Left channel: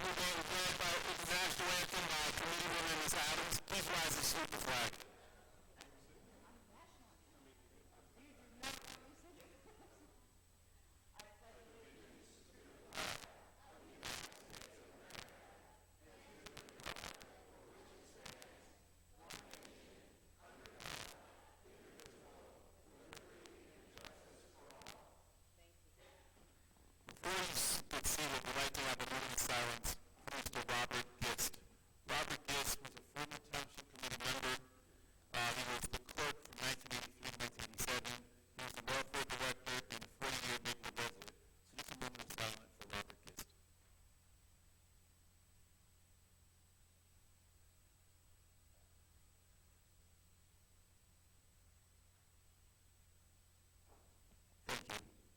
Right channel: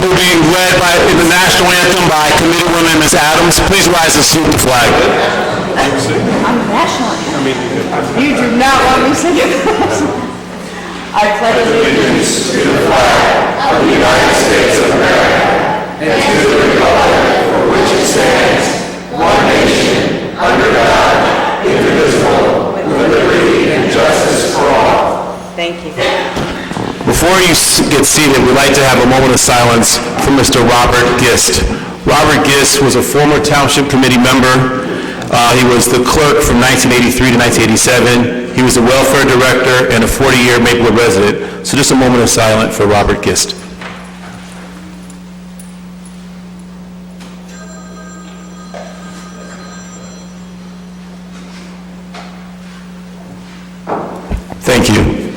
Will be led in the national anthem by Committeewoman Ms. Adams. Please rise and salute the flag. I'm national. You do not want me singing. I pledge allegiance to the flag of the United States of America and to the republic for which it stands, one nation, under God, indivisible, with liberty and justice for all. Thank you. Before you get seated, we'd like to have a moment of silence for Mr. Robert Gist. Robert Gist was a former Township Committee member. He was the clerk from 1983 to 1987. He was the welfare director and a 40-year Maplewood resident. So just a moment of silence for Robert Gist. Thank you.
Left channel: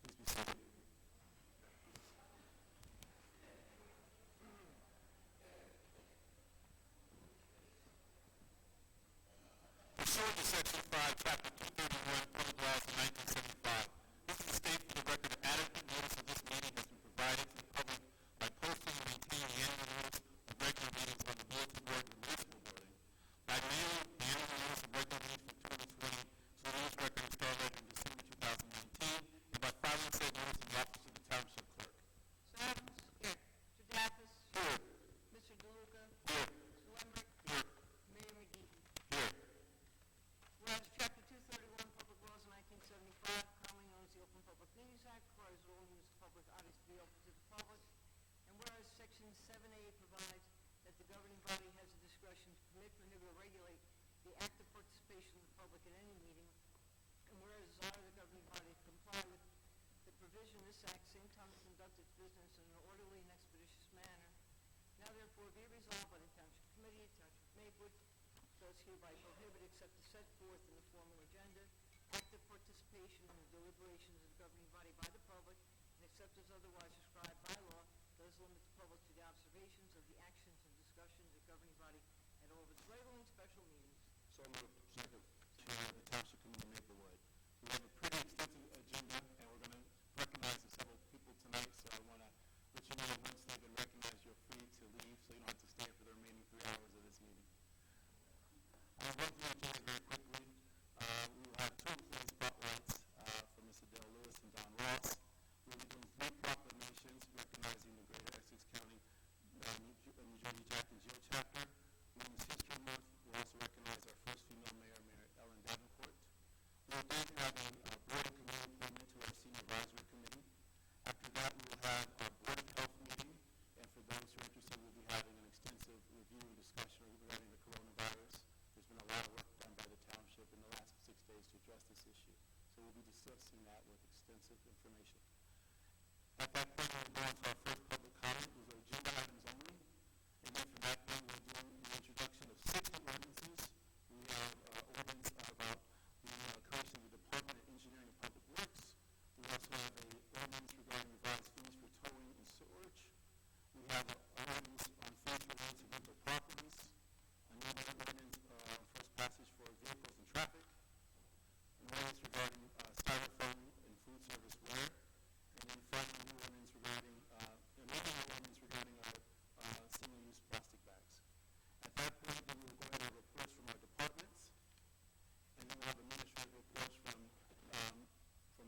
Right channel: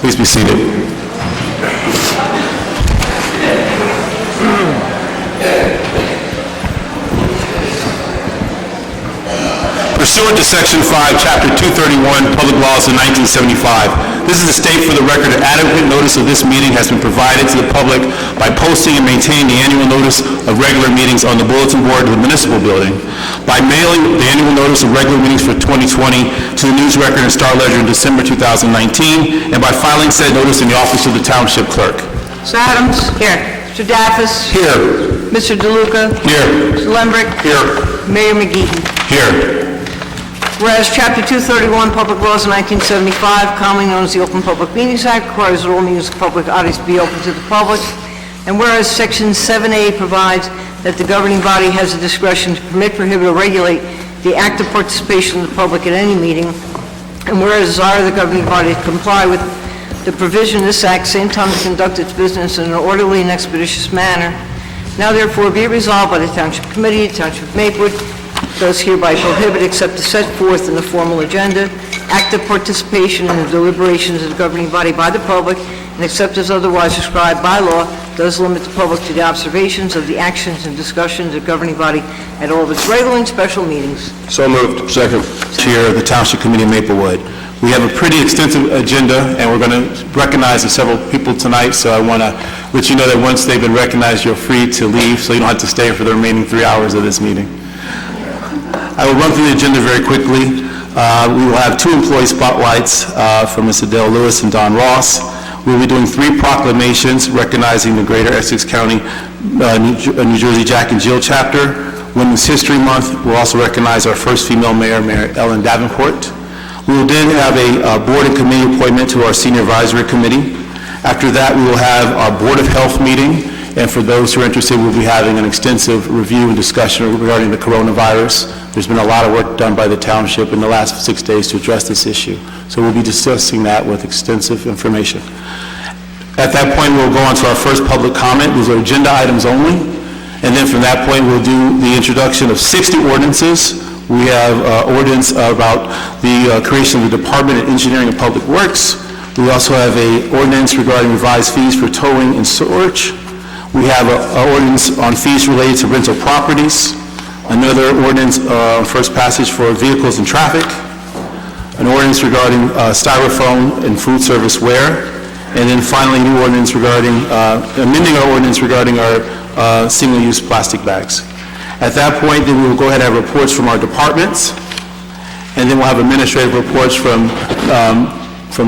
Please be seated. Pursuant to Section 5, Chapter 231, Public Laws of 1975, this is to state for the record that adequate notice of this meeting has been provided to the public by posting and maintaining the annual notice of regular meetings on the bulletin board of the municipal building, by mailing the annual notice of regular meetings for 2020 to the News Record and Star Ledger in December 2019, and by filing said notice in the office of the Township Clerk. Mr. Adams? Here. Mr. Daffis? Here. Mr. DeLuca? Here. Mr. Lembrick? Here. Mayor Mcgee? Here. Whereas Chapter 231, Public Laws of 1975, commonly known as the Open Public Meetings Act, requires that all meetings of public bodies be open to the public. And whereas Section 7A provides that the governing body has the discretion to permit, prohibit, or regulate the active participation of the public at any meeting, and whereas desire the governing body to comply with the provision of this Act, same time to conduct its business in an orderly and expeditious manner, now therefore be it resolved by the Township Committee, the Township of Maplewood, does hereby prohibit, except as set forth in the formal agenda, active participation in the deliberations of the governing body by the public, and except as otherwise prescribed by law, does limit the public to the observations of the actions and discussions of the governing body at all of its regular and special meetings. So moved. Second. Chair of the Township Committee of Maplewood. We have a pretty extensive agenda, and we're going to recognize several people tonight, so I want to let you know that once they've been recognized, you're free to leave, so you don't have to stay for the remaining 3 hours of this meeting. I will run through the agenda very quickly. We will have 2 employee spotlights from Ms. Adele Lewis and Don Ross. We'll be doing 3 proclamations recognizing the Greater Essex County, New Jersey Jack and Jill chapter. Women's History Month, we'll also recognize our first female mayor, Mayor Ellen Davenport. We will then have a board and committee appointment to our Senior Advisory Committee. After that, we will have our Board of Health meeting, and for those who are interested, we'll be having an extensive review and discussion regarding the coronavirus. There's been a lot of work done by the township in the last 6 days to address this issue. So we'll be discussing that with extensive information. At that point, we'll go on to our first public comment. These are agenda items only. And then from that point, we'll do the introduction of 60 ordinances. We have ordinance about the creation of the Department of Engineering and Public Works. We also have an ordinance regarding revised fees for towing and storage. We have an ordinance on fees related to rental properties. Another ordinance on first passage for vehicles and traffic. An ordinance regarding styrofoam and food service ware. And then finally, a new ordinance regarding, amending our ordinance regarding our single-use plastic bags. At that point, then we will go ahead and have reports from our departments. And then we'll have administrative reports from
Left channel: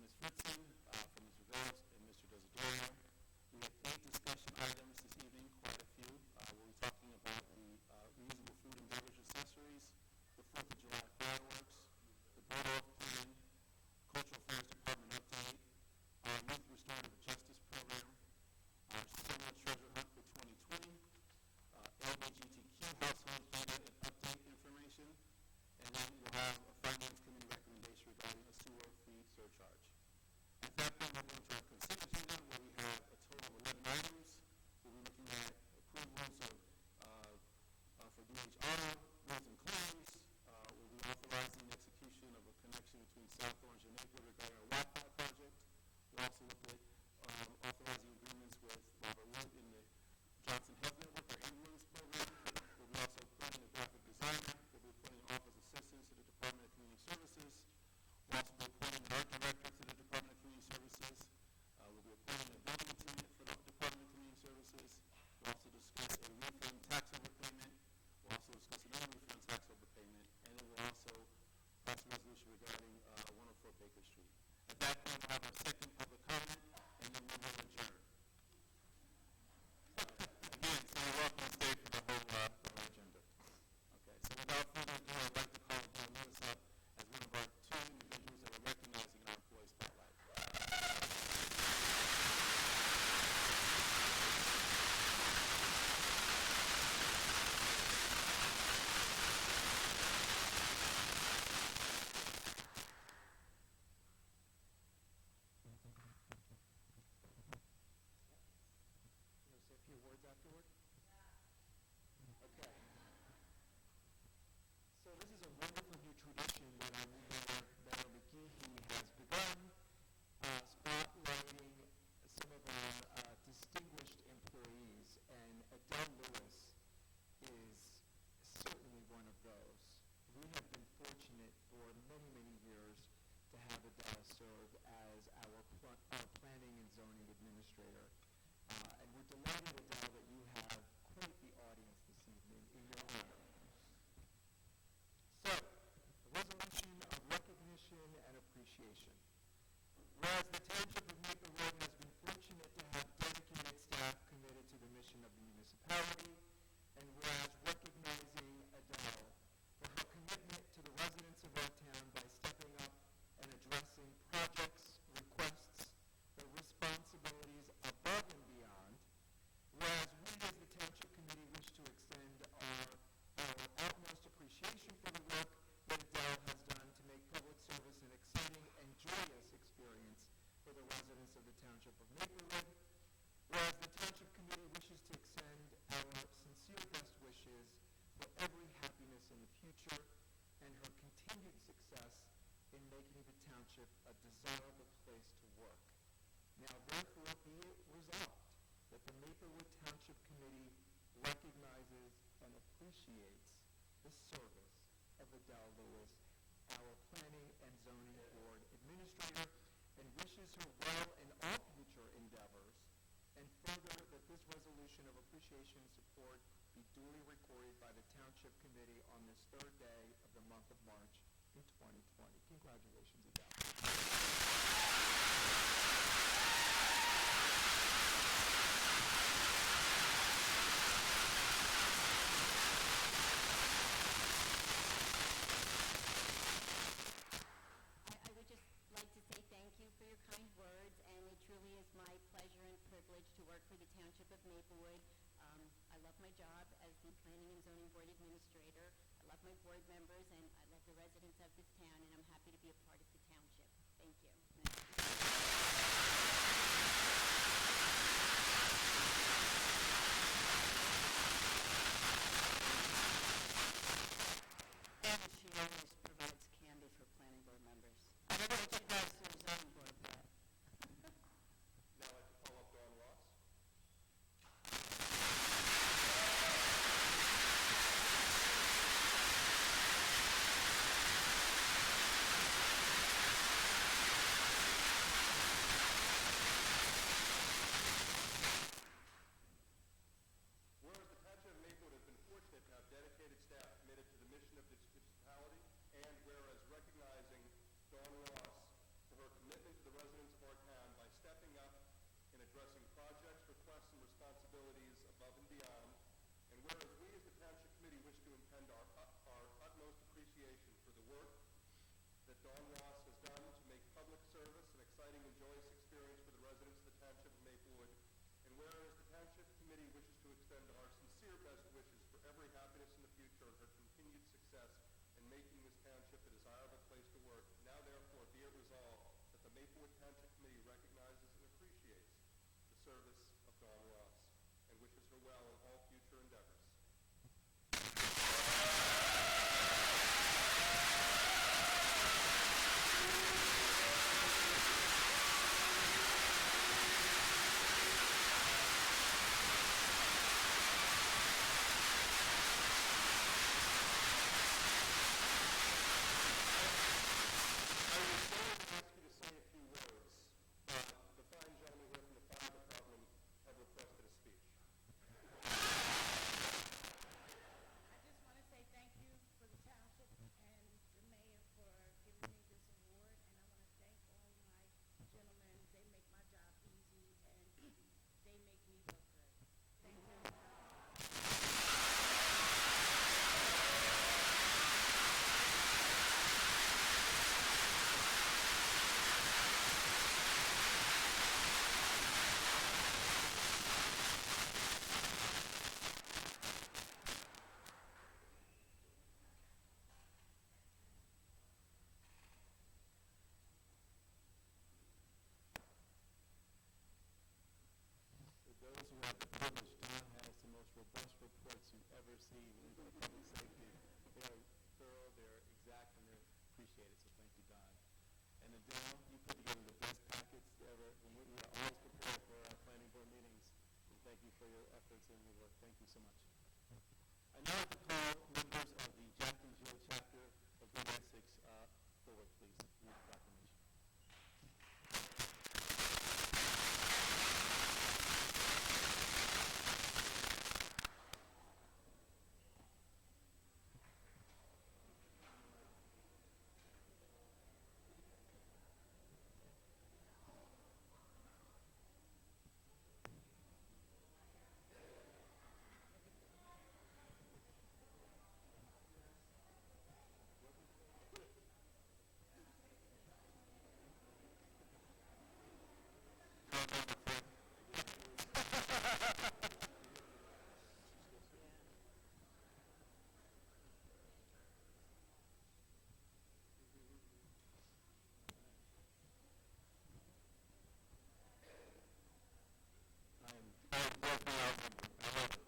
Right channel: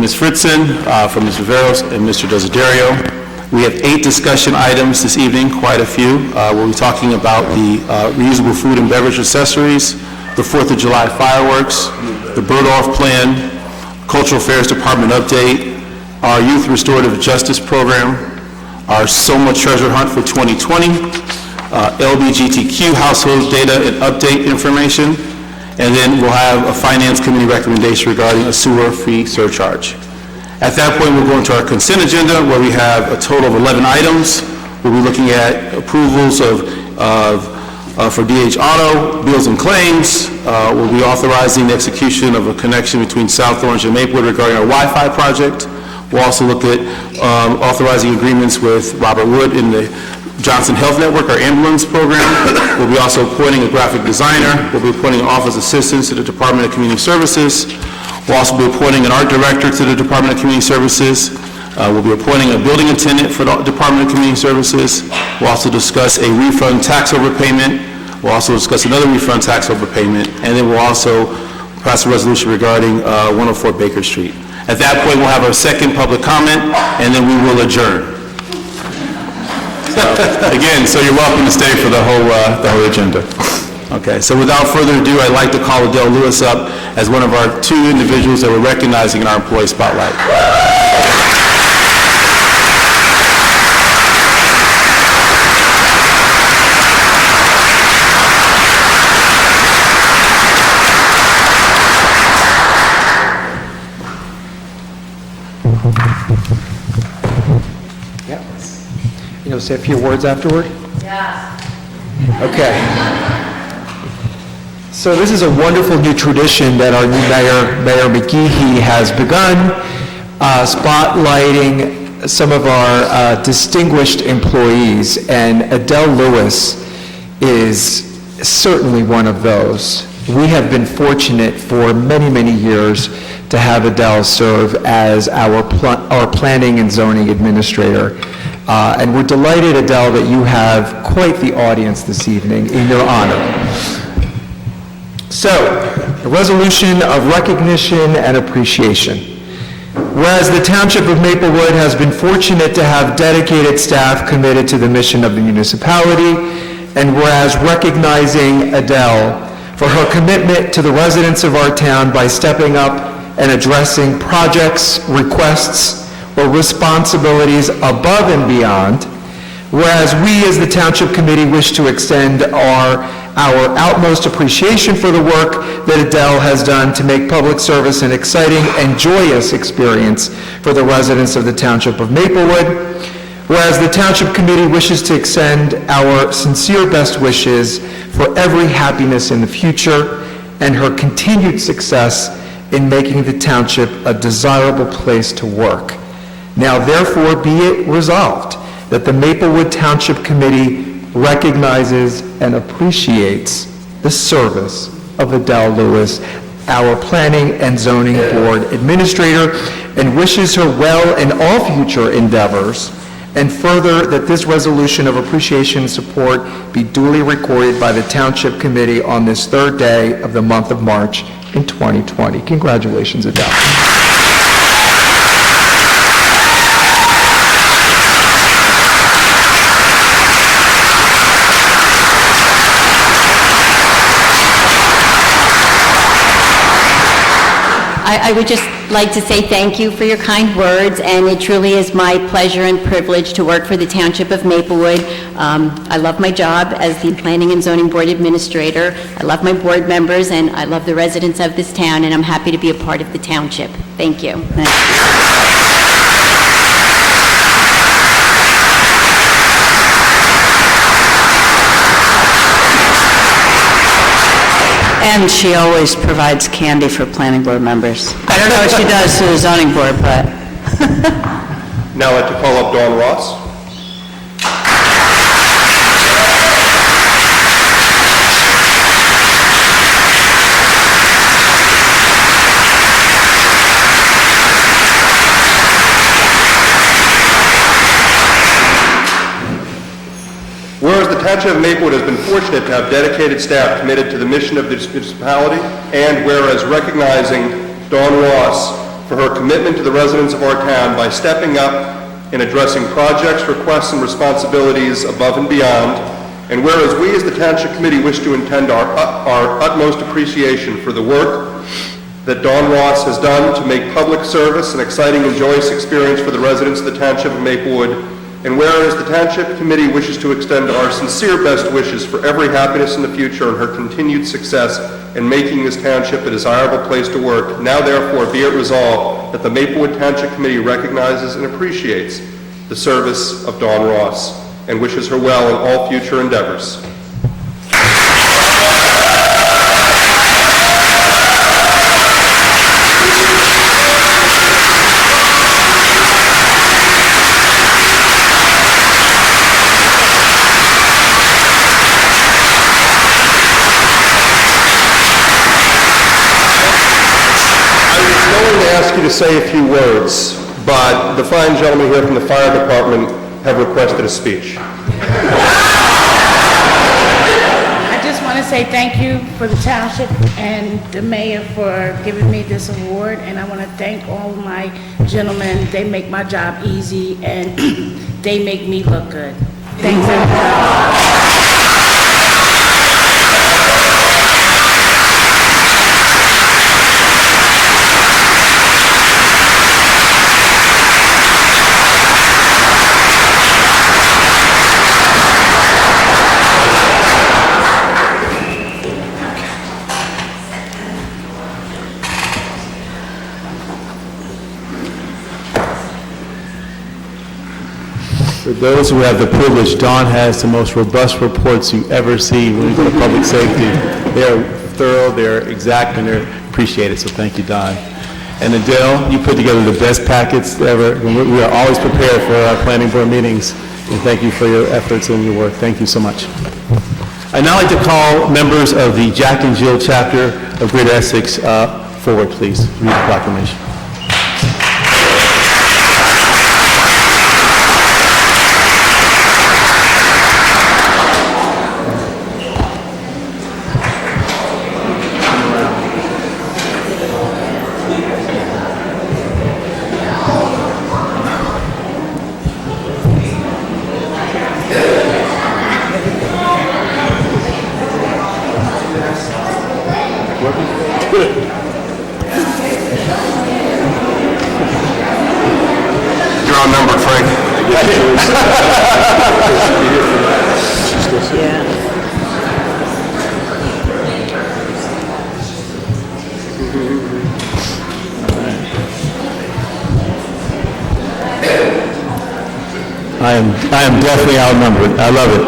Ms. Fritzen, from Ms. Viveros, and Mr. Desiderio. We have 8 discussion items this evening, quite a few. We'll be talking about the reusable food and beverage accessories, the 4th of July fireworks, the bird-off plan, Cultural Affairs Department update, our Youth Restorative Justice Program, our Soma Treasure Hunt for 2020, LGBTQ household data and update information, and then we'll have a Finance Committee recommendation regarding a sewer fee surcharge. At that point, we'll go into our consent agenda, where we have a total of 11 items. We'll be looking at approvals for DH Auto, bills and claims. We'll be authorizing the execution of a connection between South Orange and Maplewood regarding our Wi-Fi project. We'll also look at authorizing agreements with Robert Wood in the Johnson Health Network, our ambulance program. We'll be also appointing a graphic designer. We'll be appointing office assistants to the Department of Community Services. We'll also be appointing an art director to the Department of Community Services. We'll be appointing a building attendant for the Department of Community Services. We'll also discuss a refund tax overpayment. We'll also discuss another refund tax overpayment. And then we'll also pass a resolution regarding 104 Baker Street. At that point, we'll have our second public comment, and then we will adjourn. So you're welcome to stay for the whole agenda. Okay, so without further ado, I'd like to call Adele Lewis up as one of our 2 individuals that we're recognizing in our employee spotlight. You know, say a few words afterward? Yeah. Okay. So this is a wonderful new tradition that our new Mayor Mcgee has begun, spotlighting some of our distinguished employees, and Adele Lewis is certainly one of those. We have been fortunate for many, many years to have Adele serve as our planning and zoning administrator. And we're delighted, Adele, that you have quite the audience this evening in your honor. So, a resolution of recognition and appreciation. Whereas the Township of Maplewood has been fortunate to have dedicated staff committed to the mission of the municipality, and whereas recognizing Adele for her commitment to the residents of our town by stepping up and addressing projects, requests, or responsibilities above and beyond, whereas we as the Township Committee wish to extend our utmost appreciation for the work that Adele has done to make public service an exciting and joyous experience for the residents of the Township of Maplewood, whereas the Township Committee wishes to extend our sincere best wishes for every happiness in the future and her continued success in making the Township a desirable place to work. Now therefore be it resolved that the Maplewood Township Committee recognizes and appreciates the service of Adele Lewis, our Planning and Zoning Board Administrator, and wishes her well in all future endeavors, and further that this resolution of appreciation and support be duly recorded by the Township Committee on this 3rd day of the month of March in 2020. Congratulations, Adele. I would just like to say thank you for your kind words, and it truly is my pleasure and privilege to work for the Township of Maplewood. I love my job as the Planning and Zoning Board Administrator. I love my board members, and I love the residents of this town, and I'm happy to be a part of the Township. Thank you. And she always provides candy for planning board members. I don't know what she does to the zoning board, but... Now I'd like to call up Dawn Ross. Whereas the Township of Maplewood has been fortunate to have dedicated staff committed to the mission of this municipality, and whereas recognizing Dawn Ross for her commitment to the residents of our town by stepping up in addressing projects, requests, and responsibilities above and beyond, And whereas we as the Township Committee wish to intend our utmost appreciation for the work that Dawn Ross has done to make public service an exciting and joyous experience for the residents of the Township of Maplewood, and whereas the Township Committee wishes to extend our sincere best wishes for every happiness in the future and her continued success in making this township a desirable place to work, now therefore be it resolved that the Maplewood Township Committee recognizes and appreciates the service of Dawn Ross and wishes her well in all future endeavors. To say a few words, but the fine gentlemen here from the fire department have requested a speech. I just want to say thank you for the township and the mayor for giving me this award, and I want to thank all of my gentlemen. They make my job easy, and they make me look good. Thanks, everybody. For those who have the privilege, Dawn has the most robust reports you ever see when you go to public safety. They're thorough, they're exact, and they're appreciated, so thank you, Dawn. And Adele, you put together the best packets ever. We are always prepared for our planning board meetings, and thank you for your efforts and your work. Thank you so much. I'd now like to call members of the Jack and Jill chapter of Greater Essex forward, please. Read the proclamation. I am definitely outnumbered. I love it.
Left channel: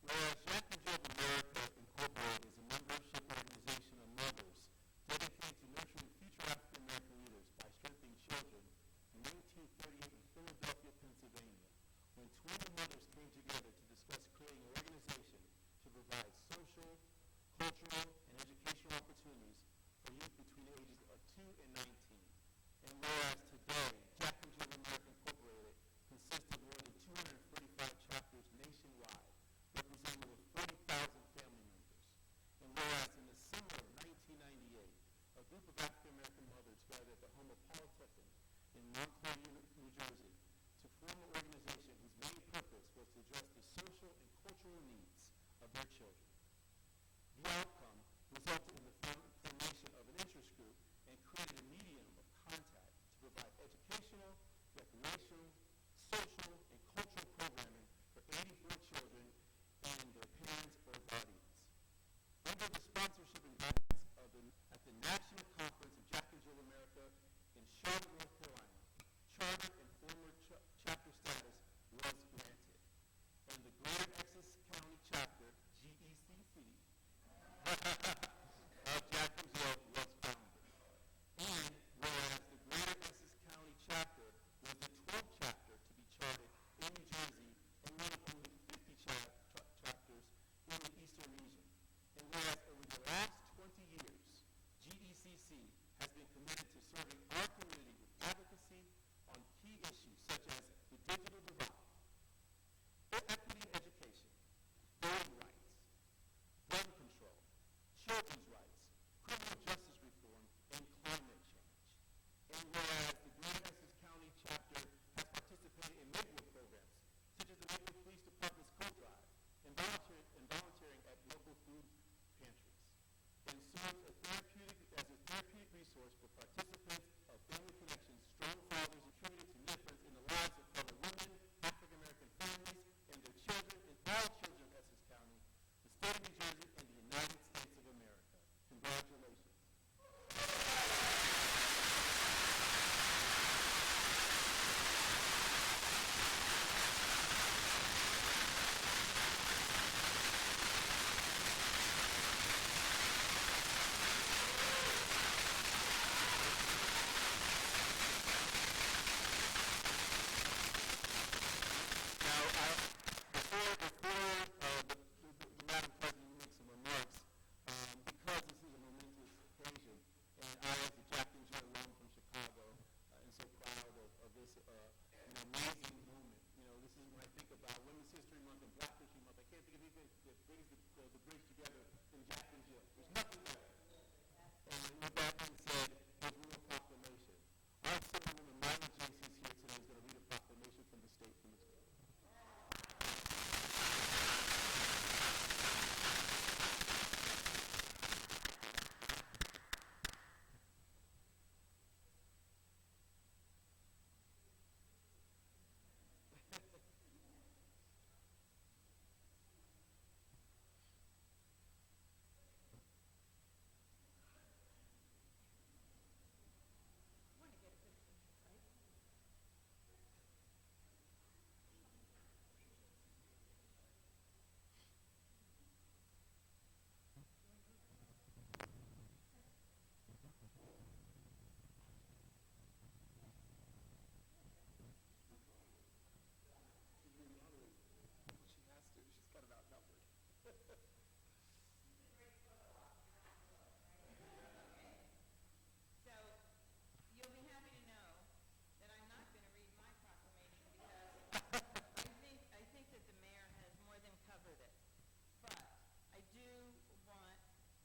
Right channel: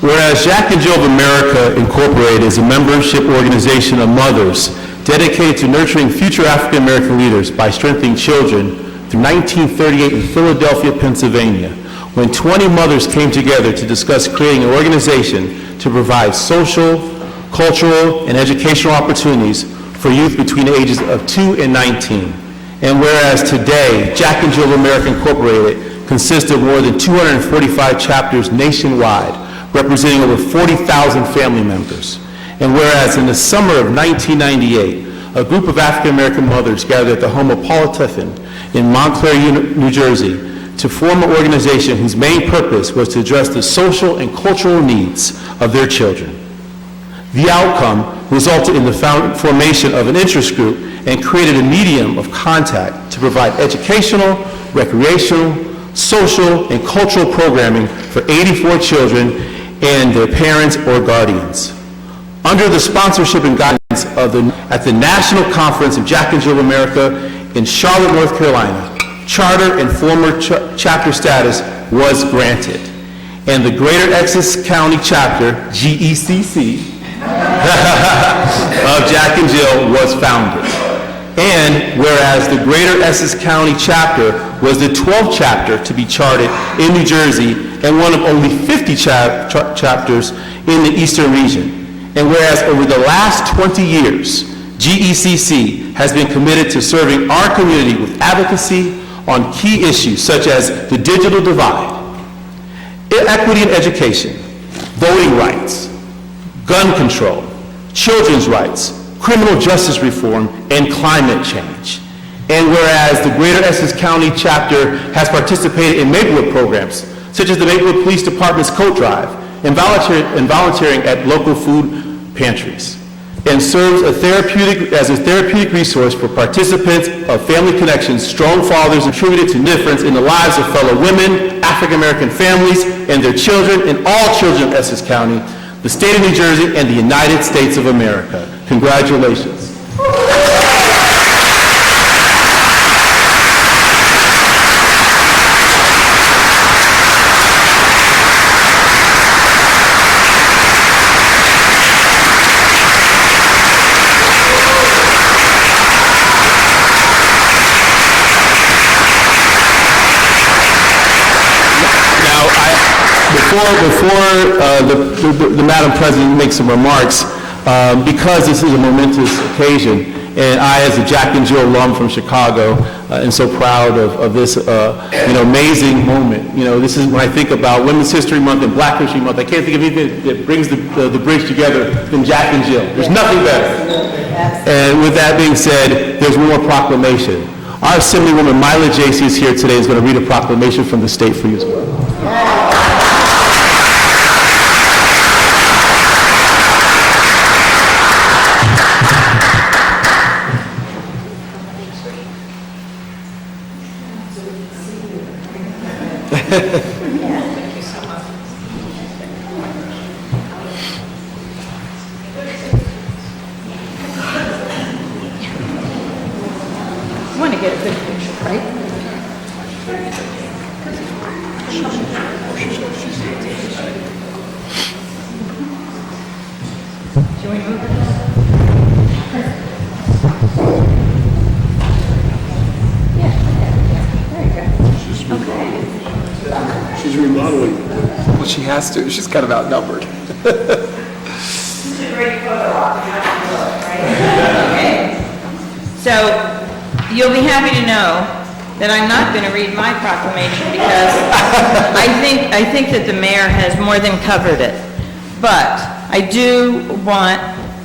Whereas Jack and Jill of America Incorporated is a membership organization of mothers dedicated to nurturing future African American leaders by strengthening children through 1938 in Philadelphia, Pennsylvania, when 20 mothers came together to discuss creating an organization to provide social, cultural, and educational opportunities for youth between the ages of 2 and 19. And whereas today, Jack and Jill of America Incorporated consists of more than 245 chapters nationwide, representing over 40,000 family members. And whereas in the summer of 1998, a group of African American mothers gathered at the home of Paula Tiffin in Montclair, New Jersey, to form an organization whose main purpose was to address the social and cultural needs of their children. The outcome resulted in the formation of an interest group and created a medium of contact to provide educational, recreational, social, and cultural programming for 84 children and their parents or guardians. Under the sponsorship and guidance of at the National Conference of Jack and Jill of America in Charlotte, North Carolina, charter and former chapter status was granted, and the Greater Essex County Chapter, GECC, of Jack and Jill was founded. And whereas the Greater Essex County Chapter was the 12th chapter to be chartered in New Jersey and one of only 50 chapters in the Eastern region. And whereas over the last 20 years, GECC has been committed to serving our community with advocacy on key issues such as the digital divide, equity in education, voting rights, gun control, children's rights, criminal justice reform, and climate change. And whereas the Greater Essex County Chapter has participated in Maplewood programs, such as the Maplewood Police Department's coat drive and volunteering at local food pantries, and serves as a therapeutic resource for participants of Family Connections, Strong Fathers Attributed to Difference in the Lives of Fellow Women, African-American families, and their children, and all children of Essex County, the state of New Jersey, and the United States of America. Congratulations. Before the Madam President makes some remarks, because this is a momentous occasion, and I, as a Jack and Jill alum from Chicago, am so proud of this, amazing moment. This is when I think about Women's History Month and Black History Month. I can't think of anything that brings the bridge together than Jack and Jill. There's nothing better. And with that being said, there's one more proclamation. Our Assemblywoman Myla Jacey is here today, is going to read a proclamation from the state for you as well. I want to get a good picture, right? Should we move it? She's remodeling. Well, she has to. She's kind of outnumbered. So you'll be happy to know that I'm not going to read my proclamation because I think that the mayor has more than covered it. But I do want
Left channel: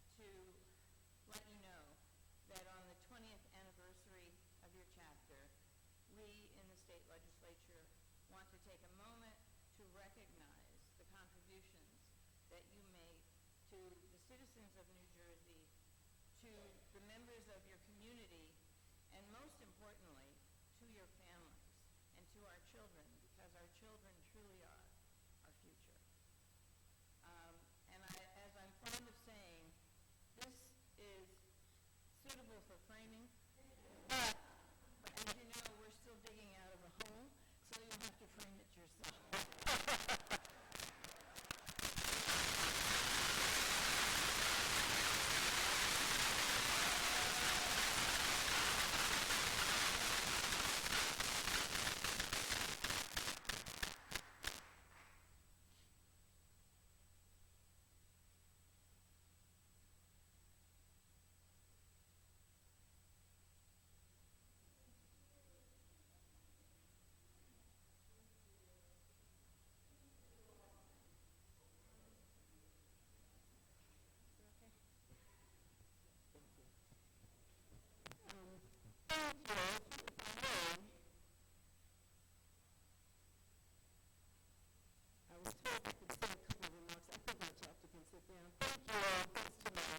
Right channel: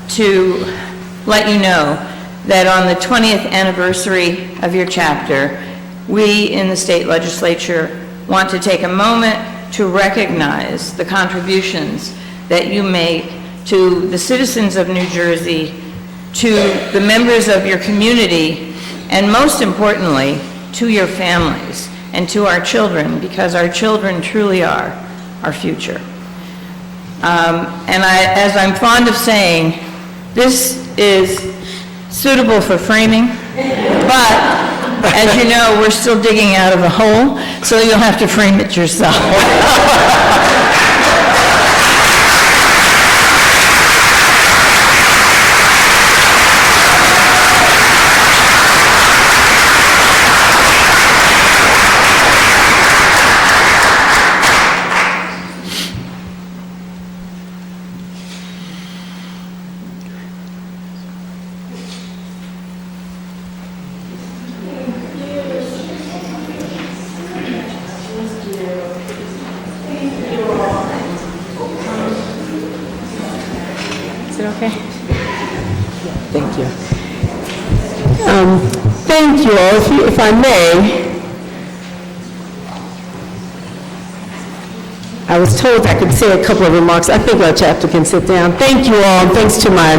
to let you know that on the 20th anniversary of your chapter, we in the state legislature want to take a moment to recognize the contributions that you make to the citizens of New Jersey, to the members of your community, and most importantly, to your families and to our children, because our children truly are our future. As I'm fond of saying, this is suitable for framing, but as you know, we're still digging out of a hole, so you'll have to frame it yourself. Is it okay? Thank you. Thank you all. If I may, I was told I could say a couple of remarks. I think our chapter can sit down. Thank you all, and thanks to my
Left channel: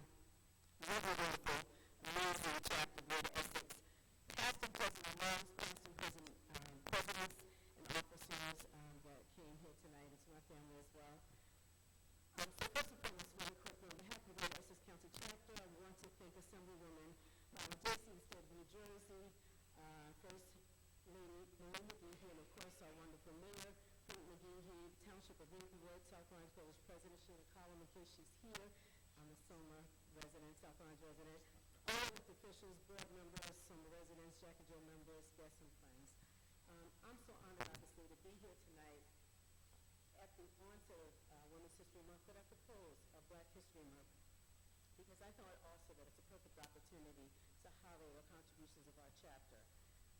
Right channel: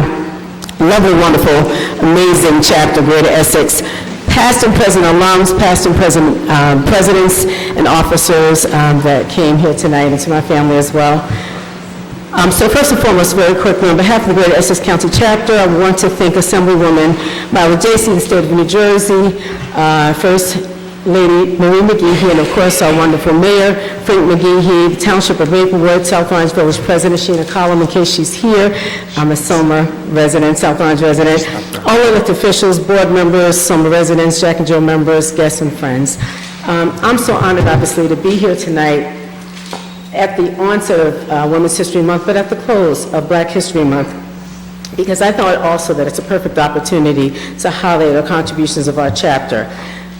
lovely, wonderful, amazing chapter, Greater Essex, past and present alums, past and present presidents and officers that came here tonight, and to my family as well. So first and foremost, very quickly, on behalf of the Greater Essex County Chapter, I want to thank Assemblywoman Myla Jacey, the state of New Jersey, First Lady Marie Mcgee, and of course our wonderful Mayor, Frank Mcgee, the Township of Maplewood, South Orange Village President Scheana Column, in case she's here. I'm a Soma resident, South Orange resident. All elected officials, board members, Soma residents, Jack and Jill members, guests, and friends. I'm so honored, obviously, to be here tonight at the onset of Women's History Month, but at the close of Black History Month, because I thought also that it's a perfect opportunity to highlight the contributions of our chapter.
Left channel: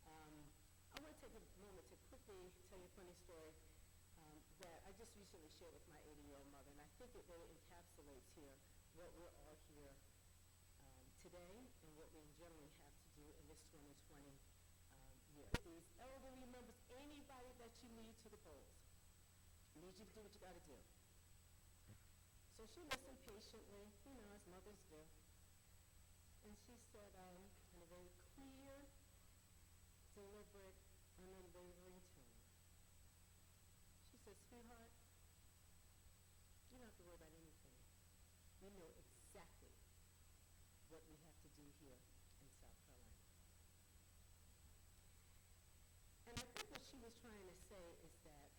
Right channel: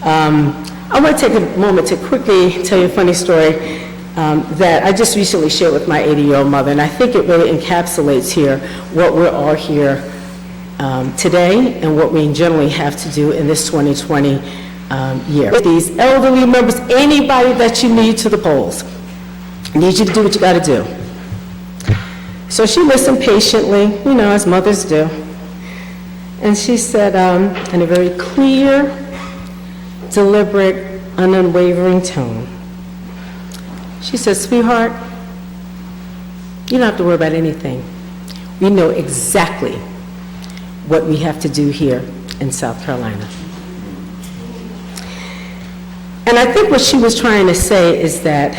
I want to take a moment to quickly tell you a funny story that I just recently shared with my 80-year-old mother, and I think it really encapsulates here what we're all here today and what we generally have to do in this 2020 year. These elderly members, anybody that you need to the polls, I need you to do what you got to do. So she listened patiently, as mothers do. And she said, in a very clear, deliberate, unwavering tone, she said, "Sweetheart, you don't have to worry about anything. We know exactly what we have to do here in South Carolina." And I think what she was trying to say is that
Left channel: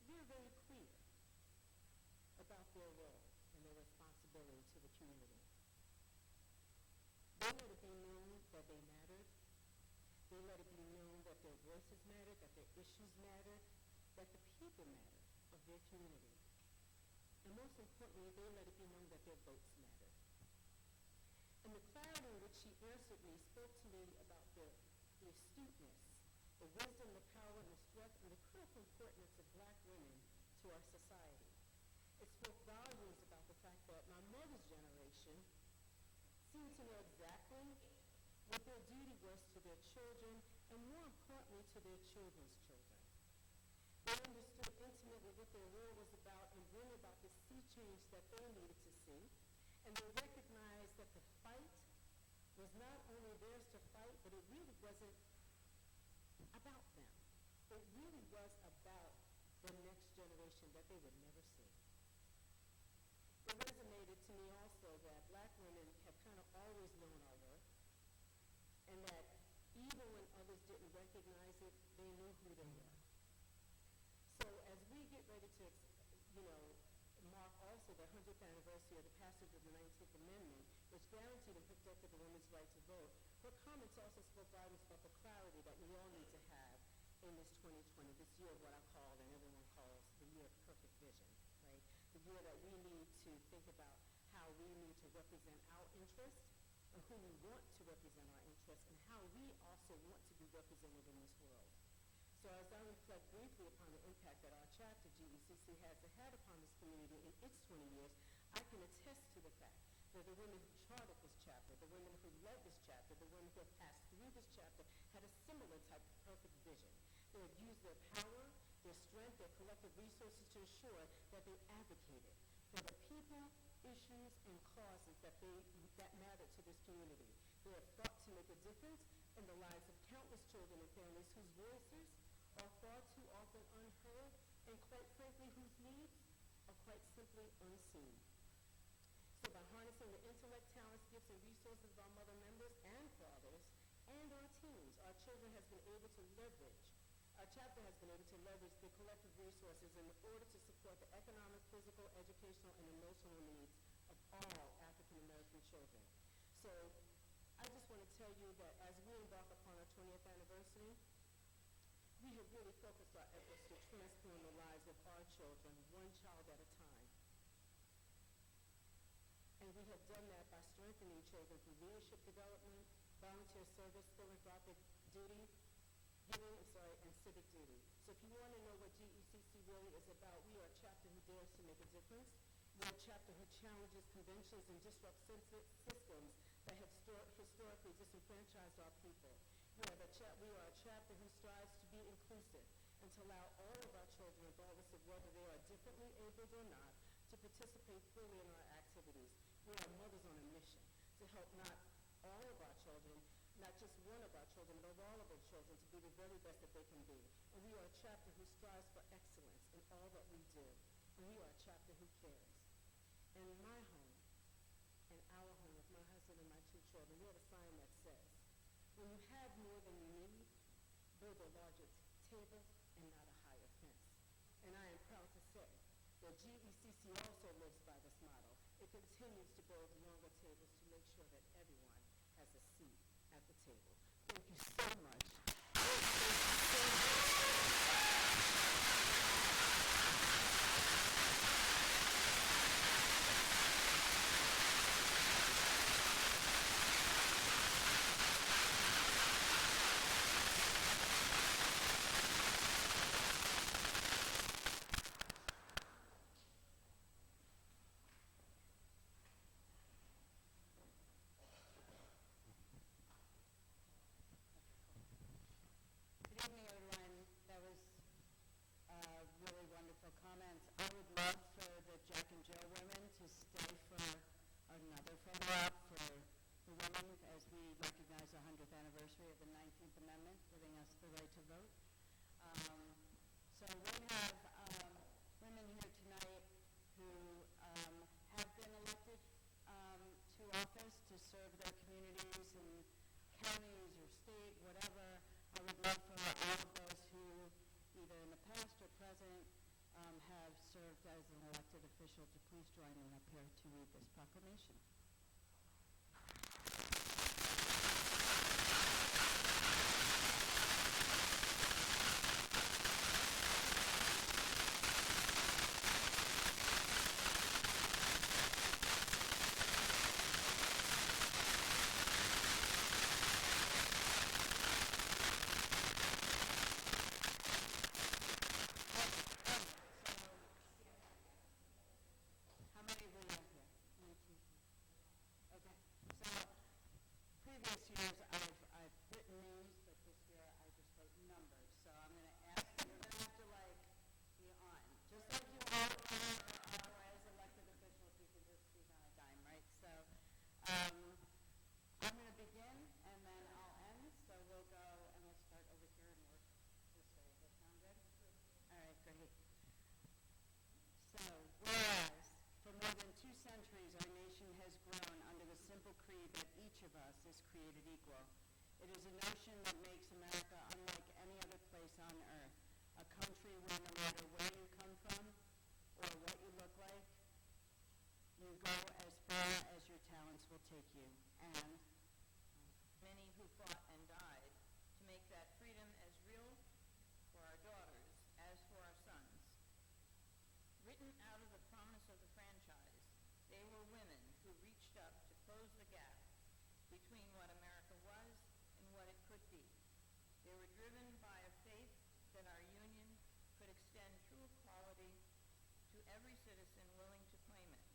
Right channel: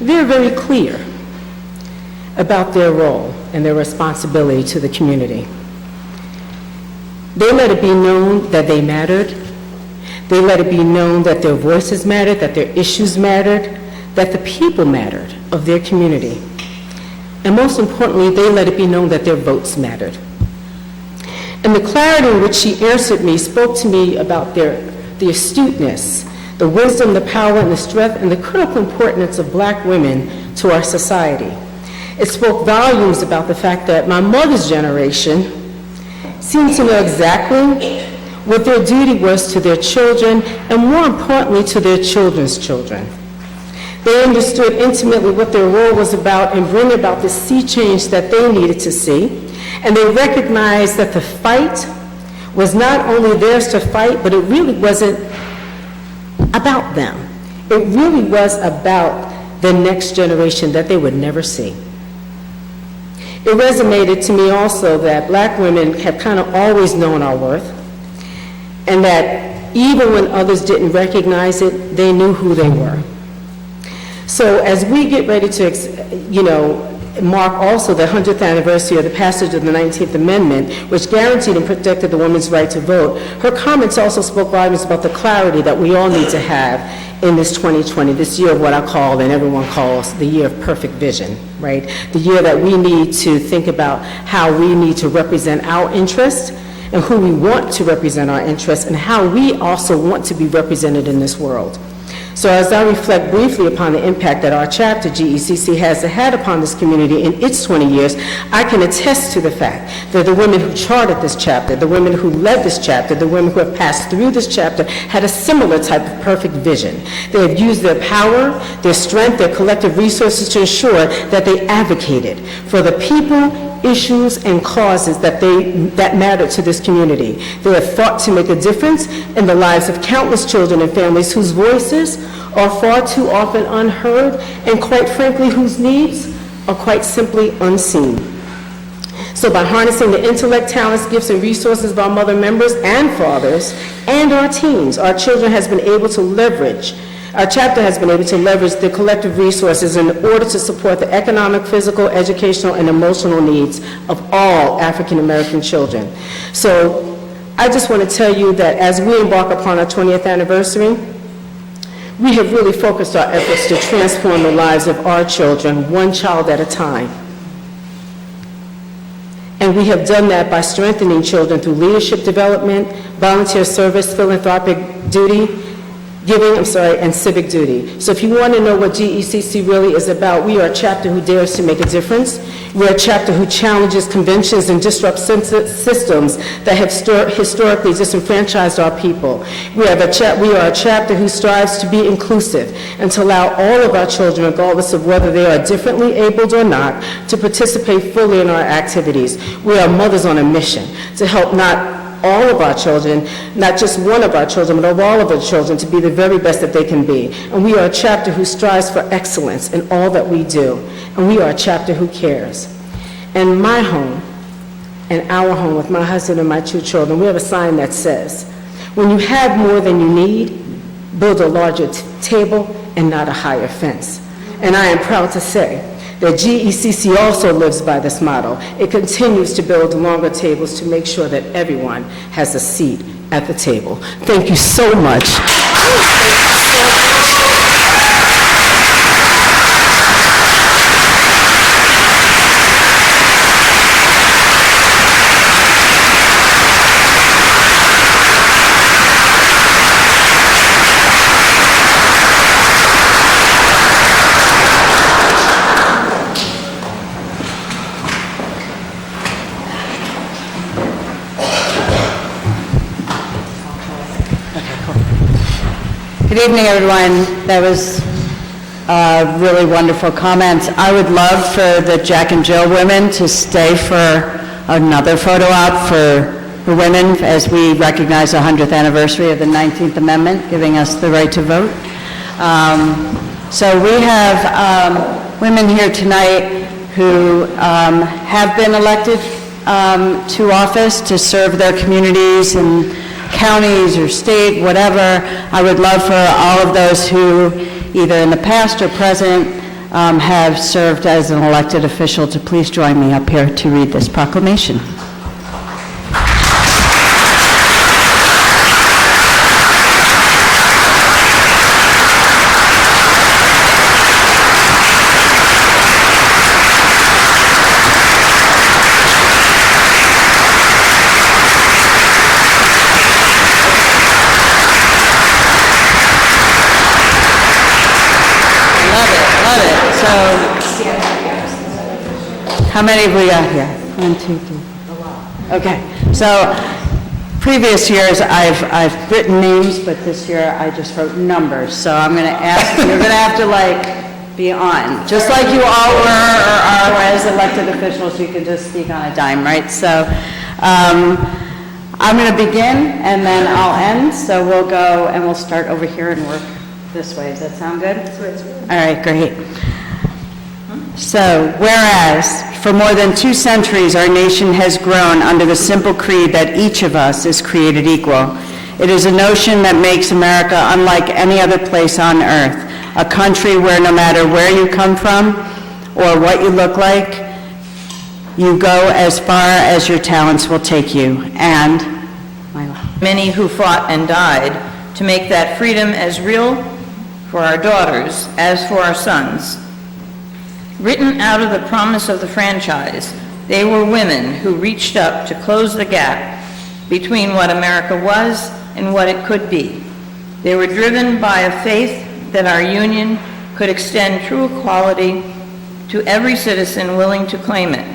they're very clear about their role and their responsibility to the community. They let it be known that they mattered. They let it be known that their voices mattered, that their issues mattered, that the people mattered of their community. And most importantly, they let it be known that their votes mattered. And the clarity in which she answered me spoke to me about the astuteness, the wisdom, the power, and the strength, and the critical importance of Black women to our society. It spoke volumes about the fact that my mother's generation seemed to know exactly what their duty was to their children, and more importantly, to their children's children. They understood intimately what their role was about in bringing about the sea change that they needed to see, and they recognized that the fight was not only theirs to fight, but it really wasn't about them. It really was about the next generation that they would never see. It resonated to me also that Black women have kind of always known our worth, and that even when others didn't recognize it, they knew who they were. So as we get ready to, mark also the 100th anniversary of the passage of the 19th Amendment, which guaranteed and protected the woman's right to vote, her comments also spoke volumes about the clarity that we all need to have in this 2020, this year of what I call, and everyone calls, the year of perfect vision, right? The year that we need to think about how we need to represent our interests and who we want to represent our interests and how we also want to be represented in this world. So as I reflect briefly upon the impact that our chapter, GECC, has had upon this community in its 20 years, I can attest to the fact that the women who charted this chapter, the women who led this chapter, the women who have passed through this chapter had a similar type of perfect vision. They have used their power, their strength, their collective resources to ensure that they advocated for the people, issues, and causes that matter to this community. They have fought to make a difference in the lives of countless children and families whose voices are far too often unheard, and quite frankly, whose needs are quite simply unseen. So by harnessing the intellect, talents, gifts, and resources of our mother members and fathers and our teens, our chapter has been able to leverage the collective resources in order to support the economic, physical, educational, and emotional needs of all African American children. So I just want to tell you that as we embark upon our 20th anniversary, we have really focused our efforts to transform the lives of our children, one child at a time. And we have done that by strengthening children through leadership development, volunteer service, philanthropic duty, and civic duty. So if you want to know what GECC really is about, we are a chapter who dares to make a difference. We're a chapter who challenges conventions and disrupts systems that have historically disenfranchised our people. We are a chapter who strives to be inclusive and to allow all of our children, regardless of whether they are differently abled or not, to participate fully in our activities. We are mothers on a mission to help not all of our children, not just one of our children, but of all of our children, to be the very best that they can be. And we are a chapter who strives for excellence in all that we do. And we are a chapter who cares. In my home, and our home with my husband and my 2 children, we have a sign that says, when you have more than you need, build a larger table and not a higher fence. And I am proud to say that GECC also lives by this motto. It continues to build longer tables to make sure that everyone has a seat at the table. Thank you so much. Good evening, everyone. That was really wonderful comments. I would love for the Jack and Jill women to stay for another photo op for women as we recognize the 100th anniversary of the 19th Amendment, giving us the right to vote. So we have women here tonight who have been elected to office to serve their communities and counties or state, whatever. I would love for all of those who, either in the past or present, have served as an elected official to please join me up here to read this proclamation. How many have we got here? 1, 2, 3. Okay, so previous years I've written names, but this year I just wrote numbers. So I'm going to ask, you're going to have to be on, just like you all were or are as elected officials. You can just speak on a dime, right? So I'm going to begin and then I'll end. So we'll go and we'll start over here and work this way. Does that sound good? All right, great. So, whereas, for more than 2 centuries, our nation has grown under the simple creed that each of us is created equal. It is a notion that makes America unlike any other place on earth, a country where no matter where you come from or what you look like, you go as far as your talents will take you. And many who fought and died to make that freedom as real for our daughters as for our sons. Written out of the promise of the franchise, they were women who reached up to close the gap between what America was and what it could be. They were driven by a faith that our union could extend true equality to every citizen willing to claim it.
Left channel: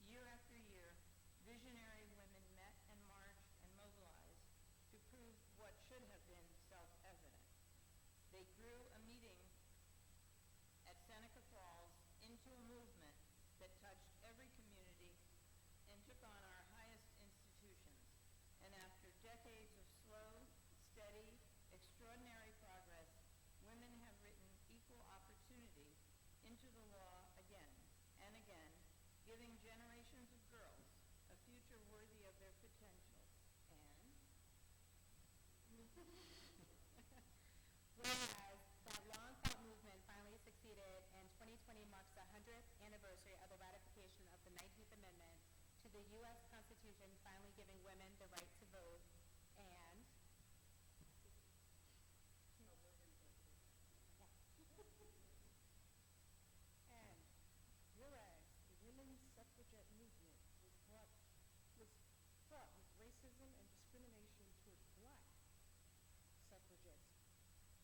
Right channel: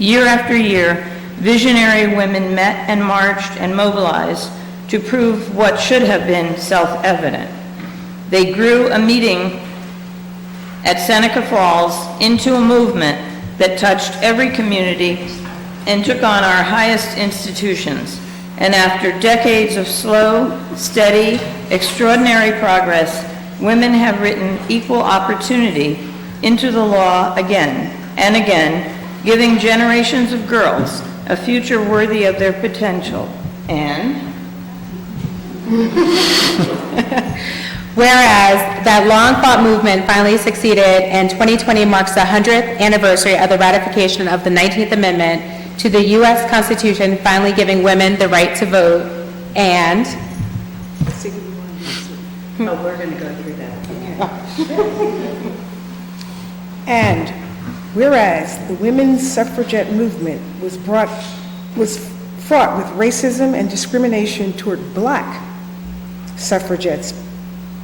Year after year, visionary women met and marched and mobilized to prove what should have been self-evident. They grew a meeting at Seneca Falls into a movement that touched every community and took on our highest institutions. And after decades of slow, steady, extraordinary progress, women have written equal opportunity into the law again and again, giving generations of girls a future worthy of their potential. And whereas that long-fought movement finally succeeded, and 2020 marks the 100th anniversary of the ratification of the 19th Amendment to the U.S. Constitution, finally giving women the right to vote, and... we're going to go through that. And whereas the women's suffragette movement was fraught with racism and discrimination toward black suffragettes,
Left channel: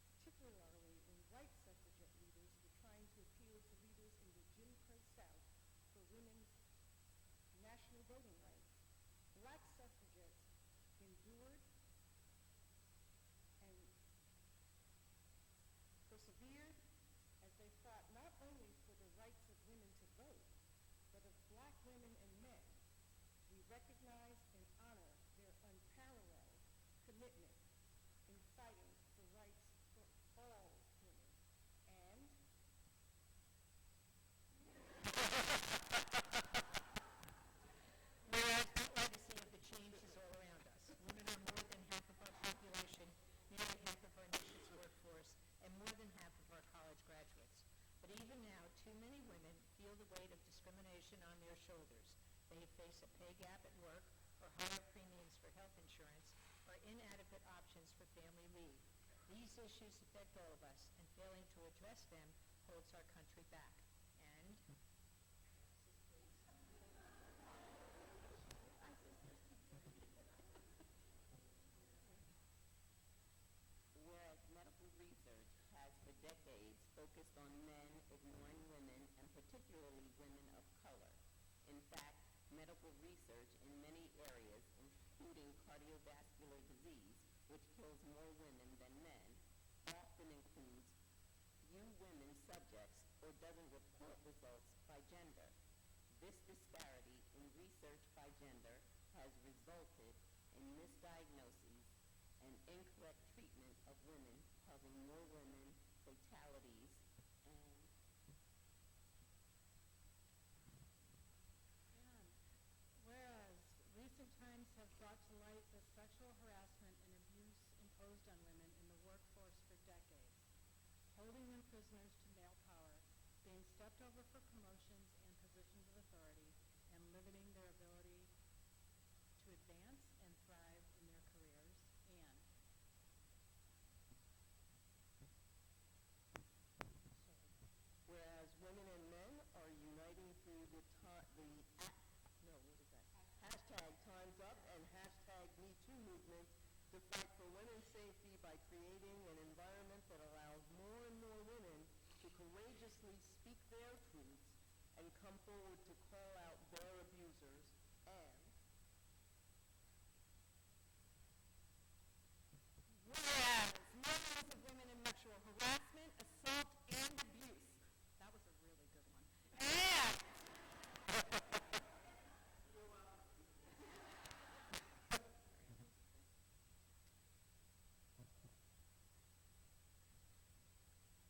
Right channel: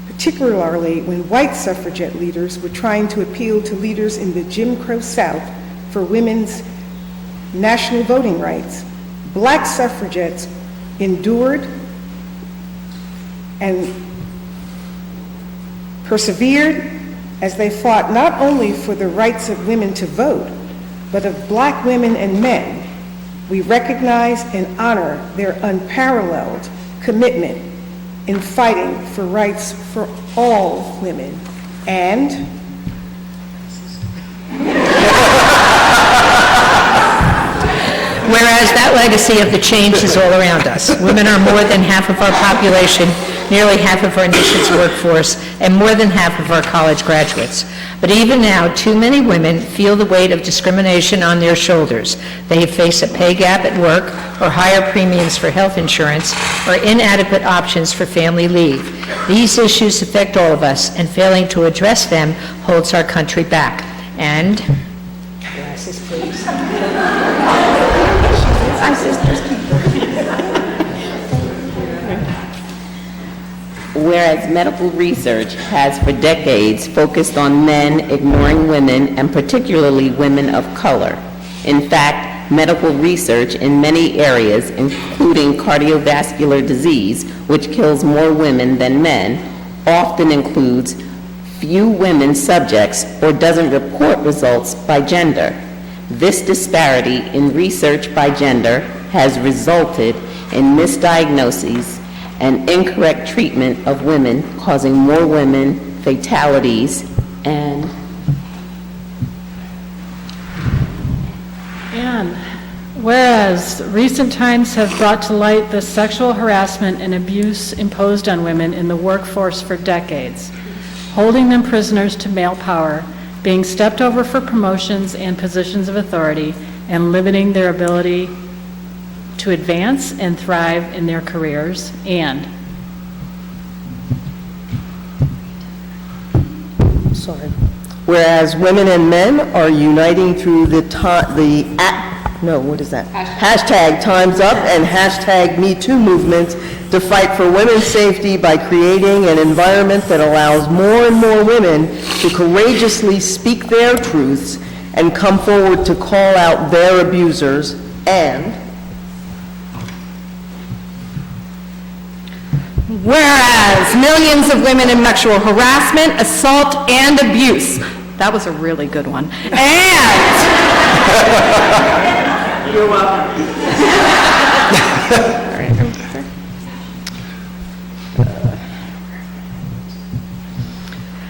particularly when white suffragette leaders were trying to appeal to leaders in the Jim Crow South for women's national voting rights, black suffragettes endured and persevered as they fought not only for the rights of women to vote, but of black women and men. We recognize and honor their unparalleled commitment in fighting for rights for all women. And whereas that legacy of the change is all around us. Women are more than half of our population, nearly half of our nation's workforce, and more than half of our college graduates. But even now, too many women feel the weight of discrimination on their shoulders. They face a pay gap at work, or higher premiums for health insurance, or inadequate options for family leave. These issues affect all of us, and failing to address them holds our country back. And, glasses, please. Whereas medical research has for decades focused on men ignoring women, and particularly women of color. In fact, medical research in many areas, including cardiovascular disease, which kills more women than men, often includes few women subjects or doesn't report results by gender. This disparity in research by gender has resulted in misdiagnoses and incorrect treatment of women, causing more women fatalities and whereas recent times have brought to light the sexual harassment and abuse imposed on women in the workforce for decades, holding them prisoners to male power, being stepped over for promotions and positions of authority, and limiting their ability to advance and thrive in their careers, and whereas women and men are uniting through hashtag Time's Up and hashtag Me Too movements to fight for women's safety by creating an environment that allows more and more women to courageously speak their truths and come forward to call out their abusers, and whereas millions of women in sexual harassment, assault, and abuse. That was a really good one. And you're welcome.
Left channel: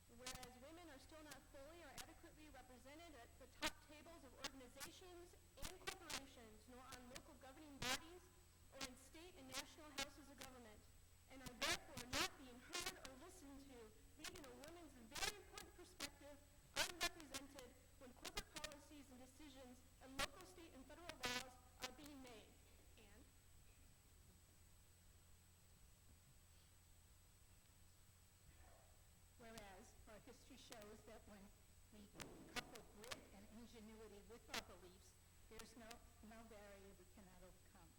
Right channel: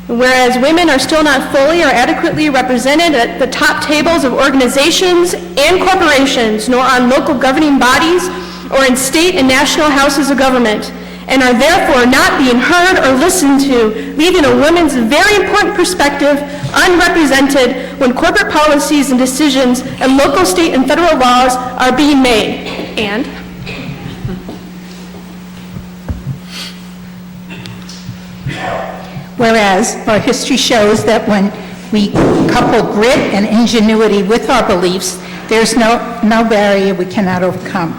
Whereas women are still not fully or adequately represented at the top tables of organizations and corporations, nor on local governing bodies or in state and national houses of government, and are therefore not being heard or listened to, leaving a woman's very important perspective unrepresented when corporate policies and decisions and local, state, and federal laws are being made. And whereas our history shows that when we couple grit and ingenuity with our beliefs, there's no barrier we cannot overcome.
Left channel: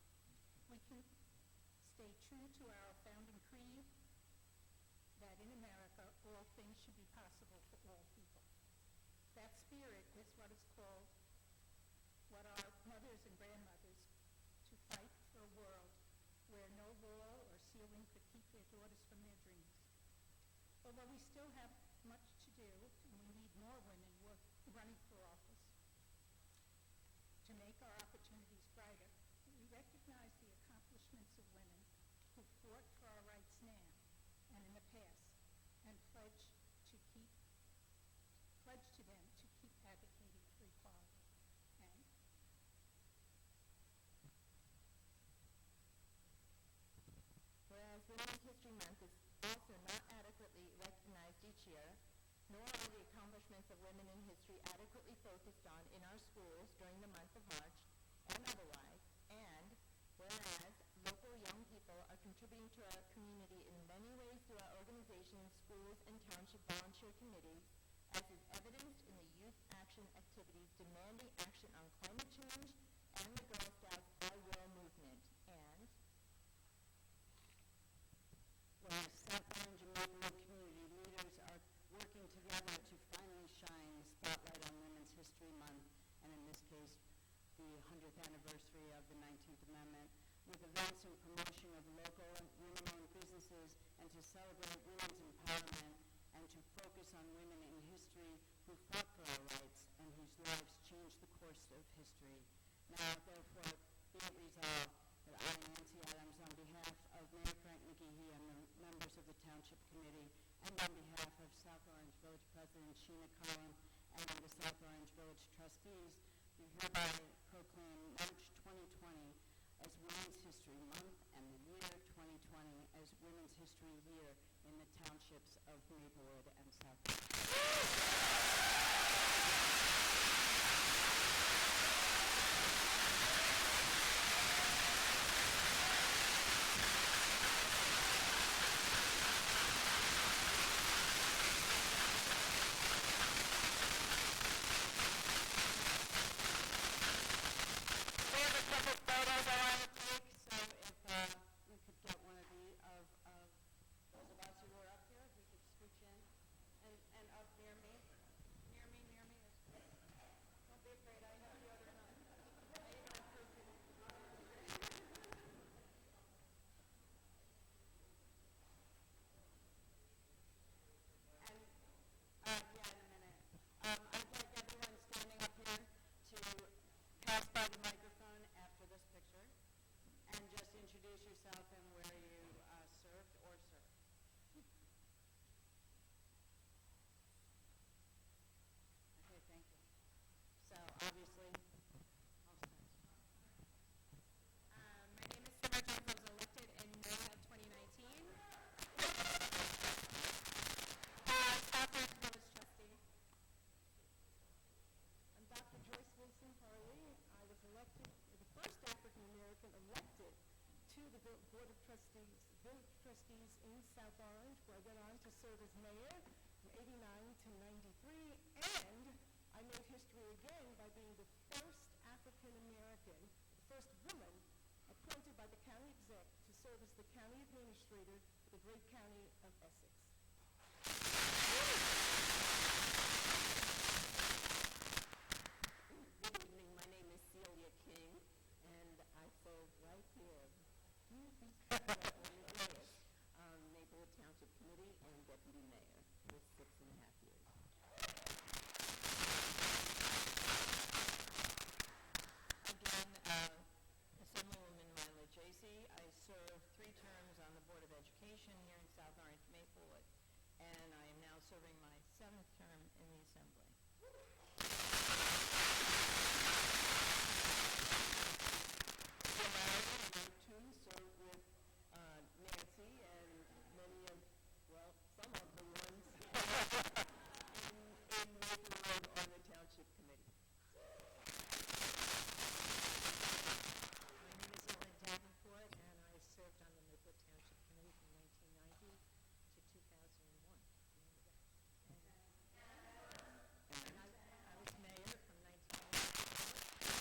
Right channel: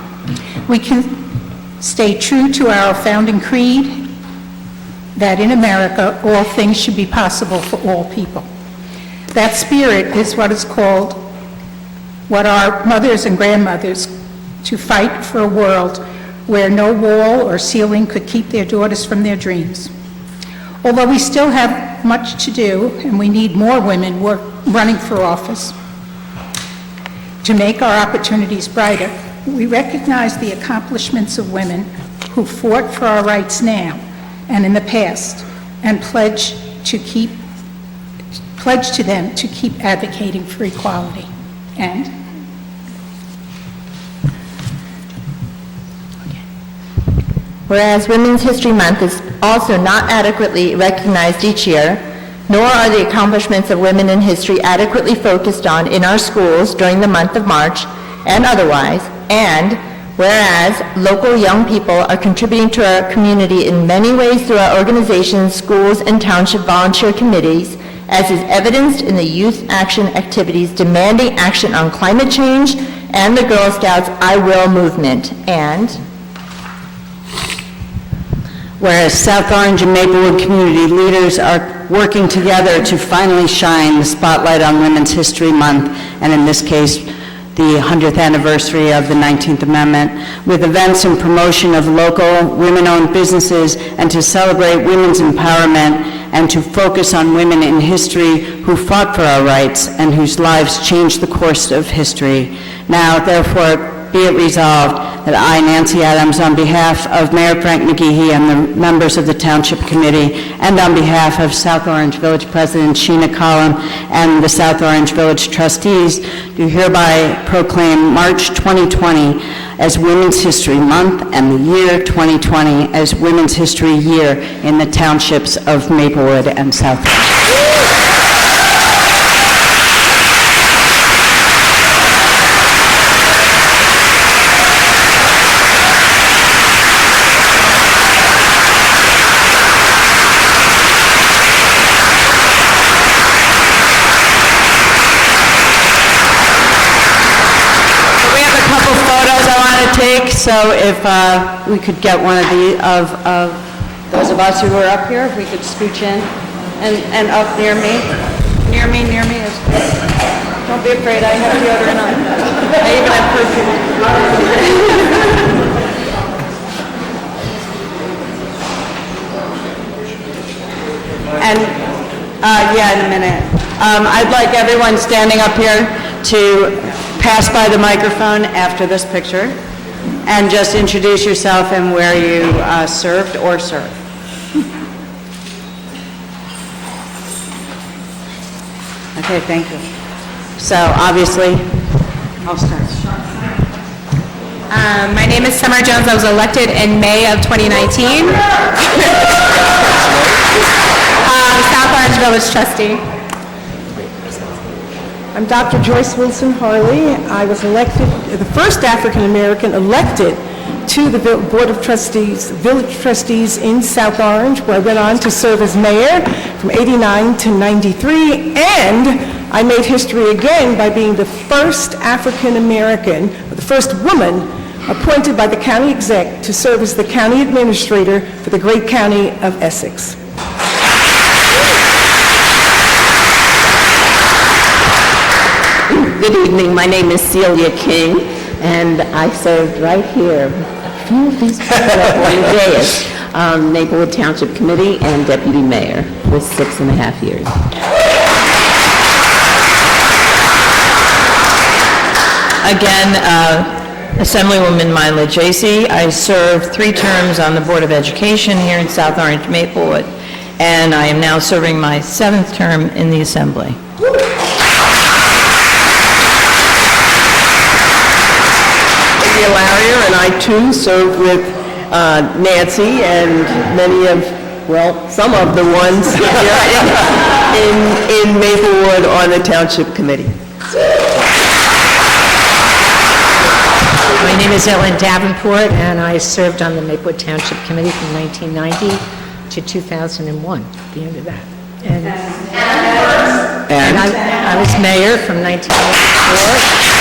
We can stay true to our founding creed that in America, all things should be possible for all people. That spirit is what is called, what our mothers and grandmothers, to fight for a world where no wall or ceiling could keep their daughters from their dreams. Although we still have much to do, and we need more women running for office to make our opportunities brighter, we recognize the accomplishments of women who fought for our rights now and in the past, and pledge to them to keep advocating for equality. And whereas Women's History Month is also not adequately recognized each year, nor are the accomplishments of women in history adequately focused on in our schools during the month of March and otherwise, and whereas local young people are contributing to our community in many ways through our organizations, schools, and township volunteer committees, as is evidenced in the youth action activities demanding action on climate change and the Girl Scouts I Will movement, and whereas South Orange and Maplewood community leaders are working together to finally shine the spotlight on Women's History Month, and in this case, the 100th anniversary of the 19th Amendment, with events and promotion of local women-owned businesses, and to celebrate women's empowerment, and to focus on women in history who fought for our rights and whose lives changed the course of history. Now, therefore, be it resolved that I, Nancy Adams, on behalf of Mayor Frank Mcgee and the members of the Township Committee, and on behalf of South Orange Village President Scheana and the South Orange Village Trustees, do hereby proclaim March 2020 as Women's History Month and the year 2020 as Women's History Year in the Townships of Maplewood and South Orange. So if we could get one of those of us who are up here, if we could scooch in and up near me. Near me. Don't be afraid, I have deodorant on. I even have And, yeah, in a minute. I'd like everyone standing up here to pass by the microphone after this picture and just introduce yourself and where you served or serve. Okay, thank you. So obviously, I'll start. My name is Summer Jones. I was elected in May of 2019. South Orange Village trustee. I'm Dr. Joyce Wilson Harley. I was elected, the first African-American elected to the Board of Trustees, Village Trustees in South Orange, where I went on to serve as mayor from 89 to 93, and I made history again by being the first African-American, the first woman appointed by the county exec to serve as the county administrator for the great county of Essex. Good evening, my name is Celia King, and I served right here, a few of these people up on the dais, Maplewood Township Committee and Deputy Mayor for 6.5 years. Again, Assemblywoman Myla Jacey. I served 3 terms on the Board of Education here in South Orange, Maplewood, and I am now serving my 7th term in the Assembly. Larrier, and I too served with Nancy and many of, well, some of the ones here in Maplewood on the Township Committee. My name is Ellen Davenport, and I served on the Maplewood Township Committee from 1990 to 2001, at the end of that. And I was mayor from 1994.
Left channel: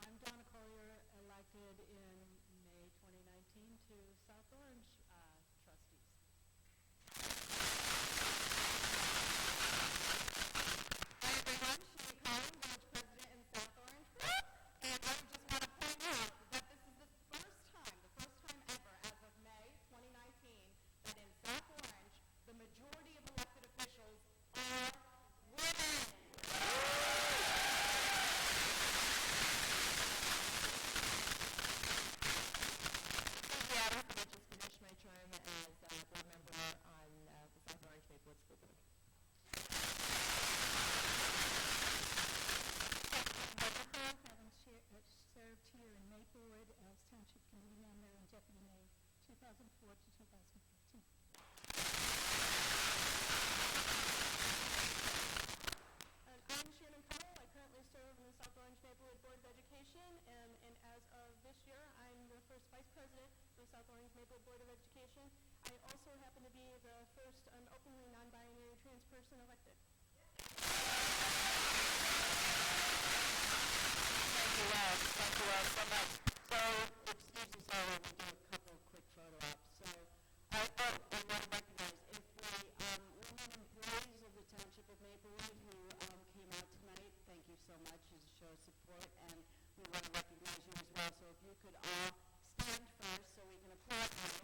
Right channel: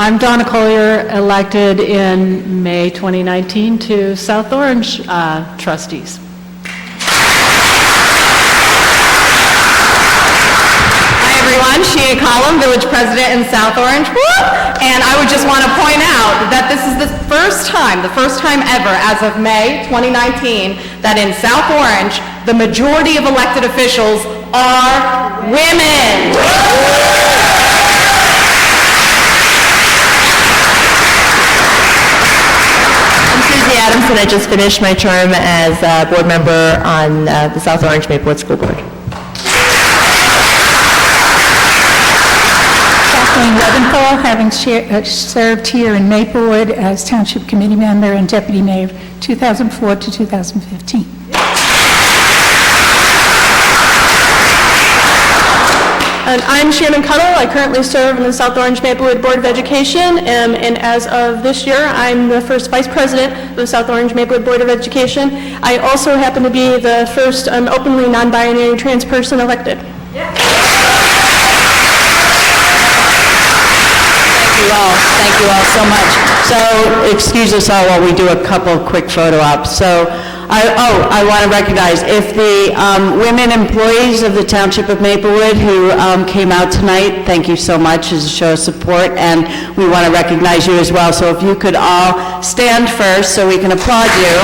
I'm Donna Collier, elected in May 2019 to South Orange trustees. Hi, everyone. Scheana Collum, Village President in South Orange. Woo! And I would just want to point out that this is the first time ever, as of May 2019, that in South Orange, the majority of elected officials are women. Adams, and I just finished my term as a board member on the South Orange Maplewood School Board. Kathleen Leventhal, having served here in Maplewood as Township Committee member and Deputy Mayor 2004 to 2015. And I'm Shannon Cuttle. I currently serve in the South Orange Maplewood Board of Education, and as of this year, I'm the first Vice President of the South Orange Maplewood Board of Education. I also happen to be the first openly non-binary trans person elected. Thank you all so much. So excuse us all while we do a couple of quick photo ops. So I want to recognize if the women employees of the Township of Maplewood who came out tonight, thank you so much as a show of support, and we want to recognize you as well. So if you could all stand first so we can applaud you.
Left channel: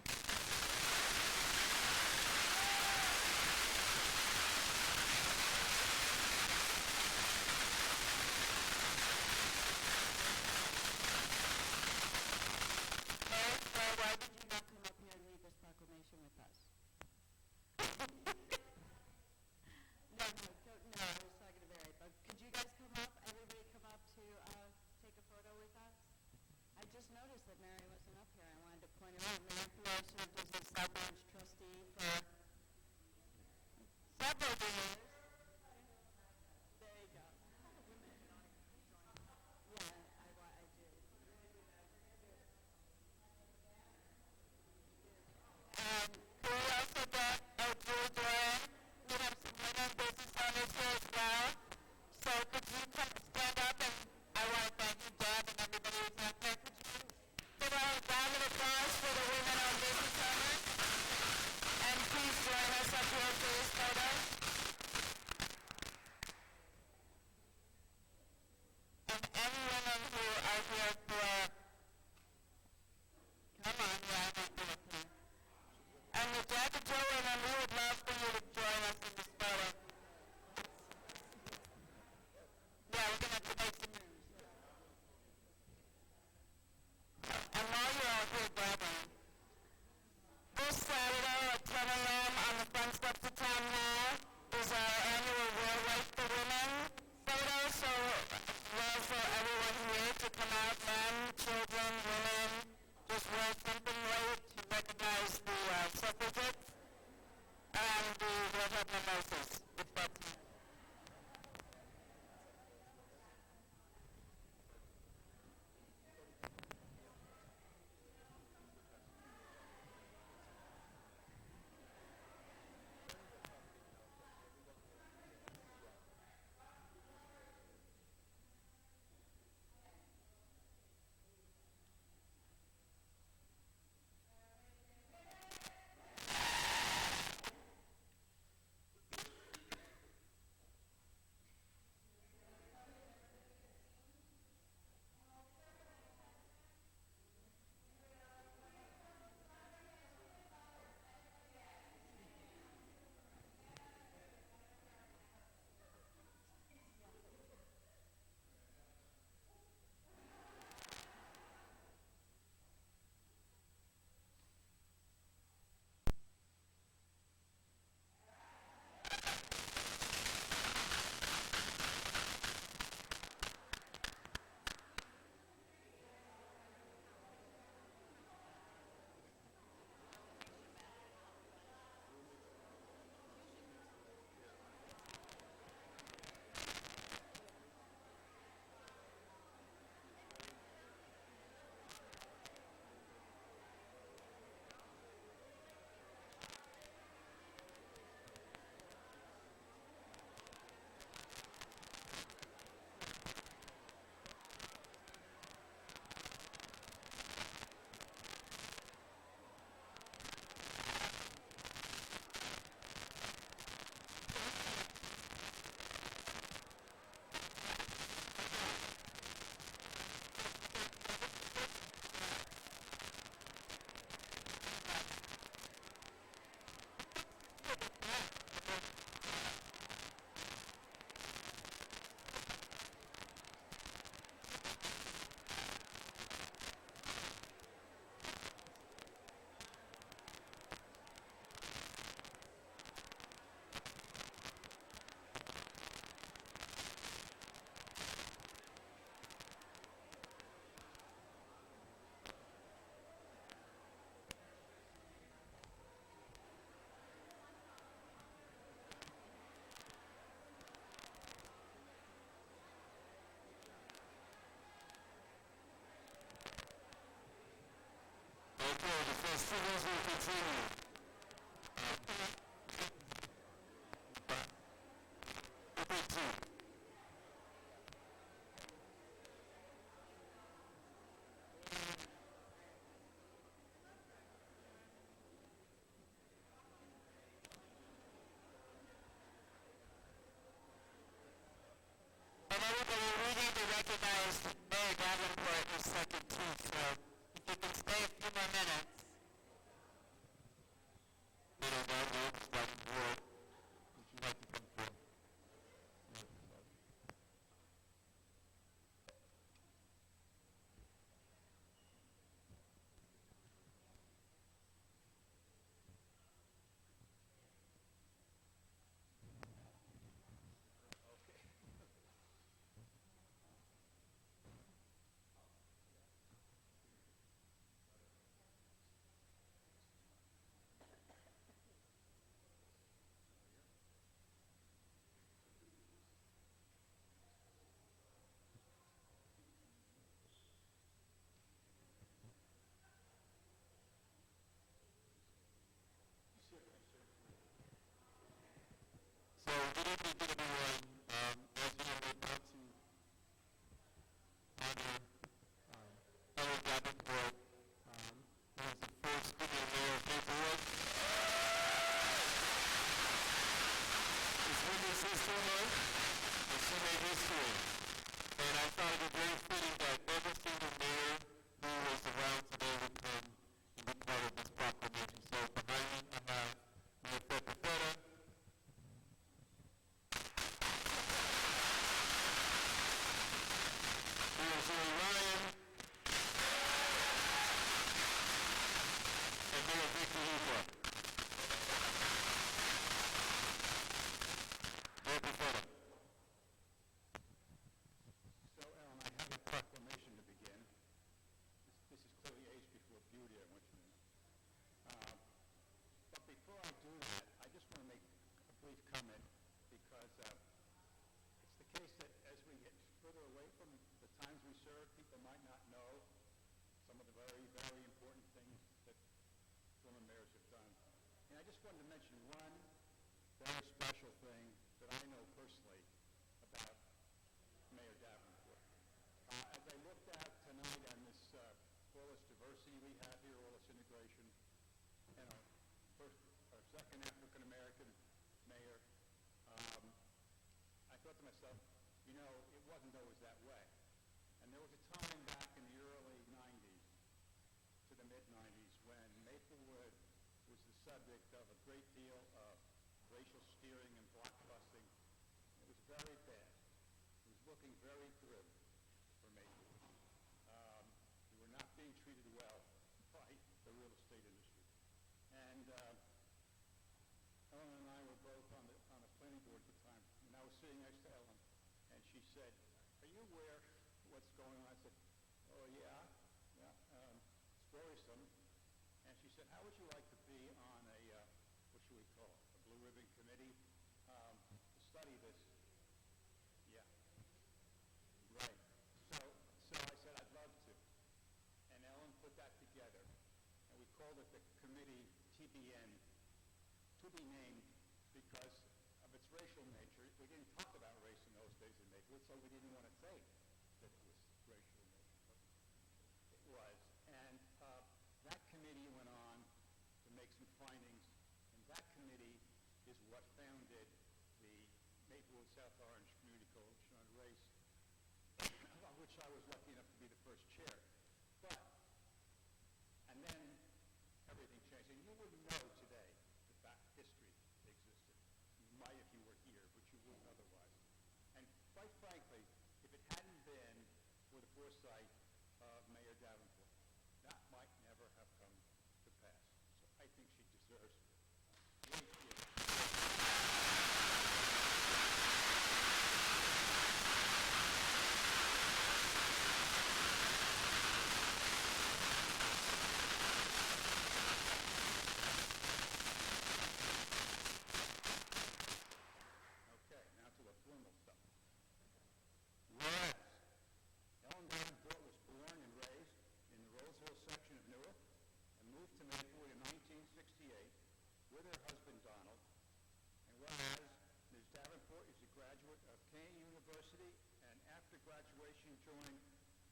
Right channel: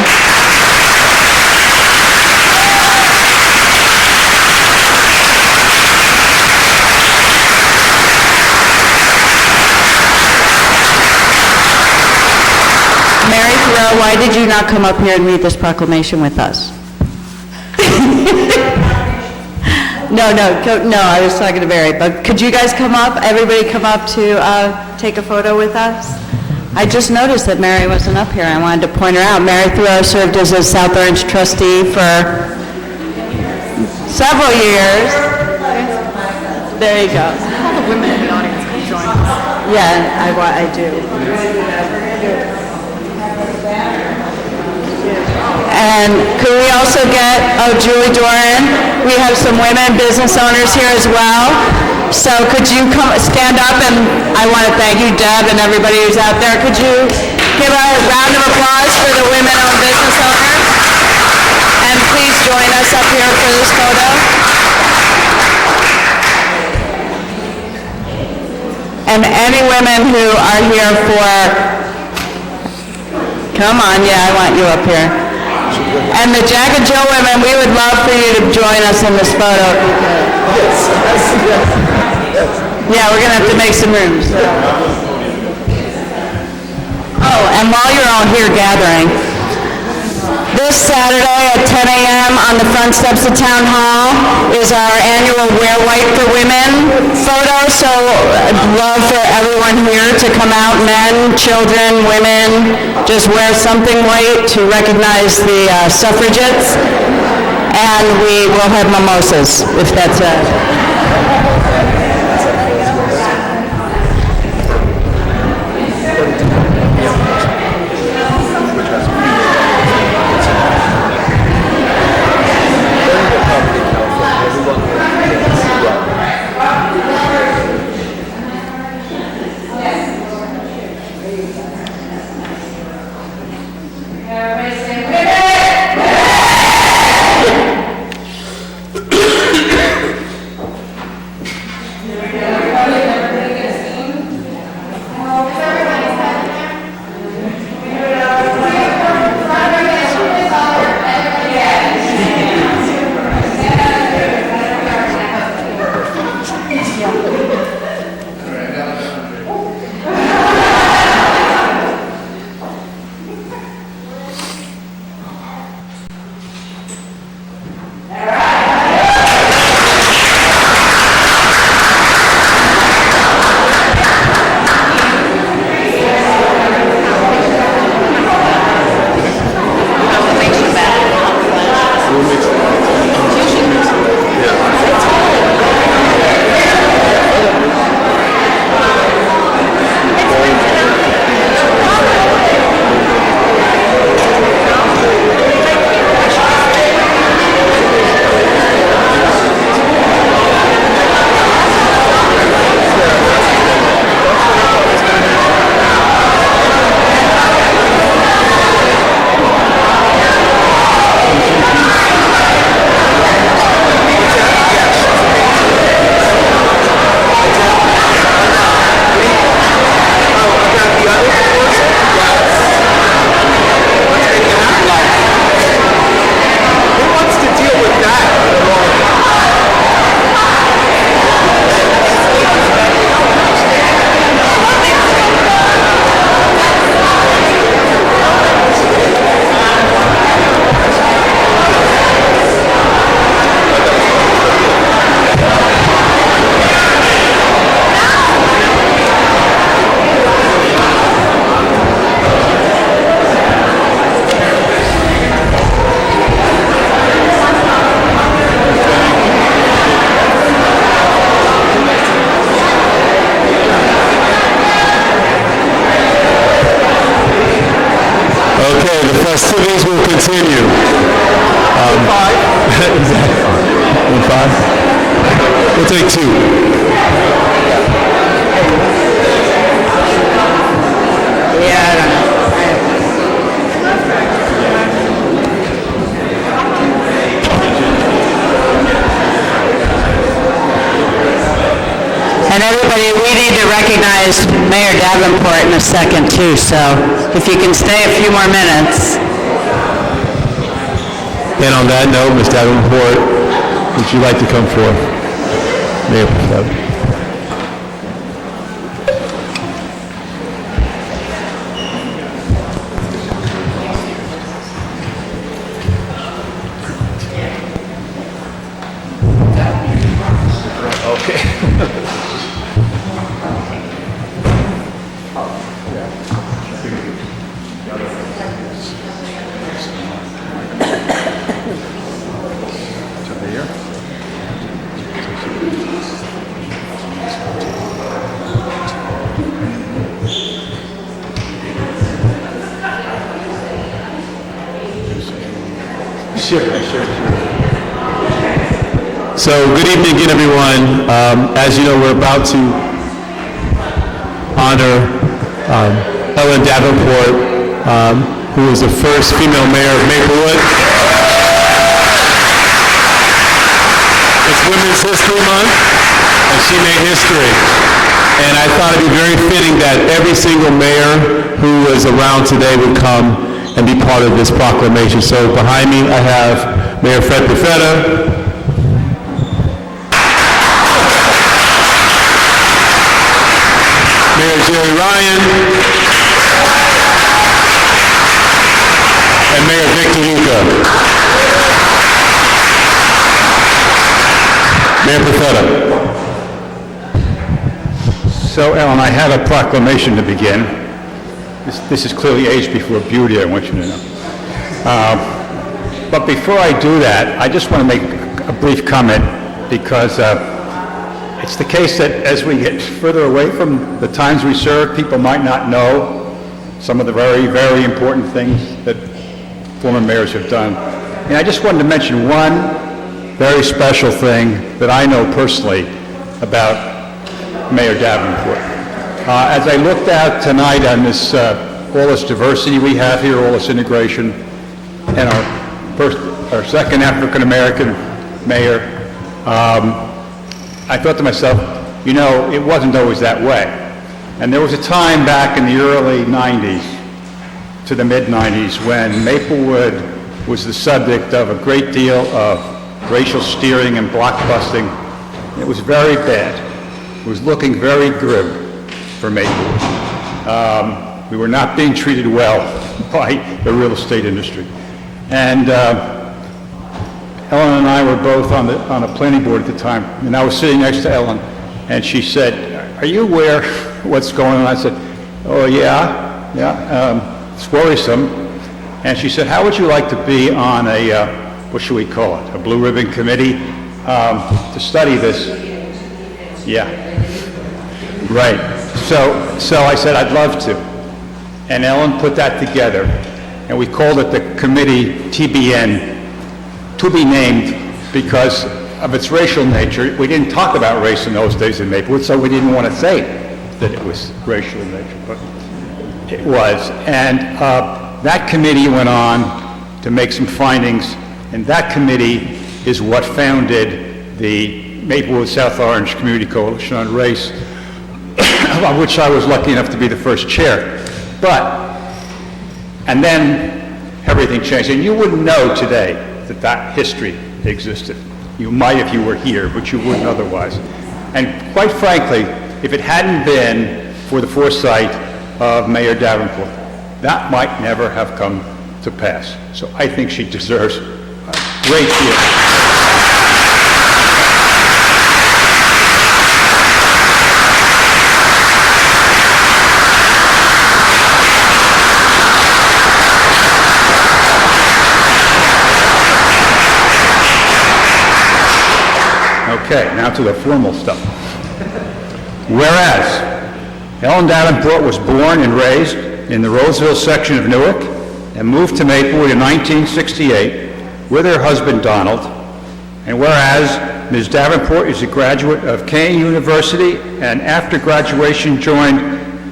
Why did you not come up here and read this proclamation with us? No, I was talking to Mary, but could you guys come up, everybody come up to take a photo with us? I just noticed that Mary wasn't up here. I wanted to point her out. Mary Thoreau served as a South Orange trustee for several years. There you go. All the women in the audience can join us. Yeah, I do. And could we also get, Julie Doran, we have some women business owners here as well. So could you come stand up, and I want to thank you, Deb, and everybody who's out there. Could you Give a round of applause for the women-owned business owners. And please join us up here for this photo. And any women who are here for, come on, yeah, I want you up here. And the Jack and Jill women, we would love for you to join us in this photo. Yeah, we're gonna have to make some room. Oh, and while you're all here gathering, this Saturday at 10 a.m. on the front steps of Town Hall is our annual Wear White for Women photo, so I'd love for everyone here to come out, men, children, women, just wear something white to recognize the suffragettes, and we will have mimosas, if that's festivities will continue. We'll take two. And everybody, we need to recognize Mayor Davenport in a second too, so if you can stay a few more minutes. And on that note, Ms. Davenport, would you like to come forward? Mayor Preventive. So, good evening again, everyone. As you know, we're about to honor Ellen Davenport, who was the first female mayor of Maplewood. It's Women's History Month, and she made history. And I thought it'd be very fitting that every single mayor who is around today would come and be part of this proclamation. So behind me, I have Mayor Fred Perfetta, Mayor Jerry Ryan, and Mayor Victor Luca. Mayor Perfetta. So, Ellen, I have a proclamation to begin. This is clearly age before beauty, I want you to know. But before I do that, I just want to make a brief comment because it's the case that as we get further away from the times we serve, people might not know some of the very, very important things that former mayors have done. And I just wanted to mention one very special thing that I know personally about Mayor Davenport. As I looked out tonight on this, all this diversity we have here, all this integration, and our second African-American mayor, I thought to myself, you know, it wasn't always that way. And there was a time back in the early 90s to the mid-90s when Maplewood was the subject of a great deal of racial steering and blockbusting. It was very bad. It was looking very grim for Maplewood. We were not being treated well by the real estate industry. And Ellen and I were both on a planning board at the time, and I was sitting next to Ellen, and she said, "Are you aware of what's going on?" I said, "Oh, yeah, it's worrisome." And she said, "How would you like to be on a, what should we call it, a blue ribbon committee to study this?" Yeah, right. So I said, "I'd love to." And Ellen put that together, and we called it the committee TBN, to be named because of its racial nature. We didn't talk about race in those days in Maplewood, so we didn't want to say that it was racial in nature, but it was. And that committee went on to make some findings, and that committee is what founded the Maplewood South Orange Community Coalition on Race, of which I was lucky enough to be the first chair. And then everything changed, and you wouldn't know today that history existed. You might if you were here, but you wouldn't otherwise. And quite frankly, if it hadn't been for the foresight of Mayor Davenport, that might never have come to pass. So I think she deserves a great deal. Okay, now to the formal stuff. Whereas Ellen Davenport was born and raised in the Roseville section of Newark and moved to Maplewood in 1968 with her husband Donald, and whereas Ms. Davenport is a graduate of Cohen University and after graduation joined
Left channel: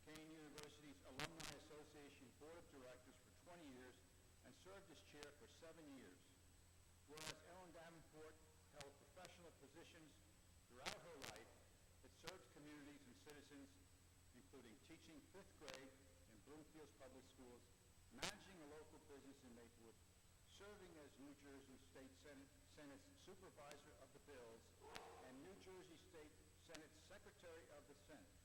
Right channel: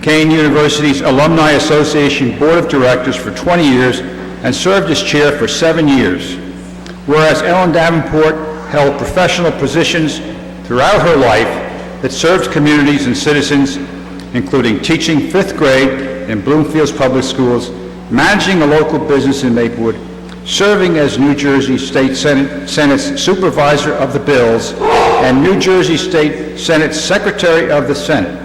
Cohen University's Alumni Association Board of Directors for 20 years and served as chair for 7 years. Whereas Ellen Davenport held professional positions throughout her life that served communities and citizens, including teaching 5th grade in Bloomfield's Public Schools, managing a local business in Maplewood, serving as New Jersey State Senate's Supervisor of the Bills, and New Jersey State Senate's Secretary of the Senate.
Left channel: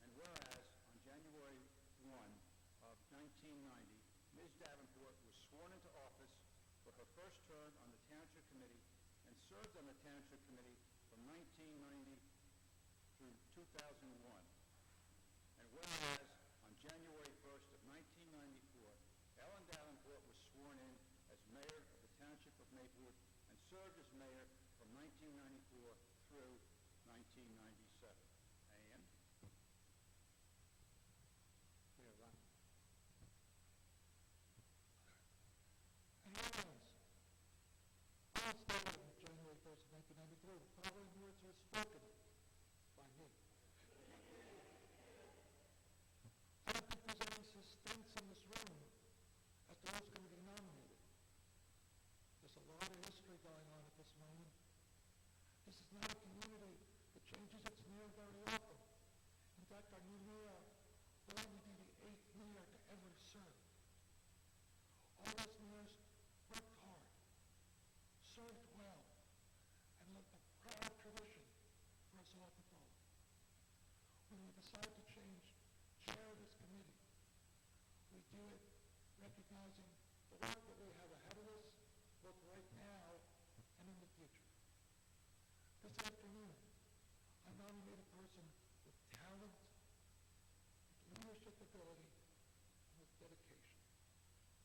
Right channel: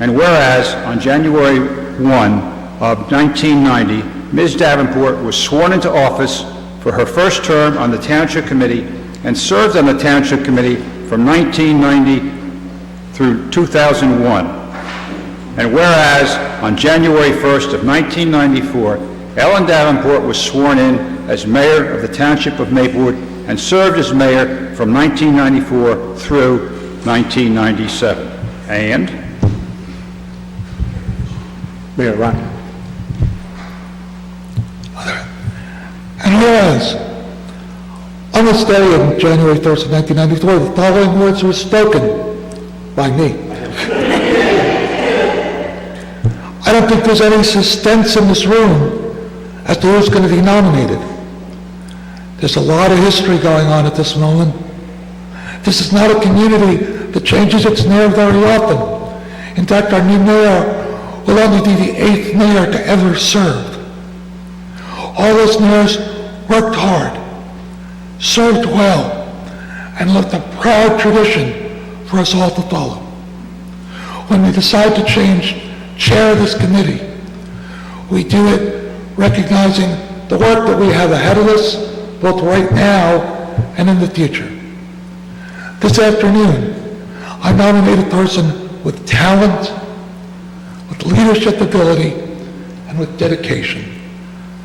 And whereas on January 1 of 1990, Ms. Davenport was sworn into office for her first term on the Township Committee and served on the Township Committee from 1990 through 2001. And whereas on January 1st of 1994, Ellen Davenport was sworn in as mayor of the Township of Maplewood and served as mayor from 1994 through 1997. And Mayor Ryan. And whereas on this day of January 1st of 1994, the following words were spoken by me. I don't think there's any suspense in this room as to who's going to be nominated. There's a lot of history going on at this moment. This is not a community that changes its mayor very often. In fact, our new mayor will only be the 8th mayor to ever serve. All those mayors worked hard, served well, and left a proud tradition for us all to follow. When we decide to change chair of this committee, we do it recognizing the work that we have ahead of us, both right now and in the future. This afternoon, I nominate a person with talent, with leadership ability, and with dedication.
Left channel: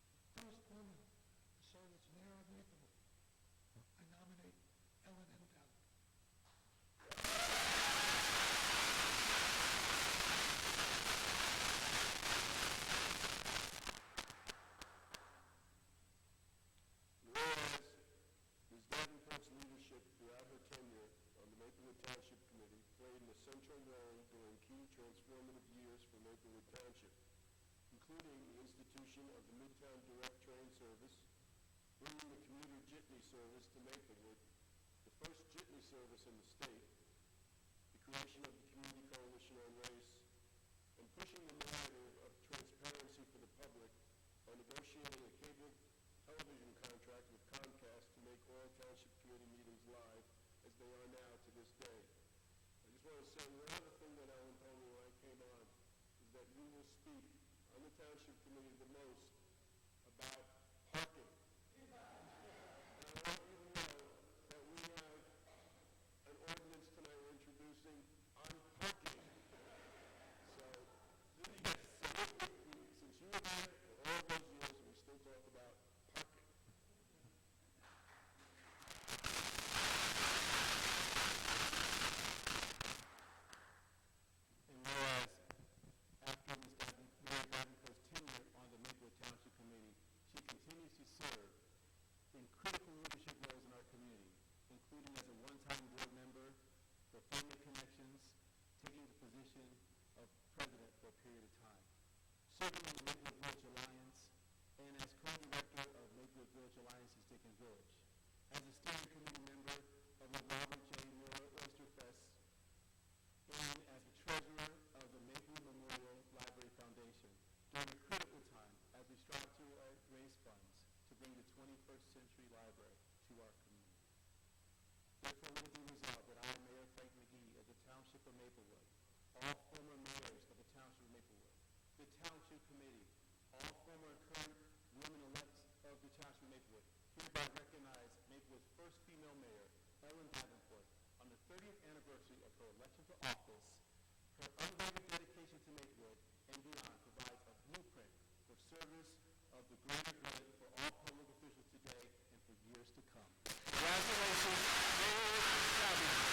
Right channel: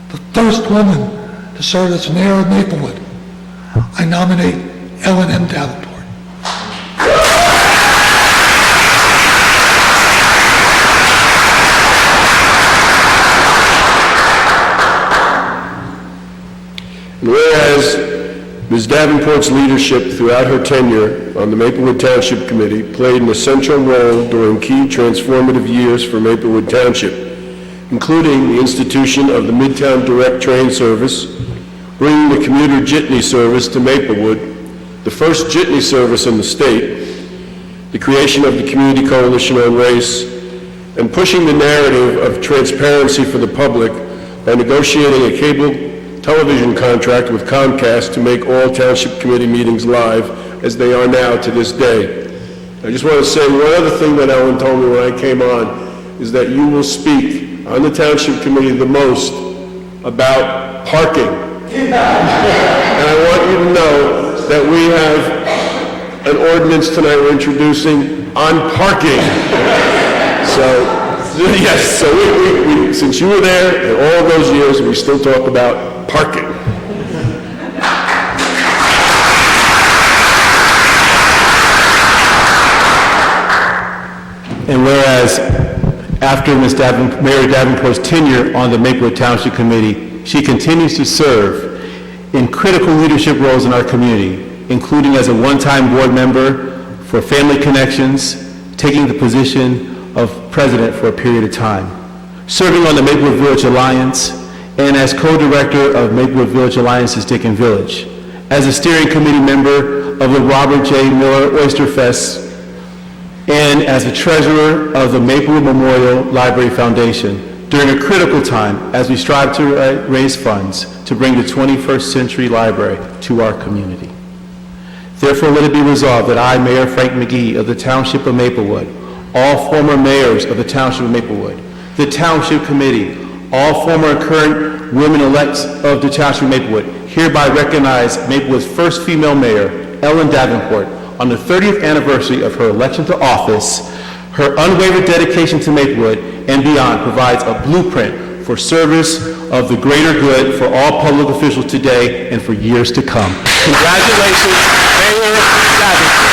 The first woman to serve as mayor of Maplewood. I nominate Ellen M. Davenport. And whereas Ms. Davenport's leadership throughout her tenure on the Maplewood Township Committee played an essential role during key transformative years for Maplewood Township, including the institution of the Midtown Direct Train Service, bringing the commuter jitney service to Maplewood, the first jitney service in the state, the creation of the Community Coalition on Race, and pushing the narrative of transparency for the public by negotiating a cable television contract with Comcast to make all Township Committee meetings live, as they are now to this day. I just want to say one other thing that Ellen told me when I came on, is that you will speak on the Township Committee the most about parking. And I want you to know that we have an ordinance tonight we're introducing on parking. So, yes, so we since you were there and all of those years, we still talk about parking. And whereas after Mayor Davenport's tenure on the Maplewood Township Committee, she continues to serve in critical leadership roles in our community, including as a one-time board member for Family Connections, taking the position of president for a period of time, serving on the Maplewood Village Alliance, and as co-director of Maplewood Village Alliance's Dickens Village, as a steering committee member of the Robert J. Miller Oyster Fest, and as the treasurer of the Maplewood Memorial Library Foundation during a critical time as we strive to raise funds to bring the 21st century library to our community. Therefore, let it be resolved that I, Mayor Frank Mcgee of the Township of Maplewood, all former mayors of the Township of Maplewood, the Township Committee, all former and current women-elects of the Township of Maplewood, hereby recognize Maplewood's first female mayor, Ellen Davenport, on the 30th anniversary of her election to office. Her unwavering dedication to Maplewood and beyond provides a blueprint for service of the greater good for all public officials today and for years to come. Congratulations, Mayor Davenport.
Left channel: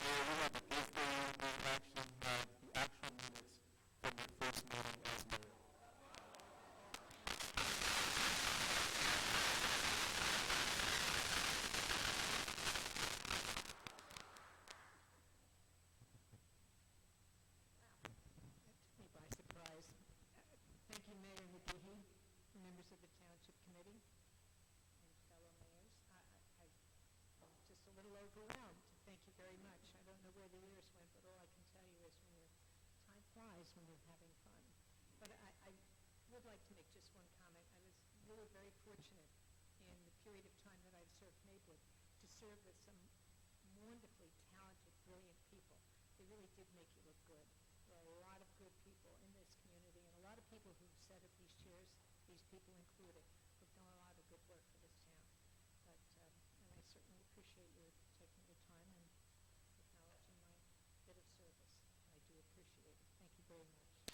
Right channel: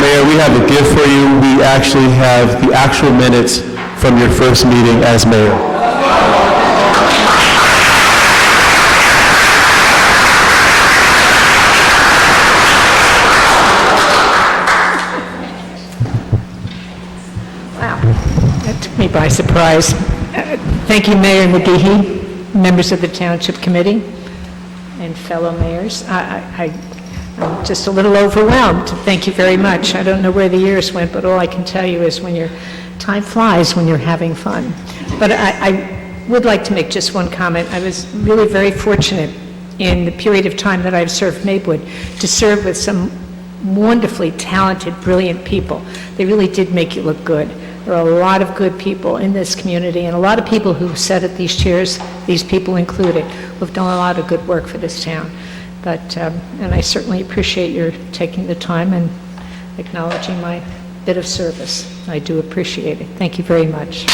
Mayor, we have a gift for you. We actually have the actual minutes from your first meeting as mayor. Wow, that took me by surprise. Thank you, Mayor Mcgee, members of the Township Committee, and fellow mayors. I'm just a little overwhelmed. Thank you very much. I don't know where the years went, but all I can tell you is time flies when you're having fun. But I would like to make just one comment. I was really very fortunate in the period of time that I've served Maplewood to serve with some wonderfully talented, brilliant people. They really did make you look good. There are a lot of good people in this community, and a lot of people who sat at these chairs, these people included, who have done a lot of good work for this town. But, and I certainly appreciate your taking the time and acknowledging my bit of service. I do appreciate it. Thank you very much.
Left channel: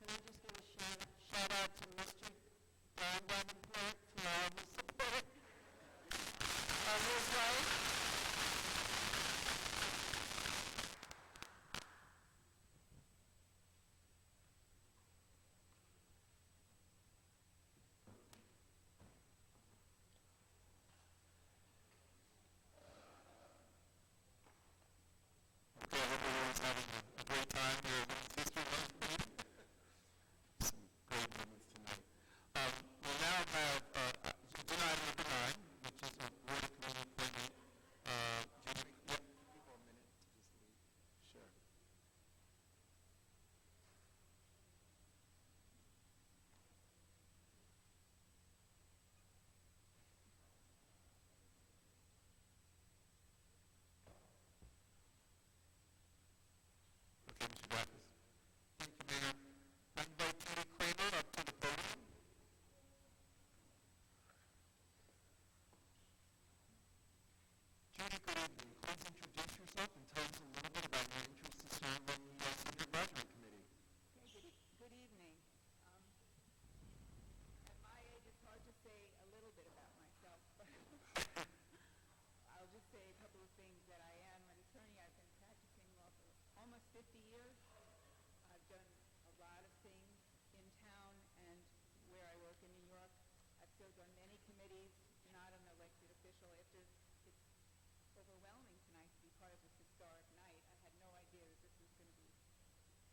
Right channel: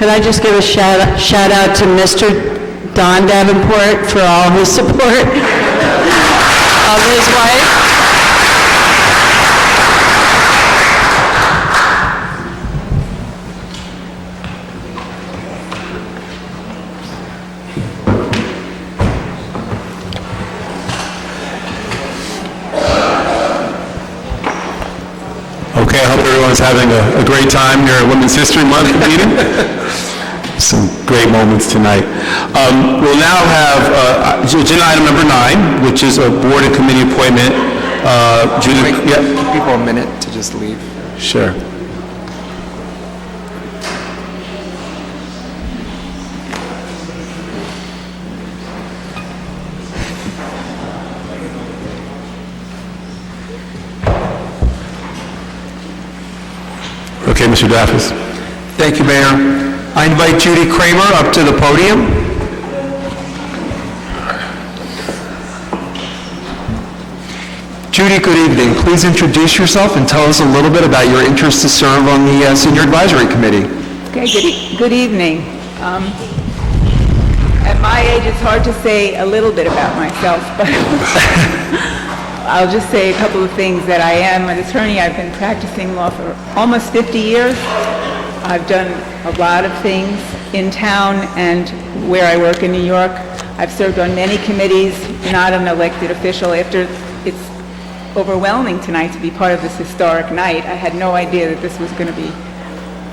Could I just give a shout out to Mr. Don Davenport for all his support of his wife? Okay, I hope everyone's having a great time here at Women's History Month meeting. Some great moments tonight. We'll now have agenda item number 9, which is a board and committee appointment. Judith, Give people a minute to just leave. Sure. Okay, Mr. Daffis. Thank you, Mayor. I invite Judy Kramer up to the podium. Judy, good evening. Please introduce yourself and tell us a little bit about your interest to serve on the Senior Advisory Committee. Okay, good evening. At my age, it's hard to say a little bit about myself, but I'll just say a couple of things. That I am an attorney. I've been practicing law for almost 50 years. I've done a lot of things in town and where I work in New York. I've served on many committees, not an elected official. After it's overwhelming tonight to be part of this historic night. I had no idea that this was going to be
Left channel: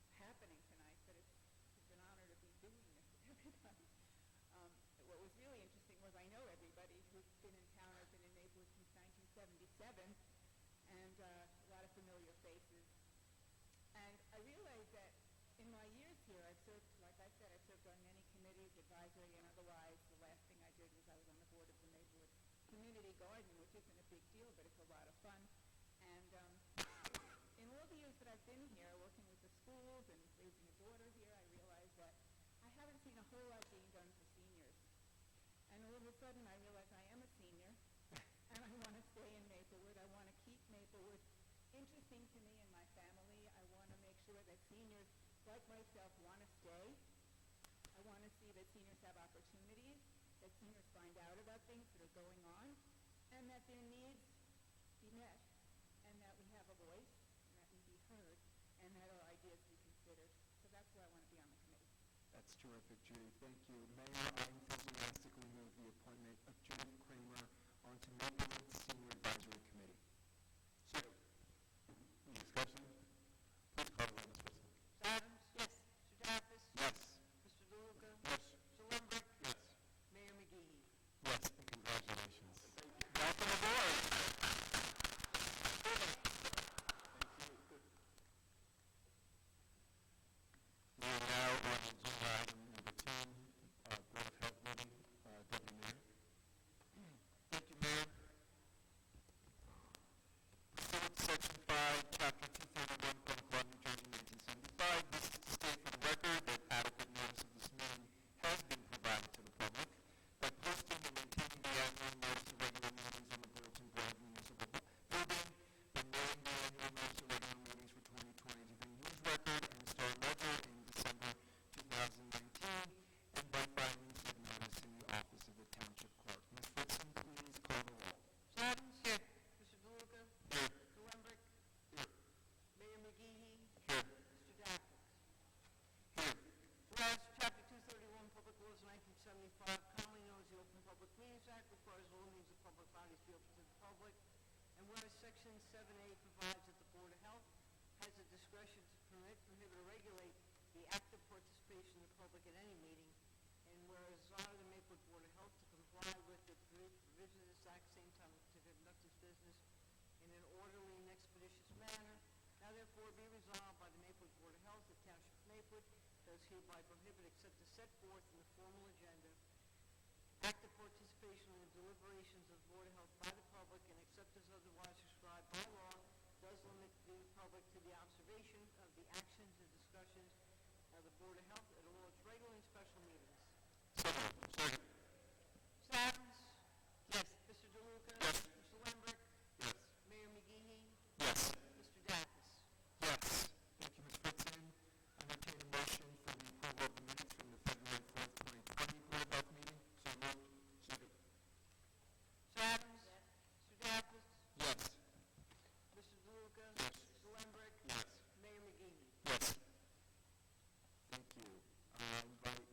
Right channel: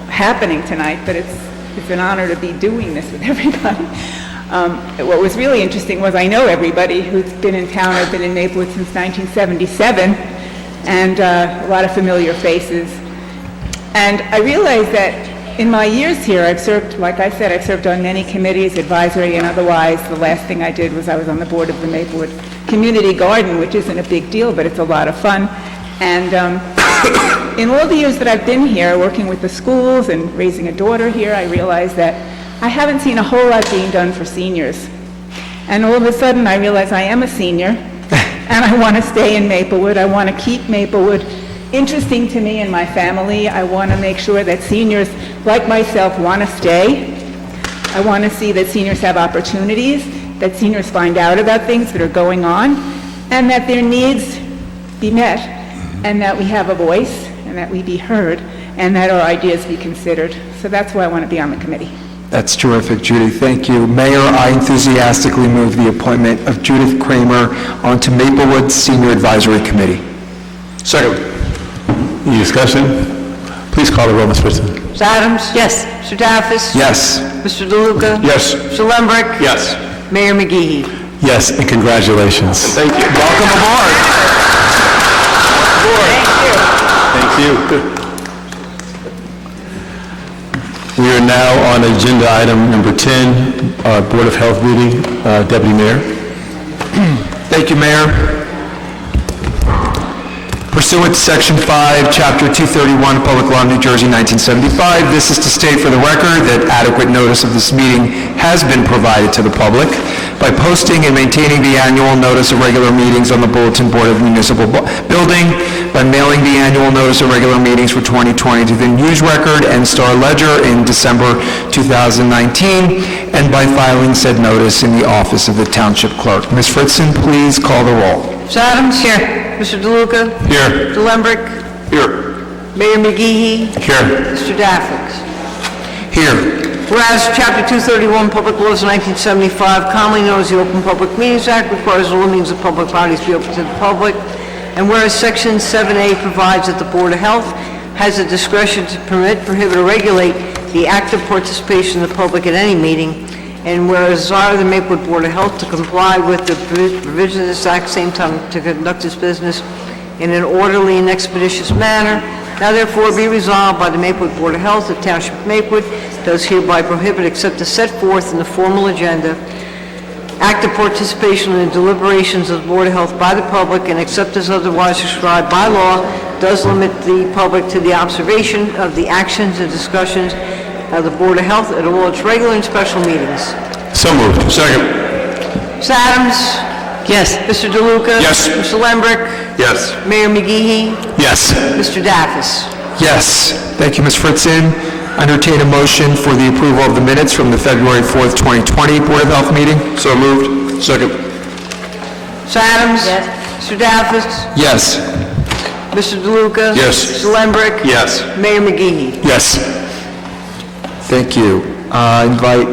happening tonight, but it's an honor to be doing this with everybody. What was really interesting was I know everybody who's been in town. I've been in Maplewood since 1977, and a lot of familiar faces. And I realized that in my years here, I've served, like I said, I've served on many committees, advisory and otherwise. The last thing I did was I was on the board of the Maplewood Community Garden, which isn't a big deal, but it's a lot of fun. And in all the years that I've been here, working with the schools and raising a daughter here, I realized that I haven't seen a whole lot being done for seniors. And all of a sudden, I realize I am a senior, and I want to stay in Maplewood. I want to keep Maplewood interesting to me and my family. I want to make sure that seniors like myself want to stay. I want to see that seniors have opportunities, that seniors find out about things that are going on, and that their needs be met, and that we have a voice, and that we be heard, and that our ideas be considered. So that's why I want to be on the committee. That's terrific, Judy. Thank you. Mayor, I enthusiastically move the appointment of Judith Kramer onto Maplewood Senior Advisory Committee. Second. Any discussion? Please call the roll, Ms. Whitson. Ms. Adams? Yes. Mr. Daffis? Yes. Mr. DeLuca? Yes. Mr. Lembrick? Yes. Mayor Mcgee? Yes, and congratulations. Thank you. Welcome aboard. Thank you. We are now on agenda item number 10, Board of Health meeting. Deputy Mayor. Thank you, Mayor. Pursuant to Section 5, Chapter 231, Public Law, New Jersey, 1975, this is to state for the record that adequate notice of this meeting has been provided to the public by posting and maintaining the annual notice of regular meetings on the Bulletin Board of Municipal Building, by mailing the annual notice of regular meetings for 2020 to the News Record and Star Ledger in December 2019, and by filing said notice in the office of the Township Clerk. Ms. Fritzen, please call the roll. Ms. Adams? Here. Mr. DeLuca? Here. Mr. Lembrick? Here. Mayor Mcgee? Here. Mr. Daffix? Here. Whereas Chapter 231, Public Laws 1975, commonly known as the Open Public Meetings Act, requires all meetings of public bodies be open to the public, and whereas Section 7A provides that the Board of Health has the discretion to permit, prohibit, or regulate the active participation of the public at any meeting, and whereas desire the Maplewood Board of Health to comply with the provisions of this act, same time to conduct its business in an orderly and expeditious manner, now therefore be resolved by the Maplewood Board of Health, the Township of Maplewood does hereby prohibit, except as set forth in the formal agenda, active participation in the deliberations of the Board of Health by the public, and except as otherwise prescribed by law, does limit the public to the observation of the actions and discussions of the Board of Health at all its regular and special meetings. So moved. Second. Ms. Adams? Yes. Mr. DeLuca? Yes. Mr. Lembrick? Yes. Mayor Mcgee? Yes. Mr. Daffis? Yes. Thank you, Ms. Fritzen. Entertain a motion for the approval of the minutes from the February 4th, 2020 Board of Health meeting. So moved. Second. Mr. Adams? Yes. Mr. Daffis? Yes. Mr. DeLuca? Yes. Mr. Lembrick? Yes. Mayor McGee? Yes. Thank you. Invite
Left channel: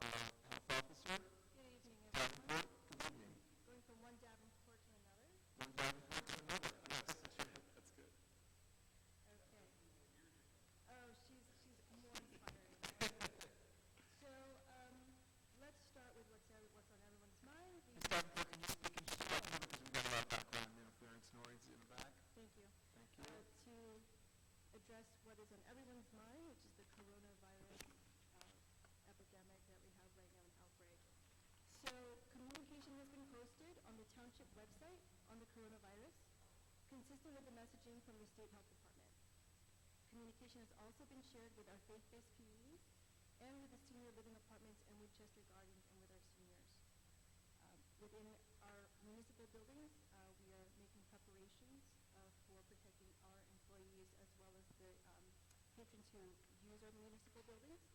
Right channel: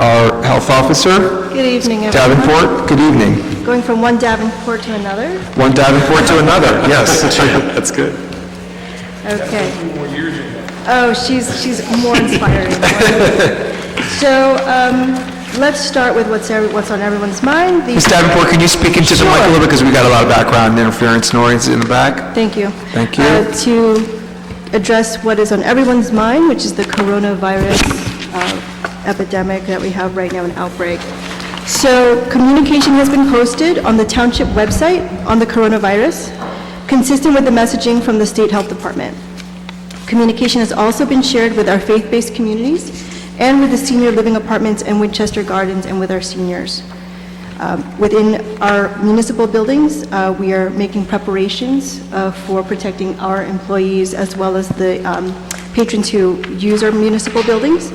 our health officer, Good evening, everyone. Davenport. Good evening. Going from one Davenport to another. One Davenport to another, yes. That's good. Okay. Oh, she's more inspiring. So, let's start with what's on everyone's mind. Ms. Davenport, can you speak into the mic a little bit, because we got a lot of background interference noise in the back? Thank you. Thank you. To address what is on everyone's mind, which is the coronavirus epidemic that we have right now, an outbreak. So communication has been posted on the township website on the coronavirus, consistent with the messaging from the State Health Department. Communication has also been shared with our faith-based communities and with the senior living apartments and Winchester Gardens and with our seniors. Within our municipal buildings, we are making preparations for protecting our employees as well as the patrons who use our municipal buildings.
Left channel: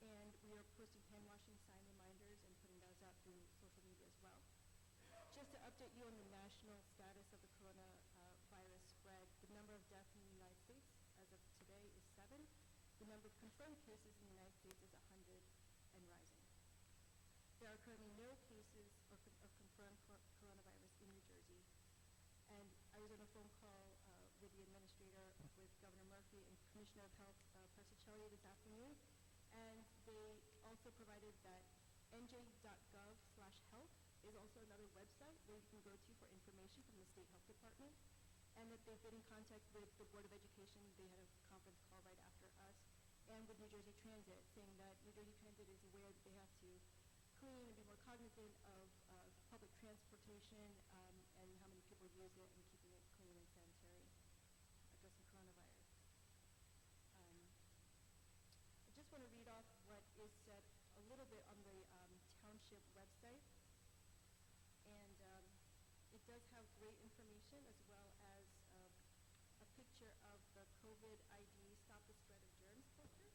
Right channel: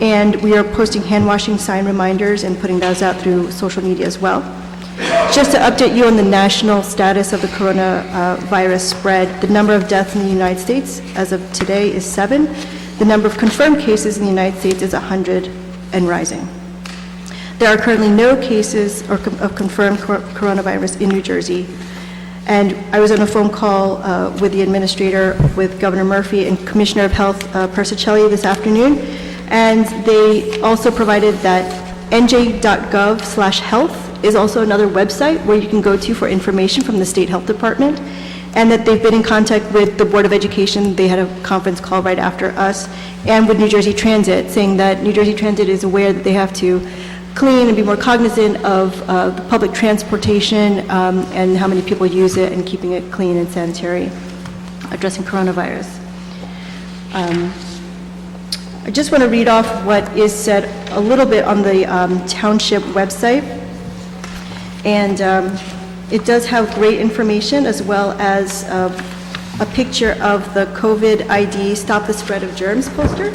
And we are posting hand washing sign reminders and putting those out through social media as well. Just to update you on the national status of the coronavirus spread, the number of deaths in the United States as of today is 7. The number of confirmed cases in the United States is 100 and rising. There are currently no cases of confirmed coronavirus in New Jersey. And I was on a phone call with the administrator, with Governor Murphy and Commissioner of Health Persicelli this afternoon. And they also provided that nj.gov/health is also another website where you can go to for information from the State Health Department, and that they've been in contact with the Board of Education. They had a conference call right after us, and with New Jersey Transit, saying that New Jersey Transit is aware that they have to clean and be more cognizant of the public transportation and how many people use it, and keeping it clean and sanitary, addressing coronavirus. I just want to read off what is said a little bit on the township website. And it does have great information, as well as a picture of the COVID ID Stop the Spread of Germs poster,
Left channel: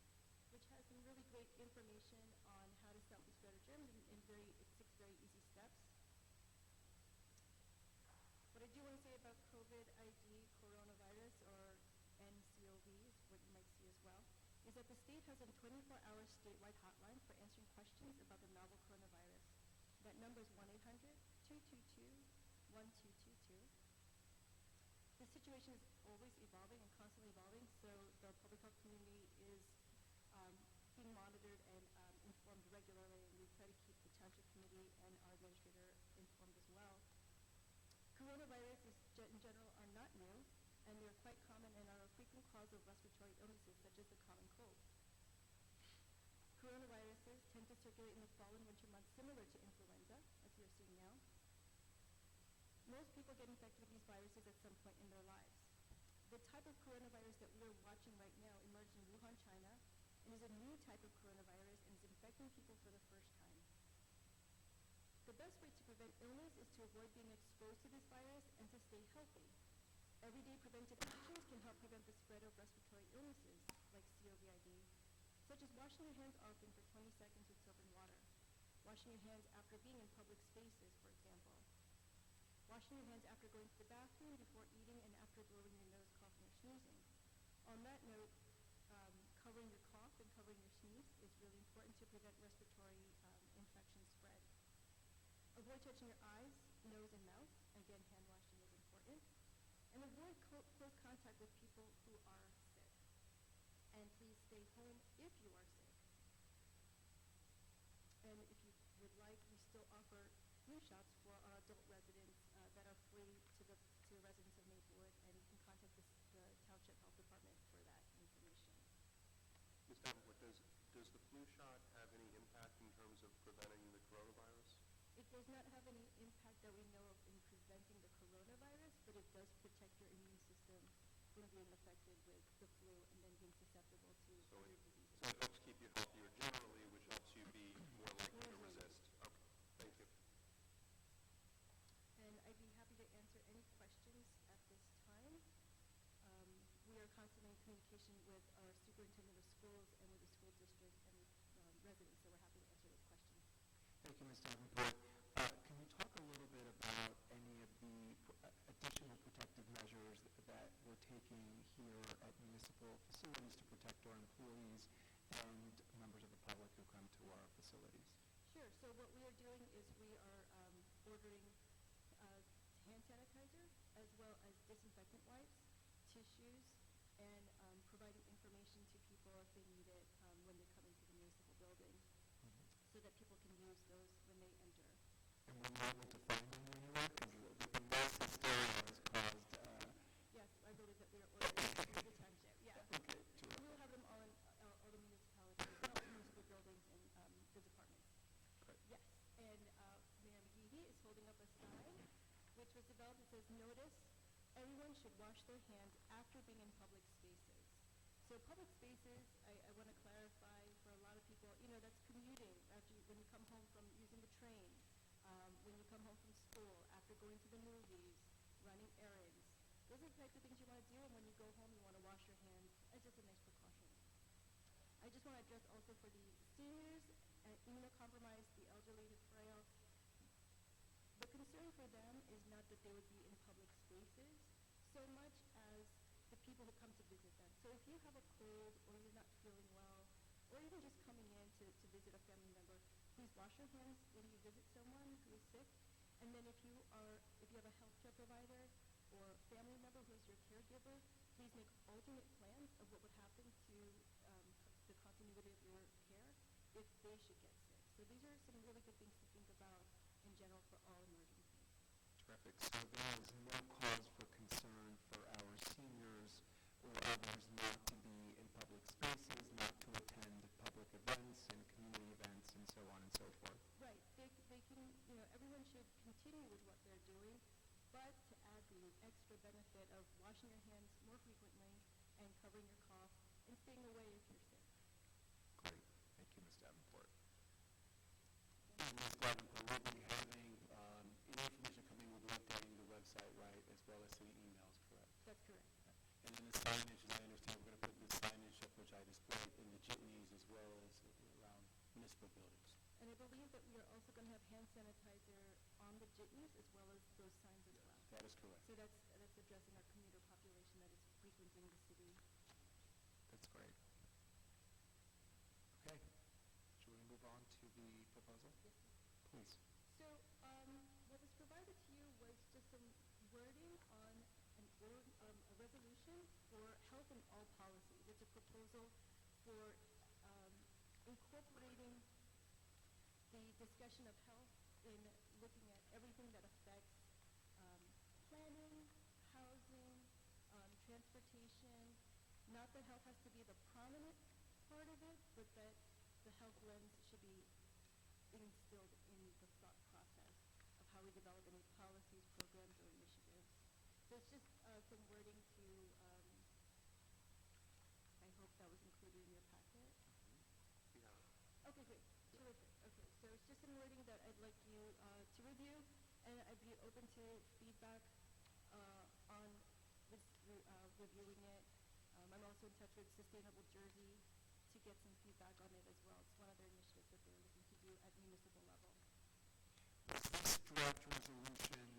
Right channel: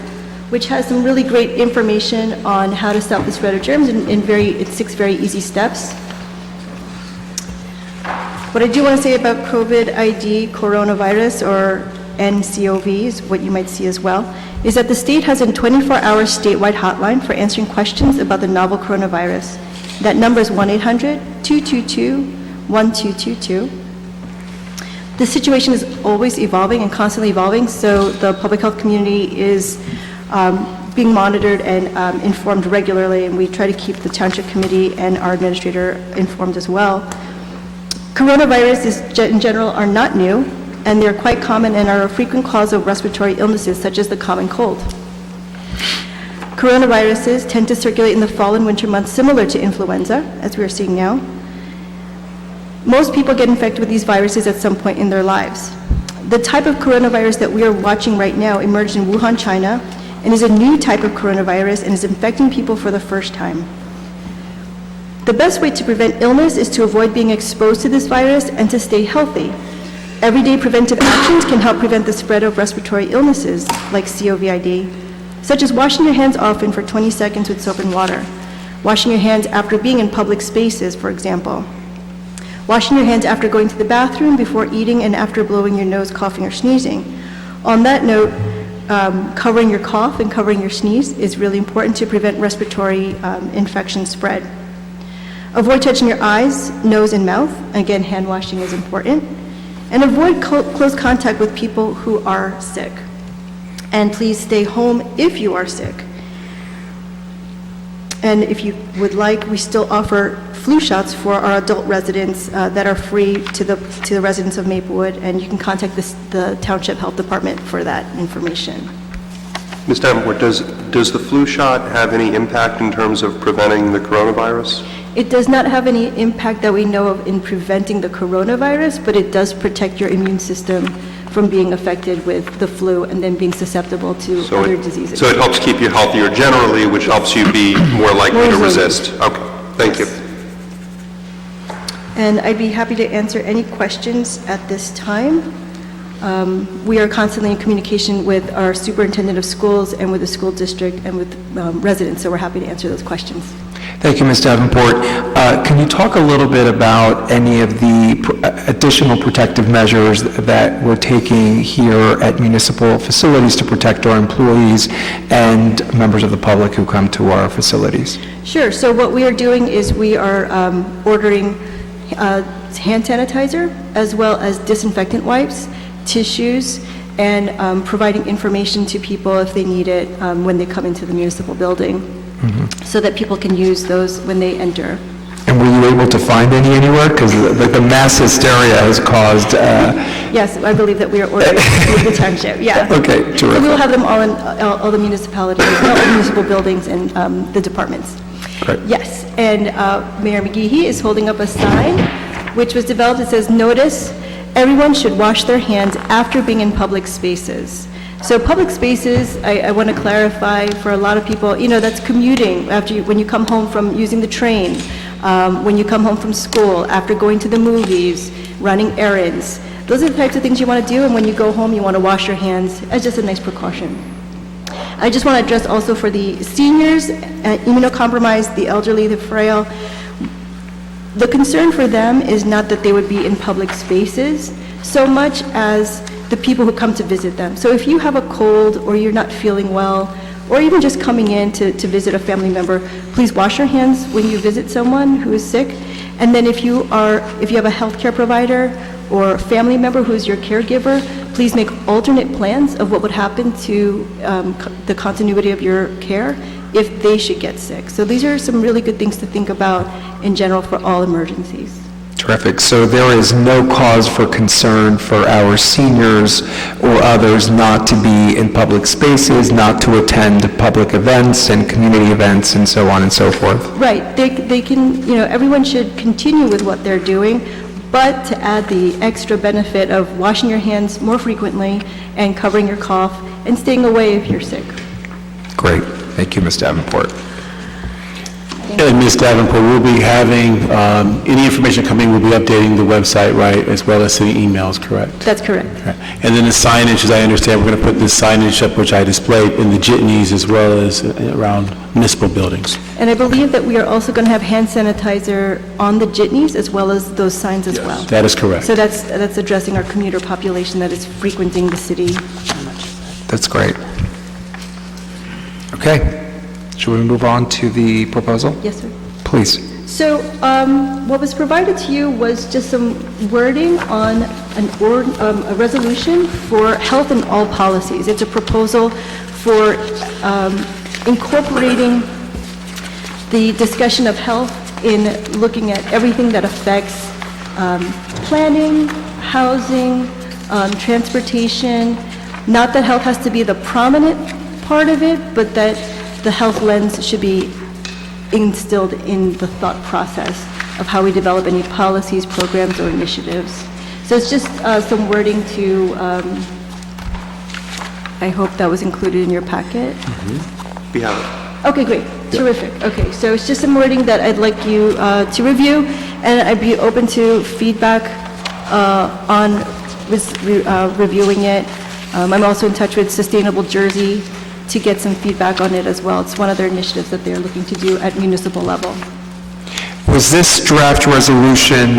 which has some really great information on how to stop the spread of germs in 6 very easy steps. What I do want to say about COVID ID coronavirus, or NCOVs, what you might see as well, is that the state has a 24-hour statewide hotline for answering questions about the novel coronavirus. That number is 1-800-222-1222. The situation is always evolving and constantly evolving, so the public health community is being monitored and informed regularly, and we try to keep the township committee and our administrator informed as well. Coronaviruses in general are not new, and they're quite common and are a frequent cause of respiratory illnesses such as the common cold. Coronaviruses tend to circulate in the fall and winter months, similar to influenza, as we are seeing now. Most people get infected with these viruses at some point in their lives. The type of coronavirus that we are watching right now emerged in Wuhan, China, and is a new type of coronavirus and is infecting people for the first time. The best way to prevent illness is to avoid being exposed to this virus and to stay healthy. Everyday preventive actions can help prevent the spread of respiratory illnesses like COVID, such as washing your hands often for 20 seconds with soap and water, washing your hands after being in public spaces, for example, washing your hands after going to the bathroom, before eating, and after blowing your nose, coughing, or sneezing. On that note, covering your cough and covering your sneeze is really important to prevent respiratory infection spread. Avoid touching your eyes, nose, and mouth. Again, hand washing is important. And avoid close contact with people who are sick. And please stay home if you are sick. And if you would like, we still offer flu shots for our adult residents that are free to the residents of Maplewood, and you can contact the Township Health Department for that information. Ms. Davenport, does the flu shot have any impact in terms of preventing the coronavirus? It does not have any impact that we know of in preventing the coronavirus, but it does protect your immune system from being affected with the flu and then being susceptible to other diseases. So it helps keep you healthier generally, which helps you be more likely to resist. Okay, thank you. And I'd be happy to answer any questions at this time. We are constantly in communication with our superintendent of schools and with the school district and with residents, so we're happy to answer those questions. Thank you, Ms. Davenport. Can you talk a little bit about any of the additional protective measures that we're taking here at municipal facilities to protect our employees and members of the public who come to our facilities? Sure. So what we are doing is we are ordering hand sanitizer as well as disinfectant wipes, tissues, and providing information to people if they need it when they come into the municipal building, so that people can use those when they enter. And were you able to find any anywhere? Because the mass hysteria has caused... Yes, I believe that we are ordering in the township, yeah. Okay, terrific. So we will have them all in all the municipalities, all the municipal buildings and the departments. Great. Yes, and Mayor Mcgee is holding up a sign which was developed. It says, "Notice, everyone should wash their hands after being in public spaces." So public spaces, I want to clarify for a lot of people, that's commuting when you come home from using the train, when you come home from school, after going to the movies, running errands. Those are the types of things you want to do, and when you go home, you want to wash your hands as just a nice precaution. I just want to address also for the seniors, immunocompromised, the elderly, the frail. The concern for them is not that they would be in public spaces so much as the people who come to visit them. So if you have a cold or you're not feeling well, or even just coming in to visit a family member, please wash your hands when you visit someone who is sick. And then if you have a healthcare provider or a family member who is your caregiver, please make alternate plans of what would happen to the continuity of your care if they should get sick. So these are some really good things to think about in general for all emergencies. Terrific. So there is no cause for concern for our seniors or others not to be in public spaces, not to attend public events and community events and so on and so forth. Right. They can, everyone should continue with what they're doing, but to add the extra benefit of washing your hands more frequently and covering your cough and staying away if you're sick. Great. Thank you, Ms. Davenport. And Ms. Davenport, we'll be having, any information coming, we'll be updating the website, right, as well as sending emails, correct? That's correct. Okay. And then the signage, as I understand, we're going to put this signage up, which I displayed in the jitneys as well as around municipal buildings. And I believe that we are also going to have hand sanitizer on the jitneys as well as those signs as well. That is correct. So that's addressing our commuter population that is frequenting the city. That's great. Okay. Should we move on to the proposal? Yes, sir. Please. So what was provided to you was just some wording on a resolution for health in all policies. It's a proposal for incorporating the discussion of health in looking at everything that affects planning, housing, transportation. Not that health has to be the prominent part of it, but that the health lens should be instilled in the thought process of how we develop any policies, programs, or initiatives. So it's just some wording to, I hope that was included in your packet. We have it. Okay, great, terrific. Okay, so it's just some wording that I'd like you to review, and I'd be open to feedback on reviewing it. I'm also in touch with Sustainable Jersey to get some feedback on it as well. It's one of their initiatives that they're looking to do at municipal level. Was this draft resolution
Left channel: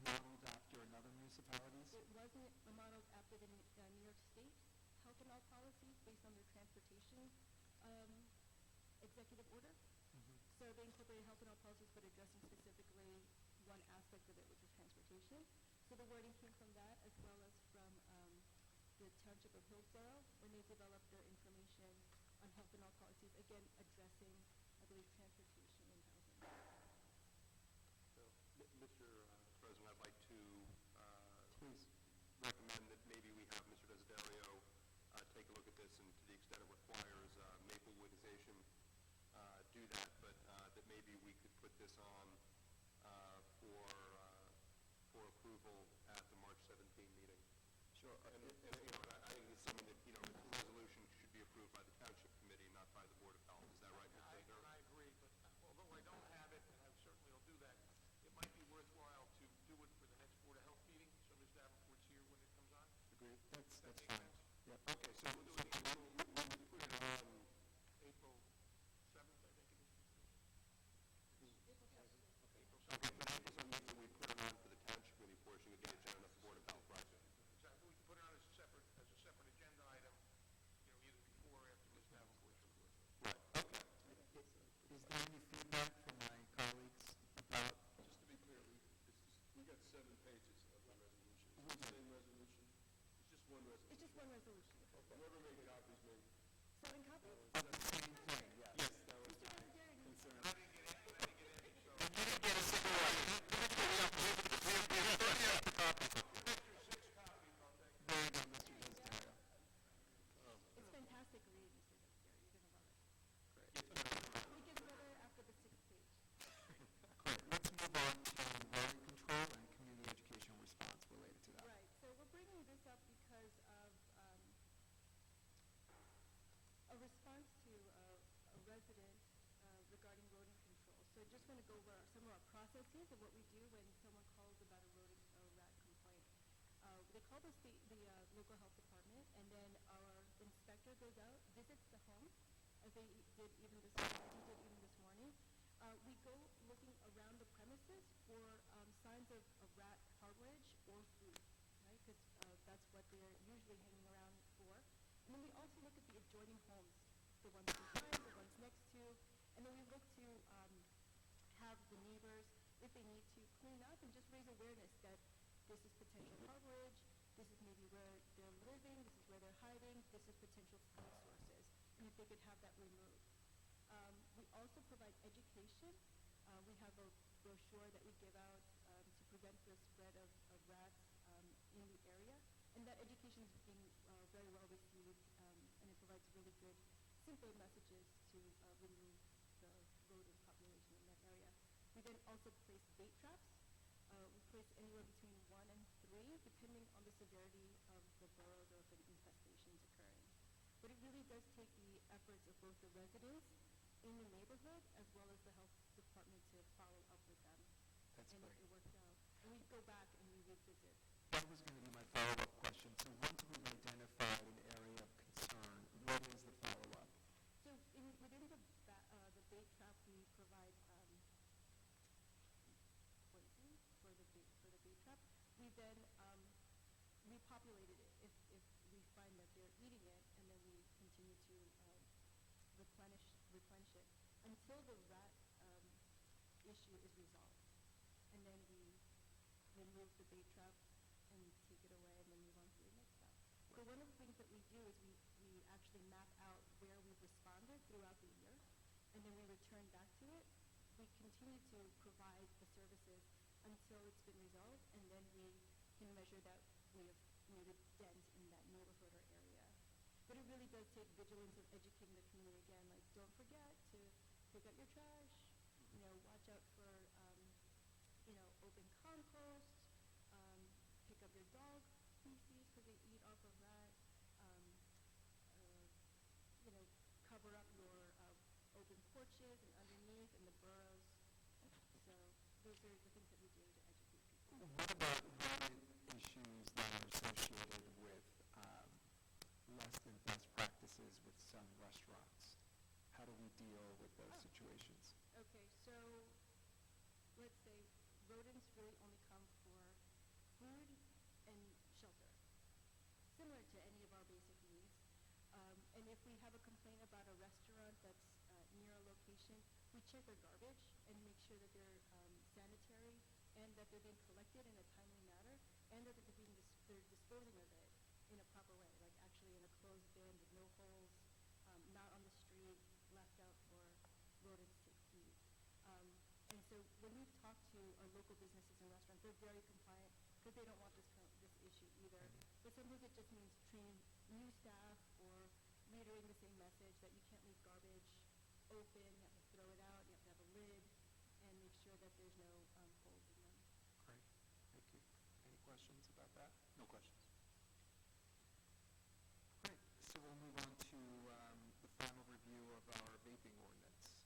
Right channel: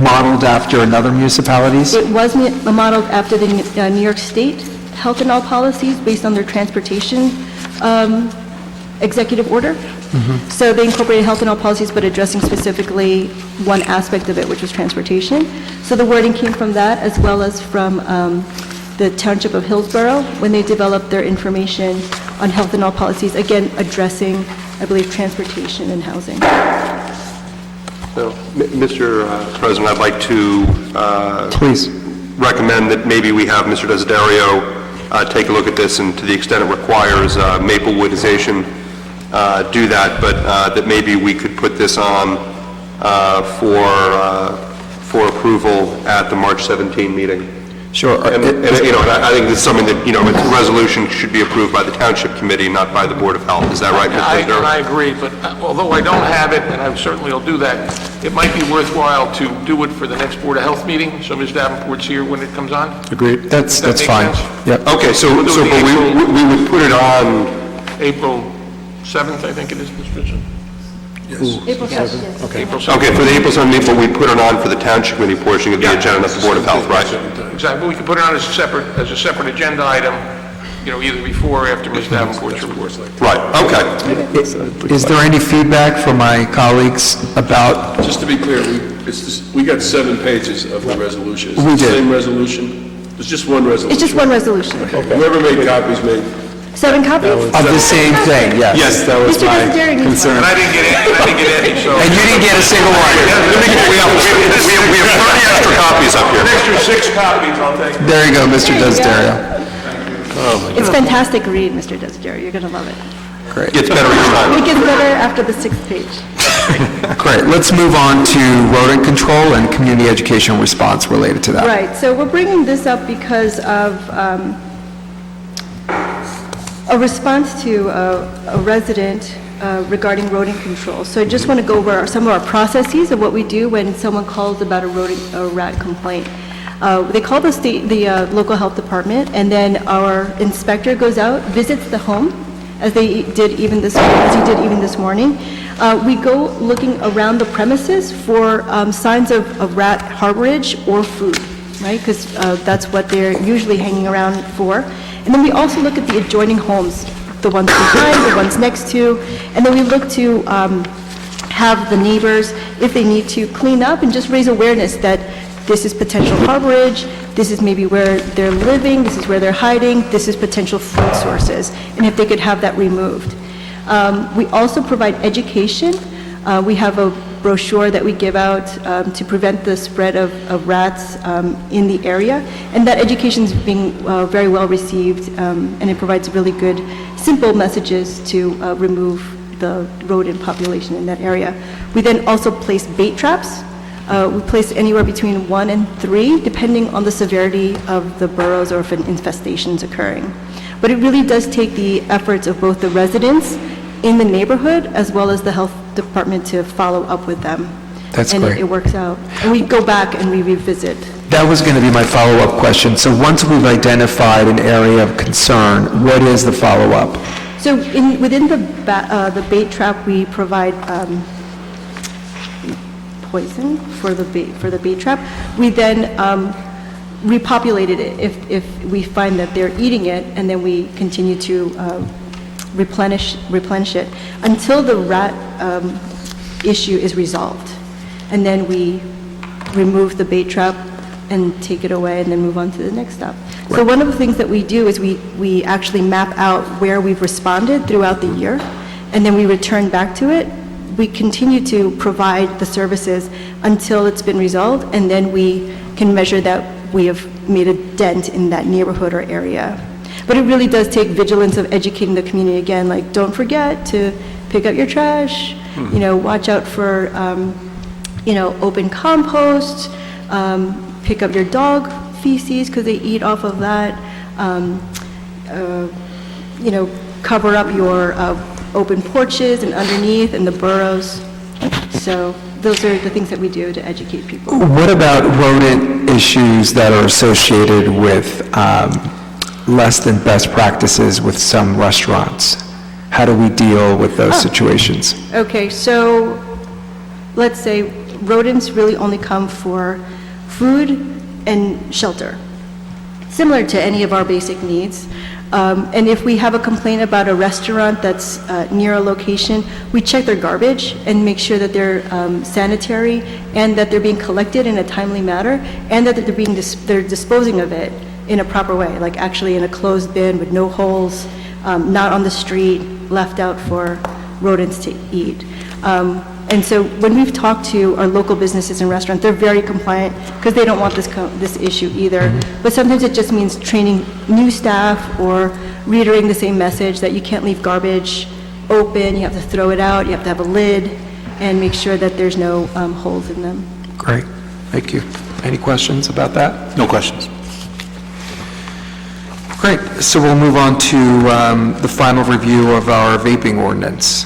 modeled after another municipalities? It was modeled after the New York State health and all policies based on their transportation executive order. So they incorporated health and all policies, but addressing specifically one aspect of it, which was transportation. So the wording came from that, as well as from the Township of Hillsborough, when they developed their information on health and all policies, again, addressing, I believe, transportation and housing. So, Mr. President, I'd like to please recommend that maybe we have Mr. Desiderio take a look at this, and to the extent it requires Maplewoodization, do that, but that maybe we could put this on for approval at the March 17 meeting. Sure. And I think it's something that, a resolution should be approved by the Township Committee, not by the Board of Health. Is that right, Mr. And I agree, but although I don't have it, and I certainly will do that, it might be worthwhile to do it for the next Board of Health meeting, so Ms. Davenport's here when it comes on. Agreed. That's Does that fine. make sense? Yep. Okay, so but we would put it on, April 7th, I think it is, Mr. Richardson. April 7th. Okay. April 7th. okay, for the April 7th, but we put it on for the Township Committee portion of the agenda, not the Board of Health, right? Exactly, but we can put it on as a separate agenda item, either before or after Ms. Davenport's report. Right, okay. Is there any feedback from my colleagues about, Just to be clear, we got 7 pages of the resolution. Is it We the did. same resolution? There's just one resolution? It's just one resolution. Whoever made copies made 7 copies? of the same thing? Yes. Yes, that was Mr. my Desideri needs concern. And I didn't get any, so... And you didn't get a single one? We have 30 extra copies up here. An extra 6 copies, I'll take. There you go, Mr. Desiderio. It's fantastic read, Mr. Desideri. You're going to love it. Great. Gets better each time. It gets better after the 6th page. Great. Let's move on to rodent control and community education response related to that. Right, so we're bringing this up because of a response to a resident regarding rodent control. So I just want to go over some of our processes of what we do when someone calls about a rat complaint. They call the local health department, and then our inspector goes out, visits the home, as he did even this morning. We go looking around the premises for signs of rat harborage or food, right? Because that's what they're usually hanging around for. And then we also look at the adjoining homes, the ones behind, the ones next to, and then we look to have the neighbors, if they need to, clean up and just raise awareness that this is potential harborage, this is maybe where they're living, this is where they're hiding, this is potential food sources, and if they could have that removed. We also provide education. We have a brochure that we give out to prevent the spread of rats in the area, and that education is being very well received, and it provides really good, simple messages to remove the rodent population in that area. We then also place bait traps. We place anywhere between 1 and 3, depending on the severity of the burrows or if an infestation is occurring. But it really does take the efforts of both the residents in the neighborhood as well as the health department to follow up with them. That's and great. it works out. And we go back and we revisit. That was going to be my follow-up question. So once we've identified an area of concern, what is the follow-up? So within the bait trap, we provide poison for the bait trap. We then repopulated it if we find that they're eating it, and then we continue to replenish it until the rat issue is resolved. And then we remove the bait trap and take it away and then move on to the next step. So one of the things that we do is we actually map out where we've responded throughout the year, and then we return back to it. We continue to provide the services until it's been resolved, and then we can measure that we have made a dent in that neighborhood or area. But it really does take vigilance of educating the community again, like don't forget to pick up your trash, watch out for, open compost, pick up your dog feces because they eat off of that, cover up your open porches and underneath and the burrows. So those are the things that we do to educate people. What about rodent issues that are associated with less than best practices with some restaurants? How do we deal with those situations? Okay, so let's say rodents really only come for food and shelter, similar to any of our basic needs. And if we have a complaint about a restaurant that's near a location, we check their garbage and make sure that they're sanitary and that they're being collected in a timely manner and that they're disposing of it in a proper way, like actually in a closed bin with no holes, not on the street, left out for rodents to eat. And so when we've talked to our local businesses and restaurants, they're very compliant because they don't want this issue either. But sometimes it just means training new staff or reiterating the same message that you can't leave garbage open, you have to throw it out, you have to have a lid, and make sure that there's no holes in them. Great, thank you. Any questions about that? No questions. Great, so we'll move on to the final review of our vaping ordinance.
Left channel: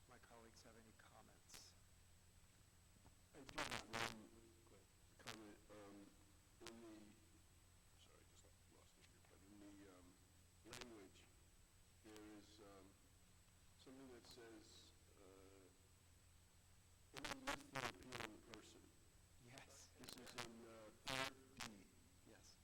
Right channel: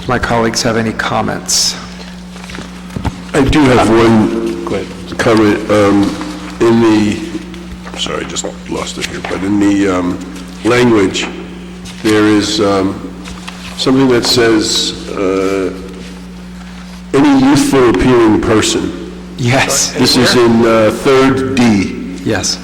Do my colleagues have any comments? I do have one comment. In the, sorry, I just lost it here, but in the language, there is something that says, any youthful appearing person. Yes. This is in 3rd D. Yes.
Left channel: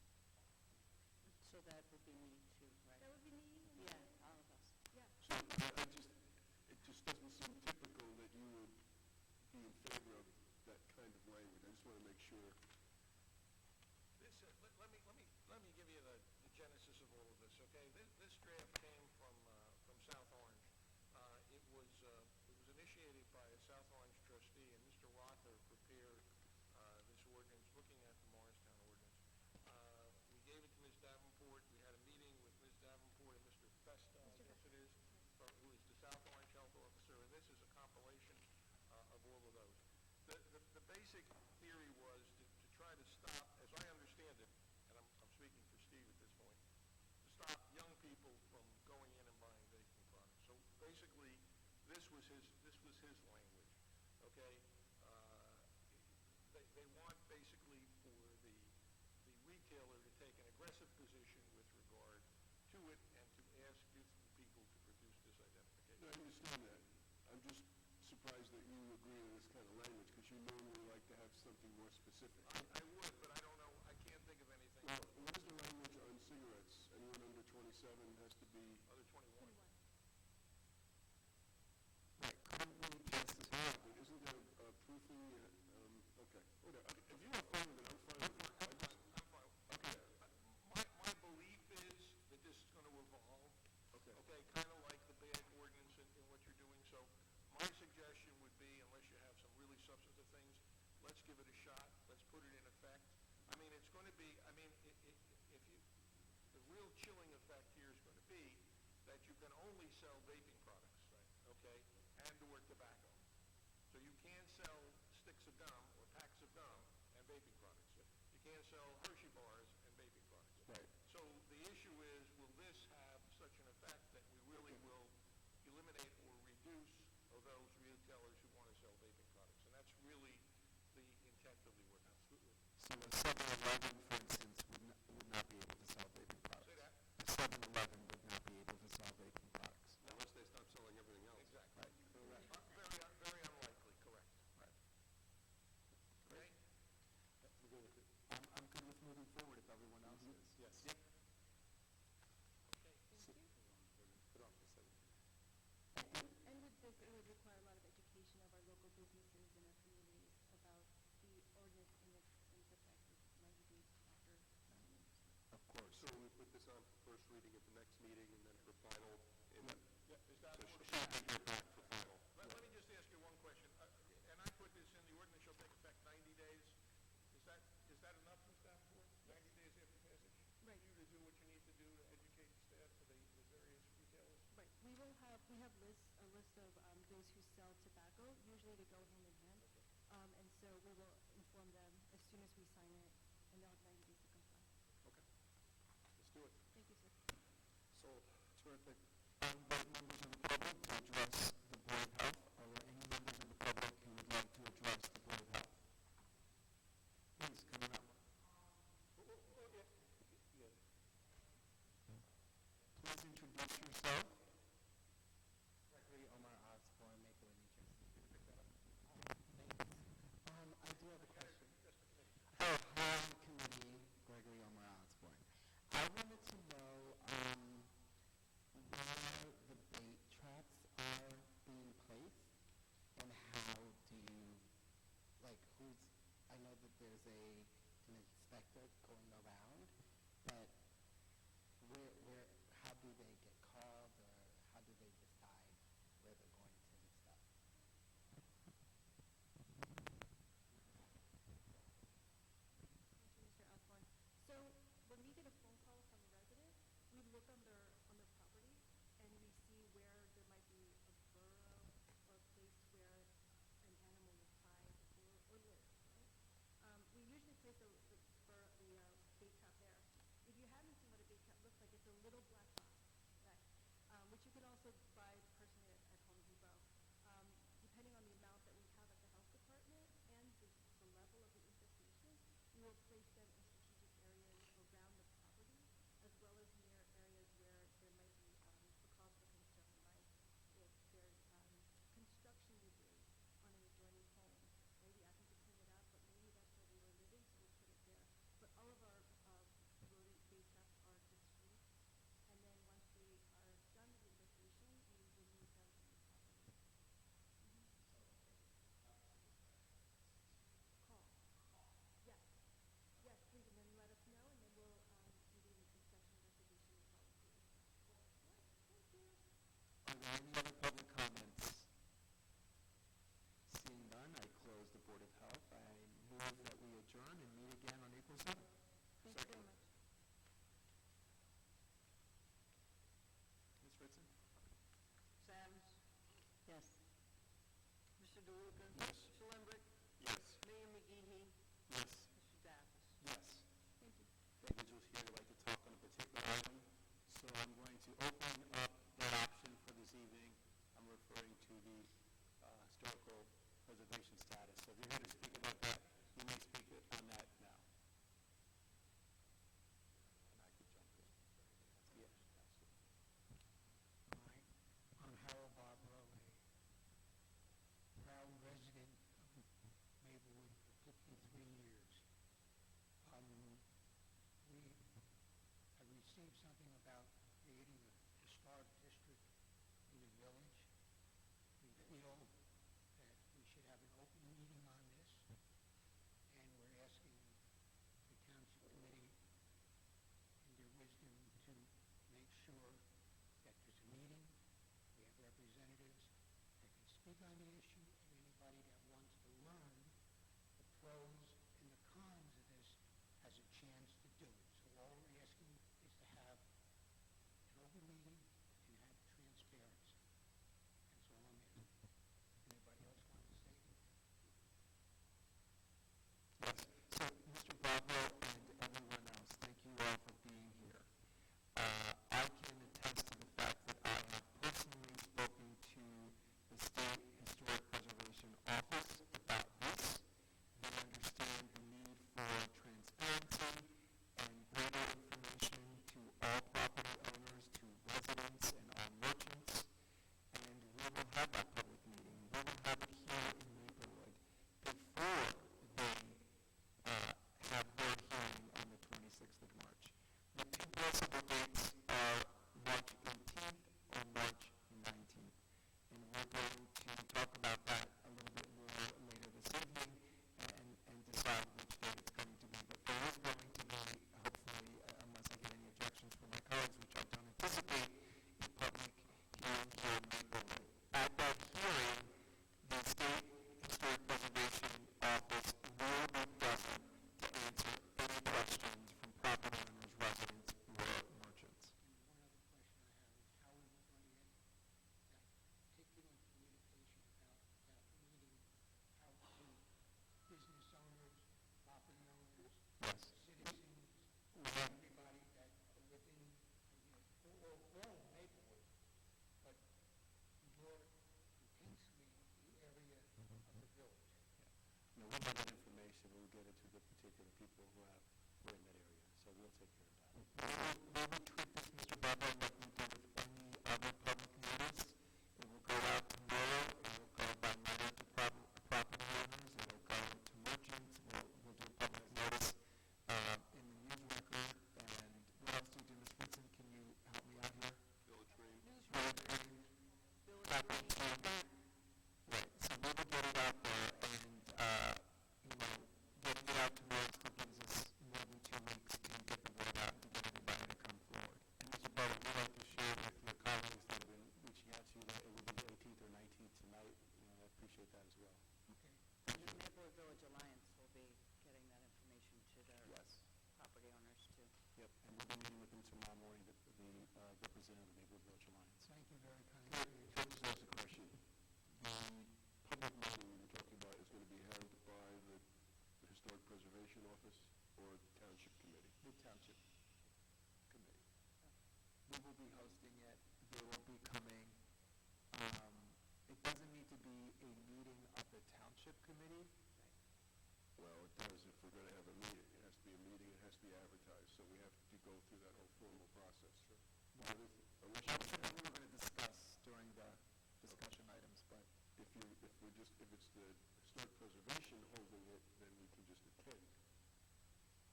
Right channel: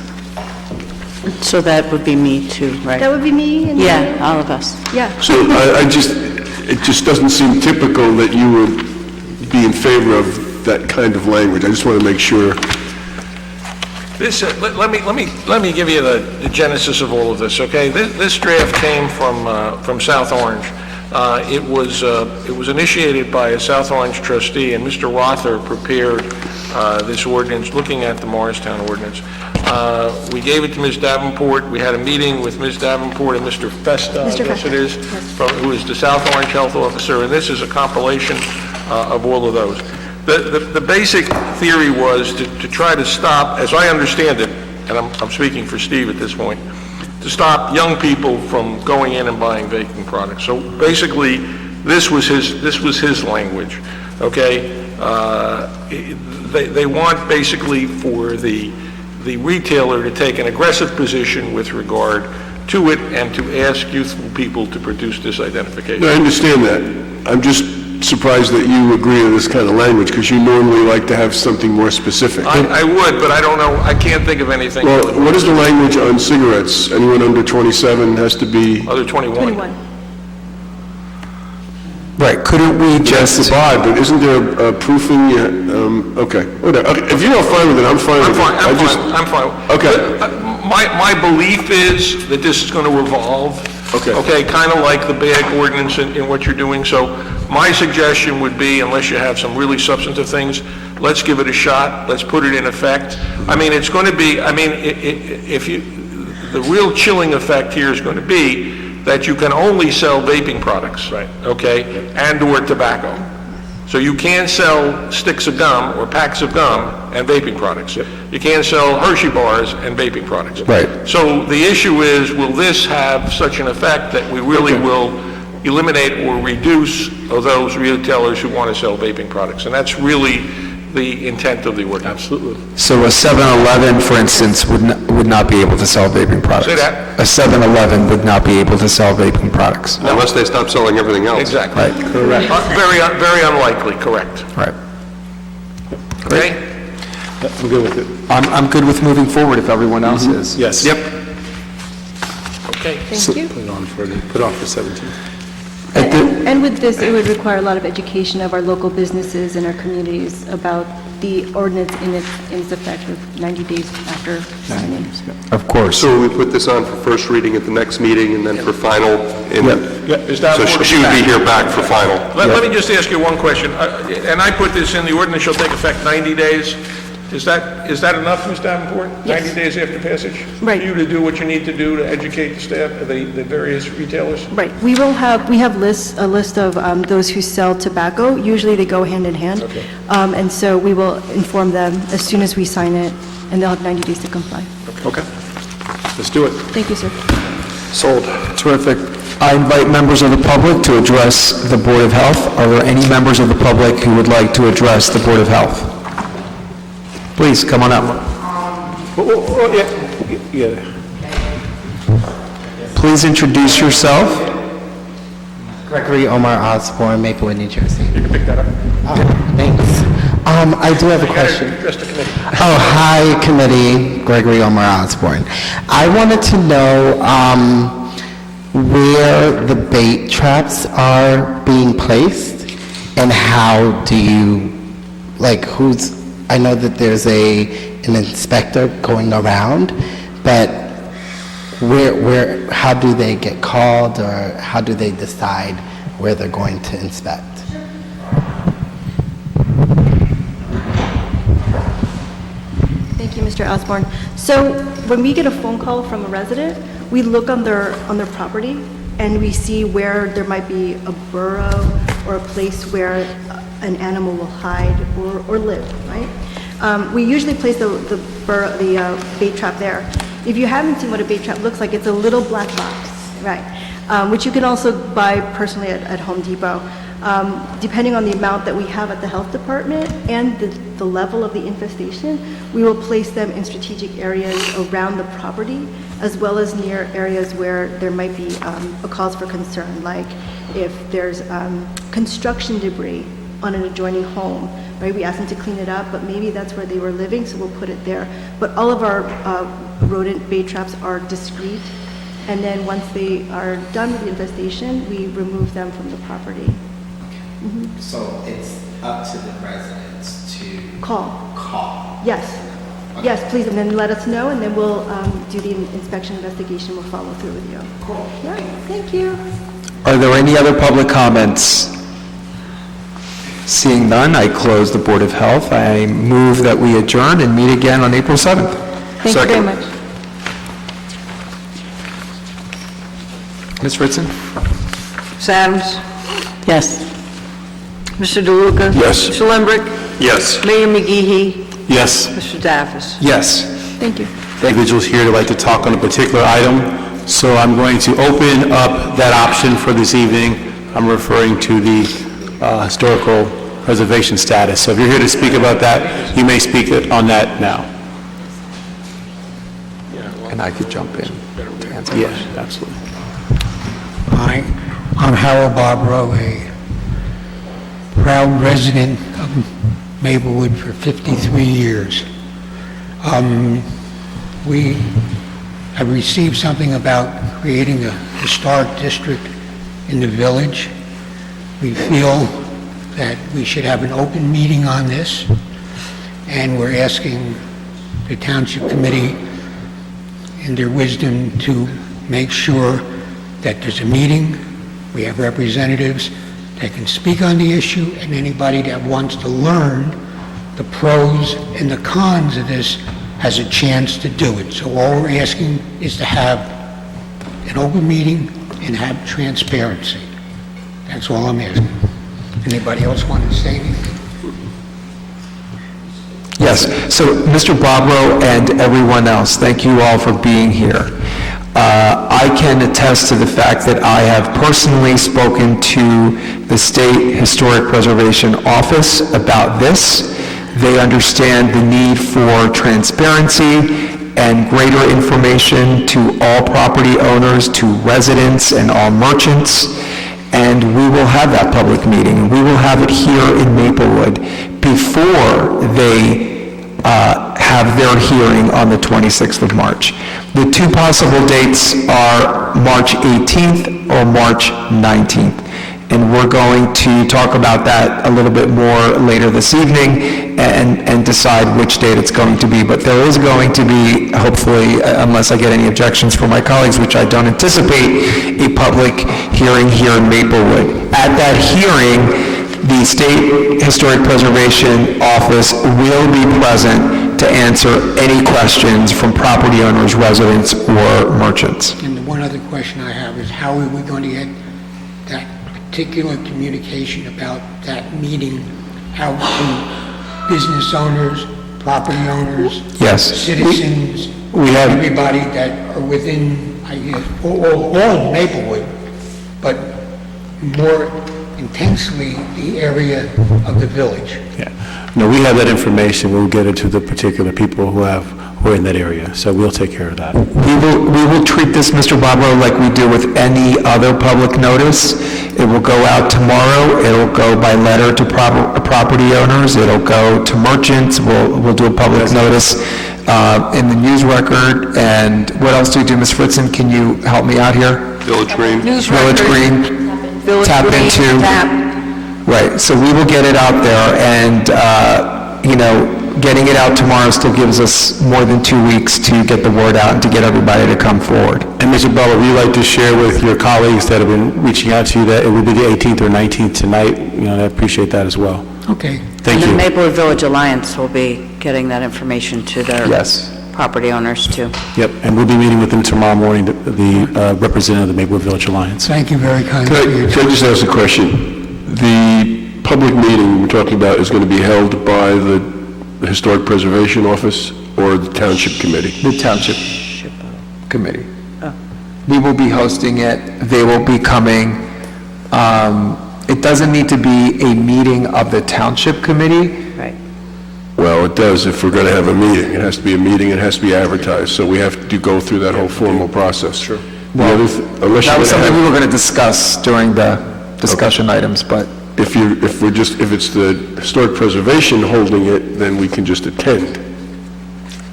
So that would be me too, right? That would be me and Yeah, all of us. Yeah. So it just doesn't seem typical that you would be in favor of that kind of language. I just want to make sure. This, let me give you the genesis of all of this, okay? This draft came from South Orange. It was initiated by a South Orange trustee, and Mr. Rother prepared this ordinance, looking at the Morristown ordinance. We gave it to Ms. Davenport. We had a meeting with Ms. Davenport and Mr. Festa, I guess it is, who is the South Orange Health Officer, and this is a compilation of all of those. The basic theory was to try to stop, as I understand it, and I'm speaking for Steve at this point, to stop young people from going in and buying vaping products. So basically, this was his language, okay? They want basically for the retailer to take an aggressive position with regard to it and to ask youthful people to produce this identification. No, I understand that. I'm just surprised that you agree to this kind of language, because you normally like to have something more specific. I would, but I don't know, I can't think of anything. Well, what is the language on cigarettes? Anyone under 27 has to be... Under 21. 21. Right, couldn't we just... That's odd, but isn't there proofing yet? Okay, whatever. Okay, if you're not fine with it, I'm fine with it. I'm fine. Okay. My belief is that this is going to evolve. Okay, kind of like the bag ordinance in what you're doing. So my suggestion would be, unless you have some really substantive things, let's give it a shot. Let's put it in effect. I mean, it's going to be, the real chilling effect here is going to be that you can only sell vaping products, right? Okay, and/or tobacco. So you can't sell sticks of gum or packs of gum and vaping products. You can't sell Hershey bars and vaping products. Right. So the issue is, will this have such an effect that we really will eliminate or reduce those retailers who want to sell vaping products? And that's really the intent of the ordinance. Absolutely. So a 7-Eleven, for instance, would not be able to sell vaping products? Say that. A 7-Eleven would not be able to sell vaping products? Unless they stop selling everything else. Exactly. Right. Correct. Very unlikely, correct. Right. Okay? I'm good with it. I'm good with moving forward if everyone else is. Yes. Yep. Okay. Thank you. Put it on for 17. And with this, it would require a lot of education of our local businesses and our communities about the ordinance in its effect with 90 days after signing. Of course. So we put this on for first reading at the next meeting and then for final? So she would be here back for final? Let me just ask you one question. And I put this in, the ordinance shall take effect 90 days. Is that enough, Ms. Davenport? Yes. 90 days after passage? Right. For you to do what you need to do to educate the staff, the various retailers? Right. We have a list of those who sell tobacco. Usually they go hand in hand. Okay. And so we will inform them as soon as we sign it, and they'll have 90 days to comply. Okay. Let's do it. Thank you, sir. Sold. Terrific. I invite members of the public to address the Board of Health. Are there any members of the public who would like to address the Board of Health? Please, come on up. Yeah. Please introduce yourself. Gregory Omar Osborne, Maplewood, New Jersey. You can pick that up. Thanks. I do have a question. Address the committee. Oh, hi, committee. Gregory Omar Osborne. I wanted to know where the bait traps are being placed and how do you, I know that there's an inspector going around, but how do they get called, or how do they decide where they're going to inspect? Thank you, Mr. Osborne. So when we get a phone call from a resident, we look on their property and we see where there might be a burrow or a place where an animal will hide or live, right? We usually place the bait trap there. If you haven't seen what a bait trap looks like, it's a little black box, right? Which you can also buy personally at Home Depot. Depending on the amount that we have at the health department and the level of the infestation, we will place them in strategic areas around the property, as well as near areas where there might be a cause for concern, like if there's construction debris on an adjoining home, right? We ask them to clean it up, but maybe that's where they were living, so we'll put it there. But all of our rodent bait traps are discreet, and then once they are done with the infestation, we remove them from the property. So it's up to the residents to Call. Yes. Yes, please, and then let us know, and then we'll do the inspection investigation. We'll follow through with you. Cool. Yeah, thank you. Are there any other public comments? Seeing none, I close the Board of Health. I move that we adjourn and meet again on April 7th. Thank you very much. Ms. Ritson? Ms. Adams? Yes. Mr. DeLuca? Yes. Mr. Lembrick? Yes. Mayor McGee? Yes. Mr. Daffis? Yes. Thank you. Individuals here to like to talk on a particular item, so I'm going to open up that option for this evening. I'm referring to the historical preservation status. So if you're here to speak about that, you may speak on that now. And I could jump in to answer. Yeah, absolutely. Hi, I'm Harold Barbaro, a proud resident of Maplewood for 53 years. We have received something about creating a historic district in the village. We feel that we should have an open meeting on this, and we're asking the Township Committee, in their wisdom, to make sure that there's a meeting, we have representatives that can speak on the issue, and anybody that wants to learn the pros and the cons of this has a chance to do it. So all we're asking is to have an open meeting and have transparency. That's all I'm asking. Anybody else want to say anything? Yes. So, Mr. Barbaro and everyone else, thank you all for being here. I can attest to the fact that I have personally spoken to the State Historic Preservation Office about this. They understand the need for transparency and greater information to all property owners, to residents, and all merchants. And we will have that public meeting. We will have it here in Maplewood before they have their hearing on the 26th of March. The two possible dates are March 18th or March 19th. And we're going to talk about that a little bit more later this evening and decide which date it's going to be. But there is going to be, hopefully, unless I get any objections from my colleagues, which I don't anticipate, a public hearing here in Maplewood. At that hearing, the State Historic Preservation Office will be present to answer any questions from property owners, residents, or merchants. And the one other question I have is, how are we going to get that particular communication about that meeting out to business owners, property owners, yes, citizens, we have everybody that are within, I guess, all of Maplewood, but more intensely the area of the village? Yeah. No, we have that information. We'll get it to the particular people who are in that area. So we'll take care of that. We will treat this, Mr. Barbaro, like we do with any other public notice. It will go out tomorrow. It'll go by letter to property owners. It'll go to merchants. We'll do a public notice in the news record. And what else do we do, Ms. Fritzen? Can you help me out here? Village Green. Village Green. Tap into. Right. So we will get it out there, and getting it out tomorrow still gives us more than 2 weeks to get the word out and to get everybody to come forward. And Mr. Butler, would you like to share with your colleagues that have been reaching out to you that it will be the 18th or 19th tonight? I appreciate that as well. Okay. Thank you. And the Maplewood Village Alliance will be getting that information to their property owners too. Yep, and we'll be meeting with them tomorrow morning, the representative of the Maplewood Village Alliance. Thank you very kindly. Can I just ask a question? The public meeting we're talking about is going to be held by the the Historic Preservation Office or the Township Committee? The Township Committee. We will be hosting it, they will be coming. It doesn't need to be a meeting of the Township Committee. Right. Well, it does if we're going to have a meeting. It has to be a meeting, it has to be advertised, so we have to go through that whole formal process. Sure. That was something we were going to discuss during the discussion items, but... If it's the Historic Preservation holding it, then we can just attend.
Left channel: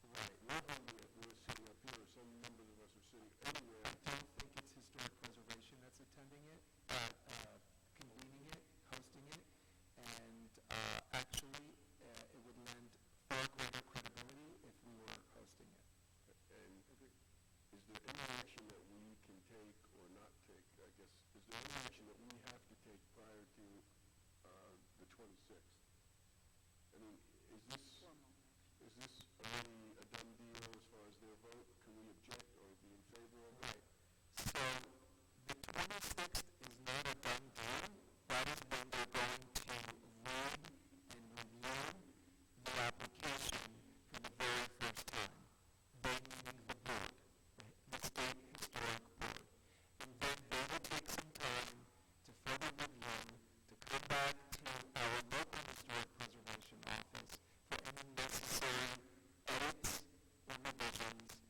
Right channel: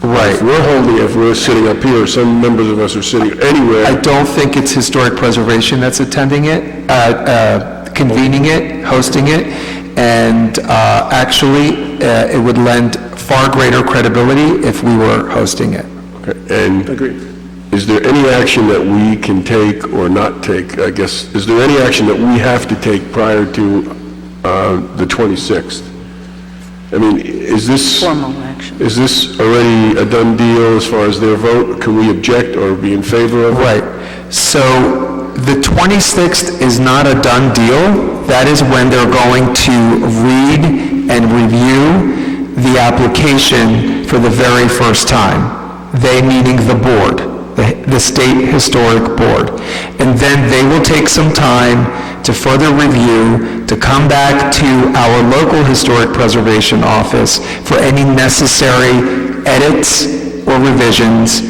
Right. If we're sitting up here, some members of us are sitting anywhere. I don't think it's Historic Preservation that's attending it, convening it, hosting it, and actually, it would lend far greater credibility if we were hosting it. Okay. And is there any action that we can take or not take, I guess, is there any action that we have to take prior to the 26th? I mean, is this... Formal action. Is this already a done deal as far as their vote? Can we object or be in favor of it? Right. So the 26th is not a done deal. That is when they're going to read and review the application for the very first time. They meaning the board, the State Historic Board. And then they will take some time to further review, to come back to our local Historic Preservation Office for any necessary edits or revisions,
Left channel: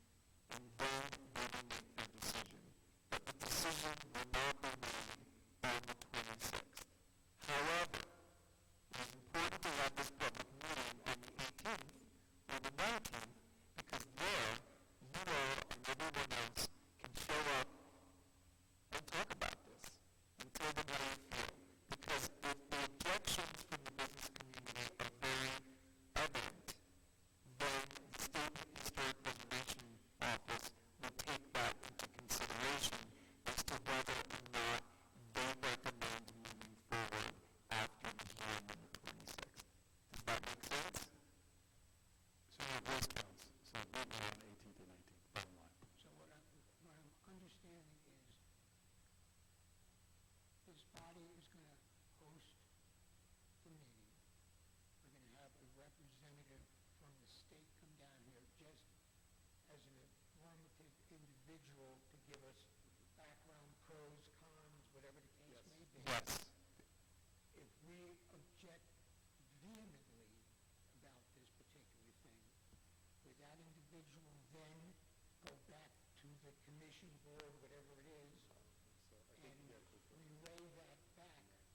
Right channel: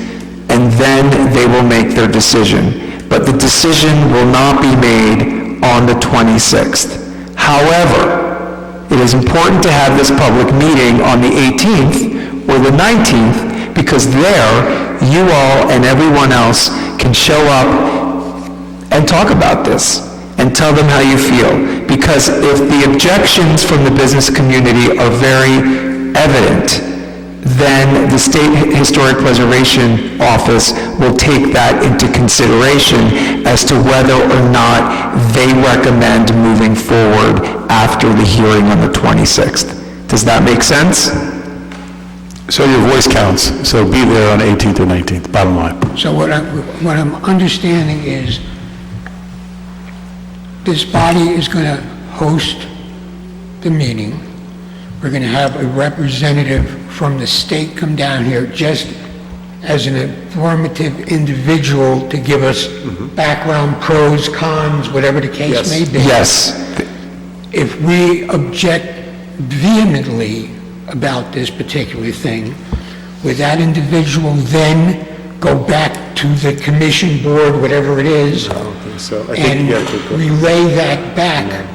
and then they will make their decision. But the decision will not be made on the 26th. However, it is important to have this public meeting on the 18th or the 19th, because there, you all and everyone else can show up and talk about this and tell them how you feel. Because if the objections from the business community are very evident, then the State Historic Preservation Office will take that into consideration as to whether or not they recommend moving forward after the hearing on the 26th. Does that make sense? So your voice counts, so be there on 18th or 19th, bottom line. So what I'm understanding is this body is going to host the meeting. We're going to have a representative from the state come down here just as an informative individual to give us background, pros, cons, whatever the case may be. Yes. If we object vehemently about this particular thing, would that individual then go back to the commission board, whatever it is, and relay that back?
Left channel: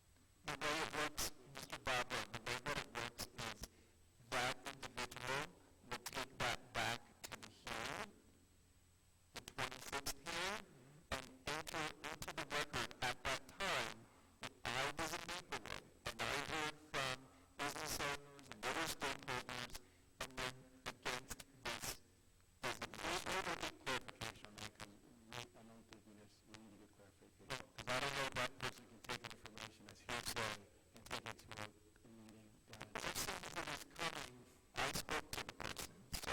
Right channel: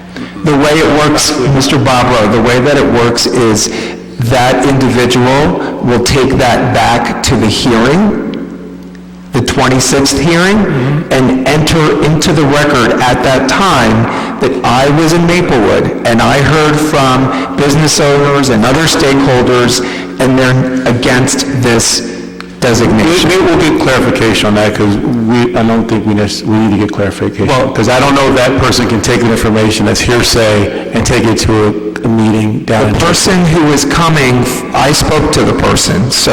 The way it works, Mr. Bobrow, the way that it works is that individual will take that back to the hearing, the 26th hearing, and enter into the record at that time that I was in Maplewood and I heard from business owners and other stakeholders, and they're against this designation. We'll get clarification on that, because I don't think we need to get clarification. Well, because I don't know if that person can take the information that's hearsay and take it to a meeting down in... The person who is coming, I spoke to the person, so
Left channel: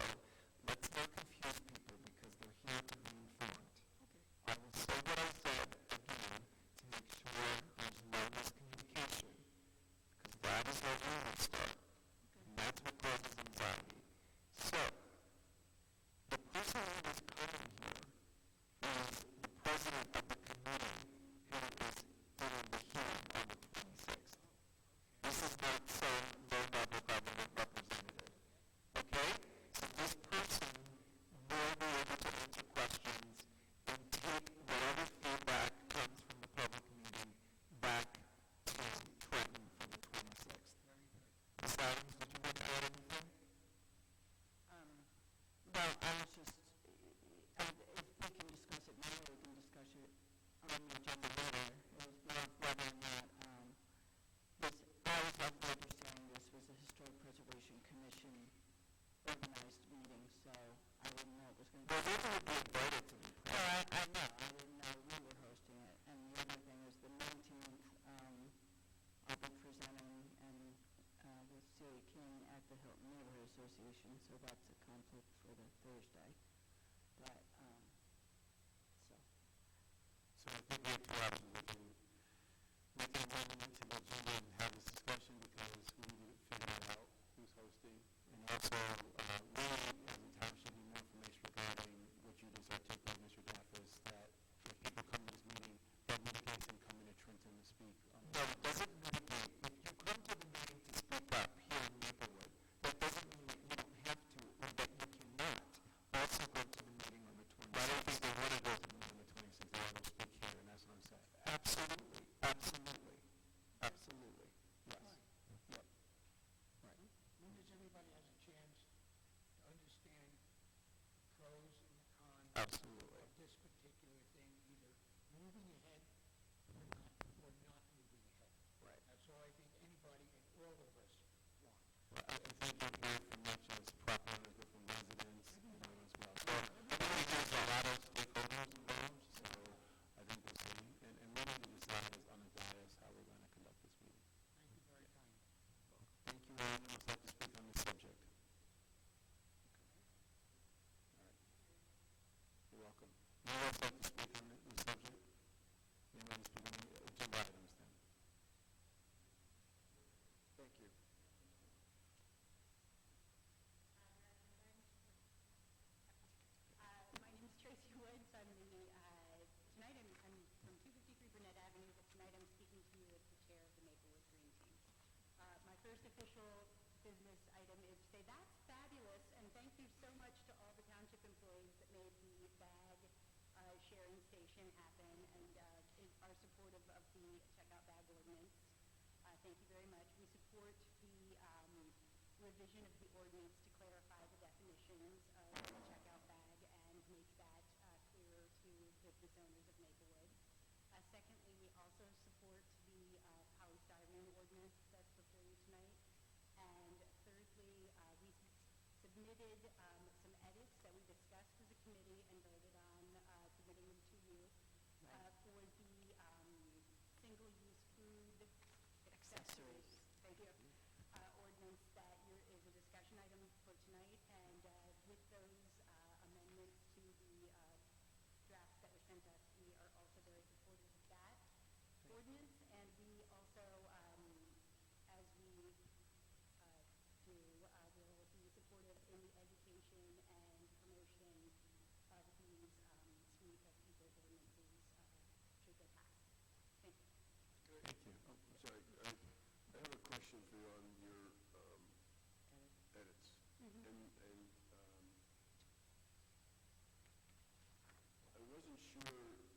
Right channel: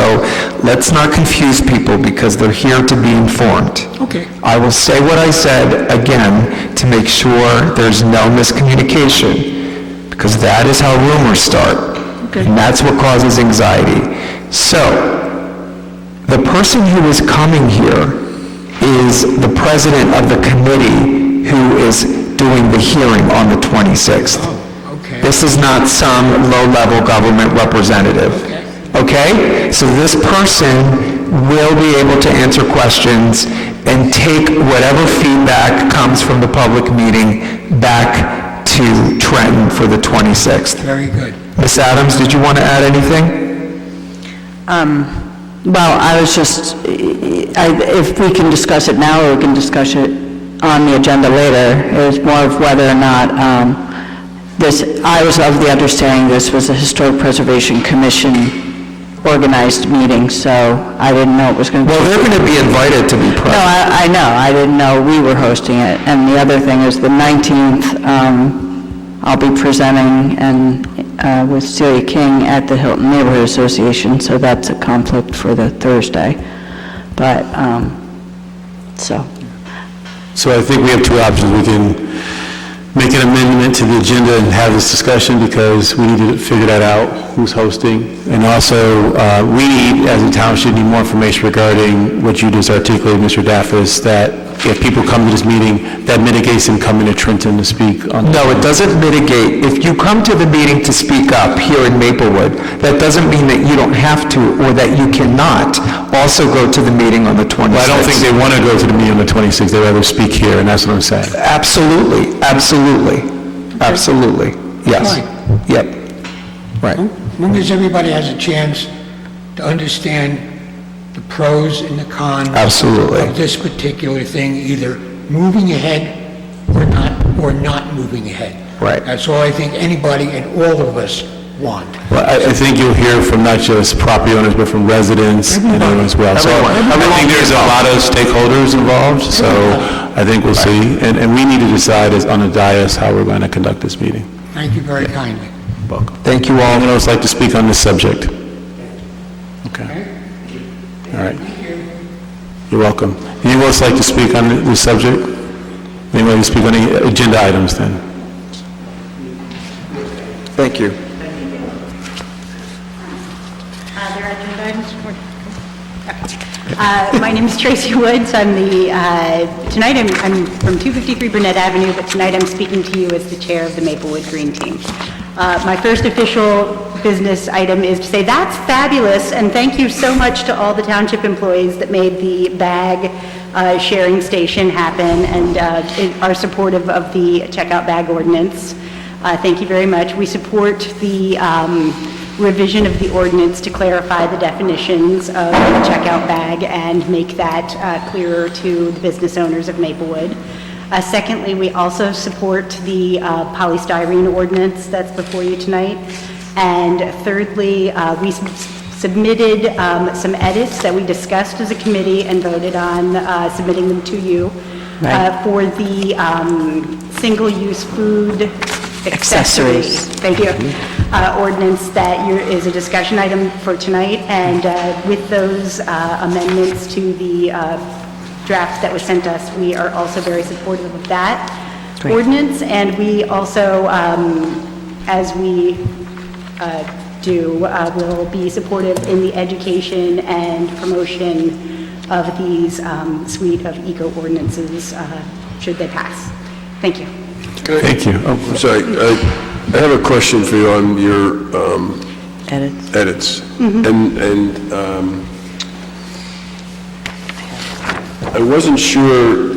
let's not confuse people because they're here to be informed. Okay. I will say what I said again to make sure there's no miscommunication, because that is how rumors start. Okay. And that's what causes anxiety. So, the person who is coming here is the president of the committee who is doing the hearing on the 26th. Oh, okay. This is not some low-level government representative. Okay? So this person will be able to answer questions and take whatever feedback comes from the public meeting back to Trenton for the 26th. Very good. Ms. Adams, did you want to add anything? Well, I was just, if we can discuss it now, or we can discuss it on the agenda later, it was more of whether or not I was of the understanding this was a Historic Preservation Commission organized meeting, so I didn't know it was going to be... Well, they're going to be invited to be present. No, I know. I didn't know we were hosting it. And the other thing is the 19th, I'll be presenting with Celia King at the Hilton Neighborhood Association, so that's a conflict for the Thursday. But, so I think we have two options. We can make an amendment to the agenda and have this discussion, because we need to figure that out. who's hosting, and also, we need, as a township, need more information regarding what you just articulated, Mr. Daffis, that if people come to this meeting, that mitigates them coming to Trenton to speak on... No, it doesn't mitigate. If you come to the meeting to speak up here in Maplewood, that doesn't mean that you don't have to or that you cannot also go to the meeting on the 26th. Well, I don't think they want to go to the meeting on the 26th. They'd rather speak here, and that's what I'm saying. Absolutely, absolutely, absolutely. Yes. Fine. Yep. Right. As long as everybody has a chance to understand the pros and the cons Absolutely. of this particular thing, either moving ahead or not moving ahead. Right. That's all I think anybody and all of us want. Well, I think you'll hear from not just property owners, but from residents and everyone as well. So I think there's a lot of stakeholders involved, so I think we'll see. And we need to decide as on the dais how we're going to conduct this meeting. Thank you very kindly. Welcome. Thank you all. Anyone else like to speak on this subject? Okay. All right. You're welcome. Anyone else like to speak on this subject? Anyone like to speak on any agenda items then? Thank you. There are agenda items? My name is Tracy Woods. I'm tonight I'm from 253 Burnett Avenue, but tonight I'm speaking to you as the chair of the Maplewood Green Team. My first official business item is to say that's fabulous, and thank you so much to all the township employees that made the bag sharing station happen and are supportive of the checkout bag ordinance. Thank you very much. We support the revision of the ordinance to clarify the definitions of the checkout bag and make that clearer to the business owners of Maplewood. Secondly, we also support the polystyrene ordinance that's before you tonight. And thirdly, we submitted some edits that we discussed as a committee and voted on submitting them to you for the single-use food accessories. Thank you. Ordinance that is a discussion item for tonight, and with those amendments to the draft that was sent us, we are also very supportive of that ordinance, and we also, as we will be supportive in the education and promotion of these suite of eco-ordinances should they pass. Thank you. Thank you. I'm sorry. I have a question for you on your edits. And I wasn't sure.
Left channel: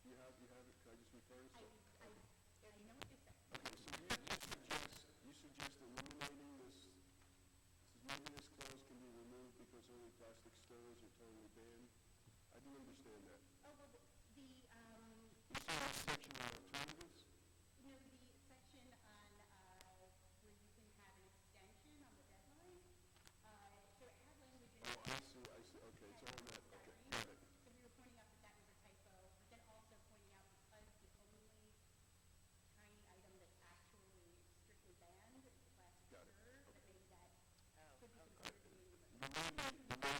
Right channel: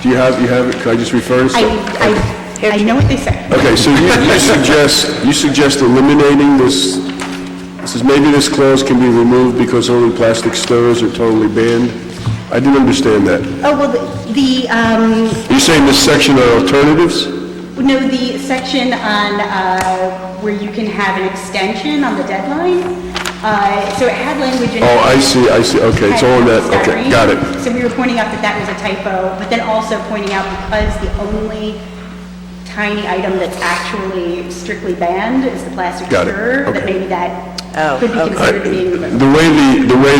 Do you have it? Can I just refer to it? I know what they say. Okay, so you suggest eliminating this. Says maybe this clause can be removed because only plastic stirrers are totally banned. I didn't understand that. Oh, well, You're saying this section are alternatives? No, the section on where you can have an extension on the deadline. So it had language in it. Oh, I see. Okay, it's all in that. Okay, got it. So we were pointing out that that was a typo, but then also pointing out because the only tiny item that's actually strictly banned is the plastic stirrer, that maybe that could be considered being removed. The way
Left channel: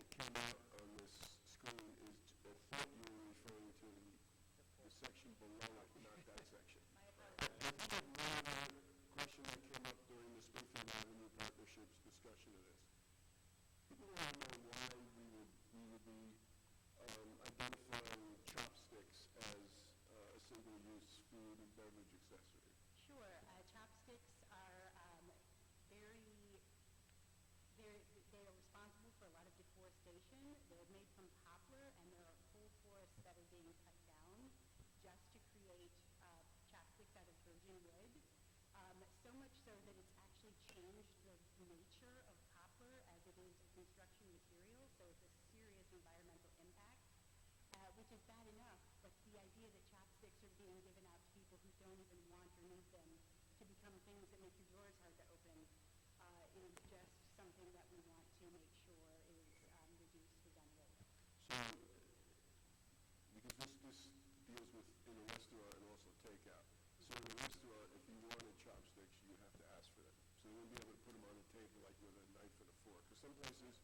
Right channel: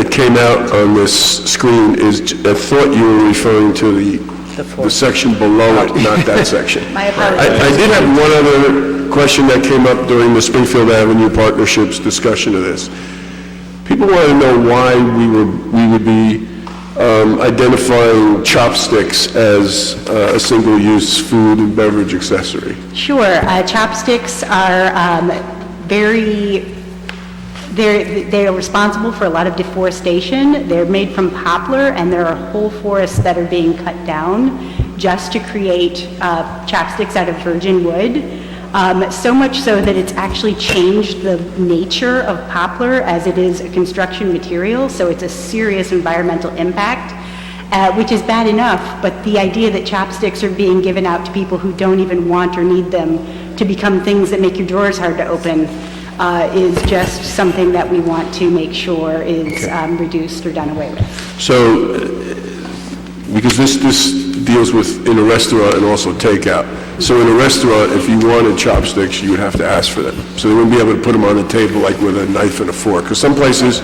it came out on this screen is, I thought you were referring to the section below it, not that section. My apologies. I did have one other question that came up during the Springfield Avenue Partnership's discussion of this. People want to know why we would be identifying Chopsticks as a single-use food and beverage accessory. Sure. Chopsticks are they are responsible for a lot of deforestation. They're made from poplar, and there are whole forests that are being cut down just to create chopsticks out of virgin wood. So much so that it's actually changed the nature of poplar as it is a construction material, so it's a serious environmental impact, which is bad enough, but the idea that chopsticks are being given out to people who don't even want or need them to become things that make your drawers hard to open is just something that we want to make sure is reduced or done away with. So, because this deals with in a restaurant and also takeout. So in a restaurant, if you wanted chopsticks, you would have to ask for them. So they wouldn't be able to put them on the table like with a knife and a fork. Because some places,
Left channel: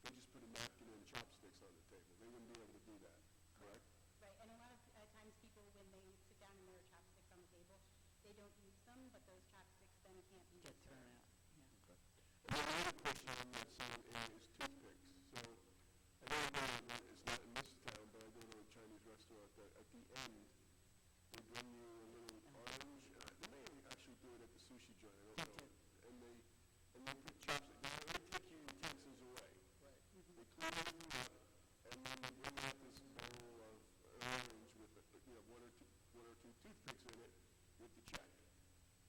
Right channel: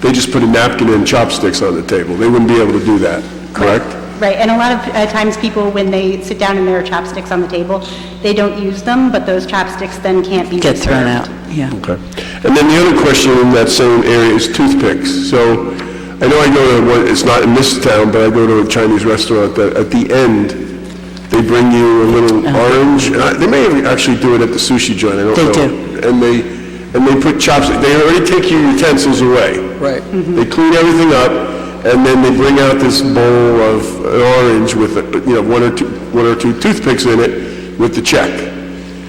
they just put a napkin and chopsticks on the table. They wouldn't be able to do that, correct? Right, and a lot of times people, when they sit down and there are chopsticks on the table, they don't use them, but those chopsticks then can't be Get thrown reserved. out, yeah. Okay. And then the other question in that same area is toothpicks. So I know I go to one, it's not in this town, but I go to a Chinese restaurant that at the end, they bring you a little orange, and they may actually do it at the sushi joint, I don't know. They do. And they put chopsticks, they already take your utensils away. Right. They clean everything up, and then they bring out this bowl of an orange with, one or two toothpicks in it with the check.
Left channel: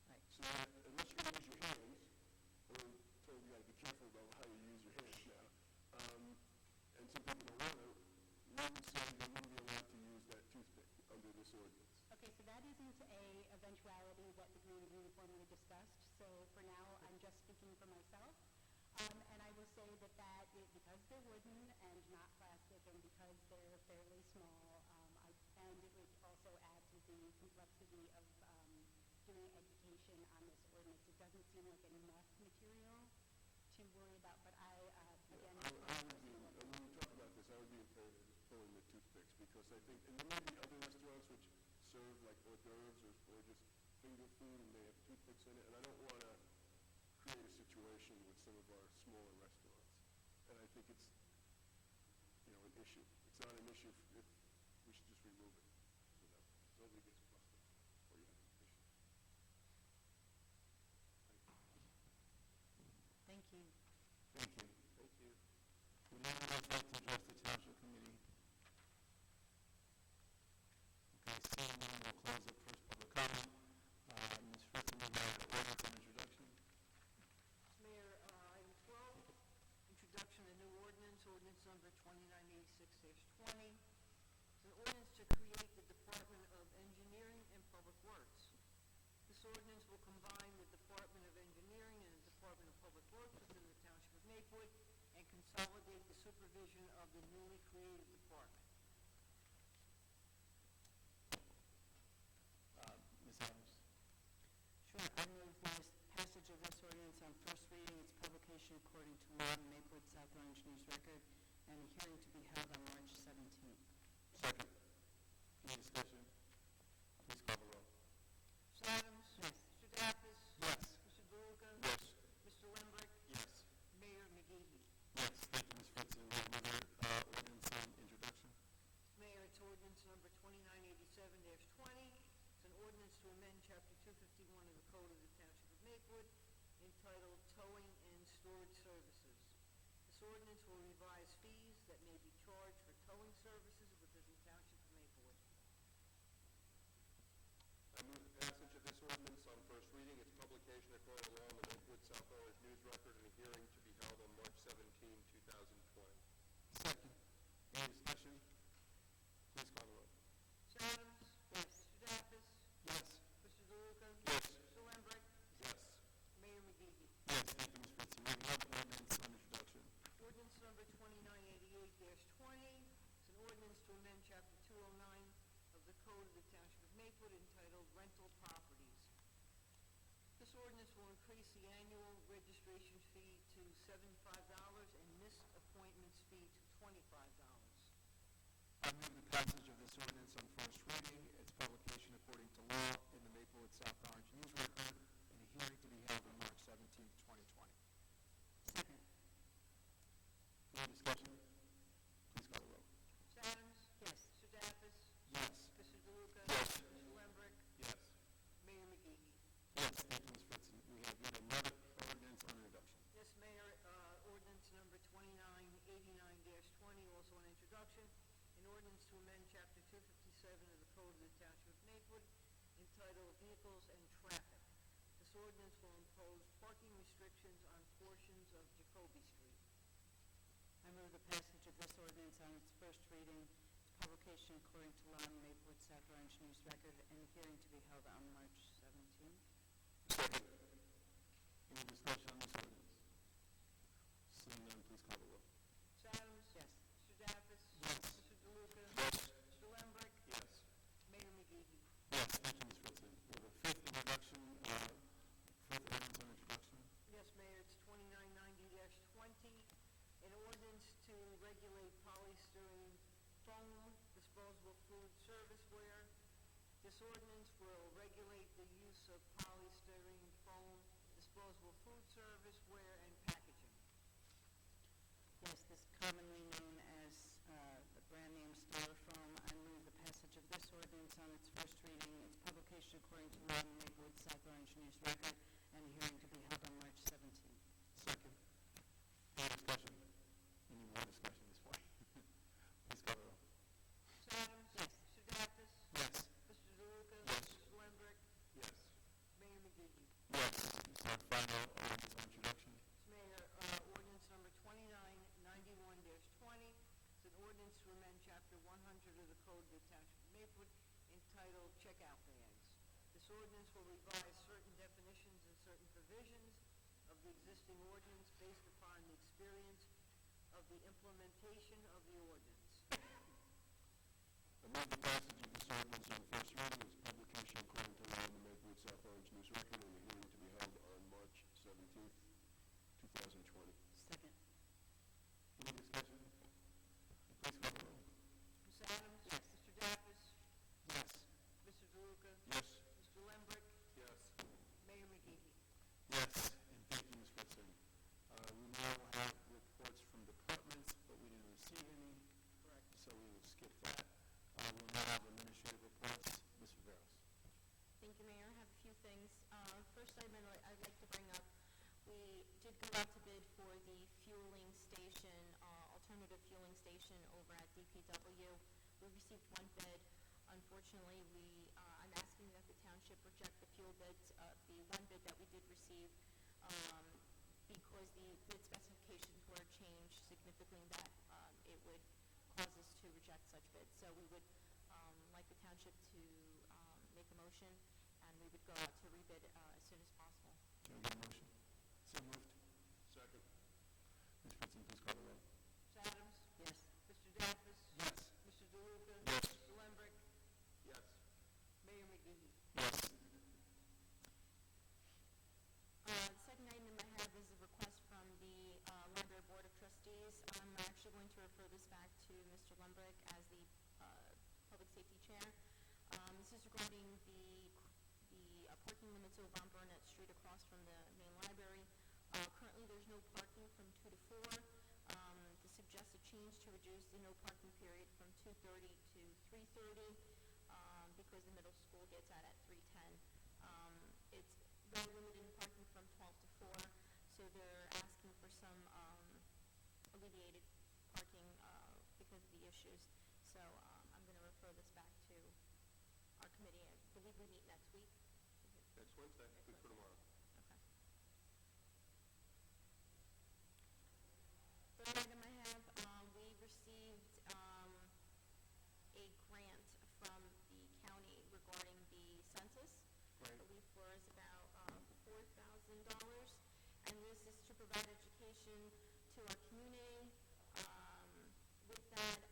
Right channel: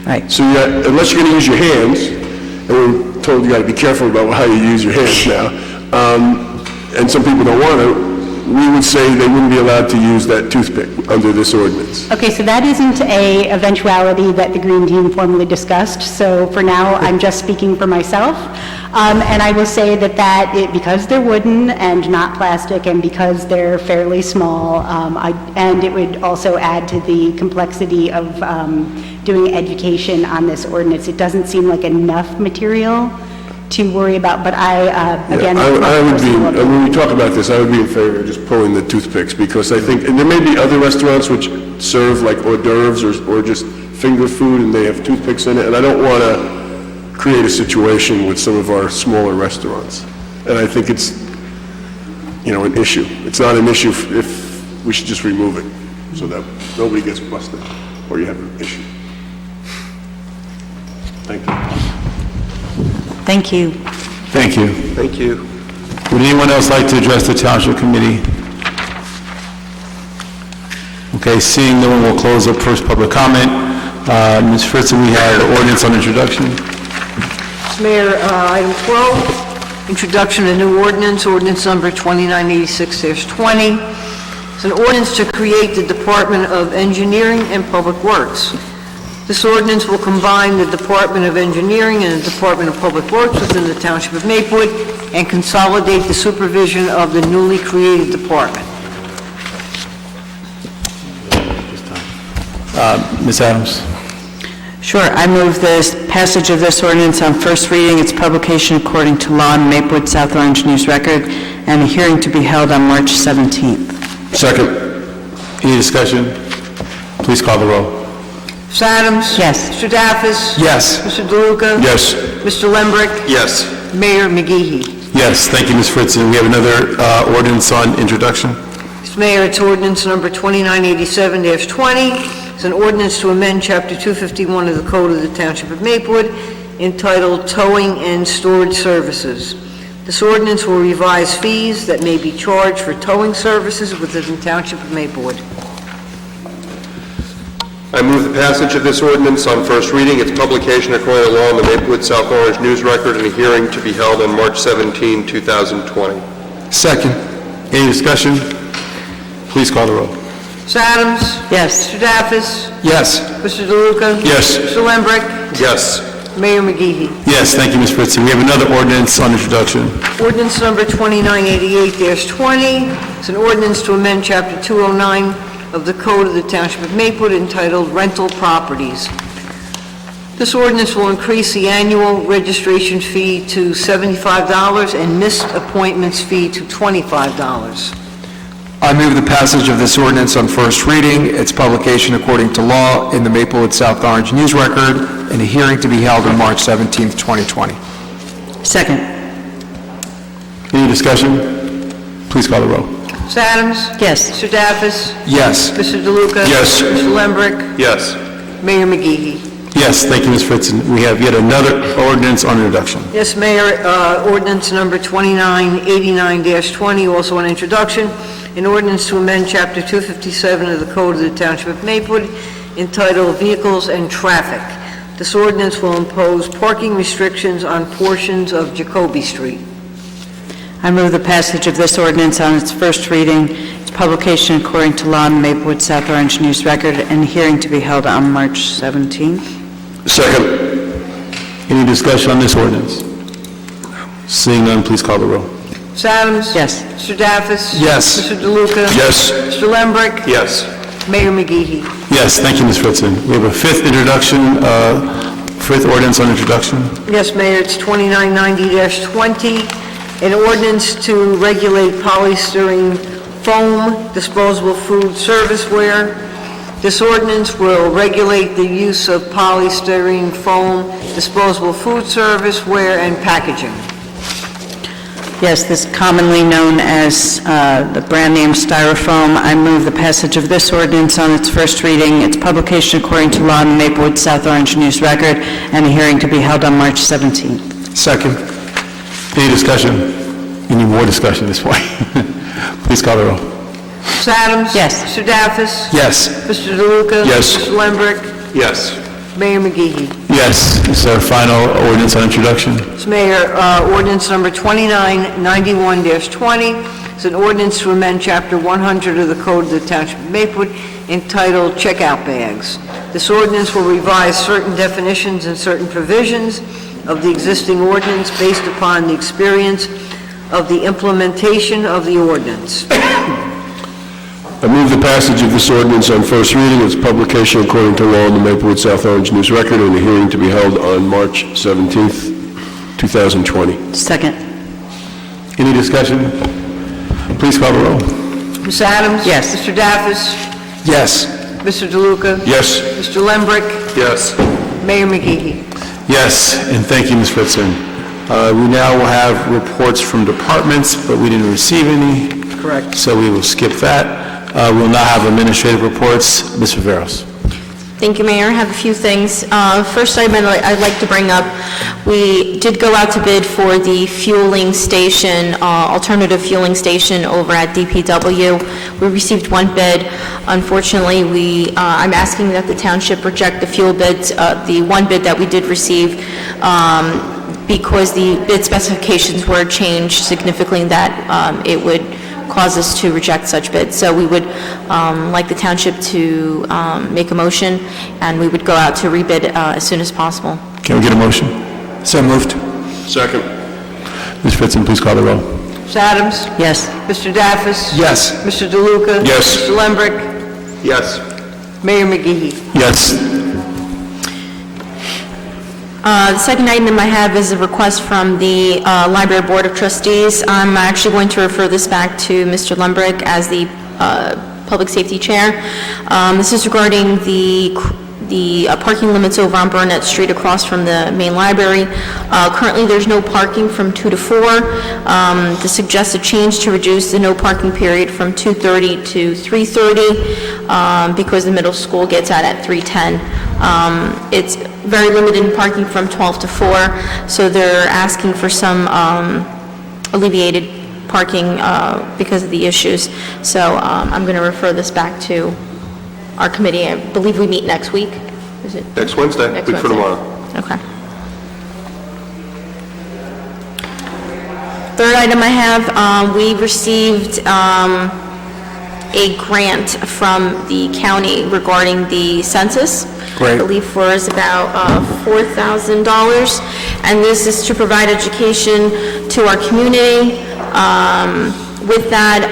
Right. So unless you're going to use your hands, and we're told you got to be careful about how you use your hands now, and some people don't want to, we would say they wouldn't be allowed to use that toothpick under this ordinance. Okay, so that isn't a eventuality that the Green Team formally discussed, so for now, I'm just speaking for myself. And I will say that because they're wooden and not plastic, and because they're fairly small, and it would also add to the complexity of doing education on this ordinance. It doesn't seem like enough material to worry about, but again... I would be, when we talk about this, I would be in favor of just pulling the toothpicks, because I think, and there may be other restaurants which serve like hors d'oeuvres or just finger food, and they have toothpicks in it, and I don't want to create a situation with some of our smaller restaurants. And I think it's, an issue. It's not an issue if we should just remove it, so that nobody gets busted, or you have an issue. Thank you. Thank you. Thank you. Thank you. Would anyone else like to address the Township Committee? Okay, seeing no one, will close up first public comment. Ms. Fritzen, we have the ordinance on introduction. Mayor, item 12, introduction of new ordinance number 2986-20. It's an ordinance to create the Department of Engineering and Public Works. This ordinance will combine the Department of Engineering and the Department of Public Works within the Township of Maplewood and consolidate the supervision of the newly created department. Ms. Adams. Sure, I move this passage of this ordinance on first reading, its publication according to law in Maplewood South Orange News Record, and a hearing to be held on March 17th. Second. Any discussion? Please call the roll. Ms. Adams? Yes. Mr. Daffis? Yes. Mr. DeLuca? Yes. Mr. Lembrick? Yes. Mayor McGee. Yes, thank you, Ms. Fritzen. We have another ordinance on introduction. Mr. Mayor, it's ordinance number 2987-20. It's an ordinance to amend Chapter 251 of the Code of the Township of Maplewood entitled Towing and Storage Services. This ordinance will revise fees that may be charged for towing services within the Township of Maplewood. I move the passage of this ordinance on first reading, its publication according to law in the Maplewood South Orange News Record, and a hearing to be held on March 17, 2020. Second. Any discussion? Please call the roll. Ms. Adams? Yes. Mr. Daffis? Yes. Mr. DeLuca? Yes. Mr. Lembrick? Yes. Mayor McGee. Yes, thank you, Ms. Fritzen. We have another ordinance on introduction. Ordinance number 2988-20. It's an ordinance to amend Chapter 209 of the Code of the Township of Maplewood entitled Rental Properties. This ordinance will increase the annual registration fee to $75 and missed appointments fee to $25. I move the passage of this ordinance on first reading, its publication according to law in the Maplewood South Orange News Record, and a hearing to be held on March 17th, 2020. Second. Any discussion? Please call the roll. Ms. Adams? Yes. Mr. Daffis? Yes. Mr. DeLuca? Yes. Mr. Lembrick? Yes. Mayor McGee. Yes, thank you, Ms. Fritzen. We have yet another ordinance on introduction. Yes, Mayor, ordinance number 2989-20, also on introduction, an ordinance to amend Chapter 257 of the Code of the Township of Maplewood entitled Vehicles and Traffic. This ordinance will impose parking restrictions on portions of Jacoby Street. I move the passage of this ordinance on its first reading, its publication according to law in Maplewood South Orange News Record, and a hearing to be held on March 17th. Second. Any discussion on this ordinance? Seeing none, please call the roll. Ms. Adams? Yes. Mr. Daffis? Yes. Mr. DeLuca? Yes. Mr. Lembrick? Yes. Mayor McGee. Yes, thank you, Ms. Fritzen. We have a fifth ordinance on introduction. Yes, Mayor, it's 2990-20, an ordinance to regulate polystyrene foam disposable food serviceware. This ordinance will regulate the use of polystyrene foam disposable food serviceware and packaging. Yes, this commonly known as the brand name Styrofoam. I move the passage of this ordinance on its first reading, its publication according to law in the Maplewood South Orange News Record, and a hearing to be held on March 17th. Second. Any discussion? We need more discussion this point. Please call the roll. Ms. Adams? Yes. Mr. Daffis? Yes. Mr. DeLuca? Yes. Mr. Lembrick? Yes. Mayor McGee. Yes. This is our final ordinance on introduction. Mr. Mayor, ordinance number 2991-20 is an ordinance to amend Chapter 100 of the Code of the Township of Maplewood entitled Checkout Bags. This ordinance will revise certain definitions and certain provisions of the existing ordinance based upon the experience of the implementation of the ordinance. I move the passage of this ordinance on first reading, its publication according to law in the Maplewood South Orange News Record, and a hearing to be held on March 17th, 2020. Second. Any discussion? Please call the roll. Ms. Adams? Yes. Mr. Daffis? Yes. Mr. DeLuca? Yes. Mr. Lembrick? Yes. Mayor McGee. Yes, and thank you, Ms. Fritzen. We now will have reports from departments, but we didn't receive any. Correct. So we will skip that. We'll now have administrative reports. Ms. Viveros. Thank you, Mayor. I have a few things. First item I'd like to bring up, we did go out to bid for the fueling station, alternative fueling station over at DPW. We received one bid. Unfortunately, I'm asking that the township reject the fuel bids, the one bid that we did receive, because the bid specifications were changed significantly, that it would cause us to reject such bids. So we would like the township to make a motion, and we would go out to rebid as soon as possible. Can we get a motion? So moved. Second. Ms. Fritzen, please call the roll. Ms. Adams? Yes. Mr. Daffis? Yes. Mr. DeLuca? Yes. Mr. Lembrick? Yes. Mayor McGee. Yes. The second item I have is a request from the Library Board of Trustees. I'm actually going to refer this back to Mr. Lembrick as the Public Safety Chair. This is regarding the parking limits over on Burnett Street across from the main library. Currently, there's no parking from 2 to 4. The suggested change to reduce the no parking period from 2:30 to 3:30 because the middle school gets out at 3:10. It's very limited in parking from 12 to 4, so they're asking for some alleviated parking because of the issues. So I'm going to refer this back to our committee. I believe we meet next week. Is it? Next Wednesday, Next week from Wednesday. tomorrow. Okay. Third item I have, we received a grant from the county regarding the census. Great. I believe for is about $4,000, and this is to provide education to our community. With that,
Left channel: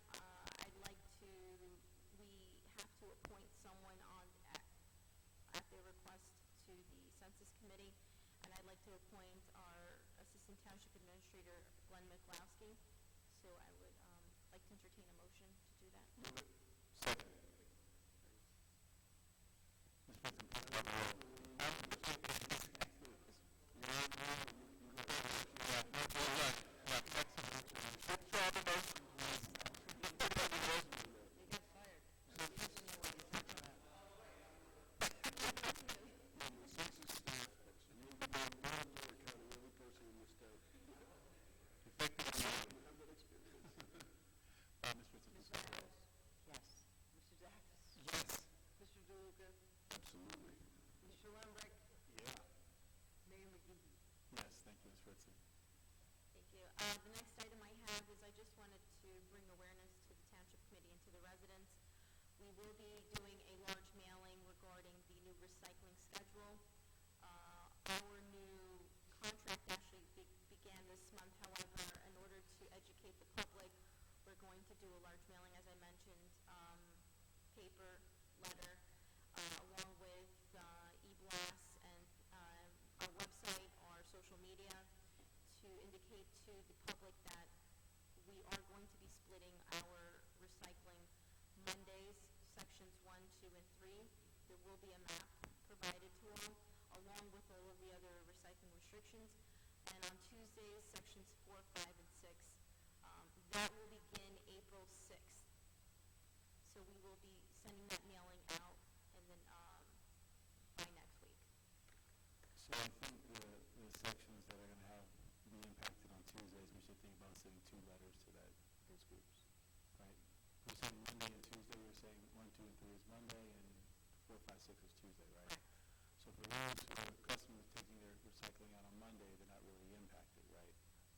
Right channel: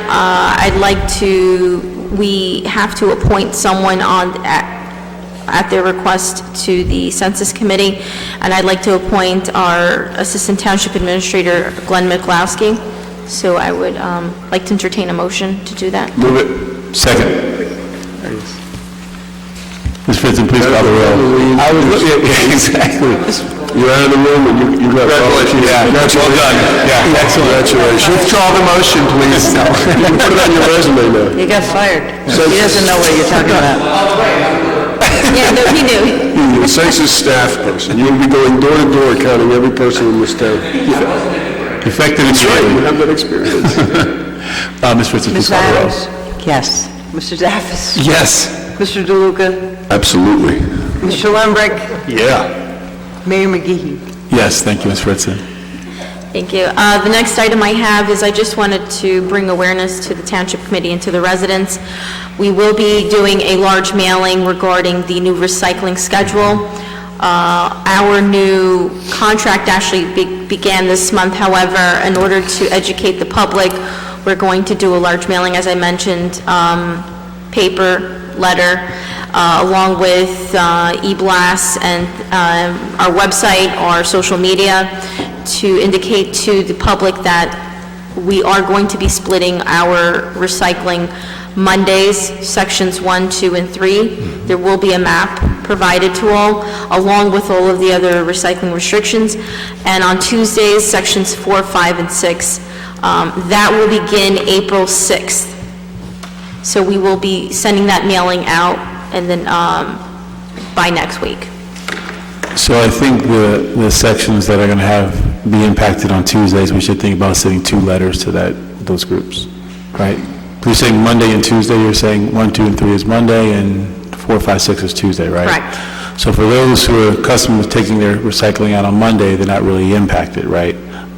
we have to appoint someone at their request to the Census Committee, and I'd like to appoint our Assistant Township Administrator, Glenn McLowski. So I would like to entertain a motion to do that. Move it. Second. Ms. Fritzen, please call the roll. I was looking at, exactly. You're out of the room and you got... Congratulations. Yeah, that's well done. Yeah, excellent. Congratulations. Withdraw the motion, please. You can put it on your resume now. He got fired. He doesn't know what you're talking about. Yeah, no, he knew. You're a census staff person. You'll be going door to door counting every person in this town. Effective and That's right, you have that experience. Ms. Fritzen, please Ms. call the roll. Adams? Yes. Mr. Daffis? Yes. Mr. DeLuca? Absolutely. Mr. Lembrick? Yeah. Mayor McGee. Yes, thank you, Ms. Fritzen. Thank you. The next item I have is I just wanted to bring awareness to the Township Committee and to the residents. We will be doing a large mailing regarding the new recycling schedule. Our new contract actually began this month. However, in order to educate the public, we're going to do a large mailing, as I mentioned, paper, letter, along with e-blasts and our website, our social media, to indicate to the public that We are going to be splitting our recycling Mondays, sections 1, 2, and 3. There will be a map provided to all, along with all of the other recycling restrictions. And on Tuesdays, sections 4, 5, and 6. That will begin April 6th. So we will be sending that mailing out, and then by next week. So I think the sections that are going to be impacted on Tuesdays, we should think about sending 2 letters to those groups, right? You're saying Monday and Tuesday, you're saying 1, 2, and 3 is Monday, and 4, 5, 6 is Tuesday, right? Correct. So for those who are accustomed to taking their recycling out on Monday, they're not really impacted, right?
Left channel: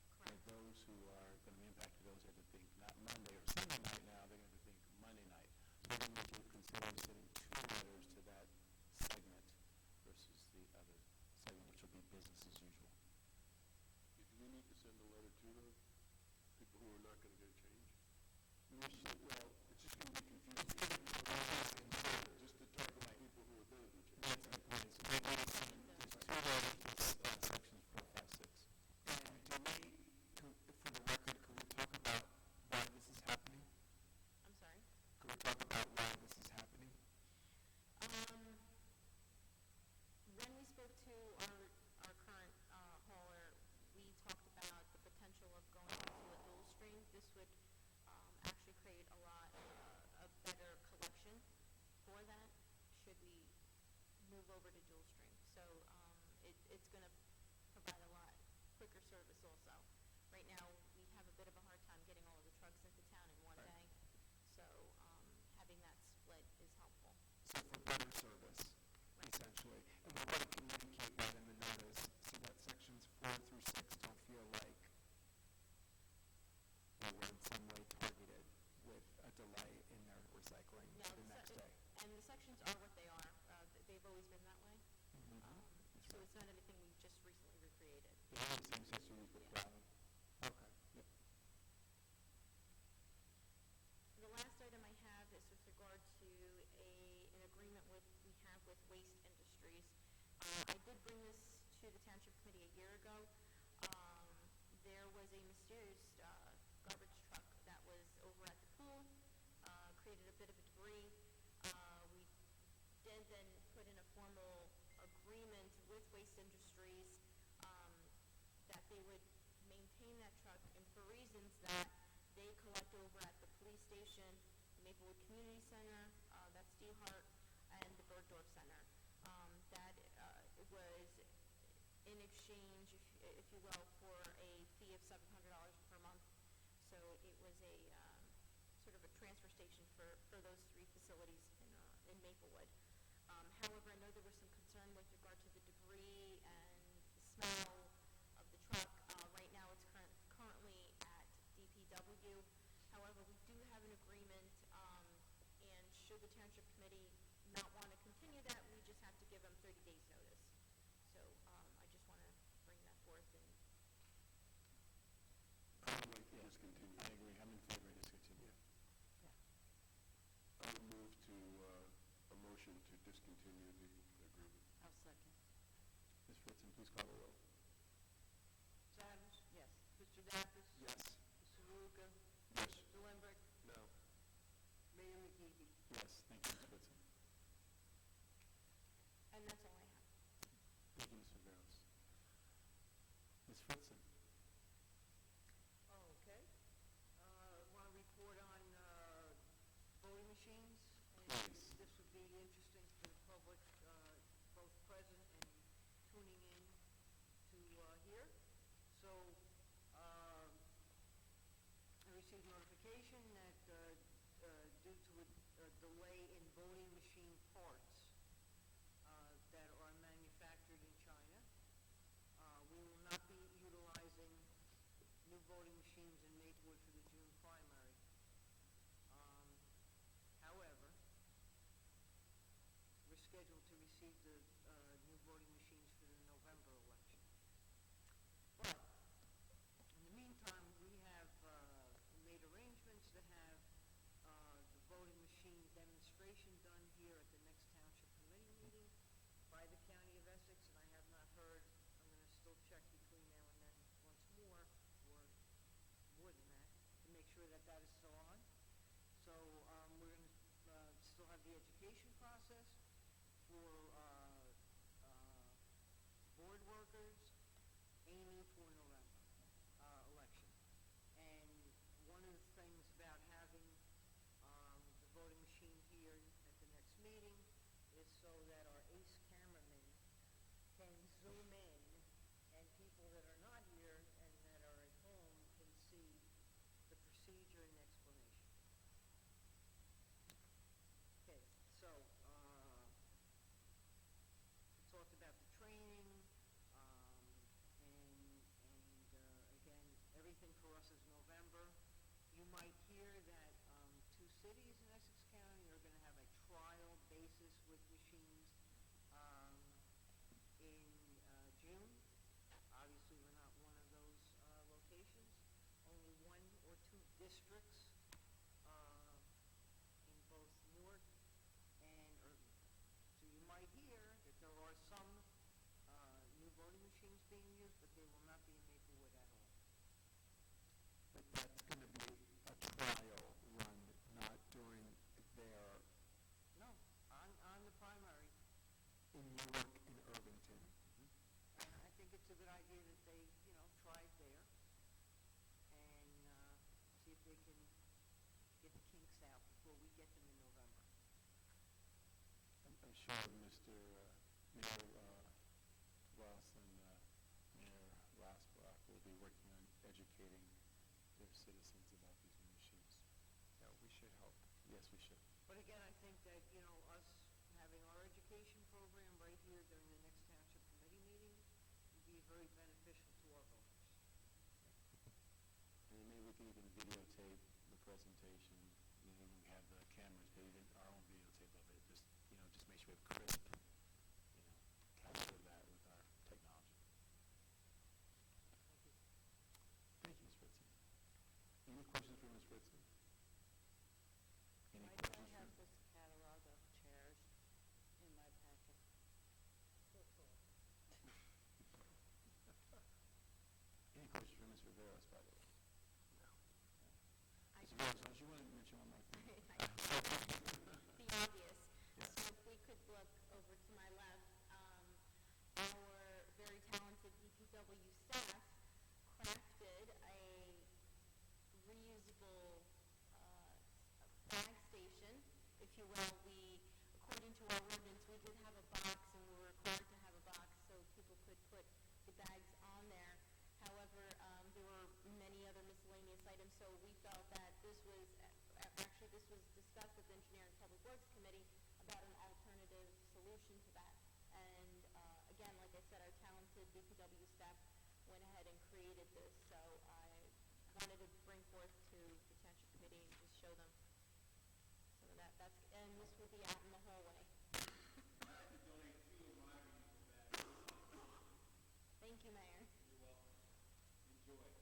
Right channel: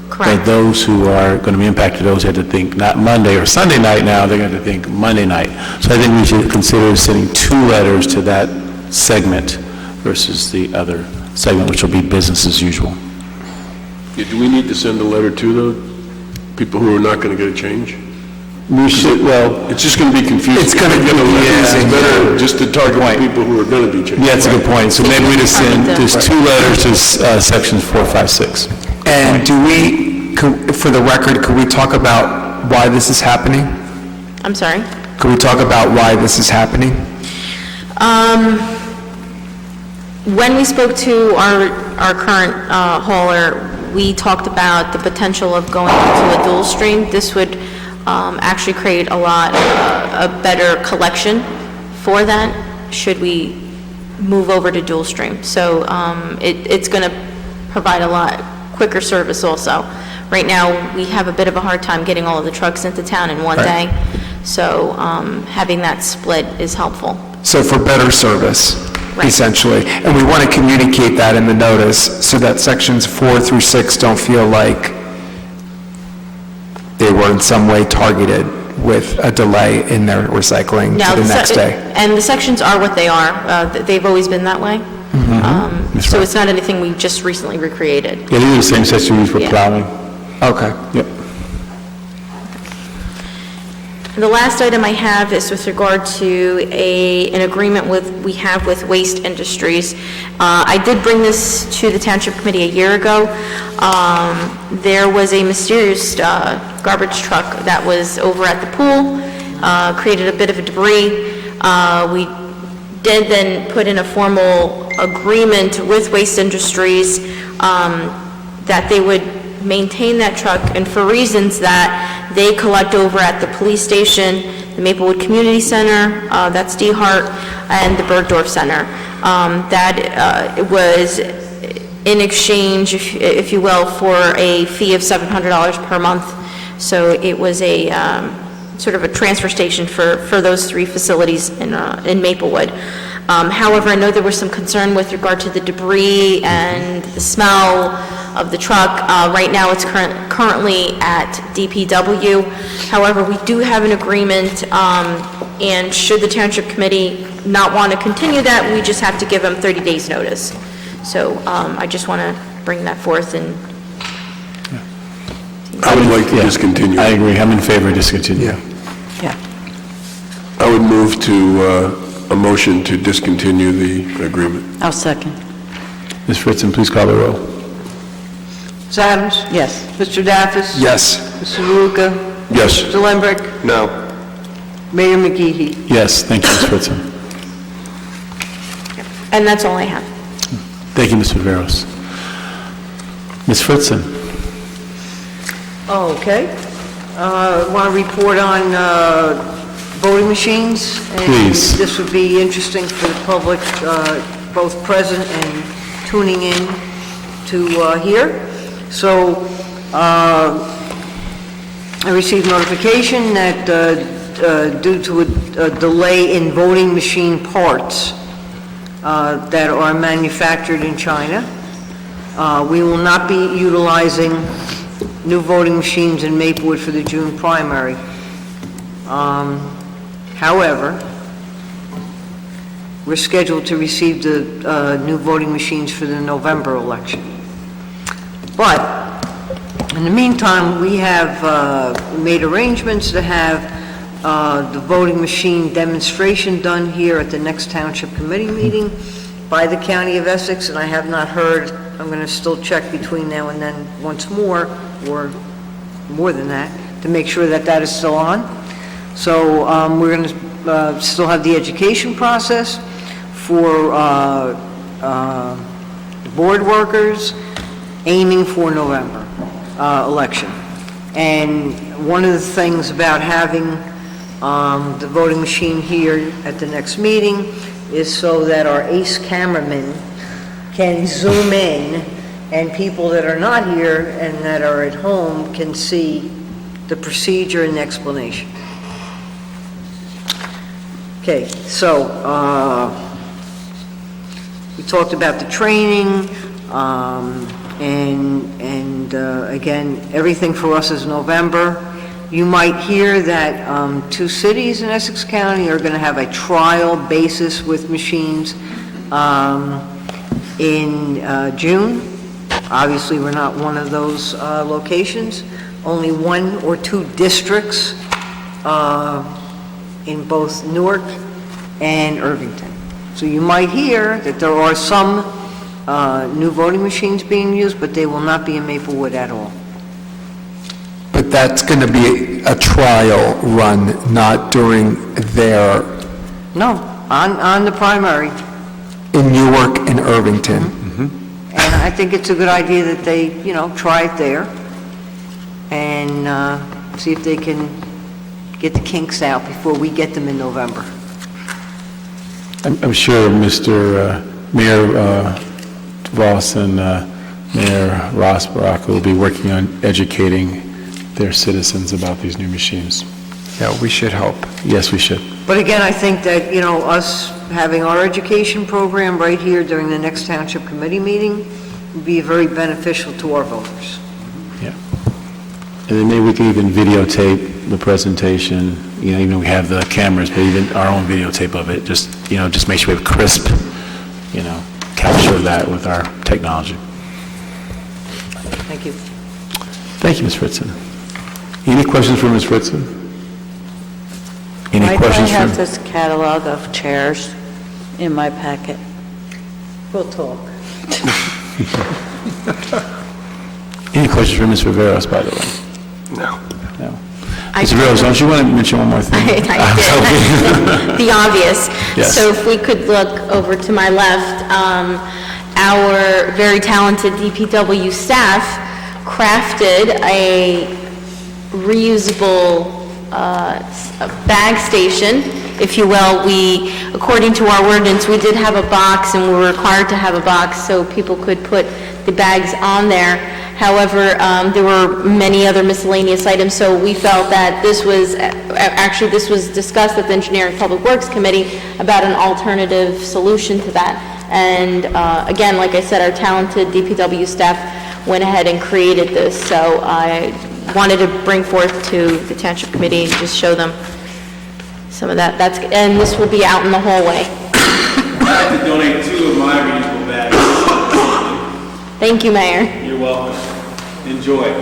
Correct. But those who are going to be impacted, those have to think not Monday or Sunday night now, they're going to think Monday night. So I think we should consider sending 2 letters to that segment versus the other segment, which will be business as usual. Yeah, do we need to send a letter to the people who are not going to get a change? We should, well... It's just going to be confusing. It's going to be confusing. It's better just to target the people who are going to be changed. Yeah, that's a good point. So maybe we just send, there's 2 letters to sections 4, 5, 6. And for the record, could we talk about why this is happening? I'm sorry? Could we talk about why this is happening? When we spoke to our current hauler, we talked about the potential of going into a dual stream. This would actually create a better collection for that, should we move over to dual stream. So it's going to provide a lot quicker service also. Right now, we have a bit of a hard time getting all of the trucks into town in one day, so having that split is helpful. So for better service, essentially. And we want to communicate that in the notice so that sections 4 through 6 don't feel like they were in some way targeted with a delay in their recycling to the next day. And the sections are what they are. They've always been that way. So it's not anything we just recently recreated. Yeah, these are the same sections we use for plowing. Okay. Yep. The last item I have is with regard to an agreement we have with Waste Industries. I did bring this to the Township Committee a year ago. There was a mysterious garbage truck that was over at the pool, created a bit of a debris. We did then put in a formal agreement with Waste Industries that they would maintain that truck, and for reasons that they collect over at the police station, the Maplewood Community Center, that's DeHart, and the Bergdorf Center. That was in exchange, if you will, for a fee of $700 per month. So it was a sort of a transfer station for those 3 facilities in Maplewood. However, I know there was some concern with regard to the debris and the smell of the truck. Right now, it's currently at DPW. However, we do have an agreement, and should the Township Committee not want to continue that, we just have to give them 30 days' notice. So I just want to bring that forth. And I would like to discontinue. I agree. I'm in favor of discontinue. Yeah. I would move to a motion to discontinue the agreement. I'll second. Ms. Fritzen, please call the roll. Ms. Adams? Yes. Mr. Daffis? Yes. Mr. Luca? Yes. Mr. Lembrick? No. Mayor McGee? Yes, thank you, Ms. Fritzen. And that's all I have. Thank you, Ms. Viveros. Ms. Fritzen? Okay. Want to report on voting machines? Please. And this would be interesting for the public, both present and tuning in to hear. So I received notification that due to a delay in voting machine parts that are manufactured in China, we will not be utilizing new voting machines in Maplewood for the June primary. However, we're scheduled to receive the new voting machines for the November election. But in the meantime, we have made arrangements to have the voting machine demonstration done here at the next Township Committee meeting by the County of Essex, and I have not heard. I'm going to still check between now and then once more, or more than that, to make sure that that is still on. So we're going to still have the education process for board workers, aiming for November election. And one of the things about having the voting machine here at the next meeting is so that our ace cameraman can zoom in and people that are not here and that are at home can see the procedure and explanation. Okay, so we talked about the training, and again, everything for us is November. You might hear that 2 cities in Essex County are going to have a trial basis with machines in June. Obviously, we're not one of those locations. Only 1 or 2 districts in both Newark and Irvington. So you might hear that there are some new voting machines being used, but they will not be in Maplewood at all. But that's going to be a trial run, not during their... No, on the primary. In Newark and Irvington. And I think it's a good idea that they, try it there and see if they can get the kinks out before we get them in November. I'm sure Mr. Mayor Voss and Mayor Rossborough will be working on educating their citizens about these new machines. Yeah, we should hope. Yes, we should. But again, I think that, us having our education program right here during the next Township Committee meeting would be very beneficial to our voters. Yeah. And then maybe we can even videotape the presentation, even though we have the cameras, but even our own videotape of it, just make sure we have crisp, capture that with our technology. Thank you. Thank you, Ms. Fritzen. Any questions for Ms. Fritzen? Any questions I have for... this catalog of chairs in my packet? We'll talk. Any questions for Ms. Riveros, by the way? No. No. Ms. Riveros, don't you want to mention one more thing? I did. The obvious. Yes. So if we could look over to my left, our very talented DPW staff crafted a reusable bag station, if you will. We, according to our ordinance, we did have a box, and we were required to have a box so people could put the bags on there. However, there were many other miscellaneous items, so we felt that this was discussed at the Engineering Public Works Committee about an alternative solution to that. And again, like I said, our talented DPW staff went ahead and created this, so I wanted to bring forth to the Township Committee and just show them some of that. And this will be out in the hallway. I'd like to donate 2 of my reusable bags. Thank you, Mayor. You're welcome. Enjoy.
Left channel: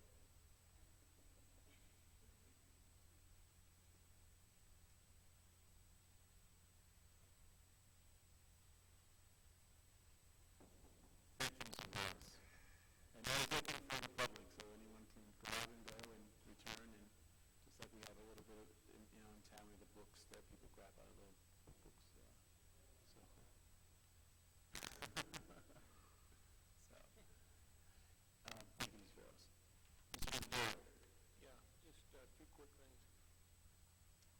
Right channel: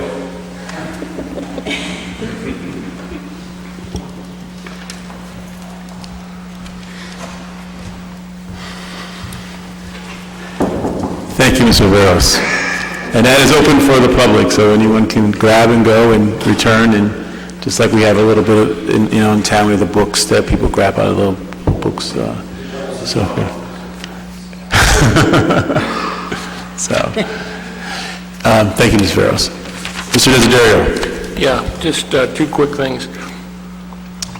Thank you, Ms. Riveros. And that is open for the public, so anyone can grab and go and return, and just like we have a little bit of, in town, we have the books that people grab out of the books, so forth. So, thank you, Ms. Riveros. Mr. Desiderio. Yeah, just 2 quick things.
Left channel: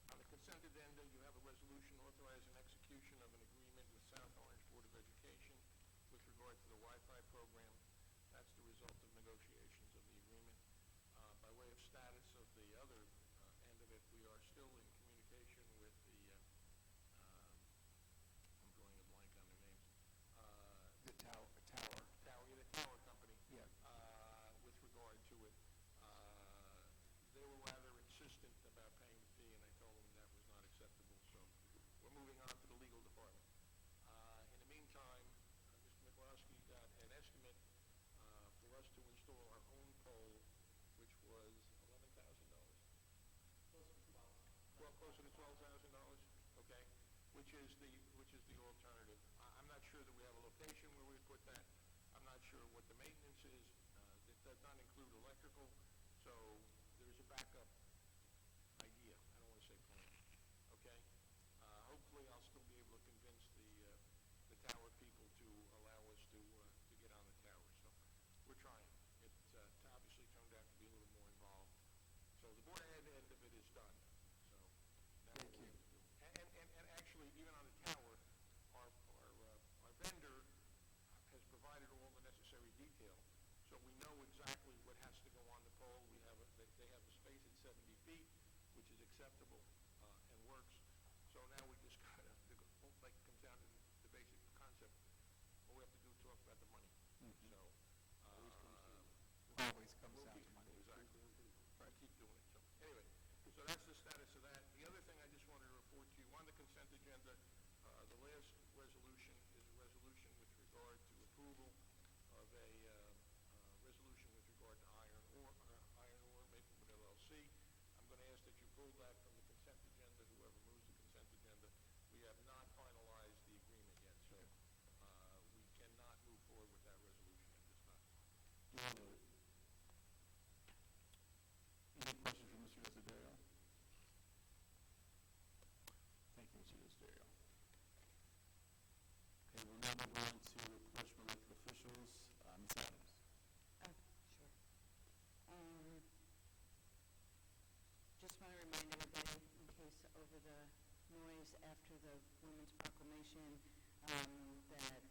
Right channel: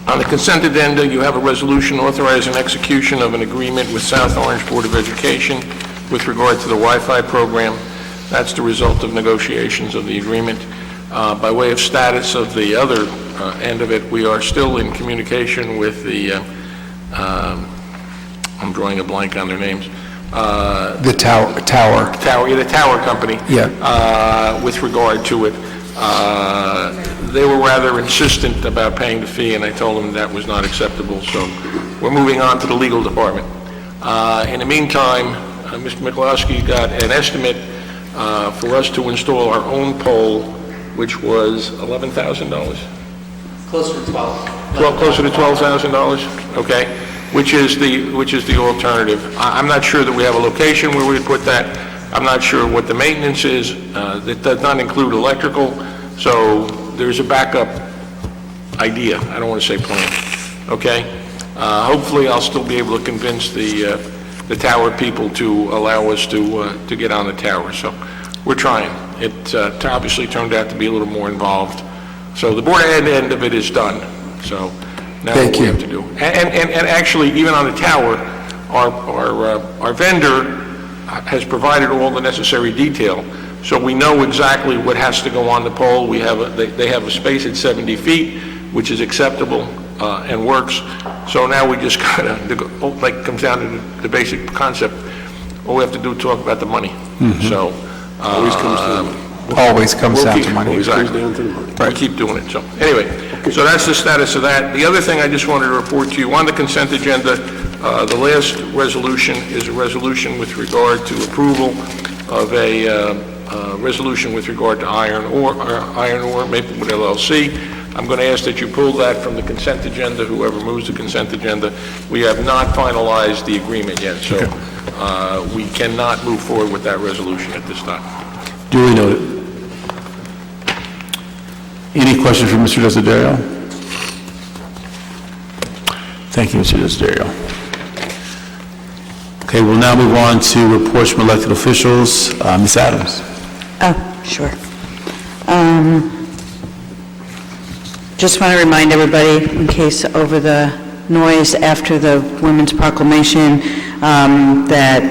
On the consent agenda, you have a resolution authorizing execution of an agreement with South Orange Board of Education with regard to the Wi-Fi program. That's the result of negotiations of the agreement. By way of status of the other end of it, we are still in communication with the, I'm drawing a blank on their names. The tower. The tower company. Yeah. With regard to it. They were rather insistent about paying the fee, and I told them that was not acceptable, so we're moving on to the legal department. In the meantime, Mr. Mikulowski got an estimate for us to install our own pole, which was $11,000? Closer to 12. Closer to $12,000? Okay. Which is the alternative. I'm not sure that we have a location where we would put that. I'm not sure what the maintenance is. That does not include electrical, so there's a backup idea. I don't want to say plan, okay? Hopefully, I'll still be able to convince the tower people to allow us to get on the tower. So we're trying. It obviously turned out to be a little more involved. So the board end of it is done. So now what we have to do. And actually, even on the tower, our vendor has provided all the necessary detail. So we know exactly what has to go on the pole. They have a space at 70 feet, which is acceptable and works. So now we just kind of, like, comes down to the basic concept. All we have to do is talk about the money. So Always comes down. Always comes down to money. Exactly. We'll keep doing it. So anyway, so that's the status of that. The other thing I just wanted to report to you, on the consent agenda, the last resolution is a resolution with regard to approval of a resolution with regard to Iron Ore, Maplewood LLC. I'm going to ask that you pull that from the consent agenda, whoever moves the consent agenda. We have not finalized the agreement yet, so we cannot move forward with that resolution at this time. Duly noted. Any questions for Mr. Desiderio? Thank you, Mr. Desiderio. Okay, we'll now move on to reports from elected officials. Ms. Adams. Oh, sure. Just want to remind everybody, in case over the noise after the Women's Proclamation, that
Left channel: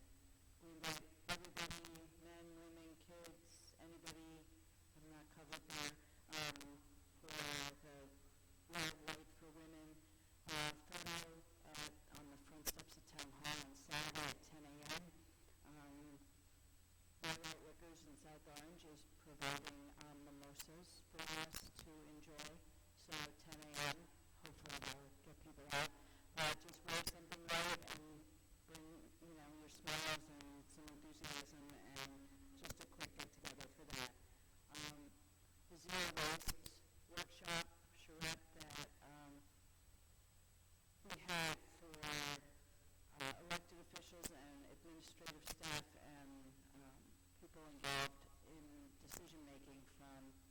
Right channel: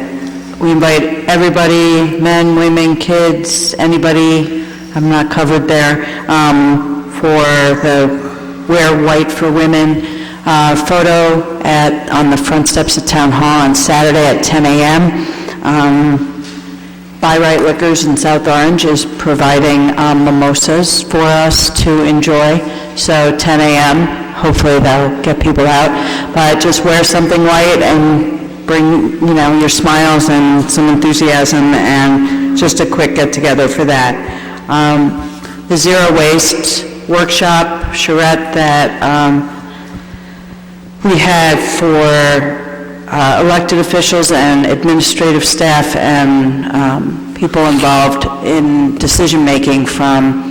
we invite everybody, men, women, kids, anybody, I'm not covered there, for the Wear White for Women photo on the front steps of Town Hall on Saturday at 10 a.m. Buy Right Liquors in South Orange is providing mimosas for us to enjoy. So 10 a.m., hopefully that'll get people out. But just wear something white and bring, your smiles and some enthusiasm, and just a quick get-together for that. The Zero Waste Workshop, charrette that we had for elected officials and administrative staff and people involved in decision-making from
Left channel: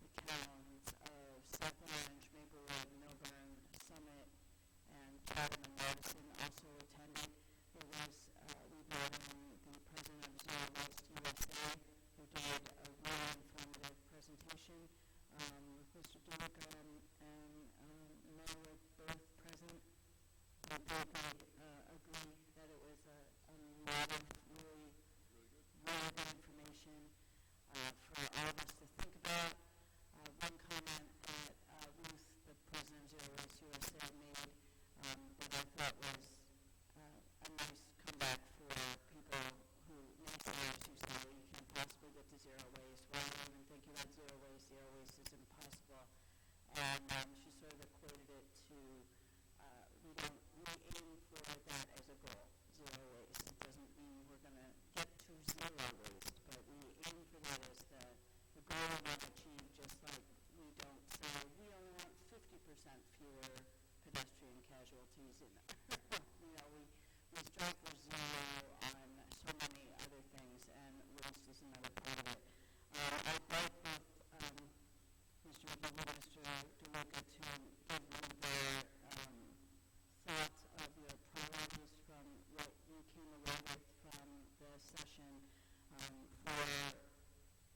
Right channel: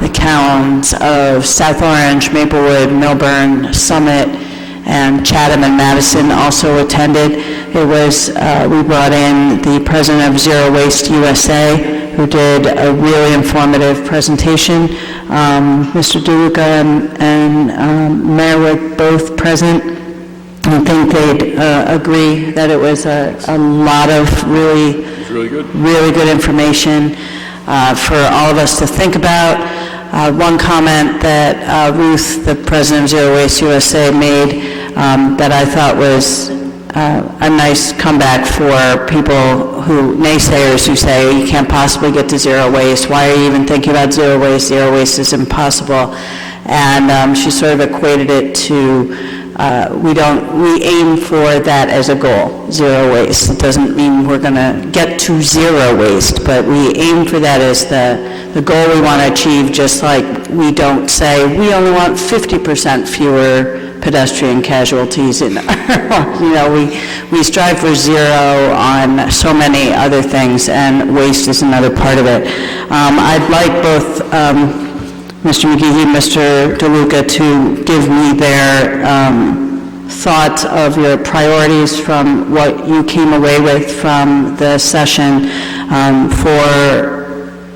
the towns of South Orange, Maplewood, Milburn, Summit, and Chatham and Madison also attended. It was, we brought in the president of Zero Waste USA, who did a really informative presentation. Mr. DeLuca and Mayor were both present. I think they'd agree that it was a lot of really good information for all of us to think about. One comment that Ruth, the president of Zero Waste USA, made that I thought was a nice comeback for people naysayers who say, you can't possibly get to zero waste. Why are you even thinking about zero waste? Zero waste is impossible. And she sort of equated it to, we aim for that as a goal, zero waste. It doesn't mean we're going to get to zero waste, but we aim for that as the goal we want to achieve, just like we don't say we only want 50% fewer pedestrian casualties in we strive for zero on so many other things, and waste is another part of it. I'd like both Mr. Mcgee and Mr. DeLuca to give me their thoughts of your priorities from what you came away with from the session for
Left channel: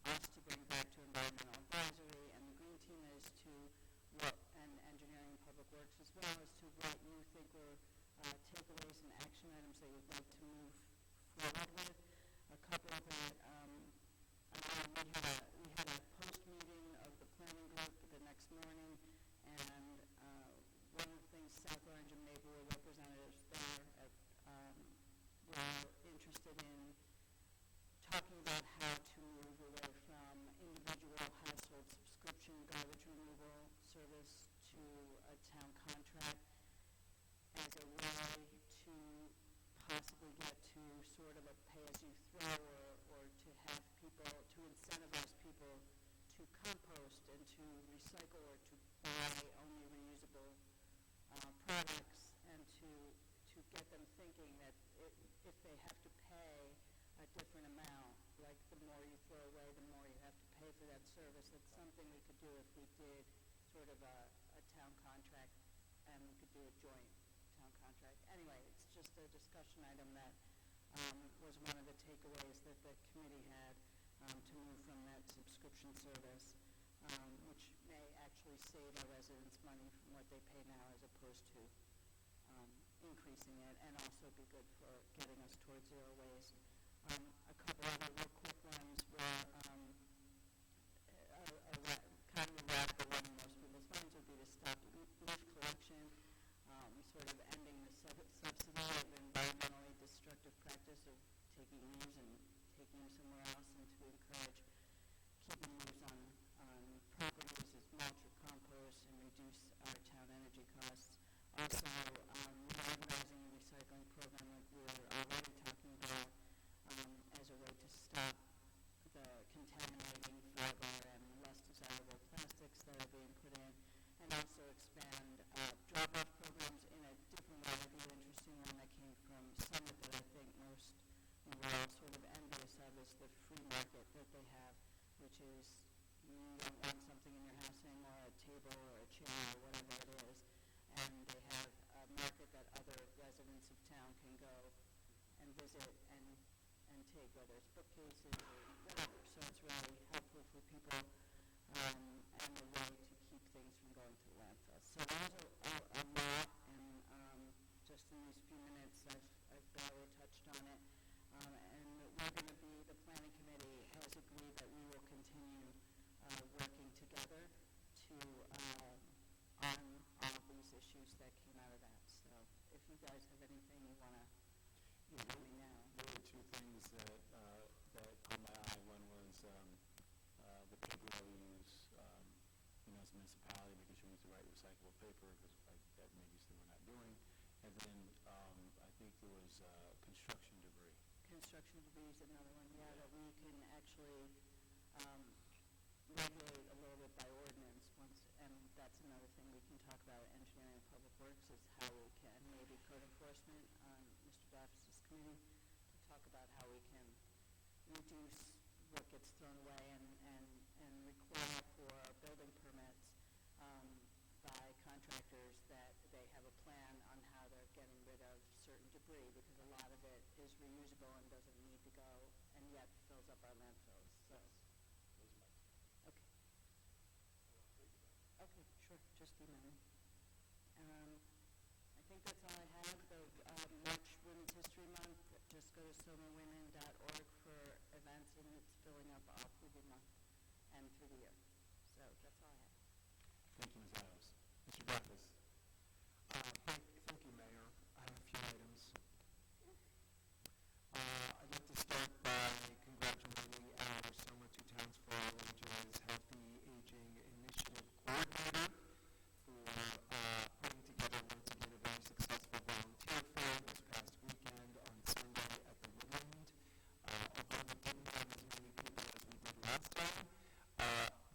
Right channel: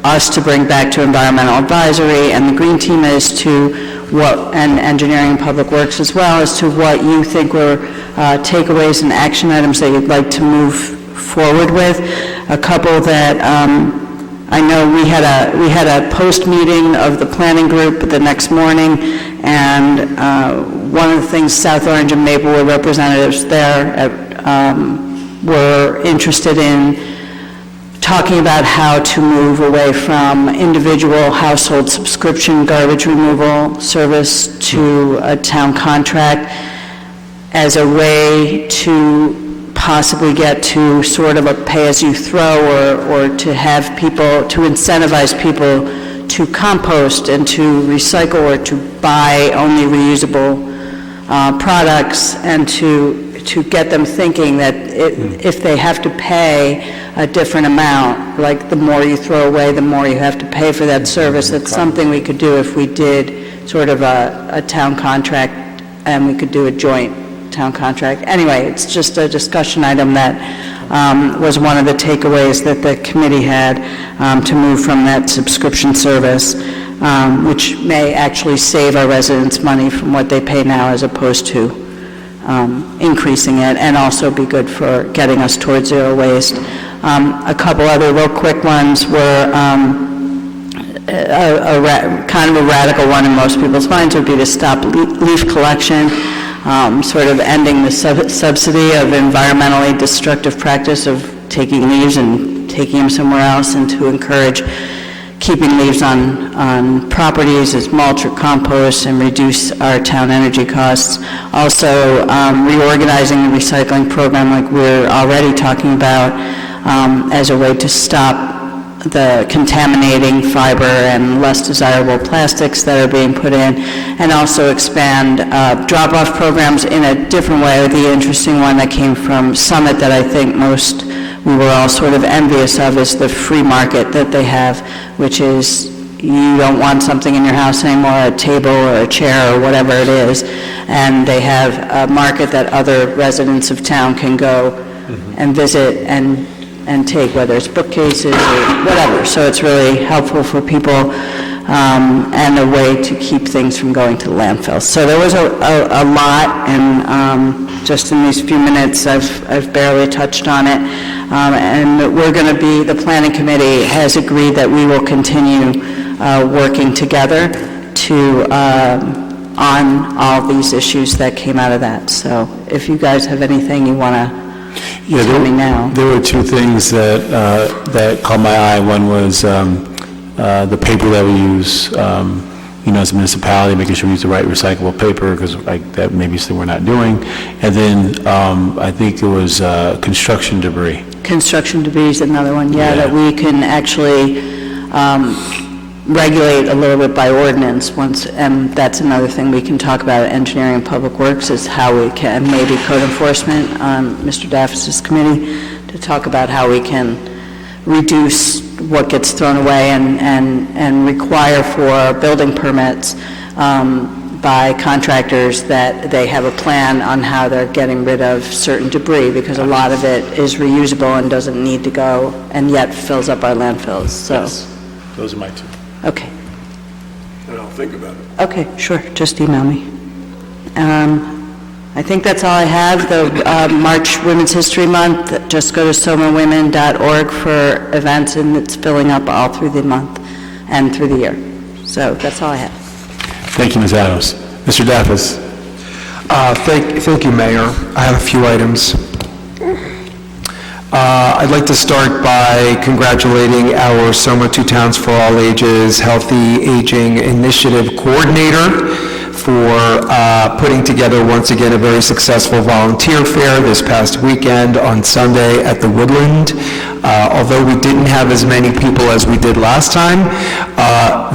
us to bring back to Environmental Advisory and the Green Team as to and Engineering and Public Works as well, as to what you think were takeaways and action items that you'd like to move forward with. A couple that I know we had a post-meeting of the planning group the next morning, and one of the things South Orange and Maplewood representatives there were interested in talking about how to move away from individual household subscription garbage removal service to a town contract as a way to possibly get to sort of a pay-as-you-throw, or to have people, to incentivize people to compost and to recycle or to buy only reusable products, and to get them thinking that if they have to pay a different amount, like the more you throw away, the more you have to pay for that service. That's something we could do if we did sort of a town contract, and we could do a joint town contract. Anyway, it's just a discussion item that was one of the takeaways that the committee had to move from that subscription service, which may actually save our residents money from what they pay now as opposed to increasing it, and also be good for getting us towards zero waste. A couple other real quick ones were kind of a radical one in most people's minds would be to stop leaf collection, sort of ending the subsidy of environmentally destructive practice of taking leaves and taking them somewhere else, and to encourage keeping leaves on properties as mulch or compost and reduce our town energy costs. Also, reorganizing the recycling program like we're already talking about as a way to stop the contaminating fiber and less desirable plastics that are being put in, and also expand drop-off programs in a different way. The interesting one that came from Summit that I think we were all sort of envious of is the free market that they have, which is you don't want something in your house anymore, a table or a chair or whatever it is, and they have a market that other residents of town can go and visit and take, whether it's bookcases or whatever. So it's really helpful for people and a way to keep things from going to the landfill. So there was a lot, and just in these few minutes I've barely touched on it. And we're going to be, the planning committee has agreed that we will continue working together to on all these issues that came out of that. So if you guys have anything you want to tell me now. There were two things that caught my eye. One was the paper that we use, as a municipality, making sure we use the right recyclable paper, because that maybe still we're not doing. And then I think it was construction debris. Construction debris is another one, that we can actually regulate a little bit by ordinance once, and that's another thing we can talk about at Engineering and Public Works, is how we can, maybe code enforcement on Mr. Daffis' committee, to talk about how we can reduce what gets thrown away and require for building permits by contractors that they have a plan on how they're getting rid of certain debris, because a lot of it is reusable and doesn't need to go, and yet fills up our landfills. So, yes. Those are my two. Okay. And I'll think about it. Okay, sure. Just email me. I think that's all I have. The March Women's History Month, just go to somawomen.org for events, and it's filling up all through the month and through the year. So that's all I have. Thank you, Ms. Adams. Mr. Daffis. Thank you, Mayor. I have a few items. I'd like to start by congratulating our Soma Two Towns for All Ages Healthy Aging Initiative Coordinator for putting together once again a very successful volunteer fair this past weekend on Sunday at the Woodland. Although we didn't have as many people as we did last time,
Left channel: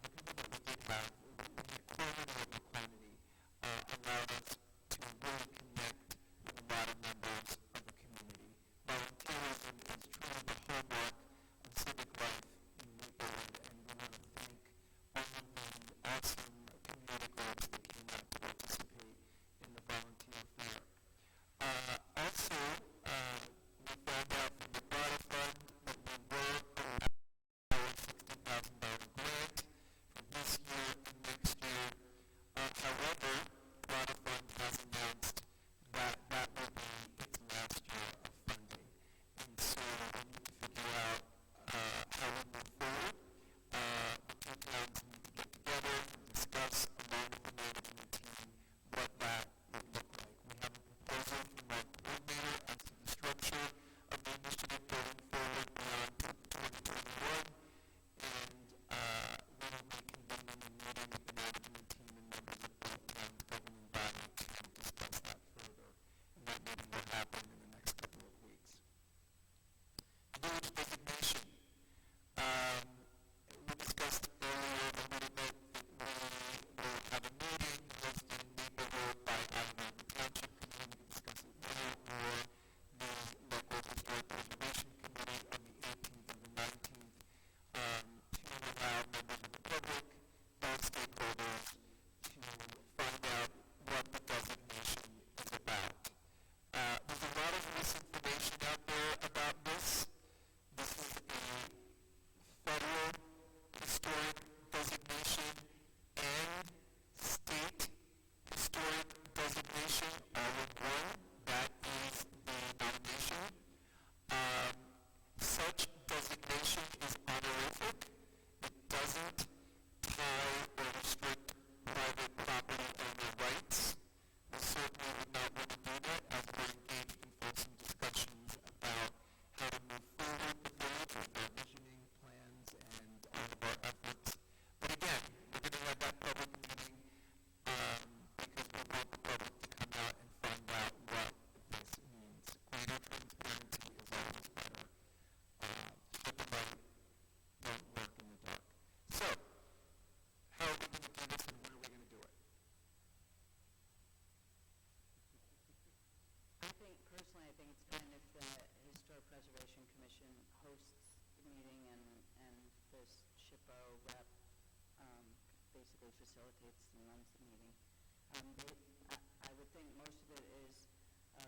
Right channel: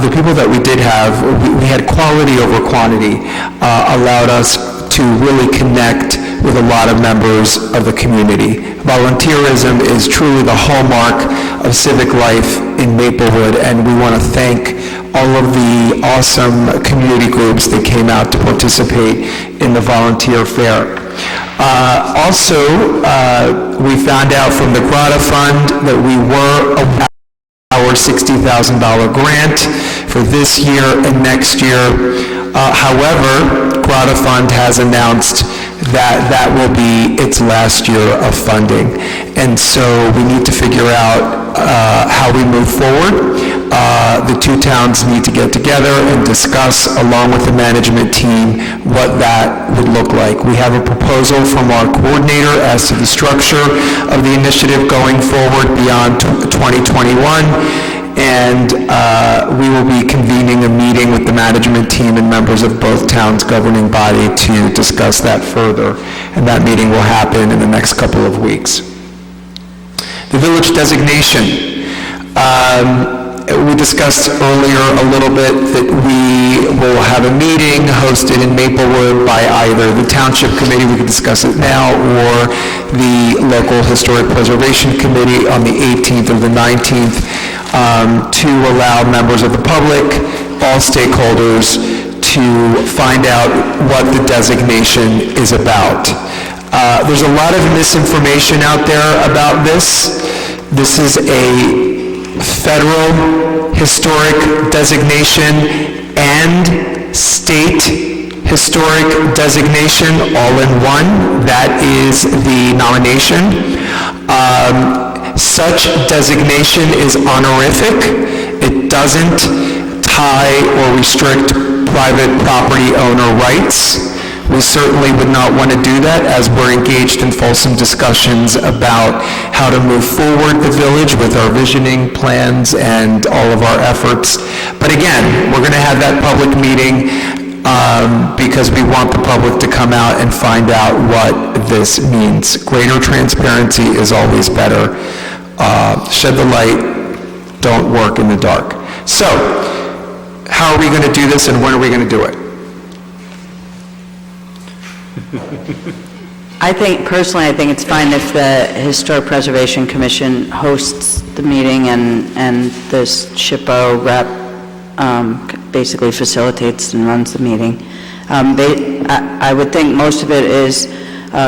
the people that we did have, we had quality over quantity, allowed us to really connect with a lot of members of the community. Volunteerism is truly the hallmark of civic life in Maplewood, and we want to thank all of the awesome community groups that came out to participate in the volunteer fair. Also, we found out from the Grata Fund that we were awarded our $60,000 grant for this year and next year. However, Grata Fund has announced that will be its last year of funding. And so we need to figure out how we move forward. The two towns need to get together and discuss, along with the management team, what that would look like. We have a proposal from our coordinator as to the structure of the initiative going forward beyond 2021. And we will be convening a meeting with the management team and members of both towns' governing body to discuss that further. And that meeting will happen in the next couple of weeks. The village designation. We discussed earlier a little bit that we will have a meeting hosted in Maplewood by either the Township Committee, we can discuss it now, or the Local Historic Preservation Committee on the 18th or the 19th, to allow members of the public, all stakeholders, to find out what the designation is about. There's a lot of misinformation out there about this. This is a federal historic designation and state historic designation all in one. That is the nomination. Such designation is honorific. It doesn't tie or restrict private property owner rights. We certainly would not want to do that, as we're engaged in fulsome discussions about how to move forward the village with our visioning plans and all of our efforts. But again, we're going to have that public meeting because we want the public to come out and find out what this means. Greater transparency is always better. Shed the light, don't work in the dark. So, how are we going to do this and when are we going to do it? Personally, I think it's fine if the Historic Preservation Commission hosts the meeting and the SHPO rep basically facilitates and runs the meeting. I would think most of it is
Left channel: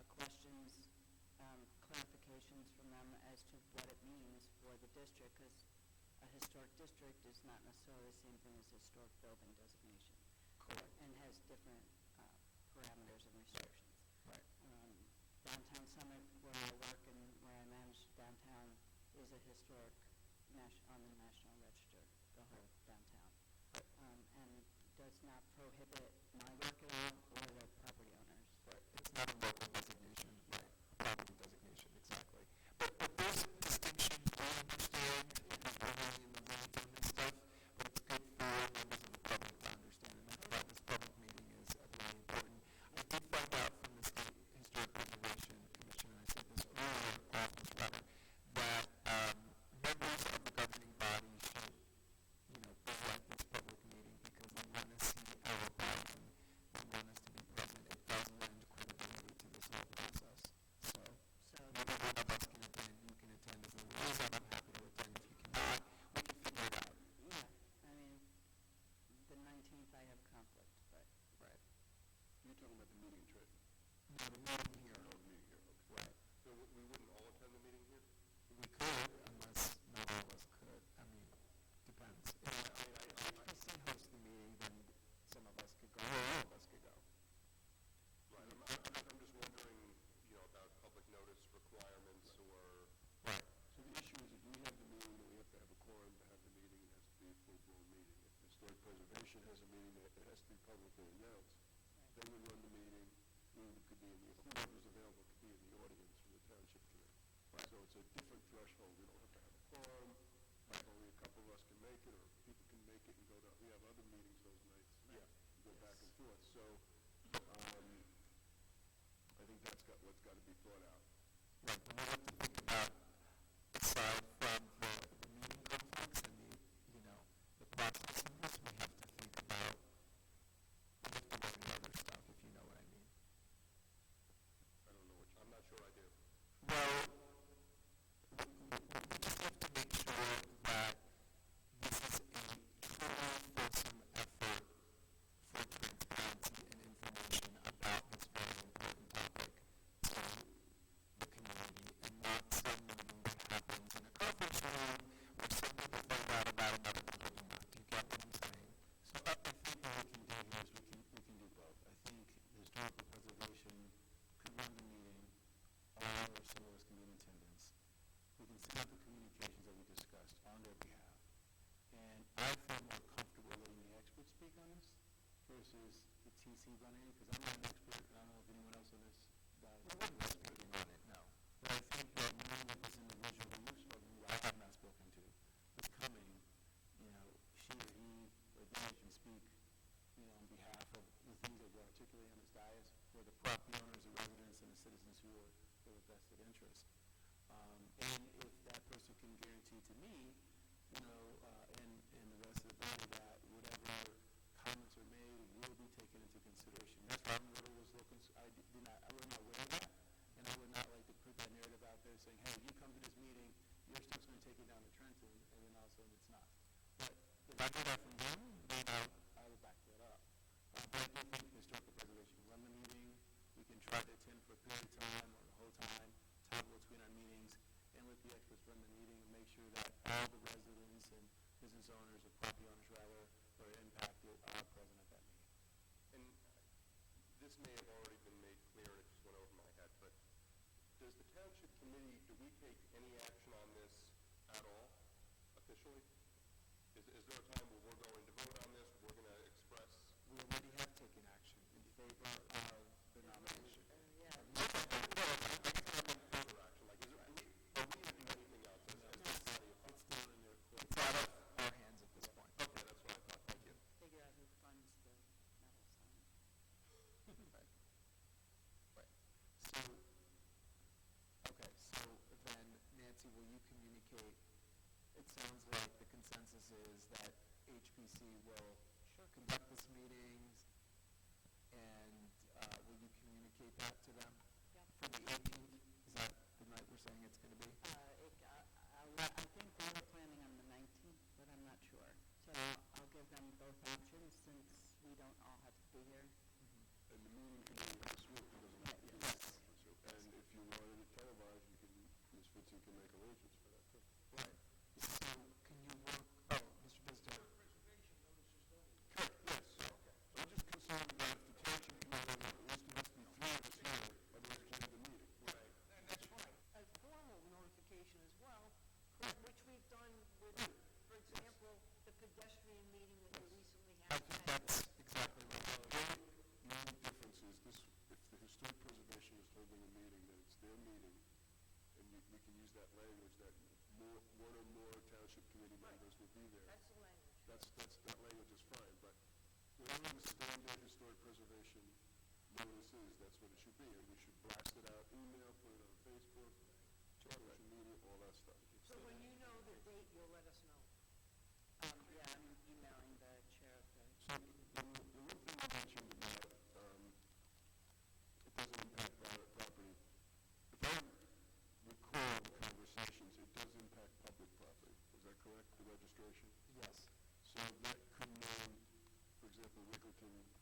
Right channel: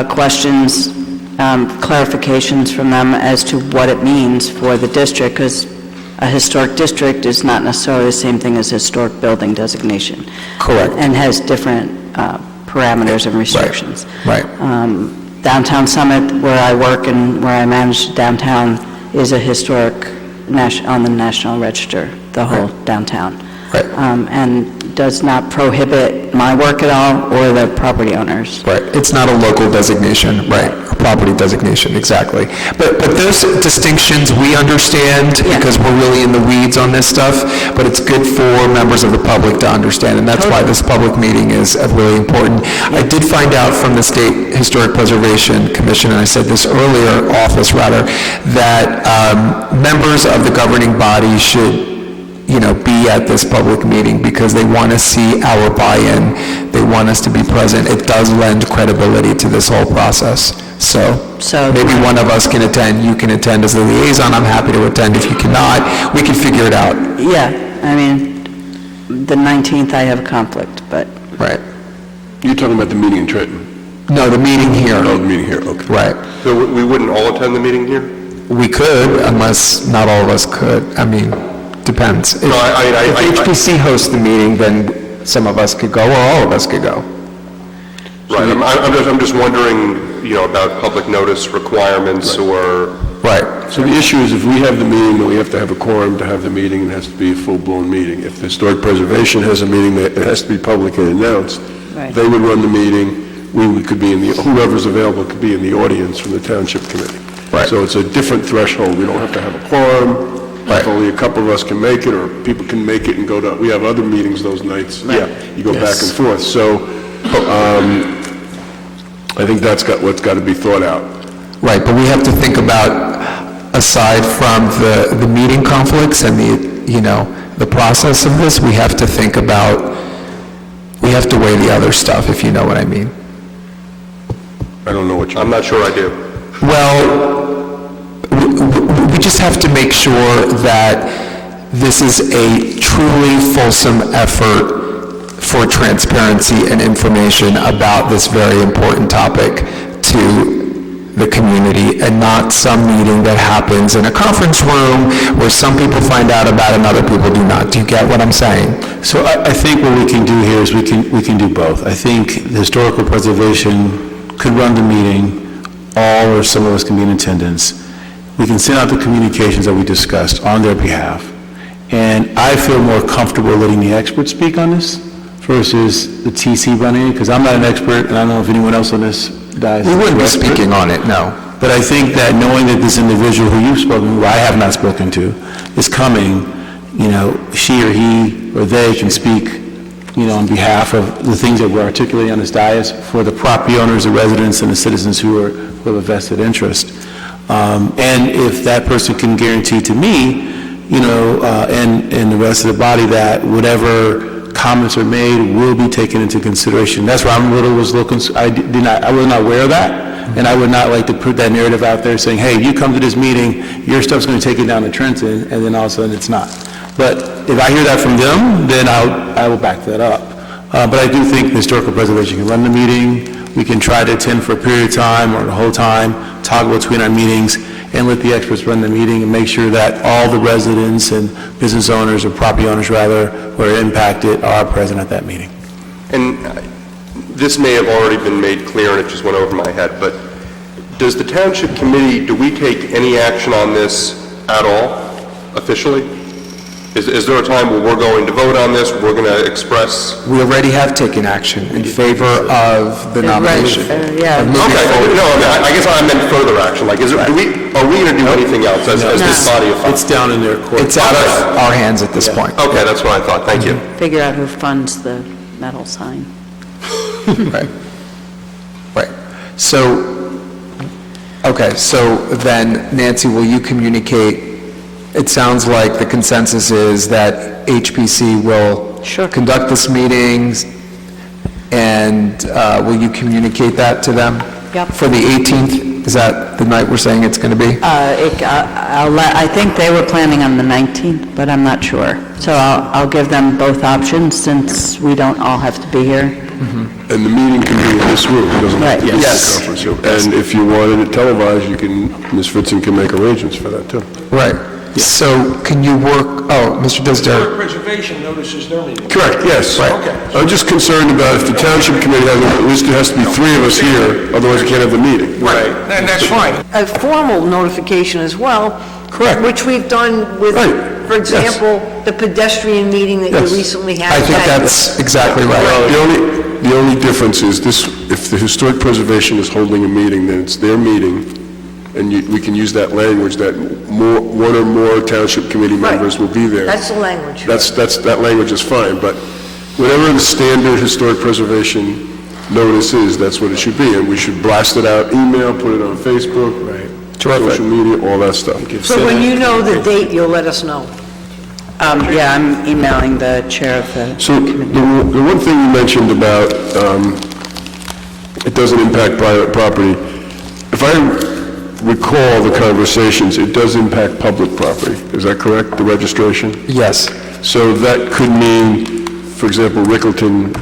questions, clarifications from them as to what it means for the district, because a historic district is not necessarily the same thing as historic building designation. Correct. And has different parameters and restrictions. Right. Downtown Summit, where I work and where I manage downtown, is a historic on the National Register, the whole downtown. Right. And does not prohibit my work at all or the property owners. Right. It's not a local designation, right? A property designation, exactly. But those distinctions we understand because we're really in the weeds on this stuff, but it's good for members of the public to understand, and that's why this public meeting is really important. I did find out from the State Historic Preservation Commission, and I said this earlier, that members of the governing body should be at this public meeting because they want to see our buy-in. They want us to be present. It does lend credibility to this whole process. So maybe one of us can attend. You can attend as the liaison. I'm happy to attend. If you cannot, we can figure it out. Yeah, I mean, the 19th I have a conflict, but... Right. You're talking about the meeting in Trenton? No, the meeting here. Oh, the meeting here, okay. Right. So we wouldn't all attend the meeting here? We could, unless not all of us could. I mean, depends. If HPC hosts the meeting, then some of us could go, or all of us could go. Right, I'm just wondering, about public notice requirements or... Right. So the issue is if we have the meeting, then we have to have a quorum to have the meeting, it has to be a full-blown meeting. If the Historic Preservation has a meeting, it has to be publicly announced. Right. They would run the meeting, we could be whoever's available could be in the audience from the Township Committee. Right. So it's a different threshold, we don't have to have a quorum. Right. If only a couple of us can make it, or people can make it and go to, we have other meetings those nights. Yeah. You go back and forth. So I think that's what's got to be thought out. Right, but we have to think about, aside from the meeting conflicts and the process of this, we have to think about, we have to weigh the other stuff, if you know what I mean. I don't know what you mean. I'm not sure I do. Well, we just have to make sure that this is a truly fulsome effort for transparency and information about this very important topic to the community, and not some meeting that happens in a conference room where some people find out about and other people do not. Do you get what I'm saying? So I think what we can do here is we can do both. I think the Historical Preservation could run the meeting, all or some of us can be in attendance. We can send out the communications that we discussed on their behalf. And I feel more comfortable letting the experts speak on this versus the TC running it, because I'm not an expert, and I don't know if anyone else on this dies. We wouldn't be speaking on it, no. But I think that knowing that this individual who you've spoken to, who I have not spoken to, is coming, she or he or they can speak, on behalf of the things that we're articulating on this dais for the property owners, the residents, and the citizens who have a vested interest. And if that person can guarantee to me, and the rest of the body that whatever comments are made will be taken into consideration. That's where I was looking. I was not aware of that, and I would not like to put that narrative out there saying, "Hey, you come to this meeting, your stuff's going to take it down to Trenton," and then all of a sudden it's not. But if I hear that from them, then I will back that up. But I do think the Historical Preservation can run the meeting. We can try to attend for a period of time or the whole time, toggle between our meetings, and let the experts run the meeting and make sure that all the residents and business owners, or property owners rather, who are impacted are present at that meeting. And this may have already been made clear, and it just went over my head, but does the Township Committee, do we take any action on this at all, officially? Is there a time where we're going to vote on this, we're going to express? We already have taken action in favor of the nomination. Yeah. Of moving Okay, forward. no, I guess I meant further action, like, are we going to do anything else as this body of It's down in their court. It's out of our hands at this point. Okay, that's what I thought, thank you. Figure out who funds the metal sign. Right. Right. So, okay, so then Nancy, will you communicate? It sounds like the consensus is that HPC will conduct this meeting, and will you communicate that to them? Yep. For the 18th? Is that the night we're saying it's going to be? I think they were planning on the 19th, but I'm not sure. So I'll give them both options since we don't all have to be here. And the meeting can be in this room, it doesn't have to be in the Yes. conference room. And if you wanted it televised, you can, Ms. Fritzen can make arrangements for that, too. Right. So can you work, Mr. Disdale? Historic Preservation notices their meeting. Correct, yes. Okay. I'm just concerned about if the Township Committee has, at least there has to be 3 of us here, otherwise we can't have the meeting. Right, and that's fine. A formal notification as well. Correct. Which we've done with, Right. for example, the pedestrian meeting that Yes. you recently had. I think that's exactly right. The only difference is this, if the Historic Preservation is holding a meeting, then it's their meeting, and we can use that language that one or more Township Committee members will be there. That's the language. That language is fine, but whatever the standard Historic Preservation notice is, that's what it should be, and we should blast it out, email, put it on Facebook, social media, all that stuff. So when you know the date, you'll let us know. Yeah, I'm emailing the chair of the So the one thing you mentioned about it doesn't impact private property, if I recall the conversations, it does impact public property. Is that correct, the registration? Yes. So that could mean, for example, Rickleton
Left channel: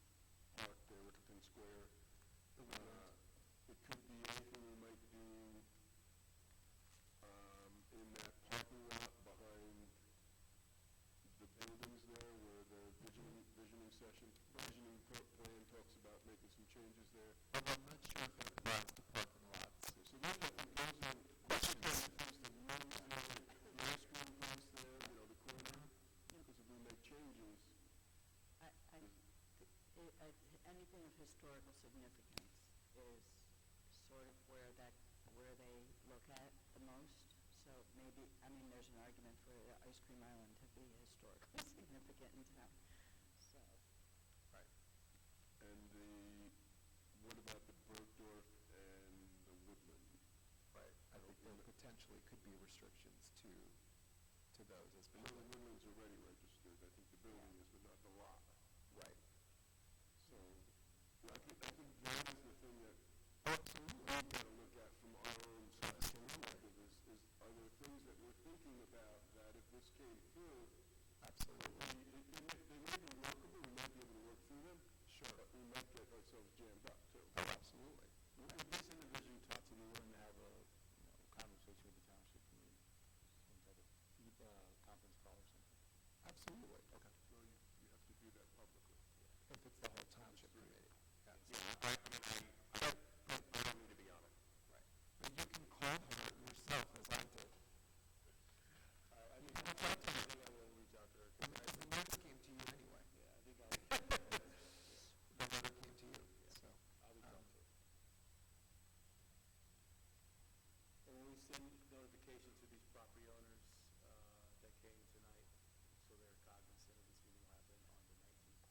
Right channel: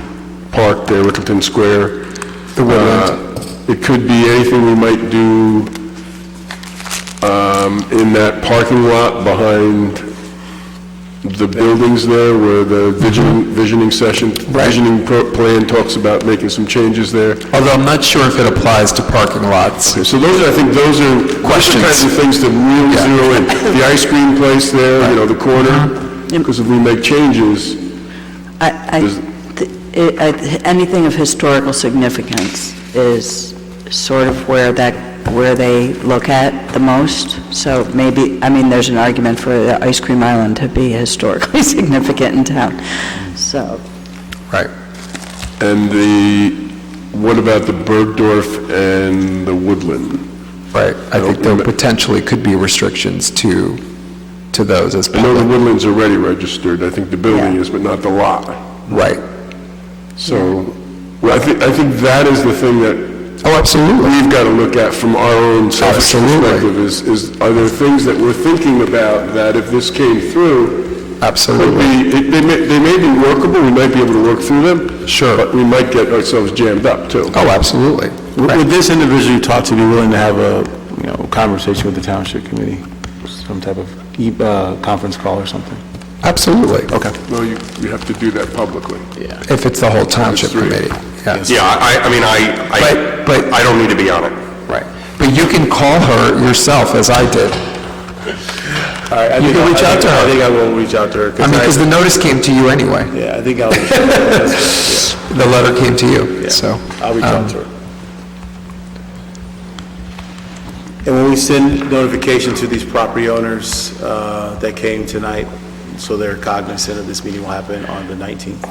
Park there, Rickleton Square. The woodland. It could be anything we might do in that parking lot behind the buildings there where the visioning plan talks about making some changes there. Although I'm not sure if it applies to parking lots. Okay, so I think those are Questions. kinds of things to really zero in. The ice cream place there, the corner, because if we make changes, anything of historical significance is sort of where they look at the most. So maybe, there's an argument for the ice cream island to be historically significant in town. So. Right. And what about the Bergdorf and the Woodland? Right. I think there potentially could be restrictions to those as I know the Woodland's already registered. I think the building is, but not the lot. Right. So, I think that is the thing that absolutely. We've got to look at from our own selfish perspective is are there things that we're thinking about that if this came through, absolutely, they may be workable, we might be able to work through them, sure, but we might get ourselves jammed up too. Oh, absolutely. Would this individual you talked to be willing to have a conversation with the Township Committee, some type of conference call or something? Absolutely. Okay. Well, you have to do that publicly. Yeah. If it's the whole Township Committee. Yes. Yeah, but I don't need to be on it. Right. But you can call her yourself, as I did. All right, You can reach out to her. I think I will reach out to her. Because the notice came to you anyway. Yeah, I think I'll reach out to her. The letter came to you, so. I'll reach out to her. And when we send notification to these property owners that came tonight, so they're cognizant of this meeting will happen on the 19th.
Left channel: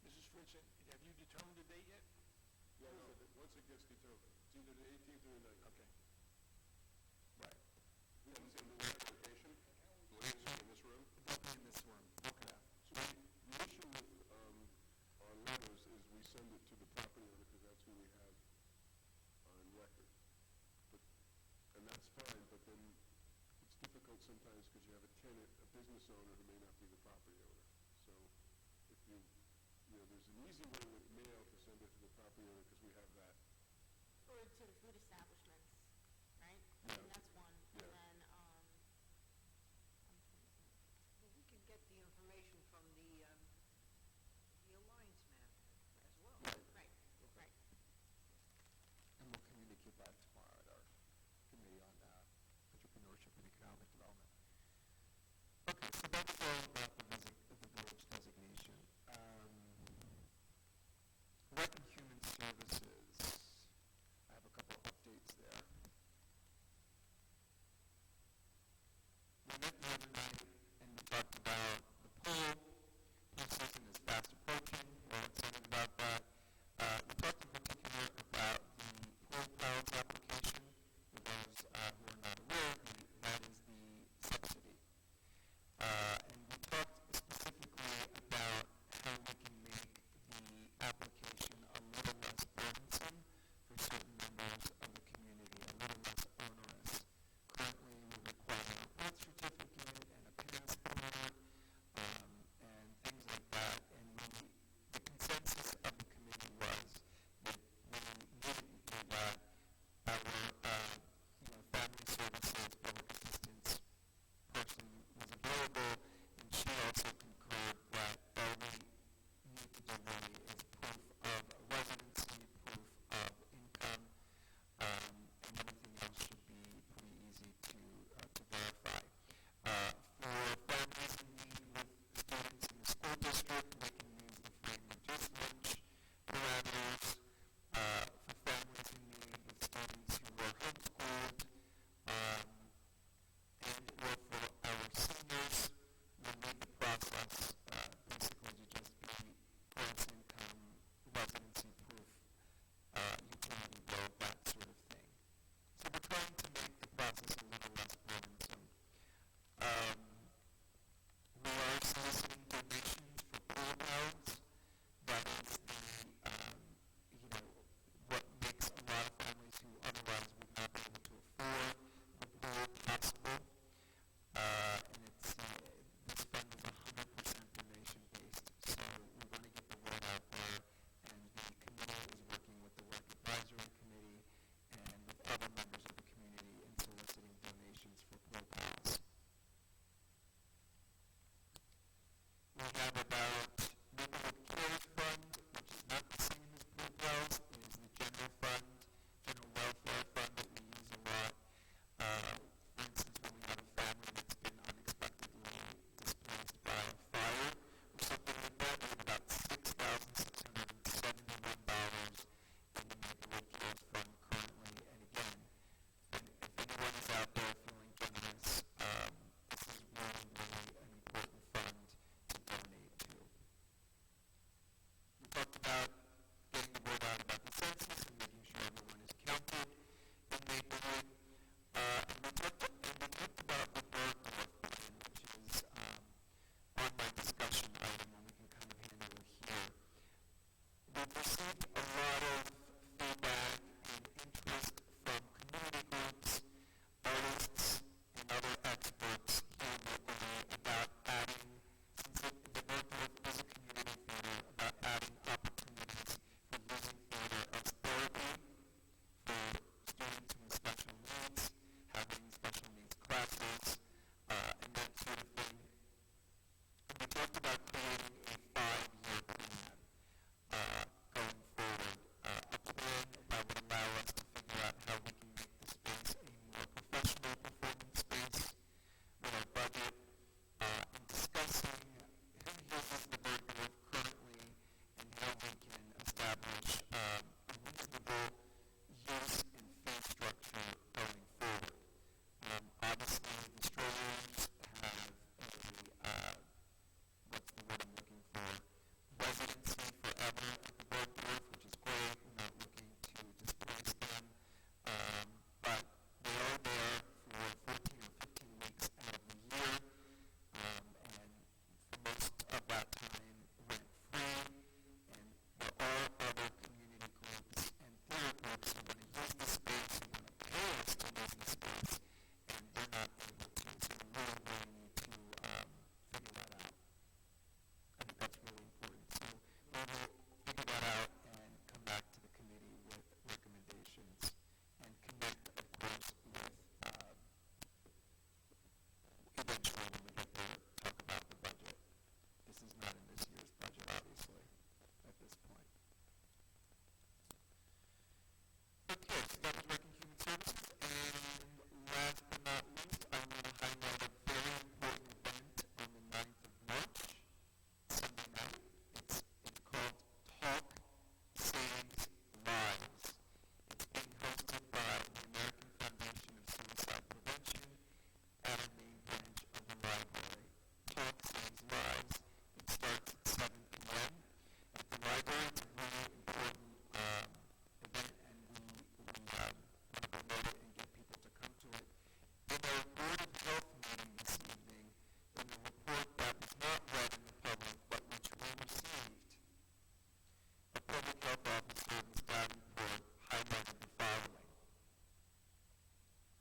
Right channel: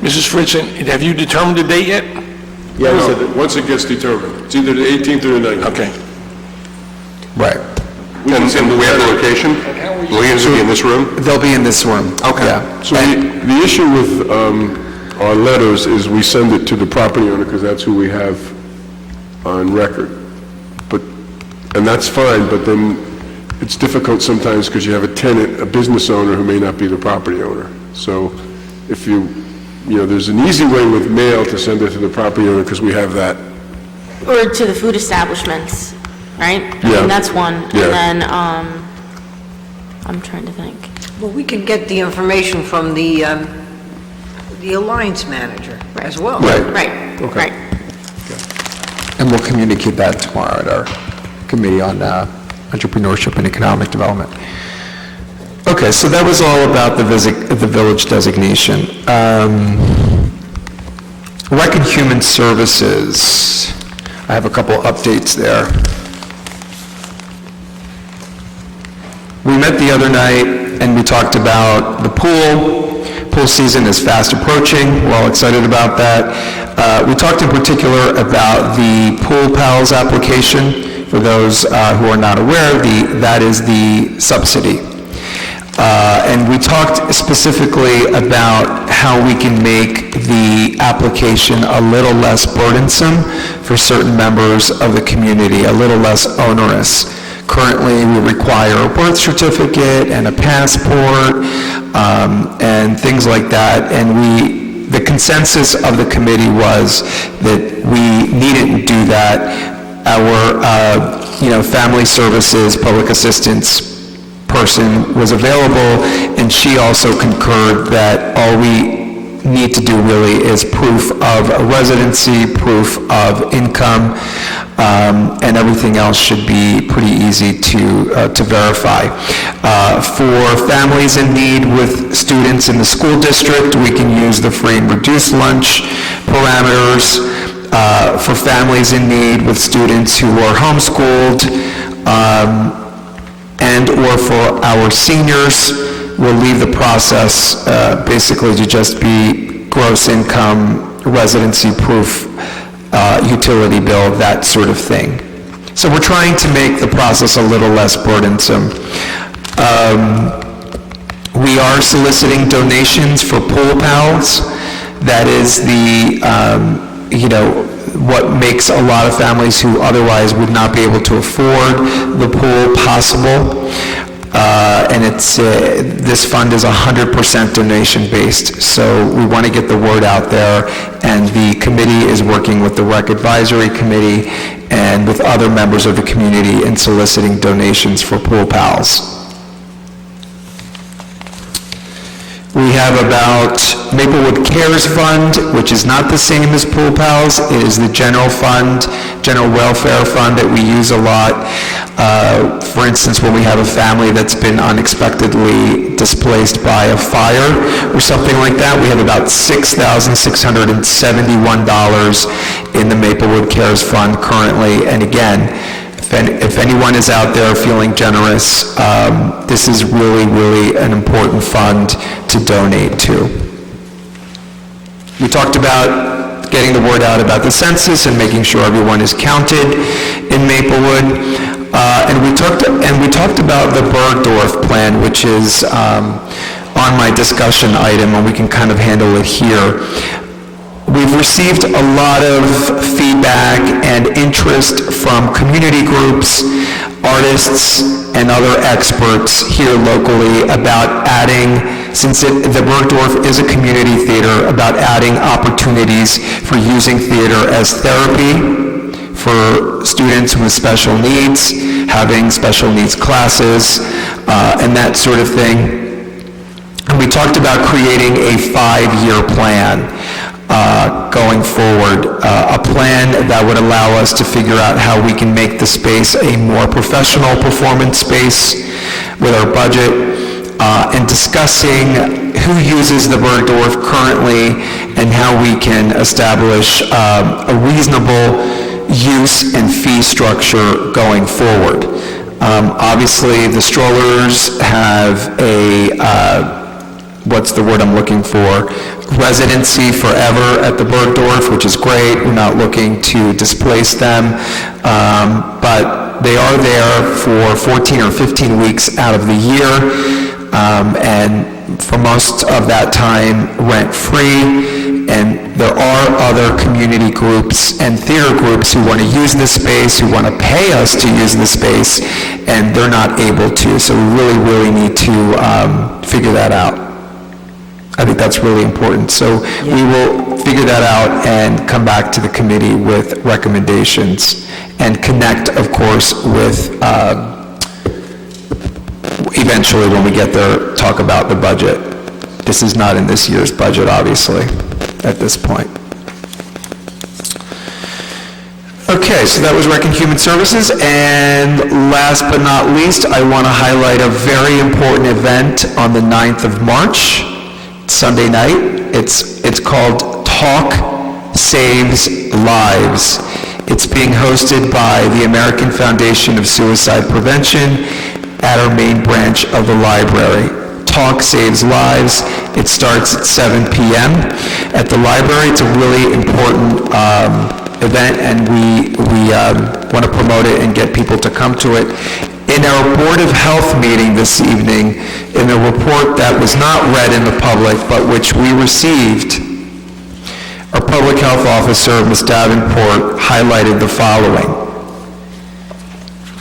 Mrs. Fritzen, have you determined the date yet? Yeah, we said No, once it gets determined, it's either the 18th or the 19th. Okay. Right. And do we have the location? Will you be in this room? They'll be in this room. Okay. Yeah. So the issue with our letters is we send it to the property owner because that's who we have on record. And that's fine, but then it's difficult sometimes because you have a tenant, a business owner who may not be the property owner. So if you there's an easy way with mail to send it to the property owner because we have that. Or to the food establishments, right? I Yeah. mean, that's one. Yeah. And then, I'm trying to think. Well, we can get the information from the Alliance Manager as well. Right, Okay. right. And we'll communicate that tomorrow at our Committee on Entrepreneurship and Economic Development. Okay, so that was all about the village designation. Rec and Human Services, I have a couple updates there. We met the other night and we talked about the pool. Pool season is fast approaching. We're all excited about that. We talked in particular about the Pool Pals application. For those who are not aware, that is the subsidy. And we talked specifically about how we can make the application a little less burdensome for certain members of the community, a little less onerous. Currently, we require a birth certificate and a passport and things like that. And the consensus of the committee was that we needn't do that. Our, family services, public assistance person was available, and she also concurred that all we need to do really is proof of residency, proof of income, and everything else should be pretty easy to verify. For families in need with students in the school district, we can use the free and reduced lunch parameters. For families in need with students who are homeschooled, and or for our seniors, we'll leave the process basically to just be gross income, residency proof, utility bill, that sort of thing. So we're trying to make the process a little less burdensome. We are soliciting donations for Pool Pals. That is what makes a lot of families who otherwise would not be able to afford the pool possible. And this fund is 100% donation-based, so we want to get the word out there, and the committee is working with the Rec Advisory Committee and with other members of the community in soliciting donations for Pool Pals. We have about Maplewood Cares Fund, which is not the same as Pool Pals. It is the general fund, general welfare fund that we use a lot. For instance, when we have a family that's been unexpectedly displaced by a fire or something like that, we have about $6,671 in the Maplewood Cares Fund currently. And again, if anyone is out there feeling generous, this is really, really an important fund to donate to. We talked about getting the word out about the census and making sure everyone is counted in Maplewood. And we talked about the Bergdorf plan, which is on my discussion item, and we can kind of handle it here. We've received a lot of feedback and interest from community groups, artists, and other experts here locally about adding, since the Bergdorf is a community theater, about adding opportunities for using theater as therapy for students with special needs, having special needs classes, and that sort of thing. And we talked about creating a 5-year plan. Going forward, a plan that would allow us to figure out how we can make the space a more professional performance space with our budget, and discussing who uses the Bergdorf currently and how we can establish a reasonable use and fee structure going forward. Obviously, the strollers have a, what's the word I'm looking for? Residency forever at the Bergdorf, which is great. We're not looking to displace them, but they are there for 14 or 15 weeks out of the year, and for most of that time rent-free. And there are other community groups and theater groups who want to use this space, who want to pay us to use this space, and they're not able to. So we really, really need to figure that out. I think that's really important. So we will figure that out and come back to the committee with recommendations and connect, of course, with, eventually when we get there, talk about the budget. This is not in this year's budget, obviously, at this point. Okay, so that was Rec and Human Services, and last but not least, I want to highlight a very important event on the 9th of March, Sunday night. It's called Talk Saves Lives. It's being hosted by the American Foundation of Suicide Prevention at our main branch of the library. Talk Saves Lives. It starts at 7 p.m. at the library. It's a really important event, and we want to promote it and get people to come to it. In our Board of Health meeting this evening, in a report that was not read in the public, but which we received, our Public Health Officer, Ms. Davenport, highlighted the following.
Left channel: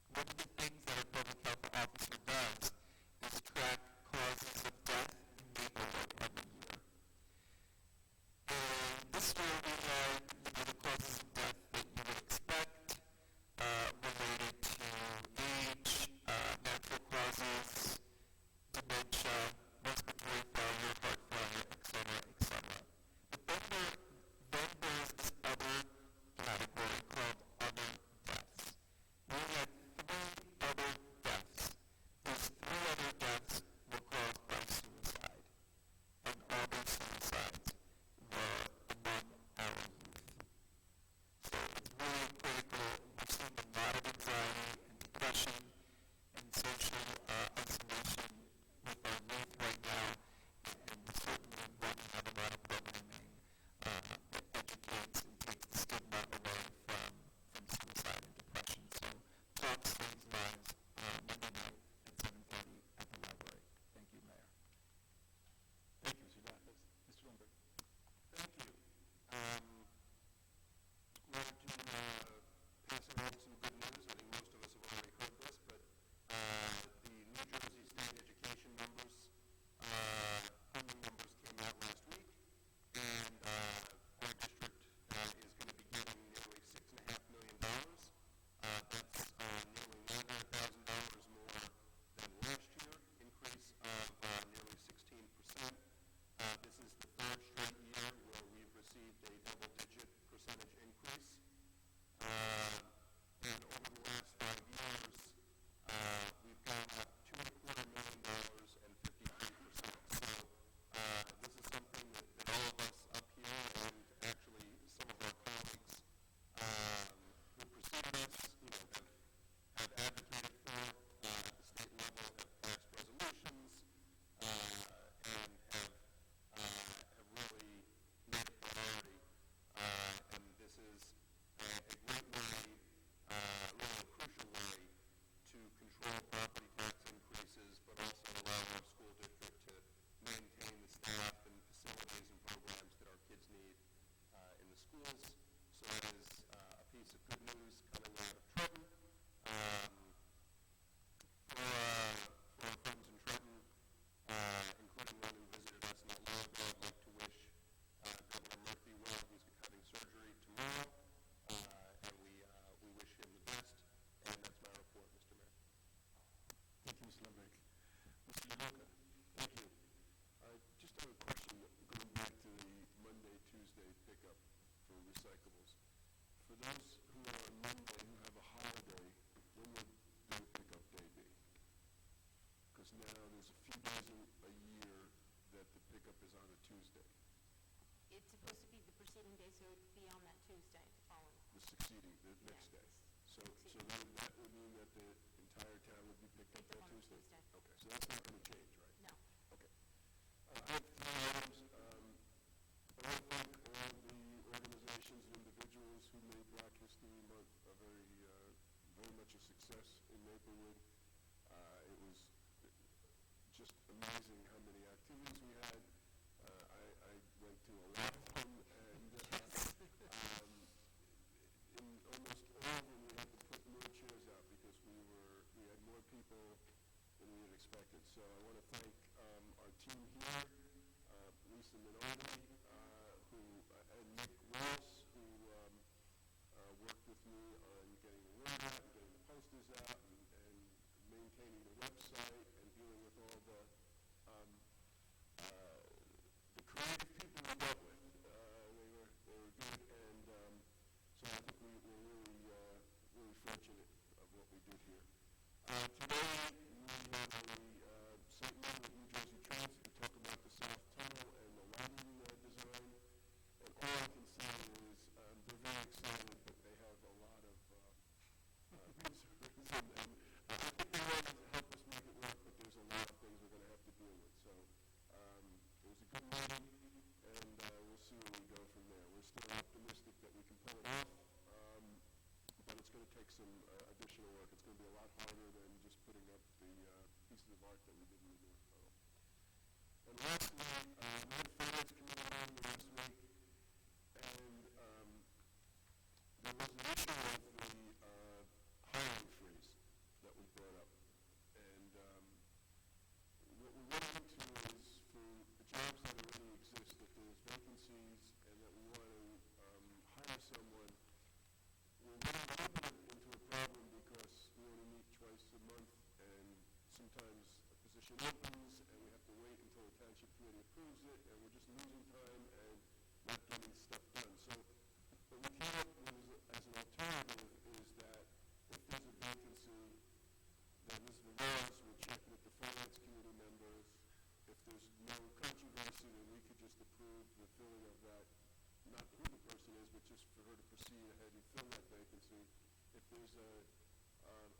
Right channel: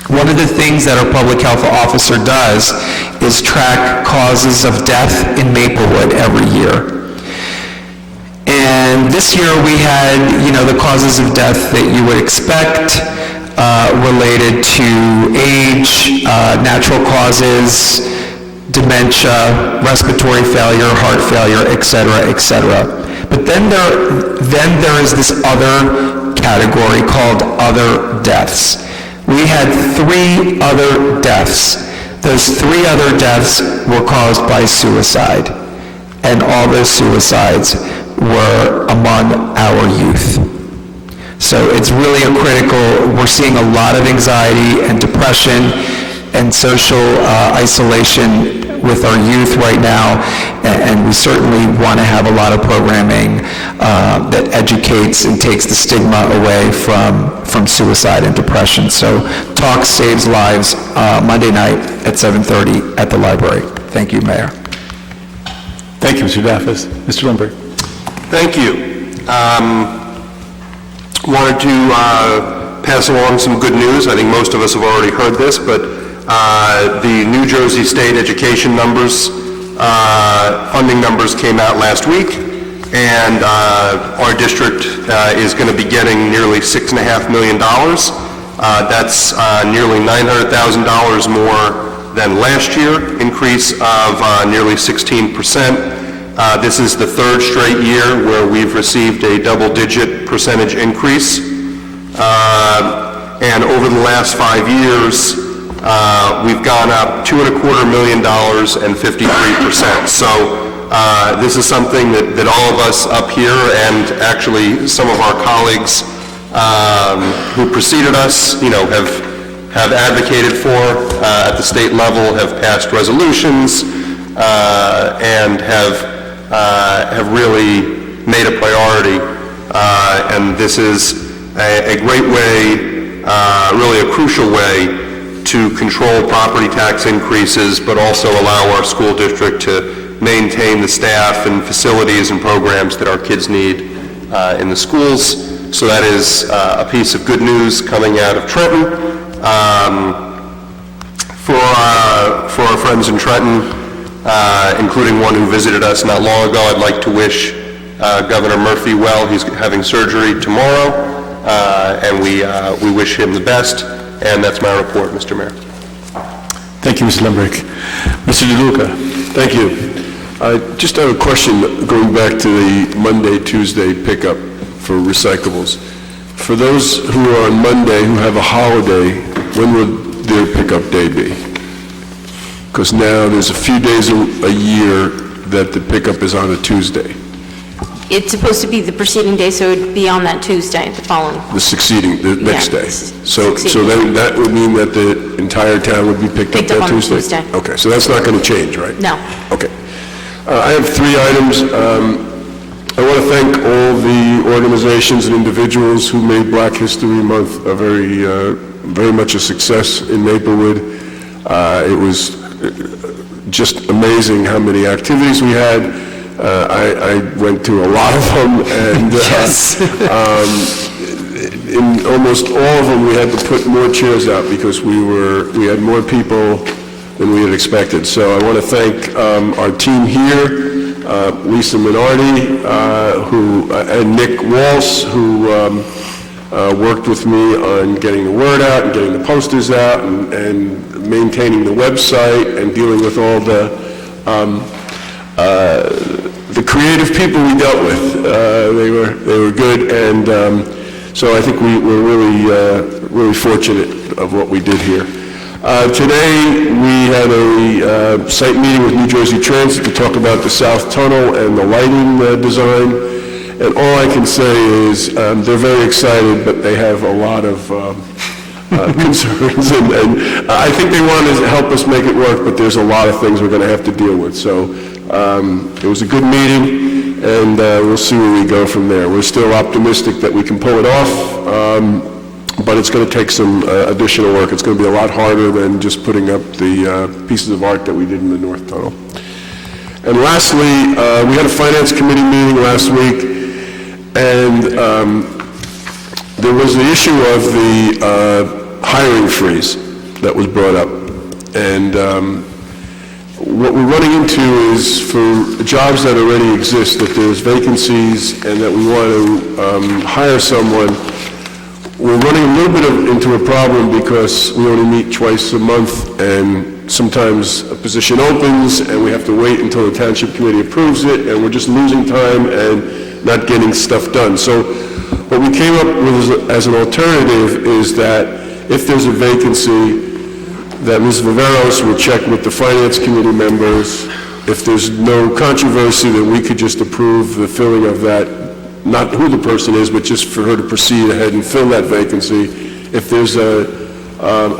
One of the things that our Public Health Officer does is track causes of death in Maplewood every year. And this year we had, the causes of death that you would expect related to age, natural causes, dementia, respiratory failure, heart failure, et cetera, et cetera. But then there is this other category called other deaths. We had 3 other deaths. Those 3 other deaths were caused by suicide, and all those suicides were among our youth. So it's really we're seeing a lot of anxiety and depression and social isolation with our youth right now, and we certainly want to have a lot of programming that educates and takes the stigma away from suicide and depression. So Talk Saves Lives, Monday night at 7:30 at the library. Thank you, Mayor. Thank you, Mr. Daffis. Mr. Lindberg. Thank you. Wanted to pass along some good news. I think most of us have already heard this, but the New Jersey State education numbers, funding numbers came out last week, and our district is going to be getting nearly $6.5 million. That's nearly $900,000 more than last year, increase of nearly 16%. This is the 3rd straight year where we've received a double-digit percentage increase. And over the last 5 years, we've gone up $2.25 million and 53%. So this is something that all of us up here, and actually some of our colleagues who preceded us, have advocated for at the state level, have passed resolutions, and have really made a priority. And this is a great way, really a crucial way, to control property tax increases, but also allow our school district to maintain the staff and facilities and programs that our kids need in the schools. So that is a piece of good news coming out of Trenton. For our friends in Trenton, including one who visited us not long ago, I'd like to wish Governor Murphy well. He's having surgery tomorrow, and we wish him the best. And that's my report, Mr. Mayor. Thank you, Mr. Lindberg. Mr. DeLuca. Thank you. I just have a question going back to the Monday, Tuesday pickup for recyclables. For those who are on Monday who have a holiday, when would their pickup day be? Because now there's a few days a year that the pickup is on a Tuesday. It's supposed to be the preceding day, so it would be on that Tuesday, the following. The next day. So then that would mean that the entire town would be picked up that on Tuesday? Tuesday. Okay, so that's not going to change, right? No. Okay. I have 3 items. I want to thank all the organizations and individuals who made Black History Month a very much a success in Maplewood. It was just amazing how many activities we had. I went to a lot of them, and in almost all of them we had to put more chairs out because we had more people than we had expected. So I want to thank our team here, Lisa Minardi, and Nick Walsh, who worked with me on getting the word out and getting the posters out and maintaining the website and dealing with all the creative people we dealt with. They were good, and so I think we're really fortunate of what we did here. Today, we had a site meeting with New Jersey Transit to talk about the South Tunnel and the lighting design. And all I can say is they're very excited, but they have a lot of concerns. And I think they want to help us make it work, but there's a lot of things we're going to have to deal with. So it was a good meeting, and we'll see where we go from there. We're still optimistic that we can pull it off. But it's going to take some additional work. It's going to be a lot harder than just putting up the pieces of art that we did in the North Tunnel. And lastly, we had a Finance Committee meeting last week, and there was the issue of the hiring freeze that was brought up. And what we're running into is for jobs that already exist, that there's vacancies and that we want to hire someone. We're running a little bit into a problem because we only meet twice a month, and sometimes a position opens and we have to wait until the Township Committee approves it, and we're just losing time and not getting stuff done. So what we came up with as an alternative is that if there's a vacancy, that Ms. Viveros would check with the Finance Committee members. If there's no controversy, then we could just approve the filling of that, not who the person is, but just for her to proceed ahead and fill that vacancy. If there's a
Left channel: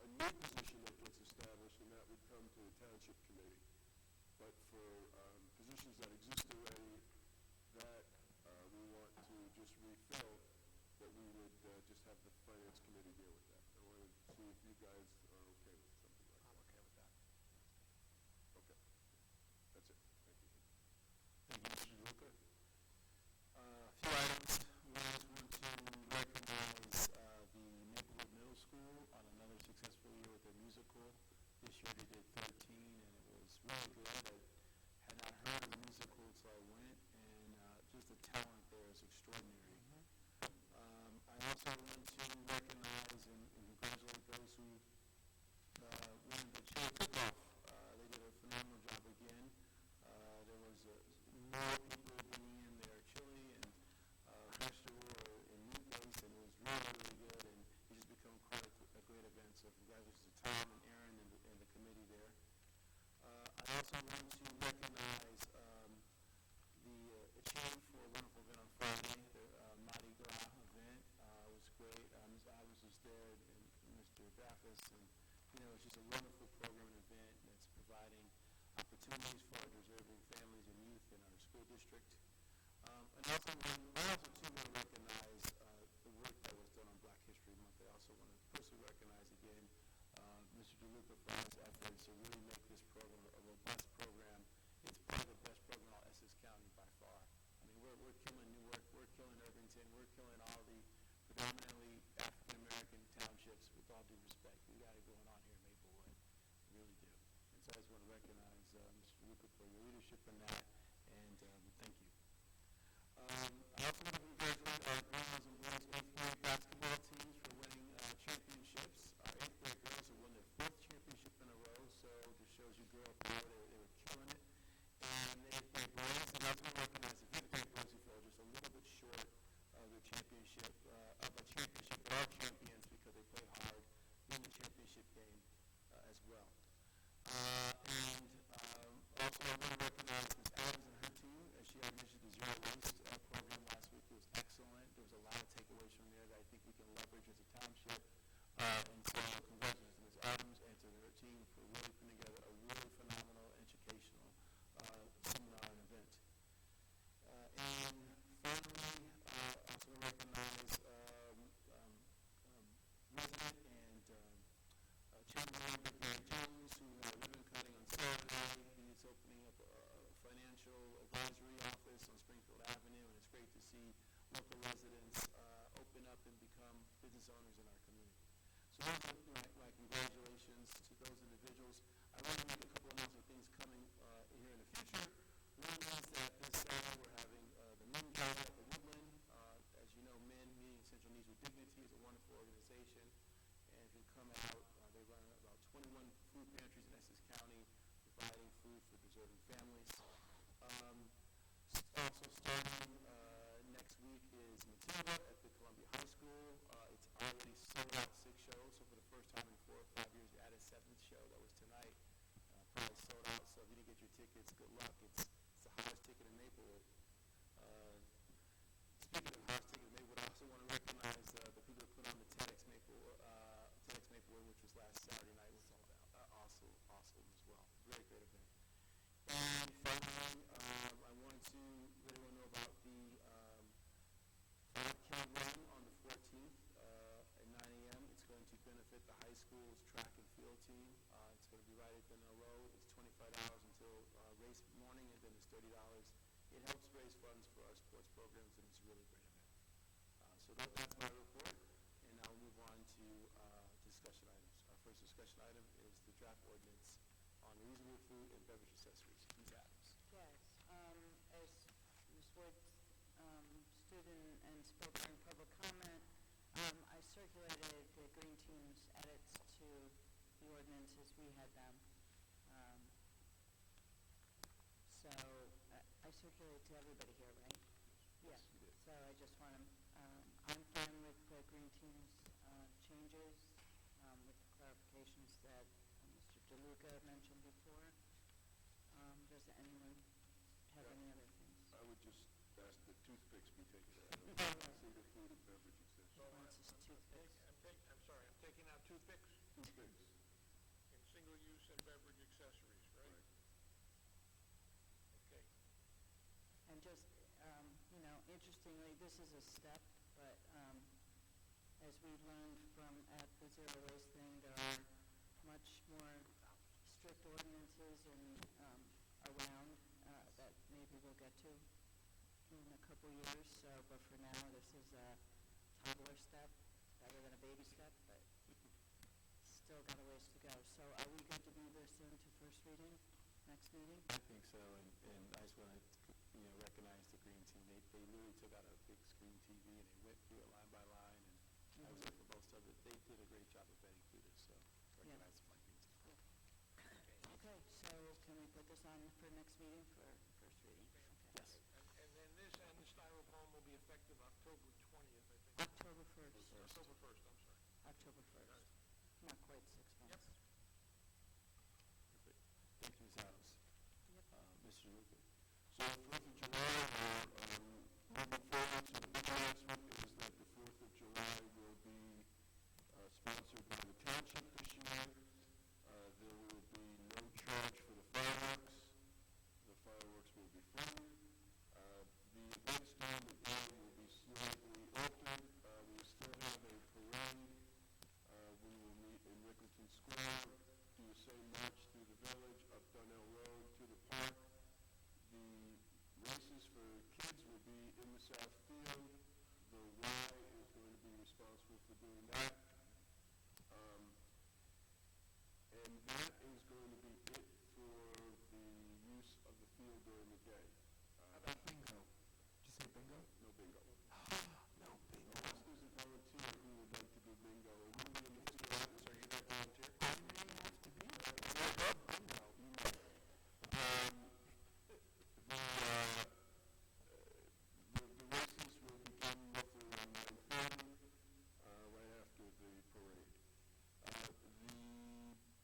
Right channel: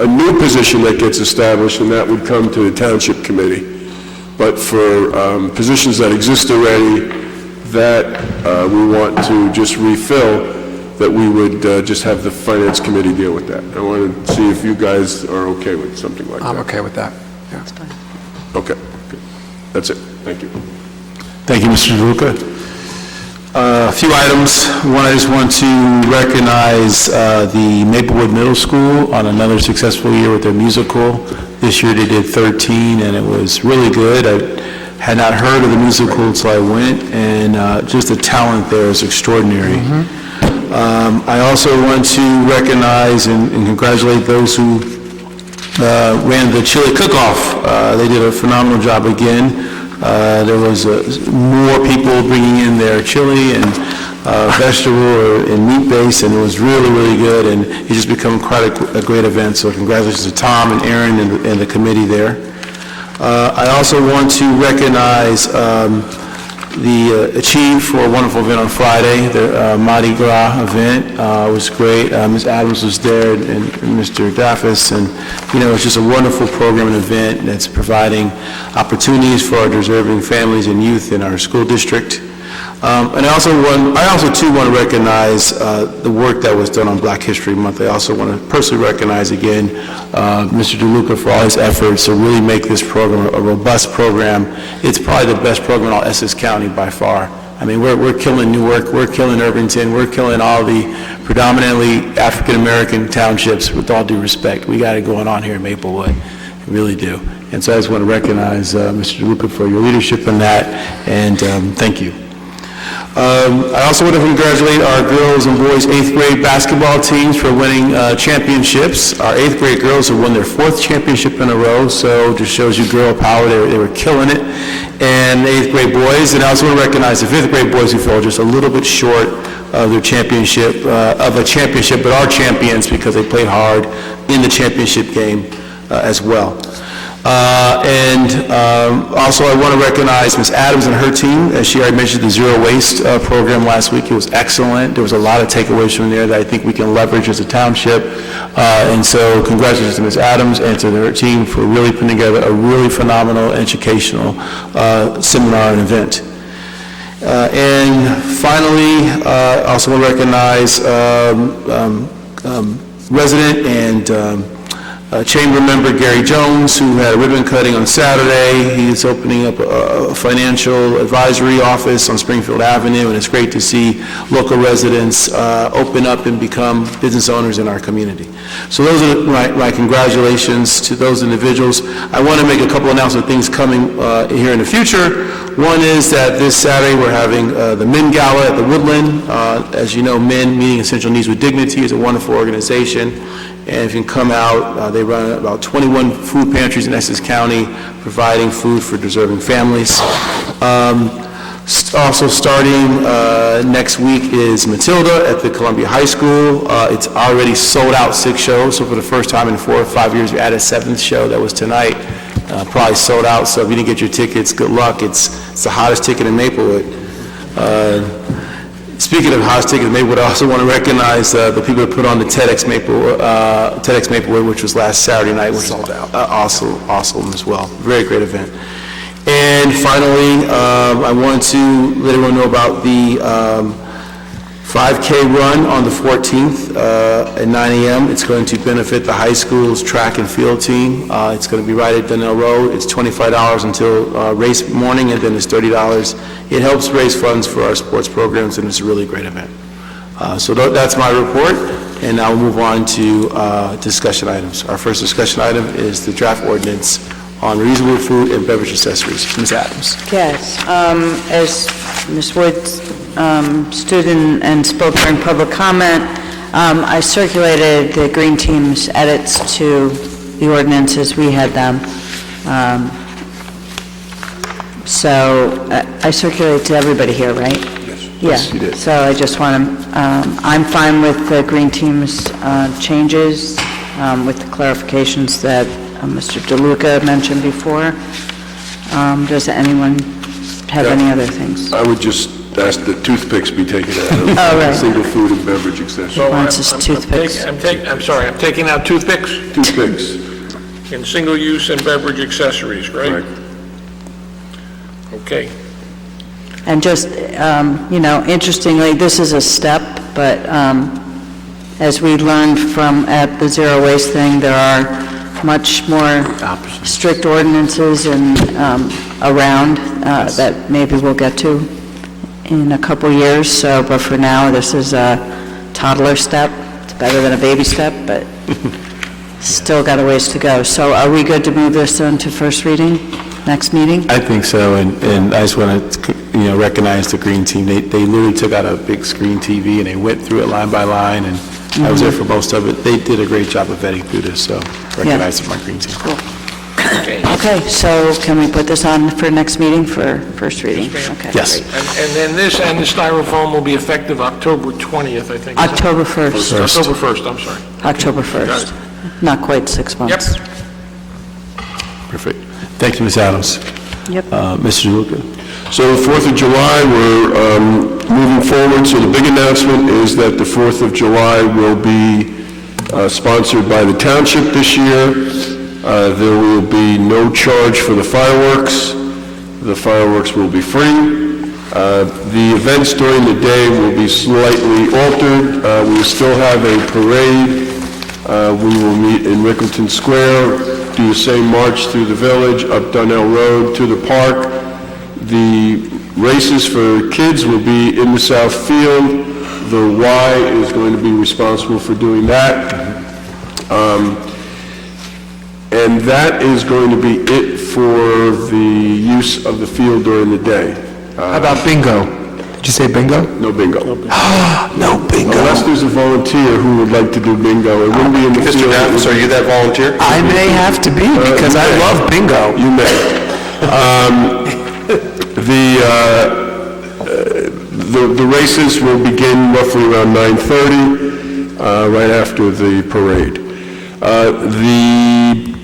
new position that gets established, then that would come to the Township Committee. But for positions that exist already that we want to just refill, that we would just have the Finance Committee deal with that. I want to see if you guys are okay with something like that. I'm okay with that. Yeah. Okay, good. That's it. Thank you. Thank you, Mr. DeLuca. A few items. One, I just want to recognize the Maplewood Middle School on another successful year with their musical. This year they did 13, and it was really good. I had not heard of the musical until I went, and just the talent there is extraordinary. I also want to recognize and congratulate those who ran the chili cook-off. They did a phenomenal job again. There was more people bringing in their chili and vegetable and meat base, and it was really, really good, and it's just become quite a great event. So congratulations to Tom and Aaron and the committee there. I also want to recognize the Achieve for a wonderful event on Friday. The Mardi Gras event was great. Ms. Adams was there and Mr. Daffis, and it's just a wonderful program and event that's providing opportunities for our deserving families and youth in our school district. And I also too want to recognize the work that was done on Black History Month. I also want to personally recognize again Mr. DeLuca for all his efforts to really make this program a robust program. It's probably the best program in all Essex County by far. I mean, we're killing Newark, we're killing Irvington, we're killing all the predominantly African-American townships, with all due respect. We got it going on here in Maplewood. We really do. And so I just want to recognize Mr. DeLuca for your leadership in that, and thank you. I also want to congratulate our girls and boys 8th grade basketball teams for winning championships. Our 8th grade girls have won their 4th championship in a row, so just shows you girl power. They were killing it. And the 8th grade boys, and I also want to recognize the 5th grade boys who fell just a little bit short of their championship, but are champions because they played hard in the championship game as well. Also, I want to recognize Ms. Adams and her team. As she already mentioned, the Zero Waste program last week. It was excellent. There was a lot of takeaways from there that I think we can leverage as a township. And so congratulations to Ms. Adams and to her team for really putting together a really phenomenal educational seminar and event. And finally, I also want to recognize resident and Chamber member Gary Jones, who had a ribbon cutting on Saturday. He's opening up a financial advisory office on Springfield Avenue, and it's great to see local residents open up and become business owners in our community. So those are my congratulations to those individuals. I want to make a couple announcements of things coming here in the future. One is that this Saturday we're having the Men Gala at the Woodland. As you know, Men Meeting Essential Needs with Dignity is a wonderful organization. And if you can come out, they run about 21 food pantries in Essex County, providing food for deserving families. Also starting next week is Matilda at the Columbia High School. It's already sold out 6 shows, so for the first time in 4 or 5 years, we added a 7th show that was tonight. Probably sold out, so if you didn't get your tickets, good luck. It's the hottest ticket in Maplewood. Speaking of hottest tickets in Maplewood, I also want to recognize the people that put on the TEDx Maplewood, which was last Saturday night, which was awesome as well. Very great event. And finally, I want to let everyone know about the 5K run on the 14th at 9 a.m. It's going to benefit the high school's track and field team. It's going to be right at Donnell Road. It's $25 until race morning, and then it's $30. It helps raise funds for our sports programs, and it's a really great event. So that's my report, and now we'll move on to discussion items. Our first discussion item is the draft ordinance on reusable food and beverage accessories. Ms. Adams. Yes, as Ms. Woods stood and spoke during public comment, I circulated the Green Team's edits to the ordinance as we had them. So I circulated to everybody here, right? Yes, you did. So I just want to, I'm fine with the Green Team's changes, with the clarifications that Mr. DeLuca mentioned before. Does anyone have any other things? I would just ask that toothpicks be taken out of right. single food and beverage accessories. So toothpicks. I'm sorry, I'm taking out toothpicks Toothpicks. in single use and beverage accessories, right? Right. Okay. And just, interestingly, this is a step, but as we learned at the zero waste thing, there are much more strict ordinances and around that maybe we'll get to in a couple years. So, but for now, this is a toddler step. It's better than a baby step, but still got a ways to go. So are we good to move this on to first reading, next meeting? I think so, and I just want to, recognize the Green Team. They literally took out a big screen TV and they went through it line by line, and I was there for most of it. They did a great job of vetting through this, so recognize my Green Team. Cool. Okay, so can we put this on for next meeting for first reading? Okay, Yes. great. And then this and the styrofoam will be effective October 20th, I think. October 1st. October 1st, I'm sorry. October Got 1st. it. Not quite 6 months. Yep. Perfect. Thank you, Ms. Adams. Yep. Mr. DeLuca. So the 4th of July, we're moving forward. So the big announcement is that the 4th of July will be sponsored by the Township this year. There will be no charge for the fireworks. The fireworks will be free. The events during the day will be slightly altered. We will still have a parade. We will meet in Rickleton Square, do the same march through the village, up Donnell Road to the park. The races for kids will be in the South Field. The Y is going to be responsible for doing that. And that is going to be it for the use of the field during the day. How about bingo? Did you say bingo? No bingo. No bingo. Unless there's a volunteer who would like to do bingo. It wouldn't be in the field. Mr. Davis, are you that volunteer? I may have to be because I love bingo. You may. The races will begin roughly around 9:30, right after the parade. The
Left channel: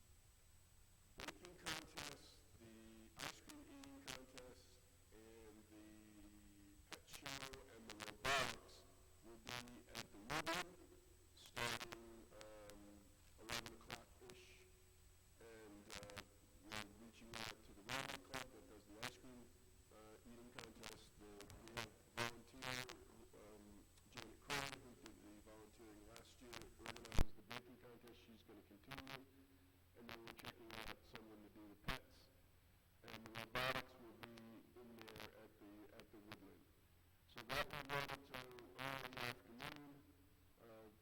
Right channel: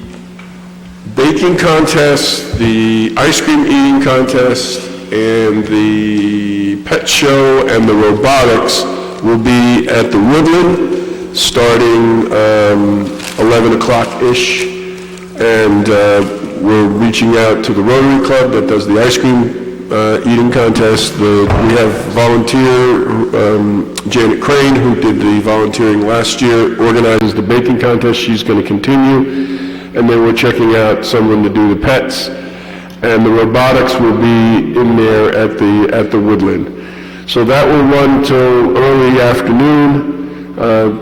baking contest, the ice cream eating contest, and the pet show and the robotics will be at the Woodland starting 11 o'clock-ish. And we're reaching out to the Rotary Club that does the ice cream eating contest. We have volunteer, Janet Crane, who did the volunteering last year, organizes the baking contest. She's going to continue. And then we're checking out someone to do the pets. And the robotics will be in there at the Woodland. So that will run till early afternoon,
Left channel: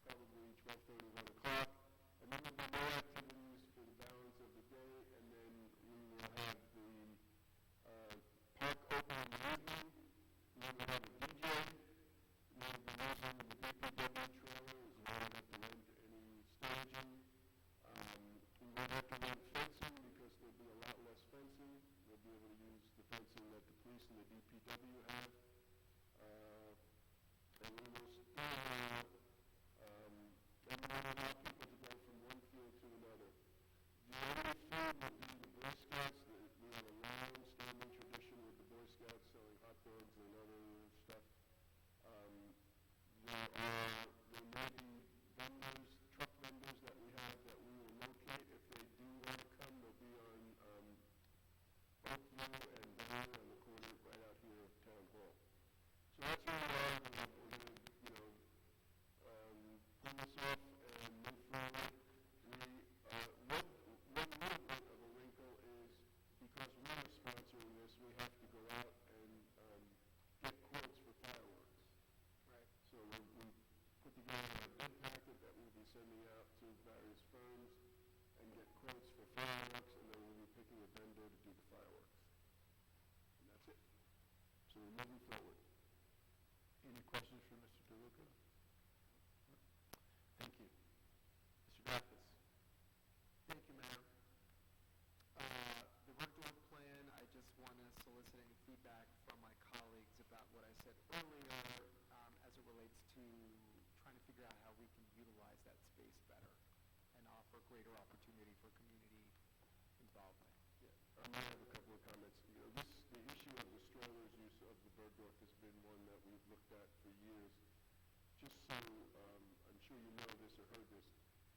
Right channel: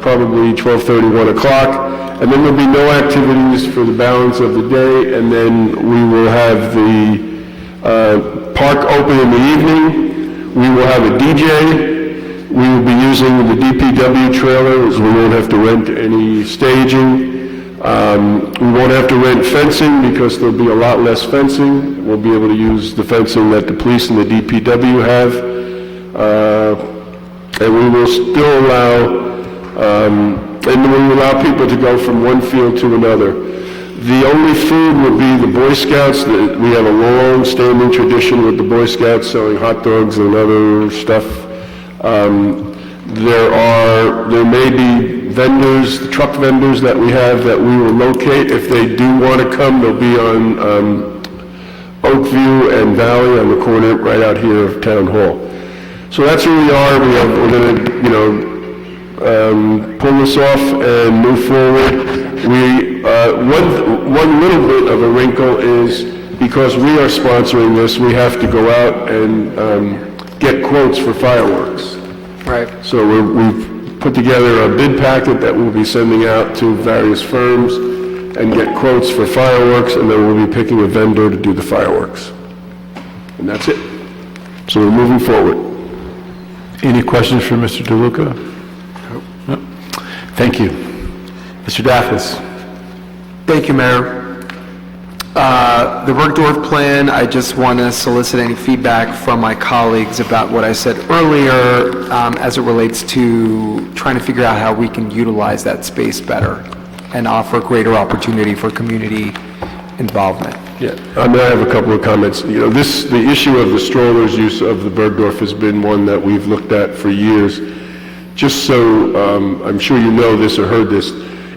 probably 12:30, 1 o'clock. And then there'll be no activities for the balance of the day, and then we will have the park open in the evening. We will have a DJ. We will be using the DPW trailers. We won't have to rent any staging. We won't have to rent fencing because there'll be a lot less fencing. We'll be able to use the fencing that the police and the DPW have. And we will still allow people to go from one field to another. The only food will be the Boy Scouts. We have a long-standing tradition with the Boy Scouts selling hot dogs and other stuff. There may be vendors, truck vendors that we have that we will locate. If they do want to come, they'll be on Oakview and Valley on the corner right out here of Town Hall. So that's where we are. We're going to, pull this off and move forward. One little bit of a wrinkle is because we are sponsoring this, we have to go out and get quotes for fireworks. Right. So we've put together a bid packet that we'll be sending out to various firms and get quotes for fireworks, and then we'll be picking a vendor to do the fireworks. And that's it. So we're moving forward. Any questions for Mr. DeLuca? No. Thank you. Mr. Daffis. Thank you, Mayor. The Bergdorf plan, I just want to solicit any feedback from my colleagues about what I said earlier as it relates to trying to figure out how we can utilize that space better and offer greater opportunity for community involvement. Yeah, I have a couple of comments. The issue of the strollers use of the Bergdorf has been one that we've looked at for years. Just so I'm sure you know this or heard this,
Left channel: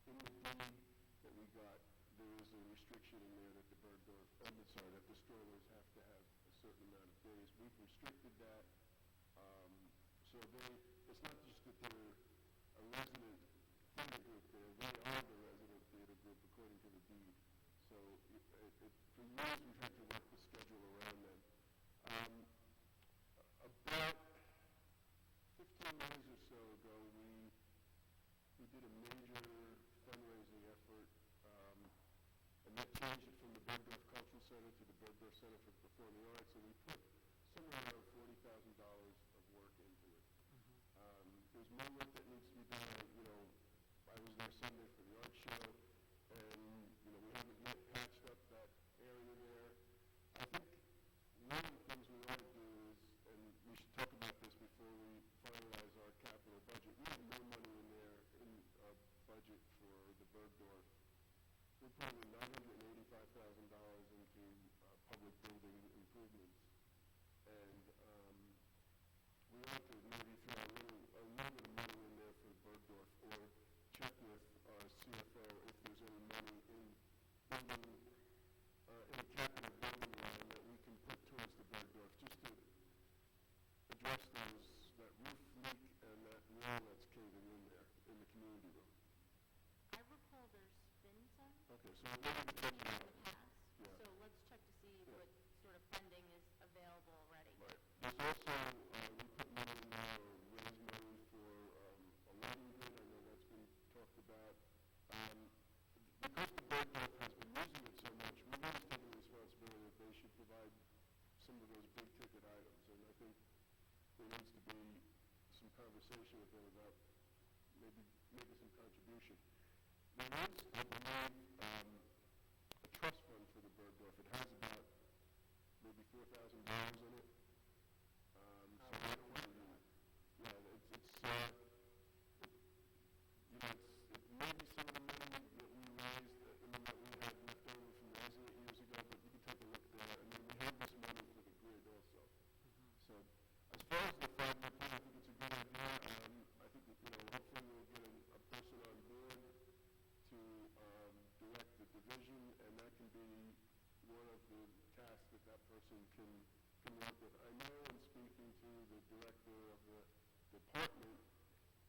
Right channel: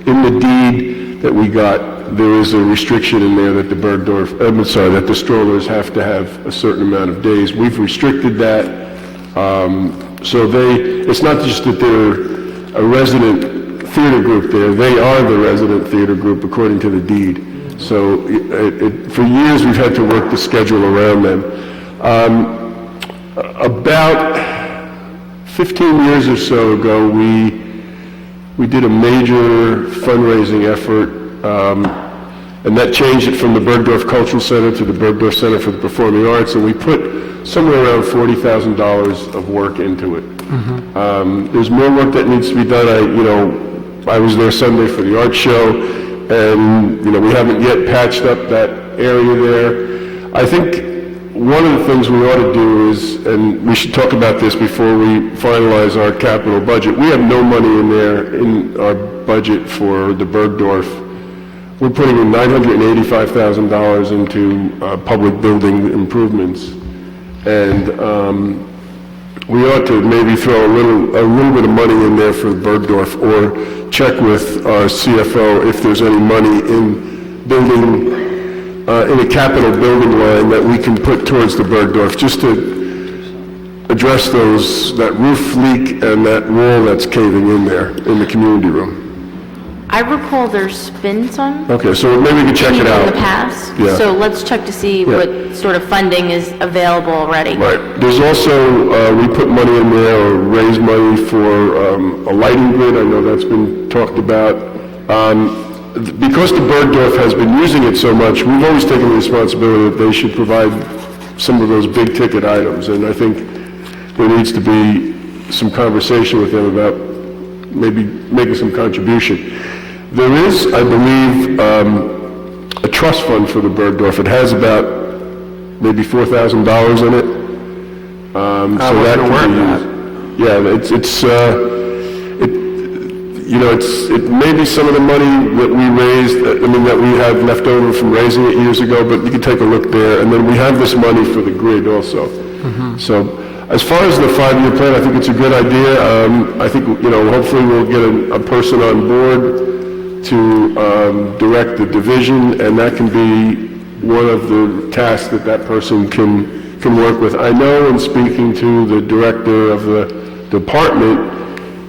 in the deed that we got, there is a restriction in there that that the strollers have to have a certain amount of days. We've restricted that, so it's not just that they're a resident theater group there, they are the resident theater group according to the deed. So for years we've had to work the schedule around them. About 15 years or so ago, we did a major fundraising effort, and that changed it from the Bergdorf Cultural Center to the Bergdorf Center for the Performing Arts, and we put somewhere around $40,000 of work into it. There's more work that needs to be done. I was there Sunday for the art show, and we haven't yet patched up that area there. I think one of the things we ought to do is, and we should talk about this before we finalize our capital budget, we have no money in there in our budget for the Bergdorf. We're putting in $985,000 into public building improvements, and we ought to maybe throw a little bit of money in there for the Bergdorf, or check with our CFO if there's any money in building, in a capital building line that we can put towards the Bergdorf, just to address that roof leak and that wall that's caving in there in the community room. I recall there's been some. Okay, so maybe we can check it out. In the past. Yeah. So let's check to see what sort of funding is available already. Right. There's also, we put money in there, or raise money for a lighting grid. I know that's been talked about. Because the Bergdorf has been using it so much, we've always taken the responsibility that they should provide some of those big ticket items. And I think there needs to be some conversation with them about maybe making some contribution. There is, I believe, a trust fund for the Bergdorf. It has about maybe $4,000 in it. So that can be used. Yeah, it may be some of the money that we raised, that we have left over from raising it years ago, but you can take a look there. And then we have this money for the grid also. So as far as the 5-year plan, I think it's a good idea. I think, hopefully we'll get a person on board to direct the division, and that can be one of the tasks that person can can work with. I know in speaking to the director of the department,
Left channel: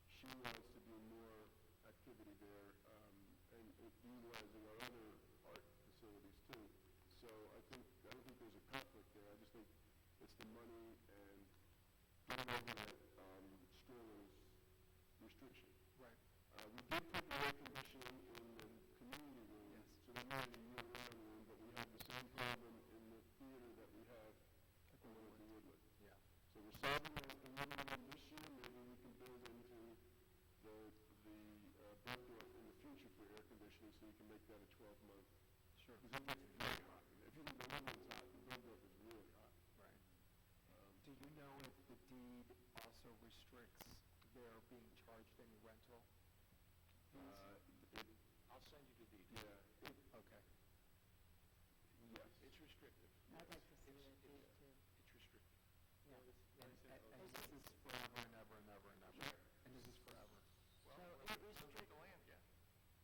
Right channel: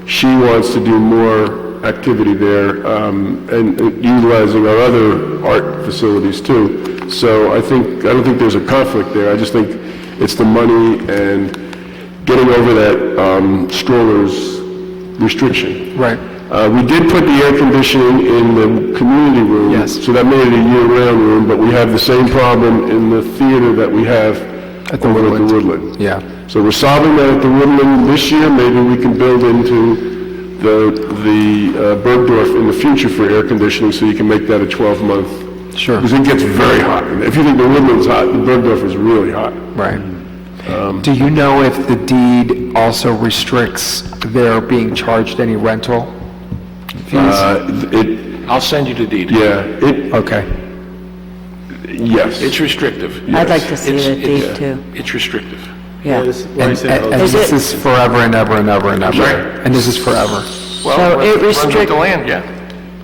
she wants to do more activity there, and utilizing our other art facilities too. So I don't think there's a conflict there. I just think it's the money and getting over that strollers restriction. Right. We did put the air conditioning in the community room. Yes. So that made it a year-round room, but we have the same problem in the theater that we have At the over Woodland. at the Woodland. Yeah. So we're solving that at the Woodland this year. Maybe we can build into the Bergdorf in the future for air conditioning, so you can make that a 12-month. Sure. Because it gets very hot. If you think the Woodland's hot, the Bergdorf is really hot. Right. Do you know if the deed also restricts their being charged any rental fees? I'll send you the deed. Yeah. Okay. Yes. It's restrictive. I'd like to see It's- the it's- deed, too. It's restrictive. Yeah. And this is forever and ever and ever and ever. Sorry? And this is forever. Well, So it runs with restrict- the land, yeah.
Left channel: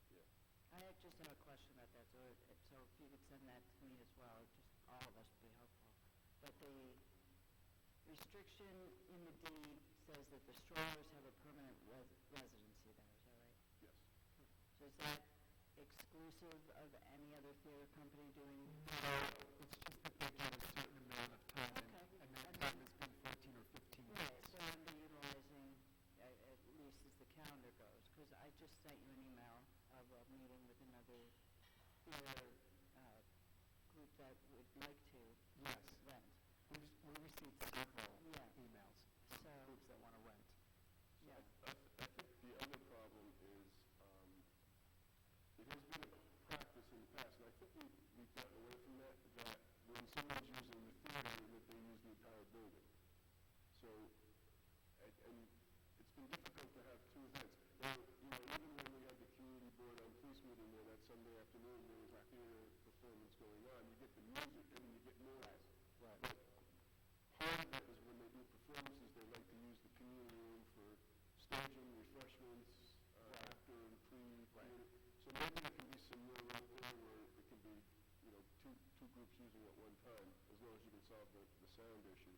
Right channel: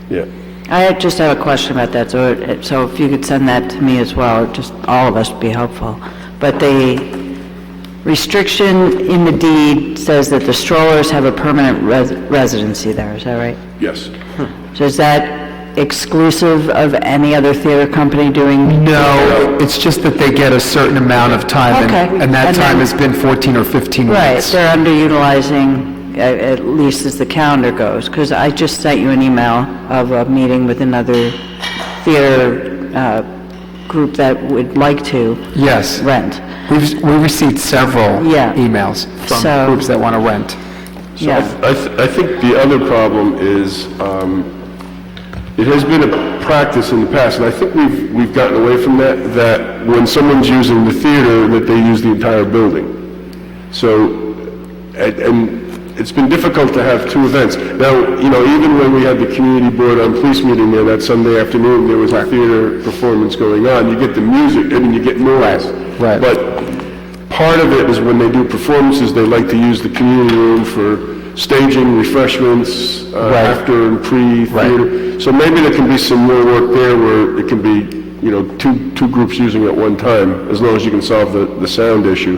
Yeah. I just have a question about that, so if you could send that to me as well, just all of us would be helpful. But the restriction in the deed says that the strollers have a permanent residency there, is that right? Yes. So is that exclusive of any other theater company doing? No, it's just that they get a certain amount of time, Okay. and that And time then- has been 14 or 15 Right, weeks. they're underutilizing, at least as the calendar goes, because I just sent you an email of a meeting with another theater group that would like to Yes. rent. We received several Yeah. emails from So- groups that want to rent. So I think the other problem is, it has been a practice in the past, and I think we've gotten away from that when someone's using the theater, that they use the entire building. So, and it's been difficult to have two events. Now, even when we had the community board on police meeting there that Sunday afternoon, there was a theater performance going on. You get the music, and you get noise. Right. But part of it is when they do performances, they like to use the community room for staging, refreshments, after and pre-theater. So maybe there can be some more work there where it can be, two groups using it at one time, as long as you can solve the sound issue.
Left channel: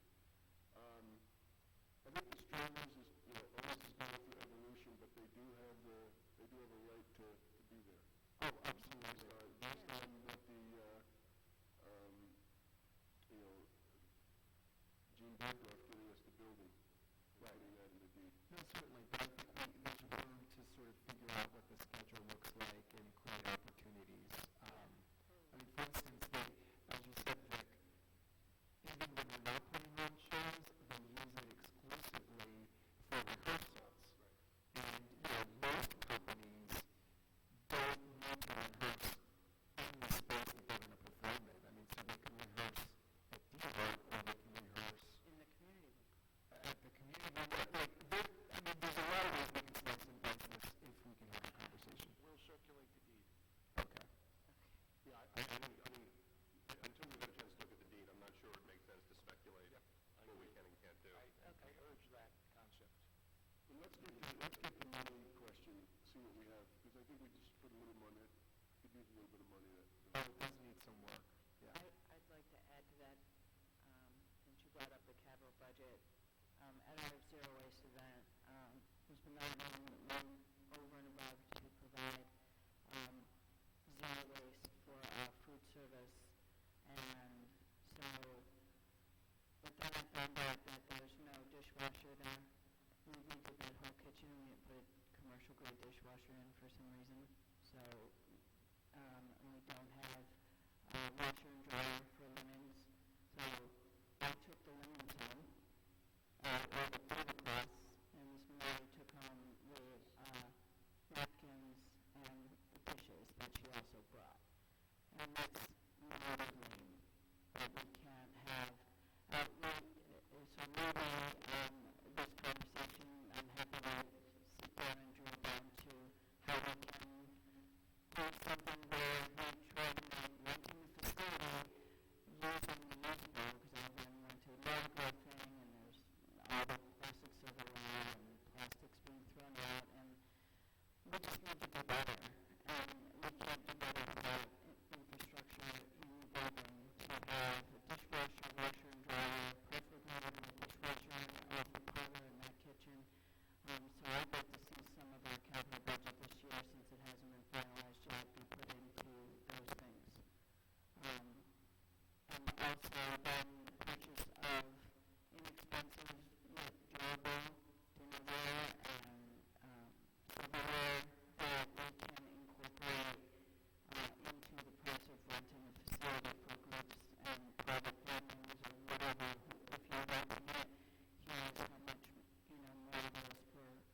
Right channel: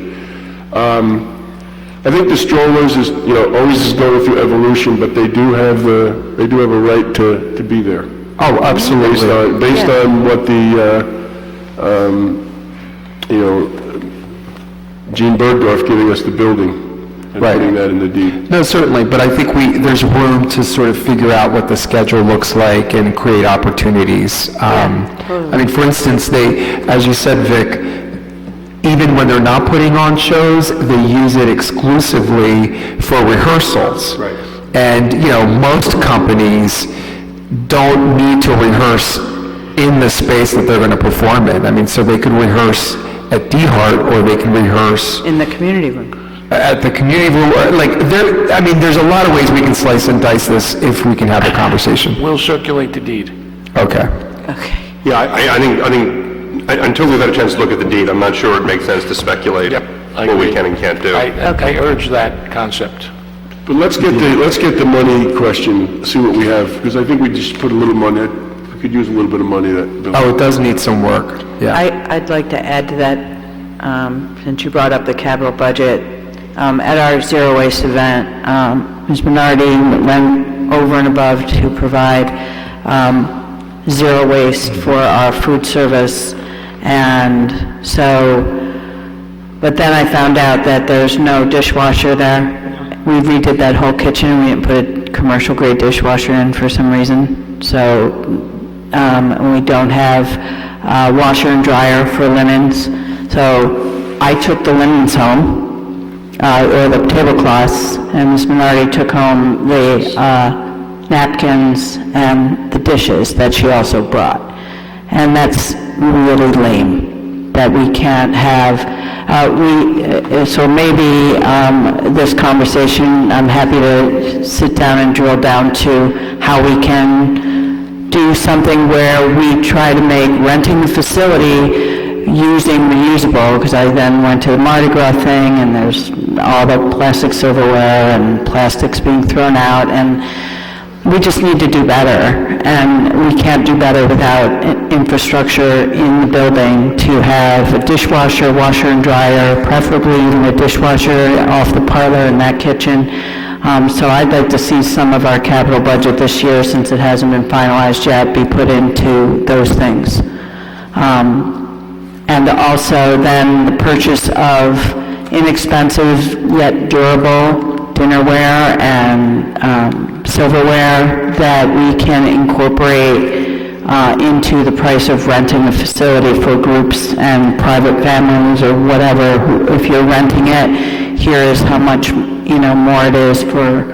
I think the strollers is, always is going through evolution, but they do have a right to be there. Oh, absolutely. Based on what the, Gene Bergdorf giving us the building and Right. putting that in the deed. No, certainly, but I think there's room to sort of figure out what the schedule looks like and create opportunities. I mean, for instance, as you said, Vic, even when they're not putting on shows, they use it exclusively for rehearsals. Right. And, most companies don't need to rehearse in the space that they're going to perform in. I mean, so they could rehearse at DeHart, or they can rehearse In the community room. at the community room, there's a lot of ways we can slice and dice this if we can have the conversation. We'll circulate the deed. Okay. Yeah, I think, until we've had a chance to look at the deed, I'm not sure it makes sense to speculate Yep, I what we agree. can and can't do. I urge that concept. But let's get the money question, see what we have, because I think we just put a little money, we could use a little bit of money that. Oh, it does need some work, yeah. I'd like to add to that, since you brought up the capital budget, at our zero waste event, Ms. Bernardi went over and above to provide zero waste for our food service, and so, but then I found out that there's no dishwasher there. We redid that whole kitchen, we didn't put a commercial grade dishwasher in for some reason, so, and we don't have washer and dryer for linens, so I took the linens home, or the tablecloths, and Ms. Minardi took home the napkins and the dishes that she also brought. And that's really lame, that we can't have, so maybe this conversation, I'm happy to sit down and drill down to how we can do something where we try to make renting the facility using reusable, because I then went to the Mardi Gras thing, and there's all the plastic silverware and plastics being thrown out, and we just need to do better, and we can't do better without infrastructure in the building to have a dishwasher, washer and dryer, preferably even a dishwasher off the parlor in that kitchen. So I'd like to see some of our capital budget this year, since it hasn't been finalized yet, be put into those things. And also then the purchase of inexpensive yet durable dinnerware and silverware that we can incorporate into the price of renting a facility for groups and private families or whatever. If you're renting it, here is how much more it is for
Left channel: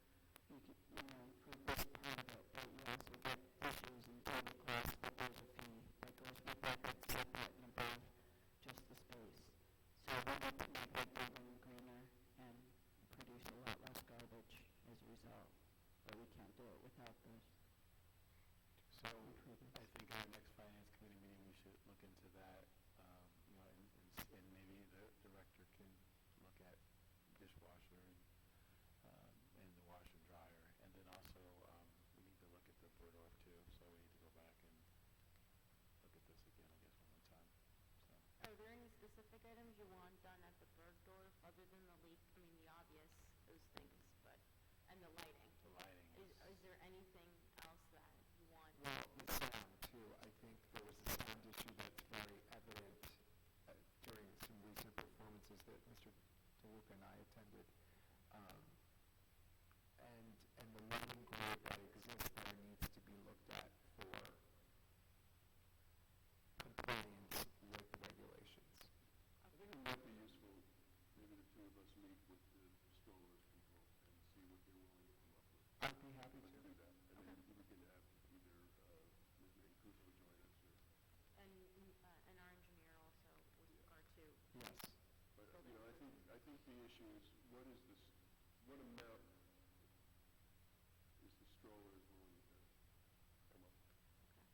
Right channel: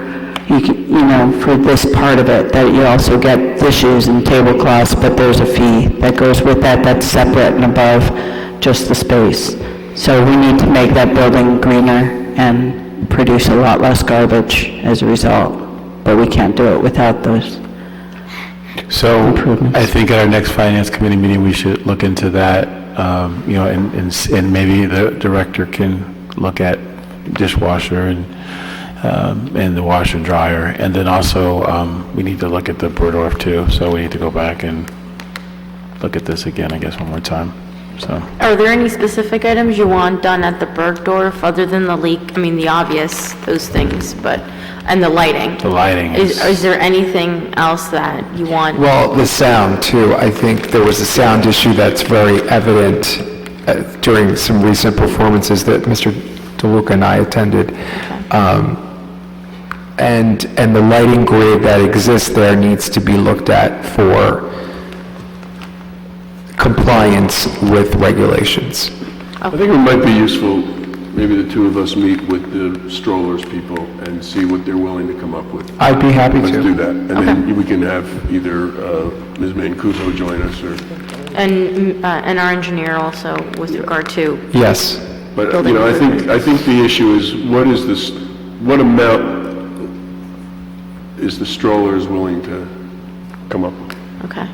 for this part of it, that you also get dishes and tablecloths, but there's a fee that goes with that that's separate and above just the space. So we need to make that building greener and produce a lot less garbage as a result, but we can't do it without those. So I think at our next Finance Committee meeting, we should look into that, and maybe the director can look at dishwasher and the washer and dryer. And then also, we need to look at the Burdorf too, so we need to go back and look at this again, I guess, one more time. So. Are there any specific items you want done at the Bergdorf other than the leak? I mean, the obvious, those things, and the lighting. The lighting. Is there anything else that you want? Well, the sound too. I think there was a sound issue that's very evident during some recent performances that Mr. DeLuca and I attended. And the lighting grid that exists there needs to be looked at for compliance with regulations. I think it might be useful, maybe the two of us meet with the strollers people and see what they're willing to come up with. I'd be happy to. Let's do that. And then we can have either Ms. Mancuso join us or... And our engineer also with regard to... Yes. But, I think the issue is what amount is the strollers willing to come up with? Okay.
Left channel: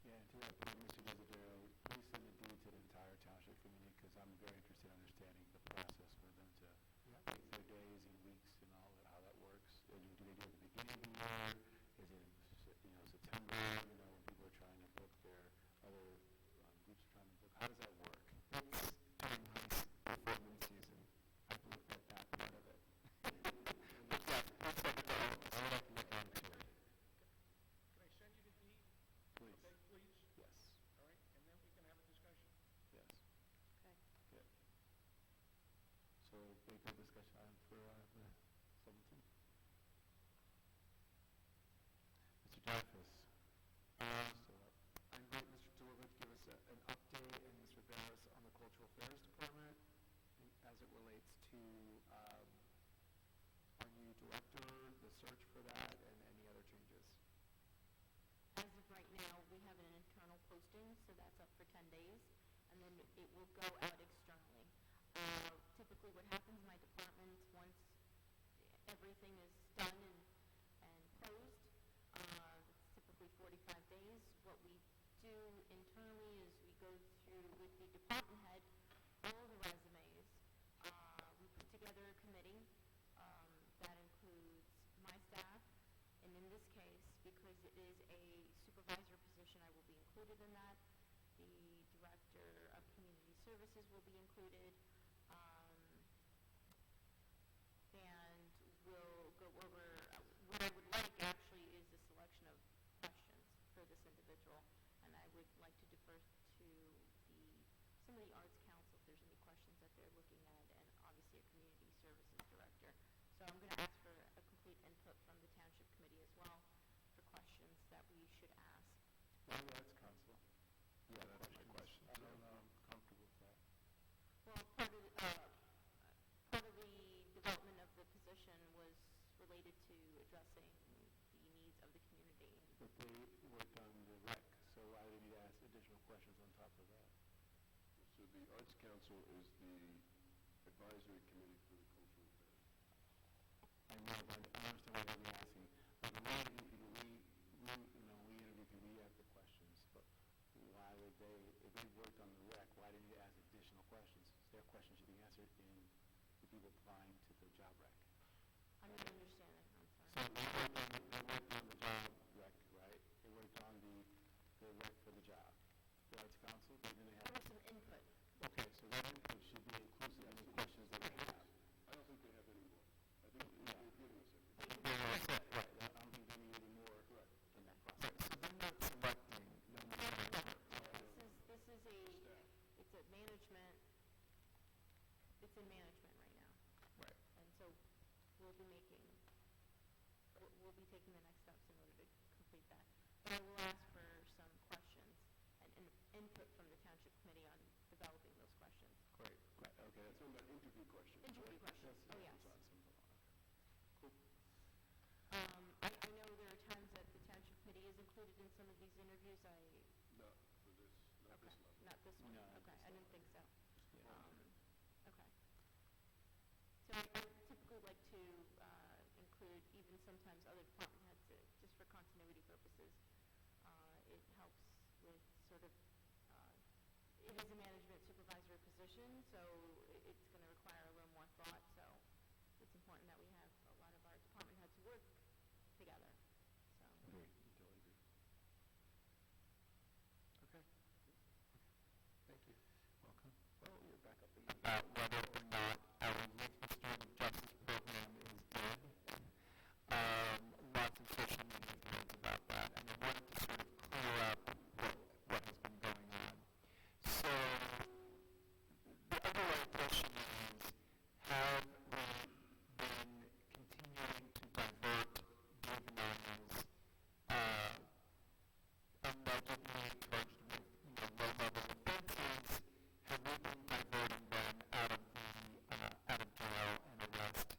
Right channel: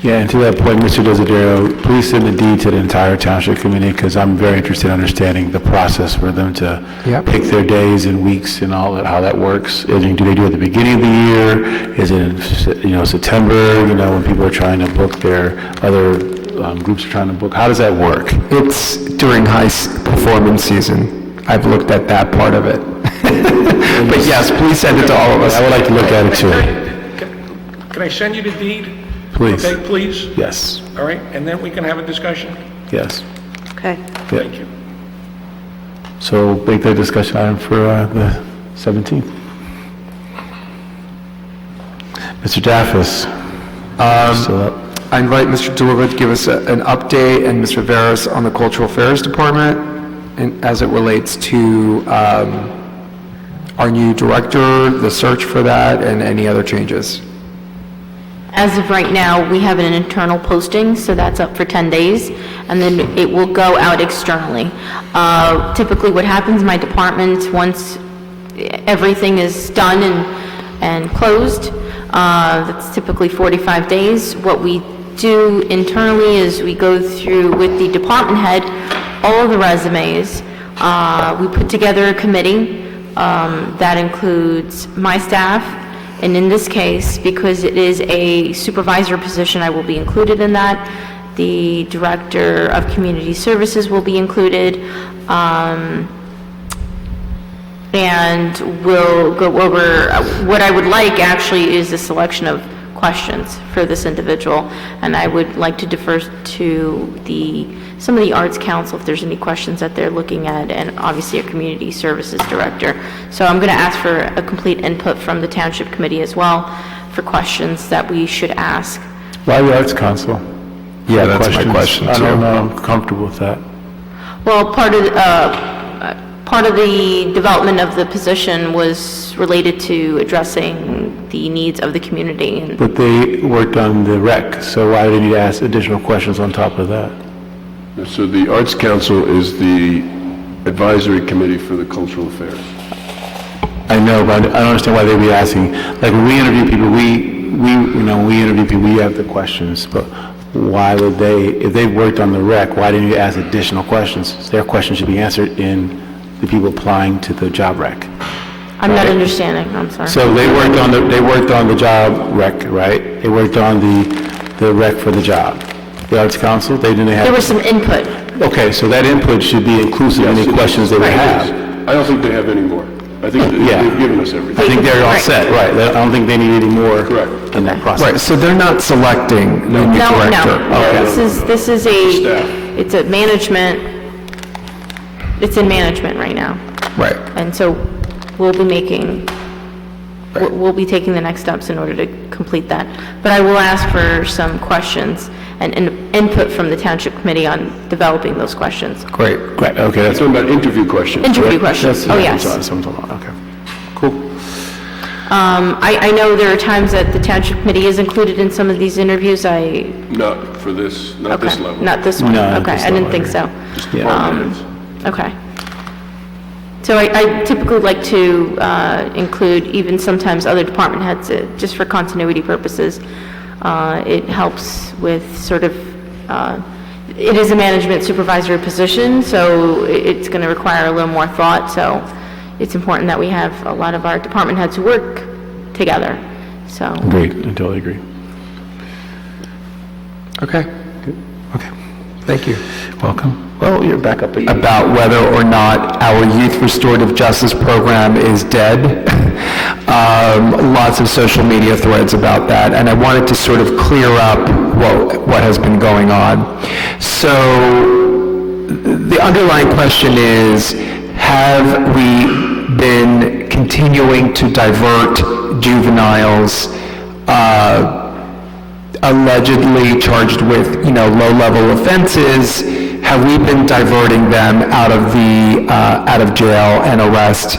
Yeah, and to that point, Mr. Desiderio, please send the deed to the entire township committee, because I'm very interested in understanding the process for them to pick their days and weeks and all that, how that works. Do they do it at the beginning of the year? Is it in, September, when people are trying to book their other groups are trying to book? How does that work? It's during high performance season. I've looked at that part of it. But yes, please send it to all of us. I would like to look at it too. Can I send you the deed? Please. Okay, please? Yes. All right, and then we can have a discussion? Yes. Okay. Thank you. So make that discussion item for the 17th. Mr. Daffis. I invite Mr. DeLuca to give us an update, and Mr. Veras on the Cultural Affairs Department, and as it relates to our new director, the search for that, and any other changes. As of right now, we have an internal posting, so that's up for 10 days, and then it will go out externally. Typically what happens, my department, once everything is done and closed, that's typically 45 days. What we do internally is we go through with the department head all of the resumes. We put together a committee that includes my staff, and in this case, because it is a supervisor position, I will be included in that. The Director of Community Services will be included, and we'll go over, what I would like actually is a selection of questions for this individual, and I would like to defer to some of the Arts Council if there's any questions that they're looking at, and obviously a Community Services Director. So I'm going to ask for a complete input from the Township Committee as well for questions that we should ask. Why the Arts Council? Yeah, that's my question too. I don't know, I'm comfortable with that. Well, part of the development of the position was related to addressing the needs of the community. But they worked on the rec, so why do they need to ask additional questions on top of that? So the Arts Council is the advisory committee for the cultural affairs. I know, but I don't understand why they'd be asking. Like when we interview people, we interview people, we have the questions, but why would they, if they worked on the rec, why didn't you ask additional questions? Their questions should be answered in the people applying to the job rec. I'm not understanding, I'm sorry. So they worked on the job rec, right? They worked on the rec for the job. The Arts Council, they didn't have... There was some input. Okay, so that input should be inclusive of any questions they would have. I don't think they have any more. I think they've given us everything. I think they're all set, right. I don't think they need any more in that process. Right, so they're not selecting the new director? No, this is it's a management, it's in management right now. Right. And so we'll be taking the next steps in order to complete that. But I will ask for some questions and input from the Township Committee on developing those questions. Great, okay. That's talking about interview questions. Interview questions, oh, yes. Okay, cool. I know there are times that the Township Committee is included in some of these interviews. Not for this, not this level. Not this one, No, okay, I didn't think so. Just department heads. Okay. So I typically like to include even sometimes other department heads, just for continuity purposes. It helps with sort of, it is a management supervisory position, so it's going to require a little more thought, so it's important that we have a lot of our department heads who work together, so. Great, I totally agree. Okay. Okay. Thank you. Welcome. Well, you're back up again. About whether or not our youth restorative justice program is dead. Lots of social media threads about that, and I wanted to sort of clear up what has been going on. So the underlying question is, have we been continuing to divert juveniles allegedly charged with, low-level offenses? Have we been diverting them out of jail and arrest,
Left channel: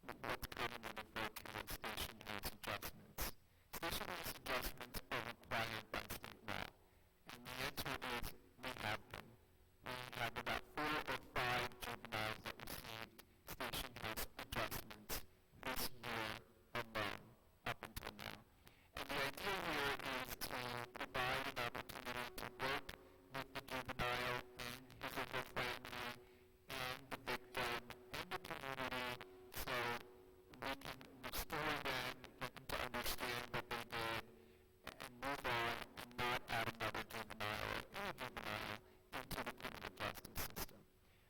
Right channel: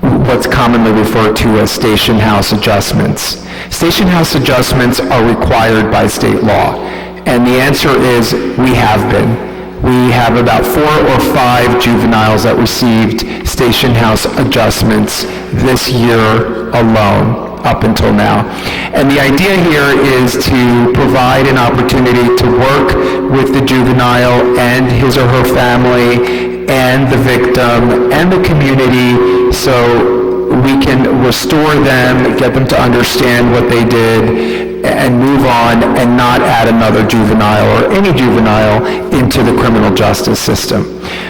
what's commonly referred to as station house adjustments? Station house adjustments are required by state law, and the answer is we have been. We have about 4 or 5 juveniles that received station house adjustments this year alone, up until now. And the idea here is to provide an opportunity to work with the juvenile and his or her family and the victim and the community so we can restore them, get them to understand what they did, and move on and not add another juvenile or any juvenile into the criminal justice system.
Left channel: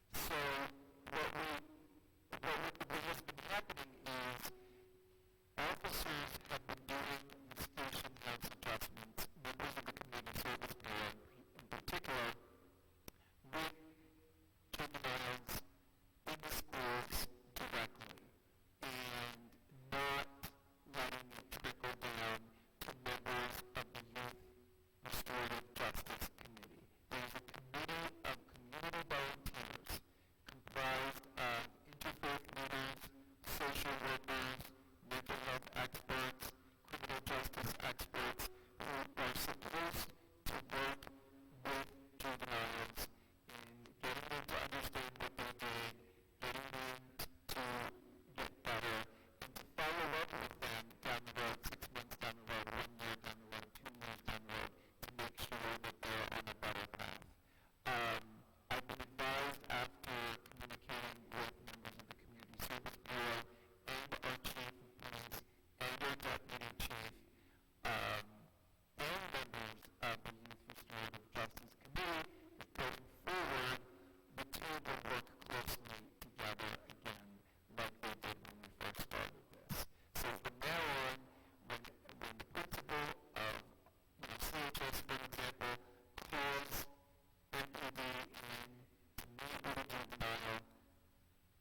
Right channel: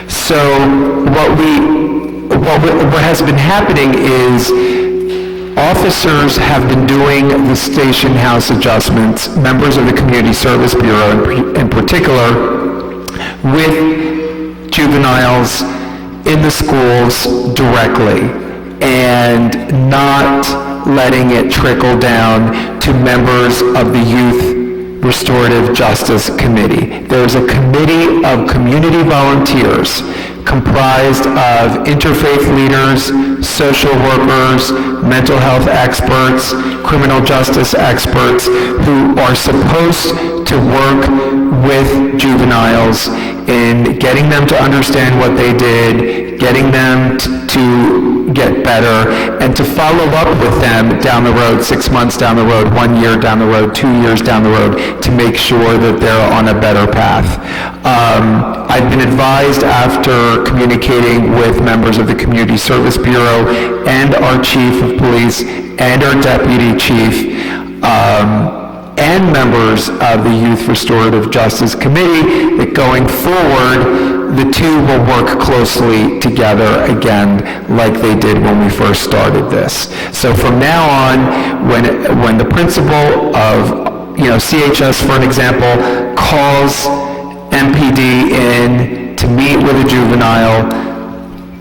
So what has been happening is officers have been doing the station house adjustments, members of the Community Service Bureau in particular, with juveniles in the schools directly, and not letting it trickle down to members of the Youth Restorative Justice Committee. There's a committee of community volunteers comprised of interfaith leaders, social workers, mental health experts, criminal justice experts who are supposed to work with juveniles in getting them to understand what they did, getting them to get better, and to follow up with them down the road, 6 months down the road, 1 year down the road, 2 years down the road, to make sure that they're on a better path. I've been advised, after communicating with members of the Community Service Bureau and our Chief of Police and our Deputy Chief, and members of the Youth Restorative Justice Committee, that going forward, the two will work closely together again, like they did when we first started this. So from now on, when the principal of, CHS, for an example, calls MPD in to meet with a juvenile,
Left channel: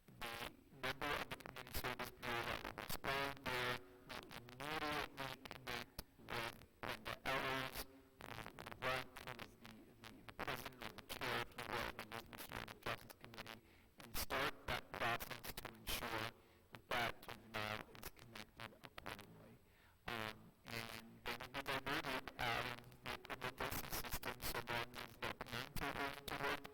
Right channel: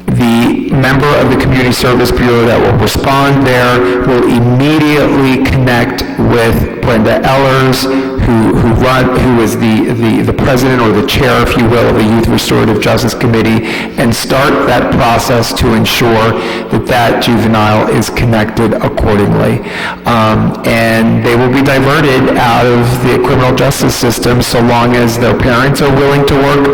the member of the Community Service Bureau that will respond there will immediately connect with Brenda Ellers, who is the president or the chair, if you will, of the Youth Restorative Justice Committee, and start that process to ensure that that juvenile is connected accordingly. And they will be diverted out of the criminal justice system so long as their parents are willing to work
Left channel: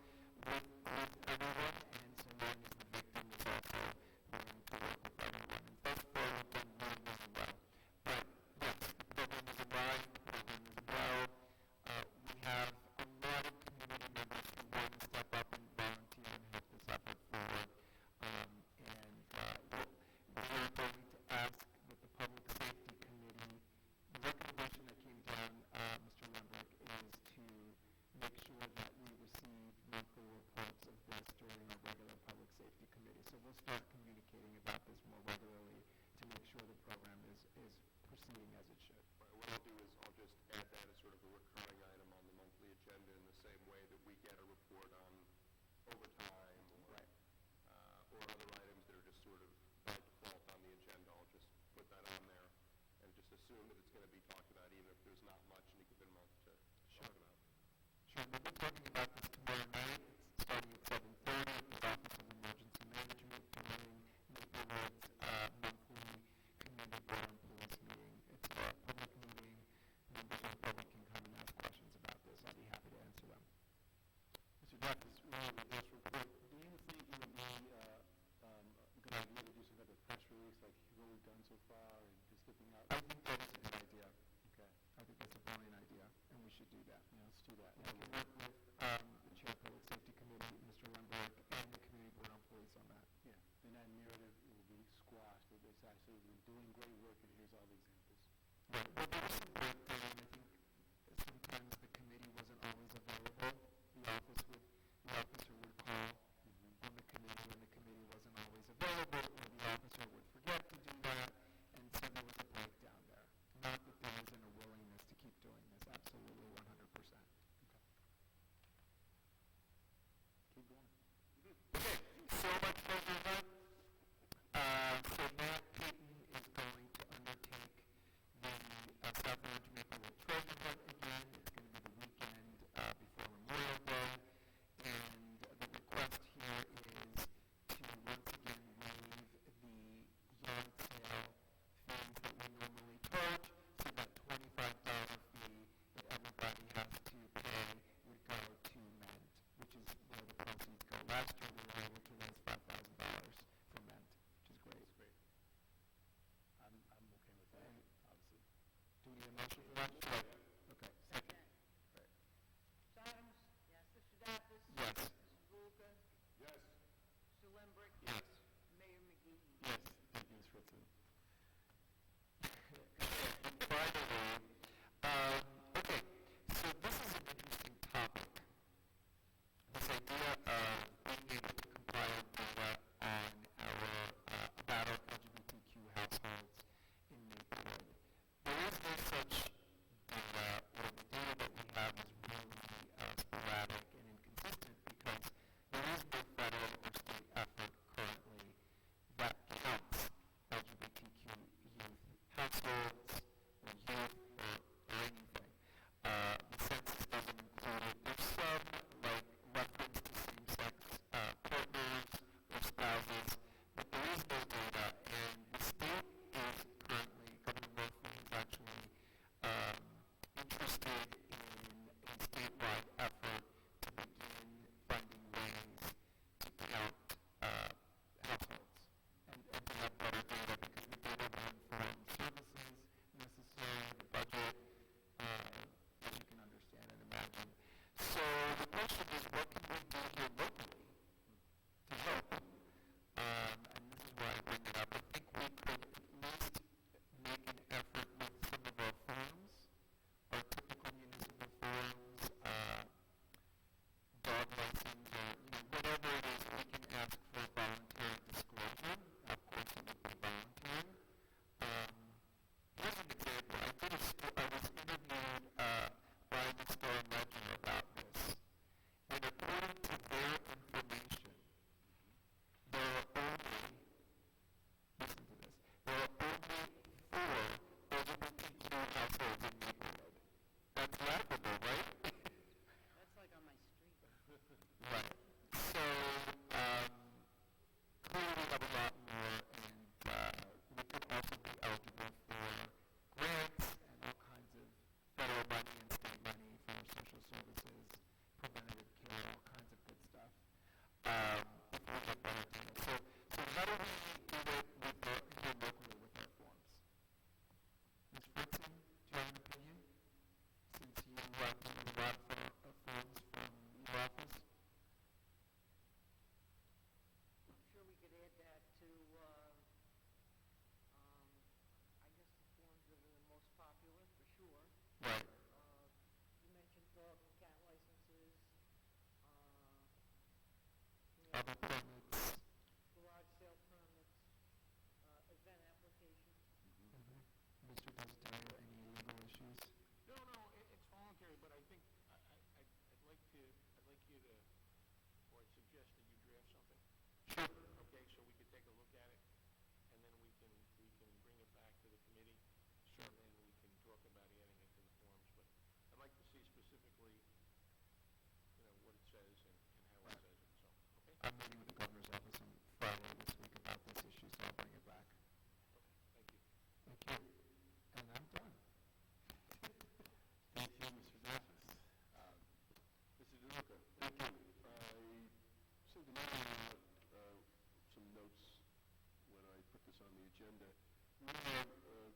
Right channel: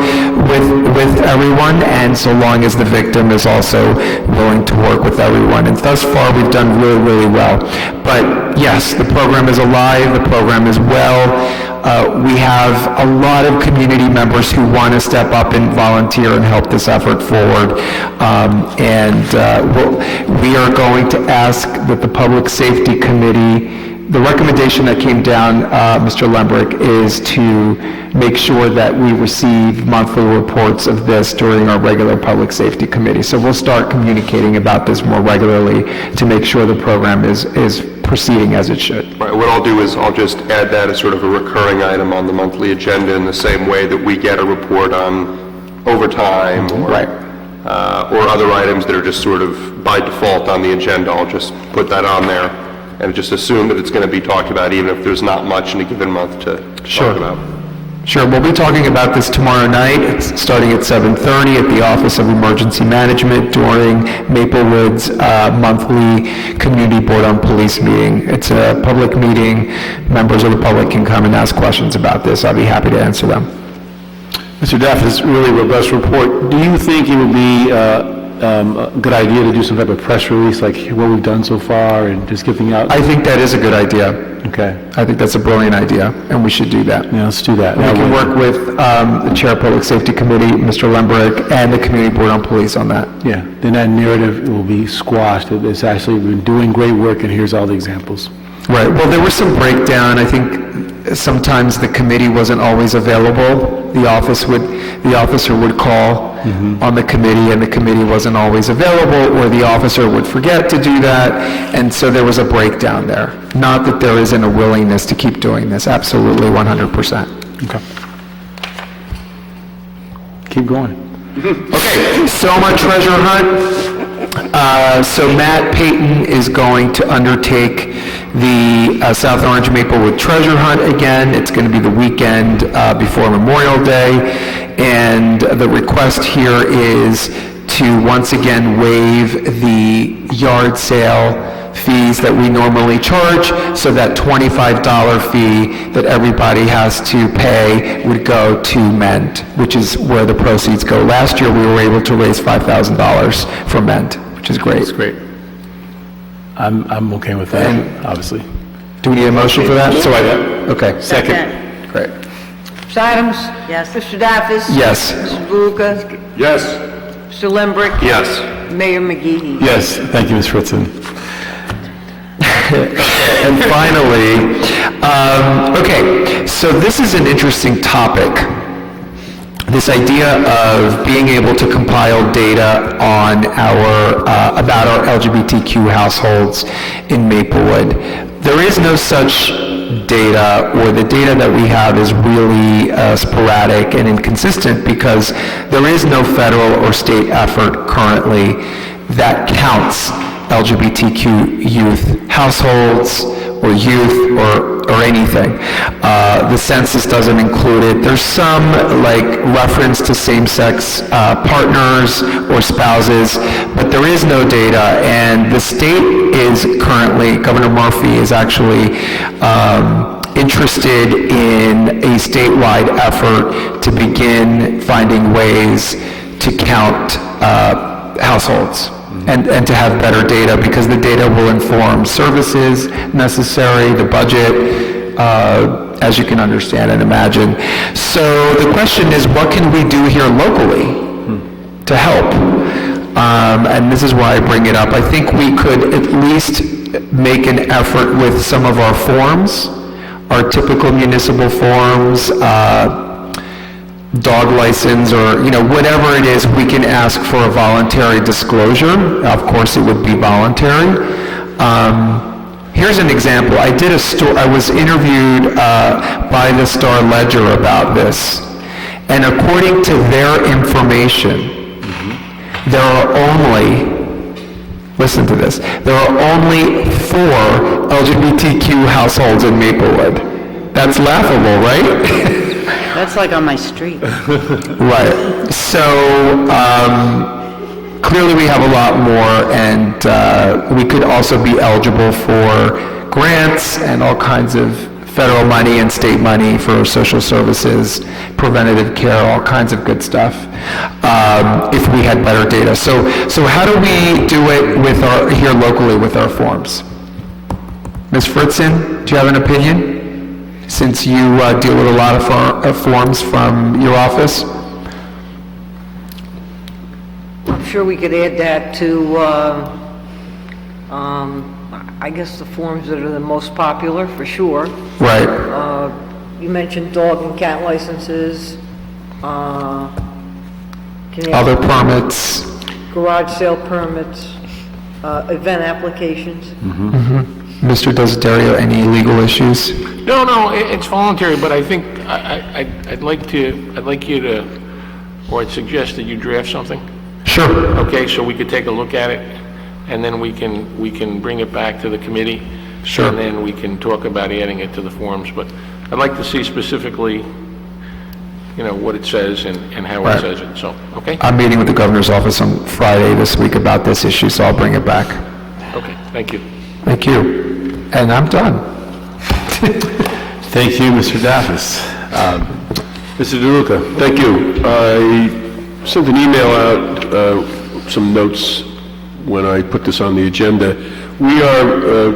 with everyone, and so long as the victim is also willing to work with everyone. And thus far, we've done really, really well. But yes, the program is alive, the program is well, We have a lot of community members who want to step up and volunteer and help this effort forward. We are going to ask that the Public Safety Committee, the recommendation that came down, Mr. Lembrick, is to make sure that we receive monthly reports of this during our regular Public Safety Committee. So we'll start communicating about this more regularly to make sure the program is proceeding as it should. Right, what I'll do is I'll just add that as sort of a recurring item on the monthly agenda in the same way that we get a report on overtime or other items that are just sort of by default on the agenda. I'll just put that on there and just assume that it's going to be talked about even if there's not much in a given month to talk about. Sure, we'll be talking about this tomorrow night. It's starting at 7:30 at the Office of Emergency Management during Maplewood's monthly Community Board on Police meeting. It's a public meeting. Members of the public can come and ask questions about this. I'll be happy to answer them. Mr. Duff, this is really a robust report. Do you think it would be a good idea to do some type of press release, like what we've done so far, and just giving out? I think that is a good idea. Okay. I think that's a brilliant idea, and we should do that. Yeah, let's do that. We can work with the Chair of Public Safety Committee, Mr. Lembrick, and the Community Board on Police on that. Yeah, then that narrative will be squashed. It's actually been doing great work, and here's all the examples. Right. Well, there was some breakdown. I think sometimes the committee wasn't always available. The officer would call on the committee, and the committee wasn't always available, or the officer would forget to do that, and so there was a breakdown there. Not that there isn't a willingness to keep doing this. Absolutely, 100%. Okay. Keep going. Okay, so my treasure hunt. So Matt Payton is going to undertake the South Orange Maplewood treasure hunt again. It's going to be the weekend before Memorial Day, and the request here is to once again waive the yard sale fees that we normally charge, so that $25 fee that everybody has to pay would go to MEND, which is where the proceeds go. Last year, we were able to raise $5,000 from MEND, which is great. That's great. I'm okay with that, obviously. Do we need a motion for that? Okay. Second. Great. Mr. Adams? Yes. Mr. Daffis? Yes. Mr. Buka? Yes. Mr. Lembrick? Yes. Mayor McGee? Yes, thank you, Ms. Fritzen. And finally, okay, so this is an interesting topic. This idea of being able to compile data on about our LGBTQ households in Maplewood. There is no such data, or the data that we have is really sporadic and inconsistent because there is no federal or state effort currently that counts LGBTQ youth households or youth or anything. The census doesn't include it. There's some reference to same-sex partners or spouses, but there is no data, and the state is currently, Governor Murphy is actually interested in a statewide effort to begin finding ways to count households. And to have better data, because the data will inform services necessary, the budget, as you can understand and imagine. So the question is, what can we do here locally to help? And this is why I bring it up. I think we could at least make an effort with some of our forms, our typical municipal forms, dog license, or whatever it is, we can ask for a voluntary disclosure. Of course, it would be voluntary. Here's an example. I was interviewed by the Star Ledger about this, and according to their information, there are only, listen to this, there are only 4 LGBTQ households in Maplewood. That's laughable, right? That's like on my street. Right. So clearly we have a lot more, and we could also be eligible for grants and all kinds of federal money and state money for social services, preventative care, all kinds of good stuff, if we had better data. So how do we do it here locally with our forms? Ms. Fritzen, do you have an opinion? since you deal with a lot of forms from your office? I'm sure we could add that to, I guess, the forms that are the most popular, for sure. Right. You mentioned dog and cat licenses. Other permits? Garage sale permits, event applications. Mr. Desiderio, any legal issues? No, it's voluntary, but I think I'd like you to, or I'd suggest that you draft something. Sure. Okay, so we could take a look at it, and then we can bring it back to the committee. Sure. And then we can talk about adding it to the forms, but I'd like to see specifically, what it says and how it says it, so, okay? I'm meeting with the governor's office on Friday this week about this issue, so I'll bring it back. Okay, thank you. Thank you. And I'm done. Thank you, Mr. Daffis. Mr. DeLuca. Thank you. I sent an email out, some notes when I put this on the agenda. We are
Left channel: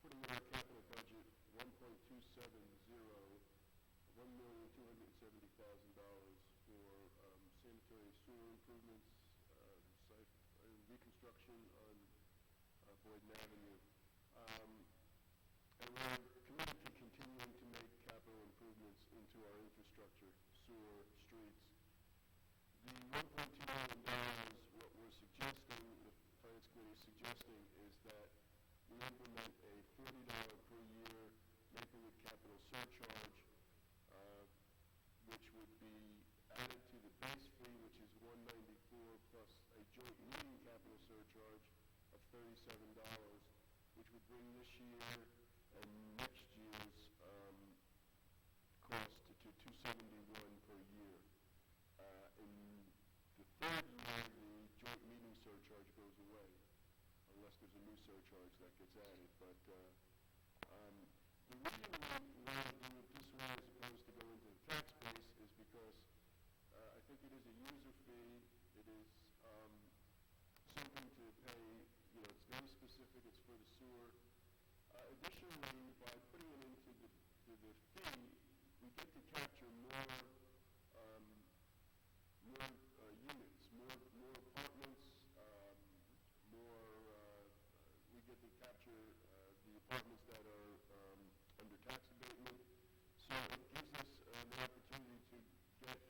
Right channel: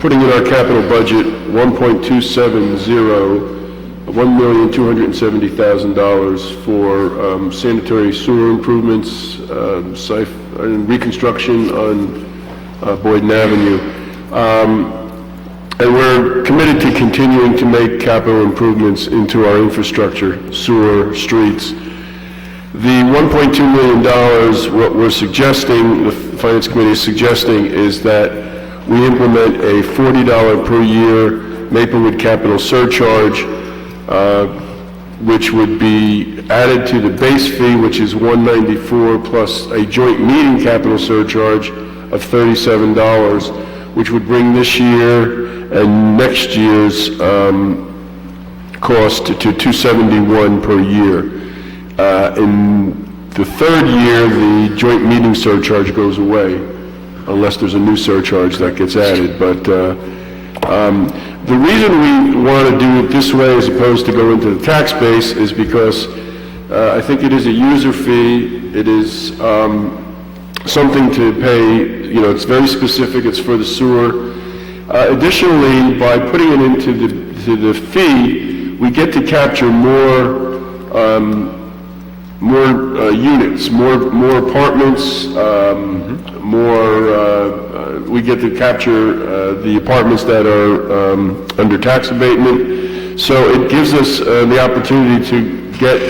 putting in our capital budget $1.270 for sanitary sewer improvements, and reconstruction on Boyden Avenue. And we're committed to continuing to make capital improvements into our infrastructure, sewer, streets. The $1.2 million, what we're suggesting, the Finance Committee is suggesting, is that we implement a $40 per year Maplewood capital surcharge, which would be added to the base fee, which is $194, plus a joint meeting capital surcharge of $37, which would bring this year and next year's cost to $271 per year. In the third year, the joint meeting surcharge goes away, unless there's a new surcharge that gets added. But the reason we want to do it this way as opposed to go into the tax base is because I think it is a user fee. It is something to pay, it's very specific, it's for the sewer. Additionally, by putting it into the fee, we get to capture more units, more apartments, we get to capture the apartments that are under tax abatement. So it gives us the opportunity to get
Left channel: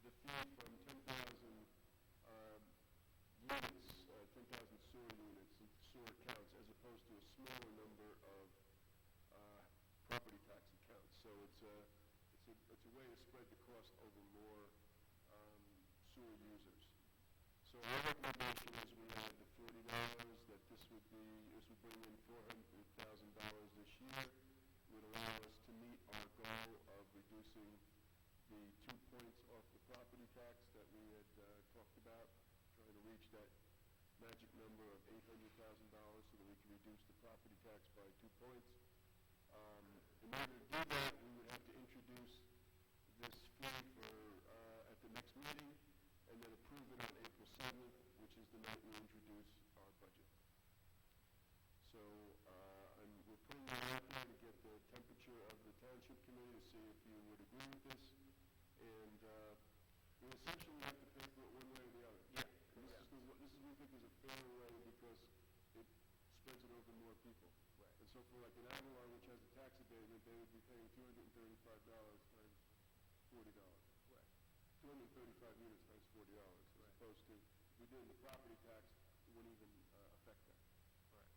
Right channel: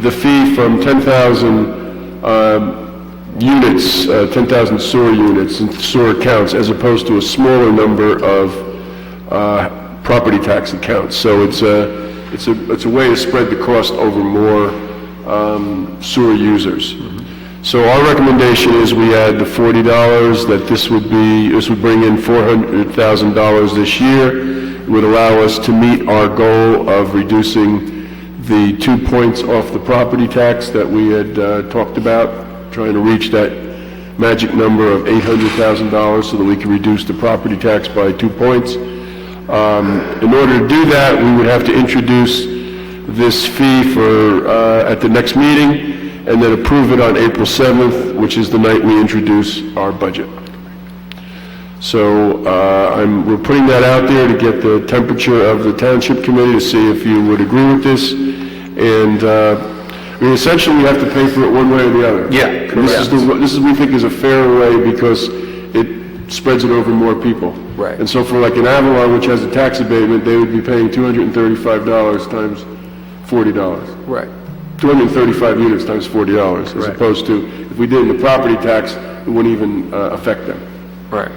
the fee from 10,000 units, 10,000 sewer units and sewer accounts, as opposed to a smaller number of property tax accounts. So it's a way to spread the cost over more sewer users. So our recommendation is we add the $40, that this would bring in $400,000 this year. It would allow us to meet our goal of reducing the 2 points off the property tax that we had talked about, trying to reach that magic number of $800,000 so that we can reduce the property tax by 2 points. In order to do that, we would have to introduce this fee for at the next meeting, and then approve it on April 7th, which is the night we introduce our budget. So we're putting that out there to get the temperature of the Township Committee to see if you would agree with this. And essentially, we have to pay for it one way or the other. Yeah, This is we think is a fair way because it spreads it over more people. Right. And so for like an Avalon, which has a tax abatement, they would be paying $235 times $40. Right. 235 units times $40, as opposed to, if we did in the property tax, it wouldn't even affect them. Right.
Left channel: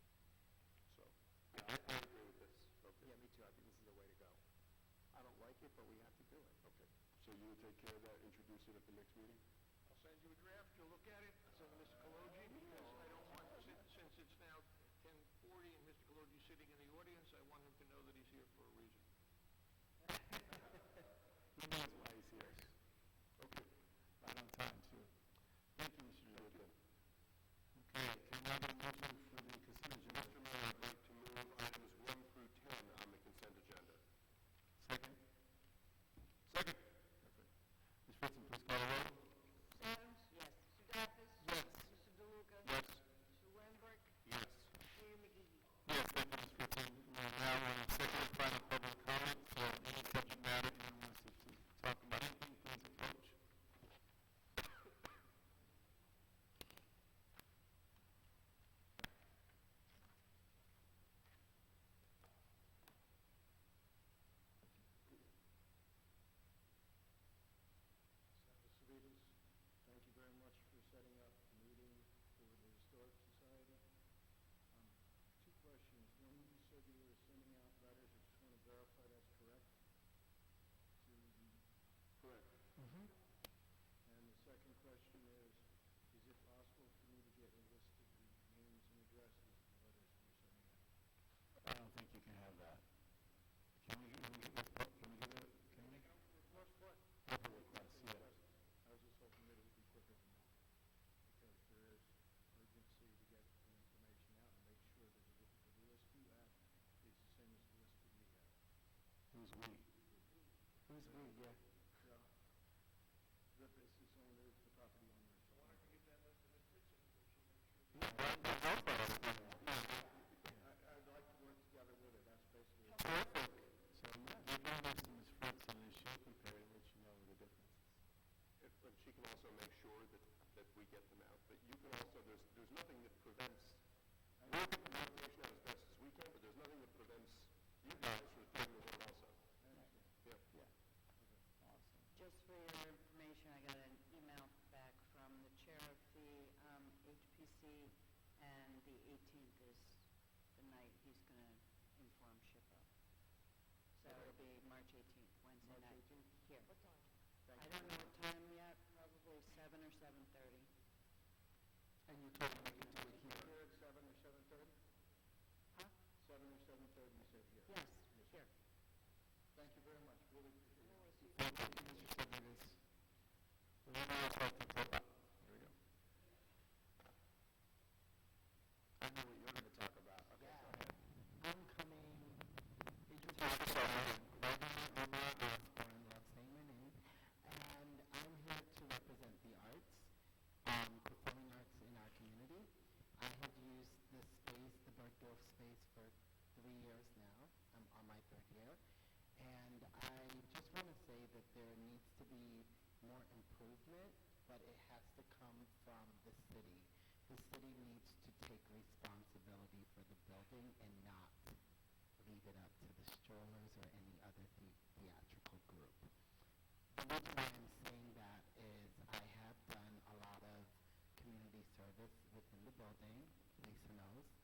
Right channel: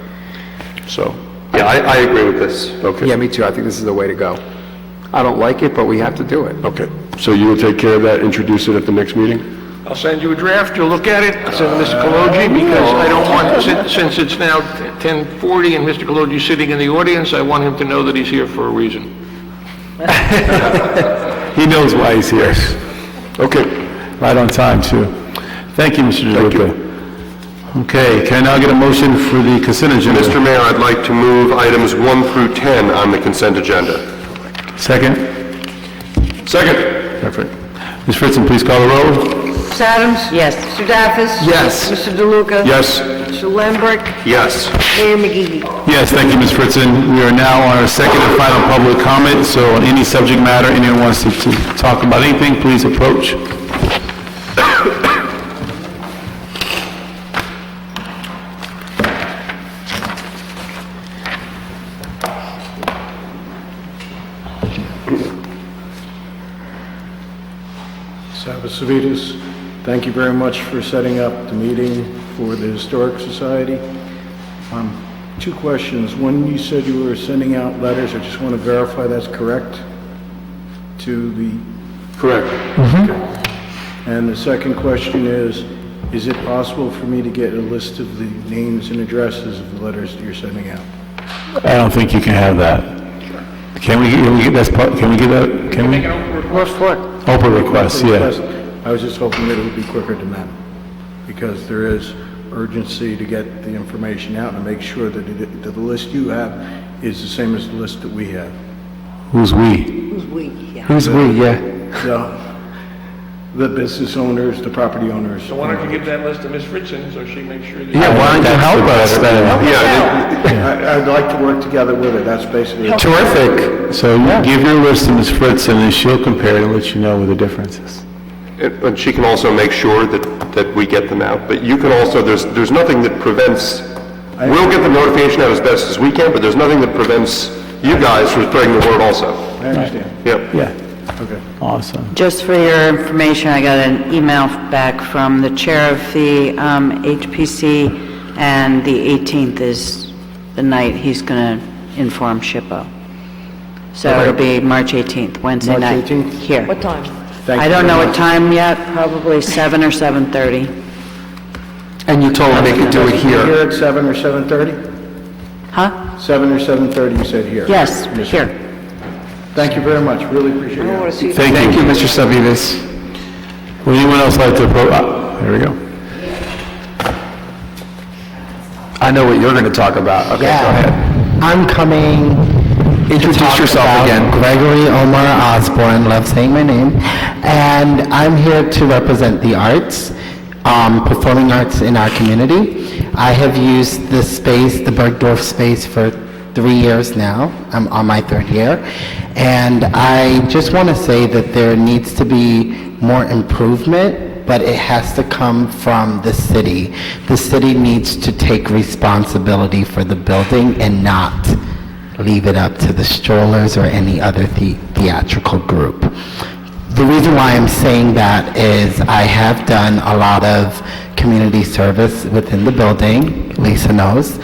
So, Yeah, I agree with this. okay. Yeah, me too. I think this is the way to go. I don't like it, but we have to do it. Okay. So you will take care of that, introduce it at the next meeting? I'll send you a draft, you'll look at it, I'll send it to Mr. Kaloji, because I don't want, since it's now 10:40 and Mr. Kaloji's sitting in the audience, I want him to know that he's here for a reason. He knows why he's here. Okay. Right on time, too. Thank you, Mr. DeLuca. Okay, can I now get a motion for the consent agenda? Mr. Mayor, I'd like to move items 1 through 10 on the consent agenda. Second? Second. Perfect. Ms. Fritzen, please call the roll. Ms. Adams? Yes. Mr. Daffis? Yes. Mr. DeLuca? Yes. Mr. Lembrick? Yes. Mayor McGee? Yes, thank you, Ms. Fritzen. We are now on our second and final public comment, so on any subject matter, anyone wants to talk about anything, please approach. Savitas, thank you very much for setting up the meeting for the Historic Society. Two questions. One, you said you were sending out letters. I just want to verify that's correct to the... Correct. Okay. And the second question is it possible for me to get a list of the names and addresses of the letters that you're sending out? I don't think you can have that. Can we get that? Can we get that? Can we? Open request, yeah. I was just hoping that it would be quicker than that, because there is urgency to get the information out and make sure that the list you have is the same as the list that we have. Who's we? Who's we? Yeah. Who's we, yeah. The business owners, the property owners. So why don't you give that list to Ms. Fritzen so she makes sure that... Yeah, why don't you help us then? I'd like to work together with her, that's basically... Terrific. So give your list to Ms. Fritzen, and she'll compare it and let you know where the difference is. And she can also make sure that we get them out. But you can also, there's nothing that prevents, we'll get the notification out as best as we can, but there's nothing that prevents you guys from spreading the word also. I understand. Yep. Yeah. Okay. Awesome. Just for your information, I got an email back from the chair of the HPC, and the 18th is the night he's going to inform SHPO. So it'll be March 18th, Wednesday night. March 18th? Here. What time? I don't know what time yet, probably 7 or 7:30. And you told them they could do it Here here. at 7 or 7:30? Huh? 7 or 7:30, you said here? Yes, here. Thank you very much, really appreciate I want it. to see. Thank you. Mr. Savitas. Would anyone else like to approach? There we go. I know what you're going to talk about. Okay, go ahead. I'm coming to Introduce talk yourself about again. Gregory Omar Osborne, love saying my name, and I'm here to represent the arts, performing arts in our community. I have used the space, the Bergdorf space, for 3 years now. I'm on my 3rd year, and I just want to say that there needs to be more improvement, but it has to come from the city. The city needs to take responsibility for the building and not leave it up to the strollers or any other theatrical group. The reason why I'm saying that is I have done a lot of community service within the building, Lisa knows,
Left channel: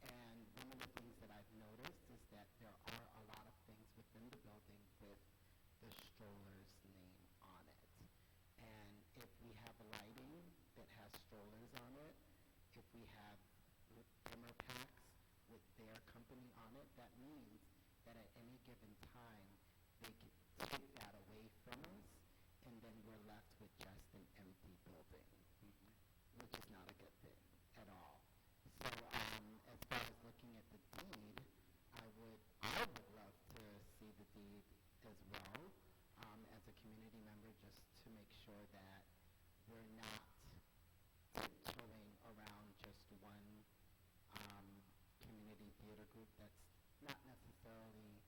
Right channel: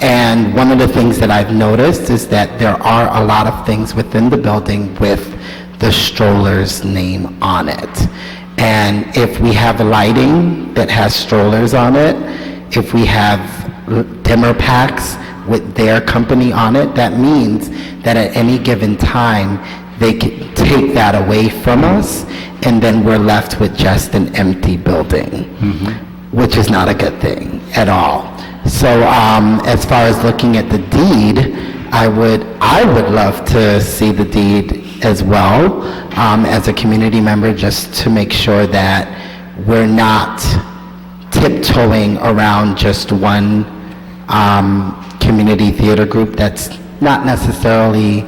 and one of the things that I've noticed is that there are a lot of things within the building with the stroller's name on it. And if we have lighting that has strollers on it, if we have dimmer packs with their company on it, that means that at any given time, they can take that away from us, and then we're left with just an empty building, which is not a good thing at all. So as far as looking at the deed, I would love to see the deed as well, as a community member, just to make sure that we're not tiptoeing around just one community theater group that's not necessarily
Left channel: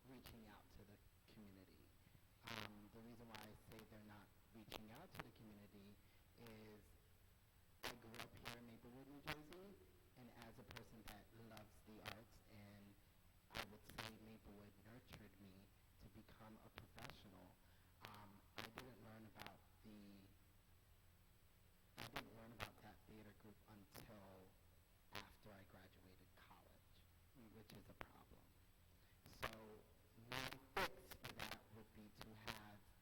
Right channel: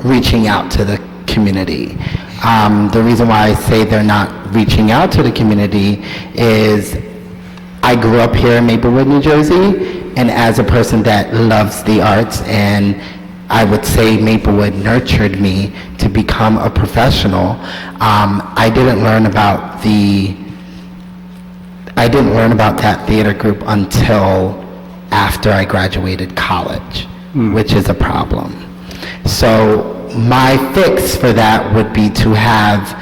reaching out to the community. The reason why I say they're not reaching out to the community is I grew up here in Maplewood, New Jersey, and as a person that loves the arts, and I would say Maplewood nurtured me to become a professional, I didn't learn about that theater group until after I graduated college, which is a problem. So my fix for that would be to have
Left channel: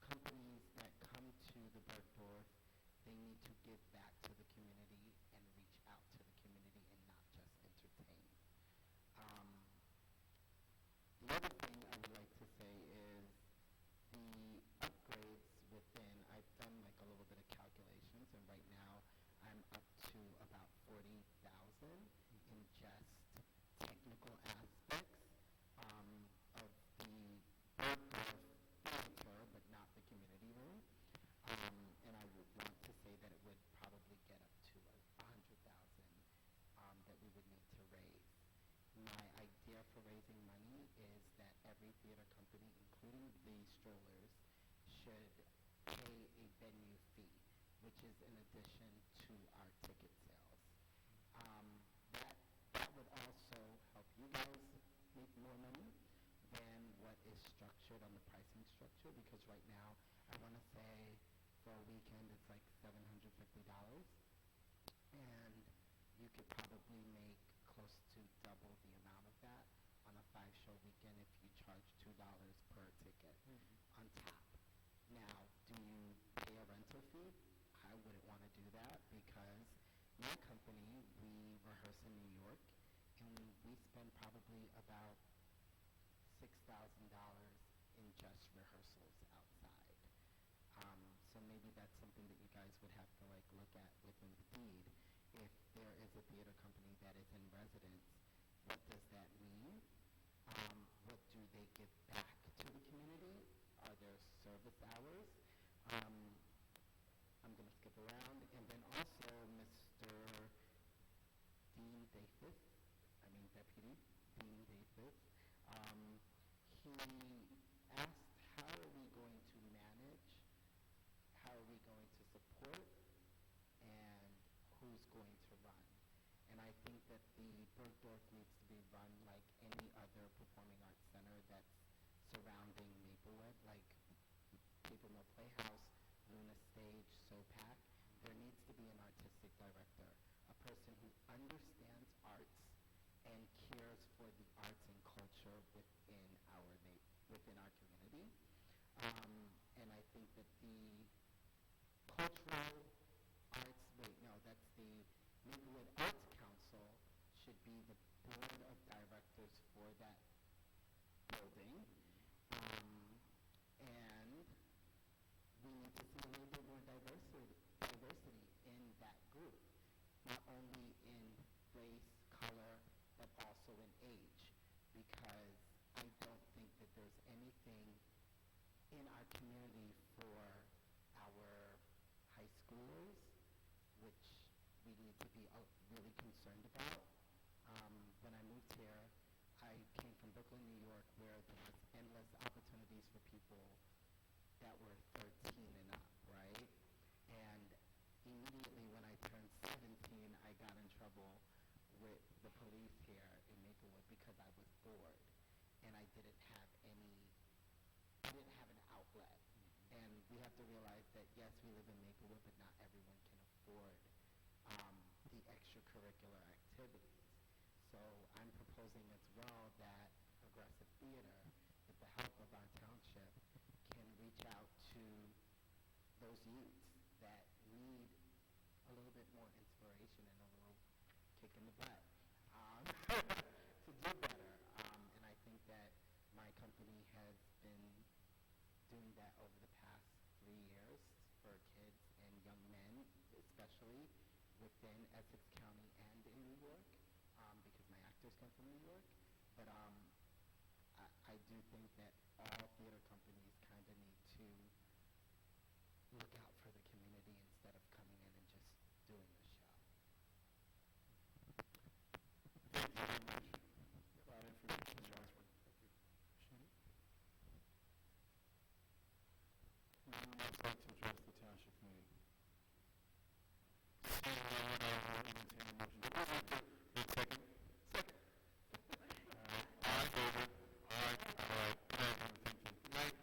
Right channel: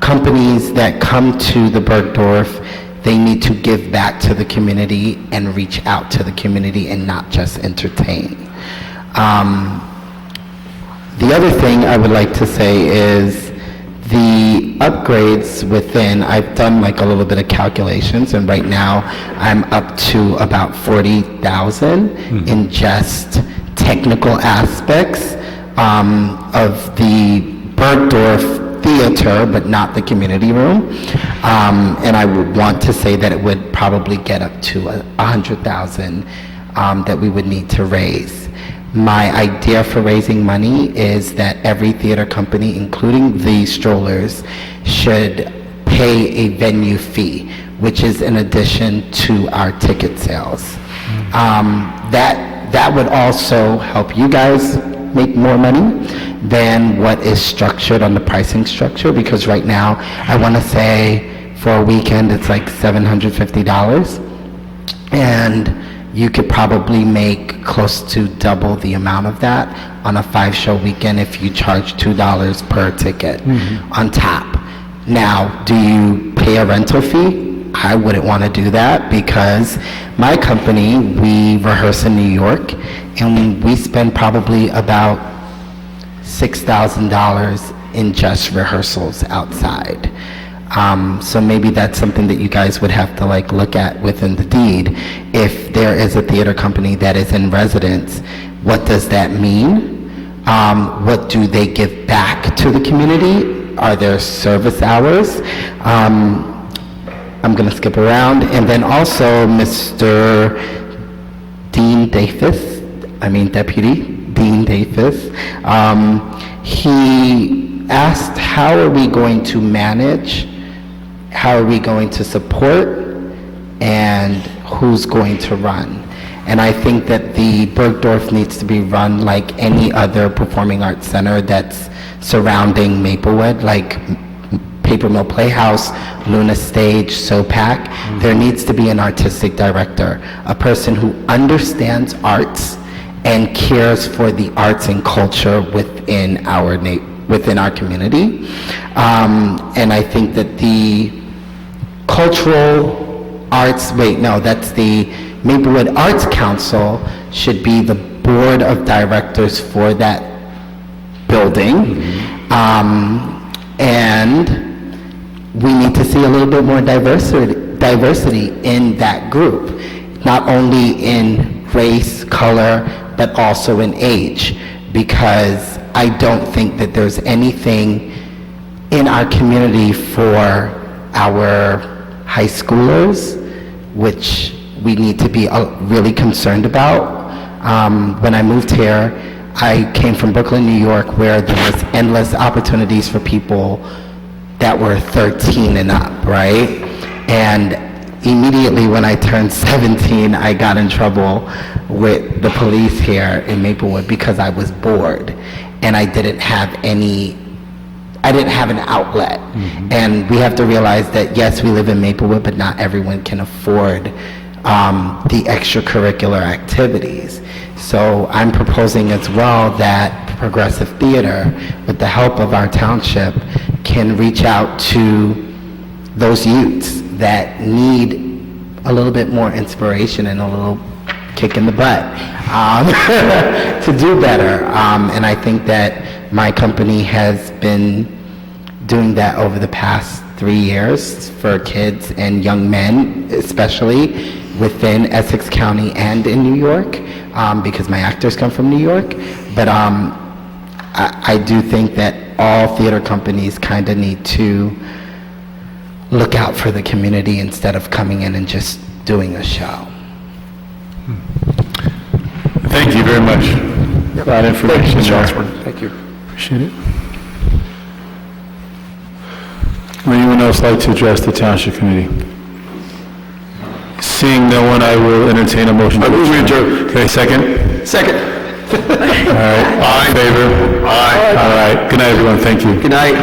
companies that come to the Bergdorf, they need to give back to the community and reach out to the community and not just entertain. The other thing I would like to say is the upgrades within, I've done like a little bit of calculations, and right now I'm up to about 40,000 in just technical aspects of the Bergdorf Theater, but not the community room. And I would want to say that it would probably get up to $100,000 that we would need to raise. My idea for raising money is that every theater company, including the strollers, should pay a venue fee, which is in addition to our ticket sales. That would also help you guys make more money than what is structured on the pricing structure, because right now, I want to say for a weekend, it's like $750. And you could probably make close to double the amount of that on a 5-show weekend if you charge $2 per ticket on top. Now, do you pay a rental fee? I wouldn't want to do that, because my company, we rehearse in New York, and we spend probably about $6,000 in just rehearsals outside. So maybe that's something that you guys would have to look at within the deed. If there is a theater company that is in residence, what does that mean? What do they give back to the community? Are there service hours? I'm going to skip around. And then also Mr. Deputy Dean Davis, he asked, how are we going to manage, how are we going to support, and who's going to run? And I think that the Bergdorf needs to be run like any other performing arts center that's surrounding Maplewood, like Paper Mill Playhouse, Luna Stage, SOPAC. There needs to be an artistic director, a person who understands arts and cares for the arts and culture within our community. And I think that the cultural arts, that's the Maplewood Arts Council should be the board of directors for that building. And we need to see a little bit more diversity in that group, not only in race, color, but also in age, because I don't think that there's anything in our community for our high schoolers, which we need to be really concerned about. When I moved here, I came from Brooklyn, New York, where there was endless opportunities for people that were 13 and up, right? And immediately when I turned 17, I got in trouble with the police here in Maplewood because I was bored and I didn't have an outlet. And we have to realize that, yes, we live in Maplewood, but not everyone can afford the extracurricular activities. So I'm proposing as well that Progressive Theater, with the help of our township, can reach out to those youths that need a little bit more inspiration and a little kick in the butt to do better. And I think that my company has been doing that over the past 3 years for kids and young men, especially within Essex County and in New York, because my actors come from New York. But I do think that all theater companies kind of need to look out for the community instead of coming in and just doing a show. Thank you very much for that information. Thank you, Mr. Osborne. Thank you. Appreciate it. Would anyone else like to address the Township Committee? Seeing no one, I will entertain a motion. I move we adjourn. Okay, second? Second. All right. Aye. In favor? Aye. All right. Good night, everyone. Thank you. Good night.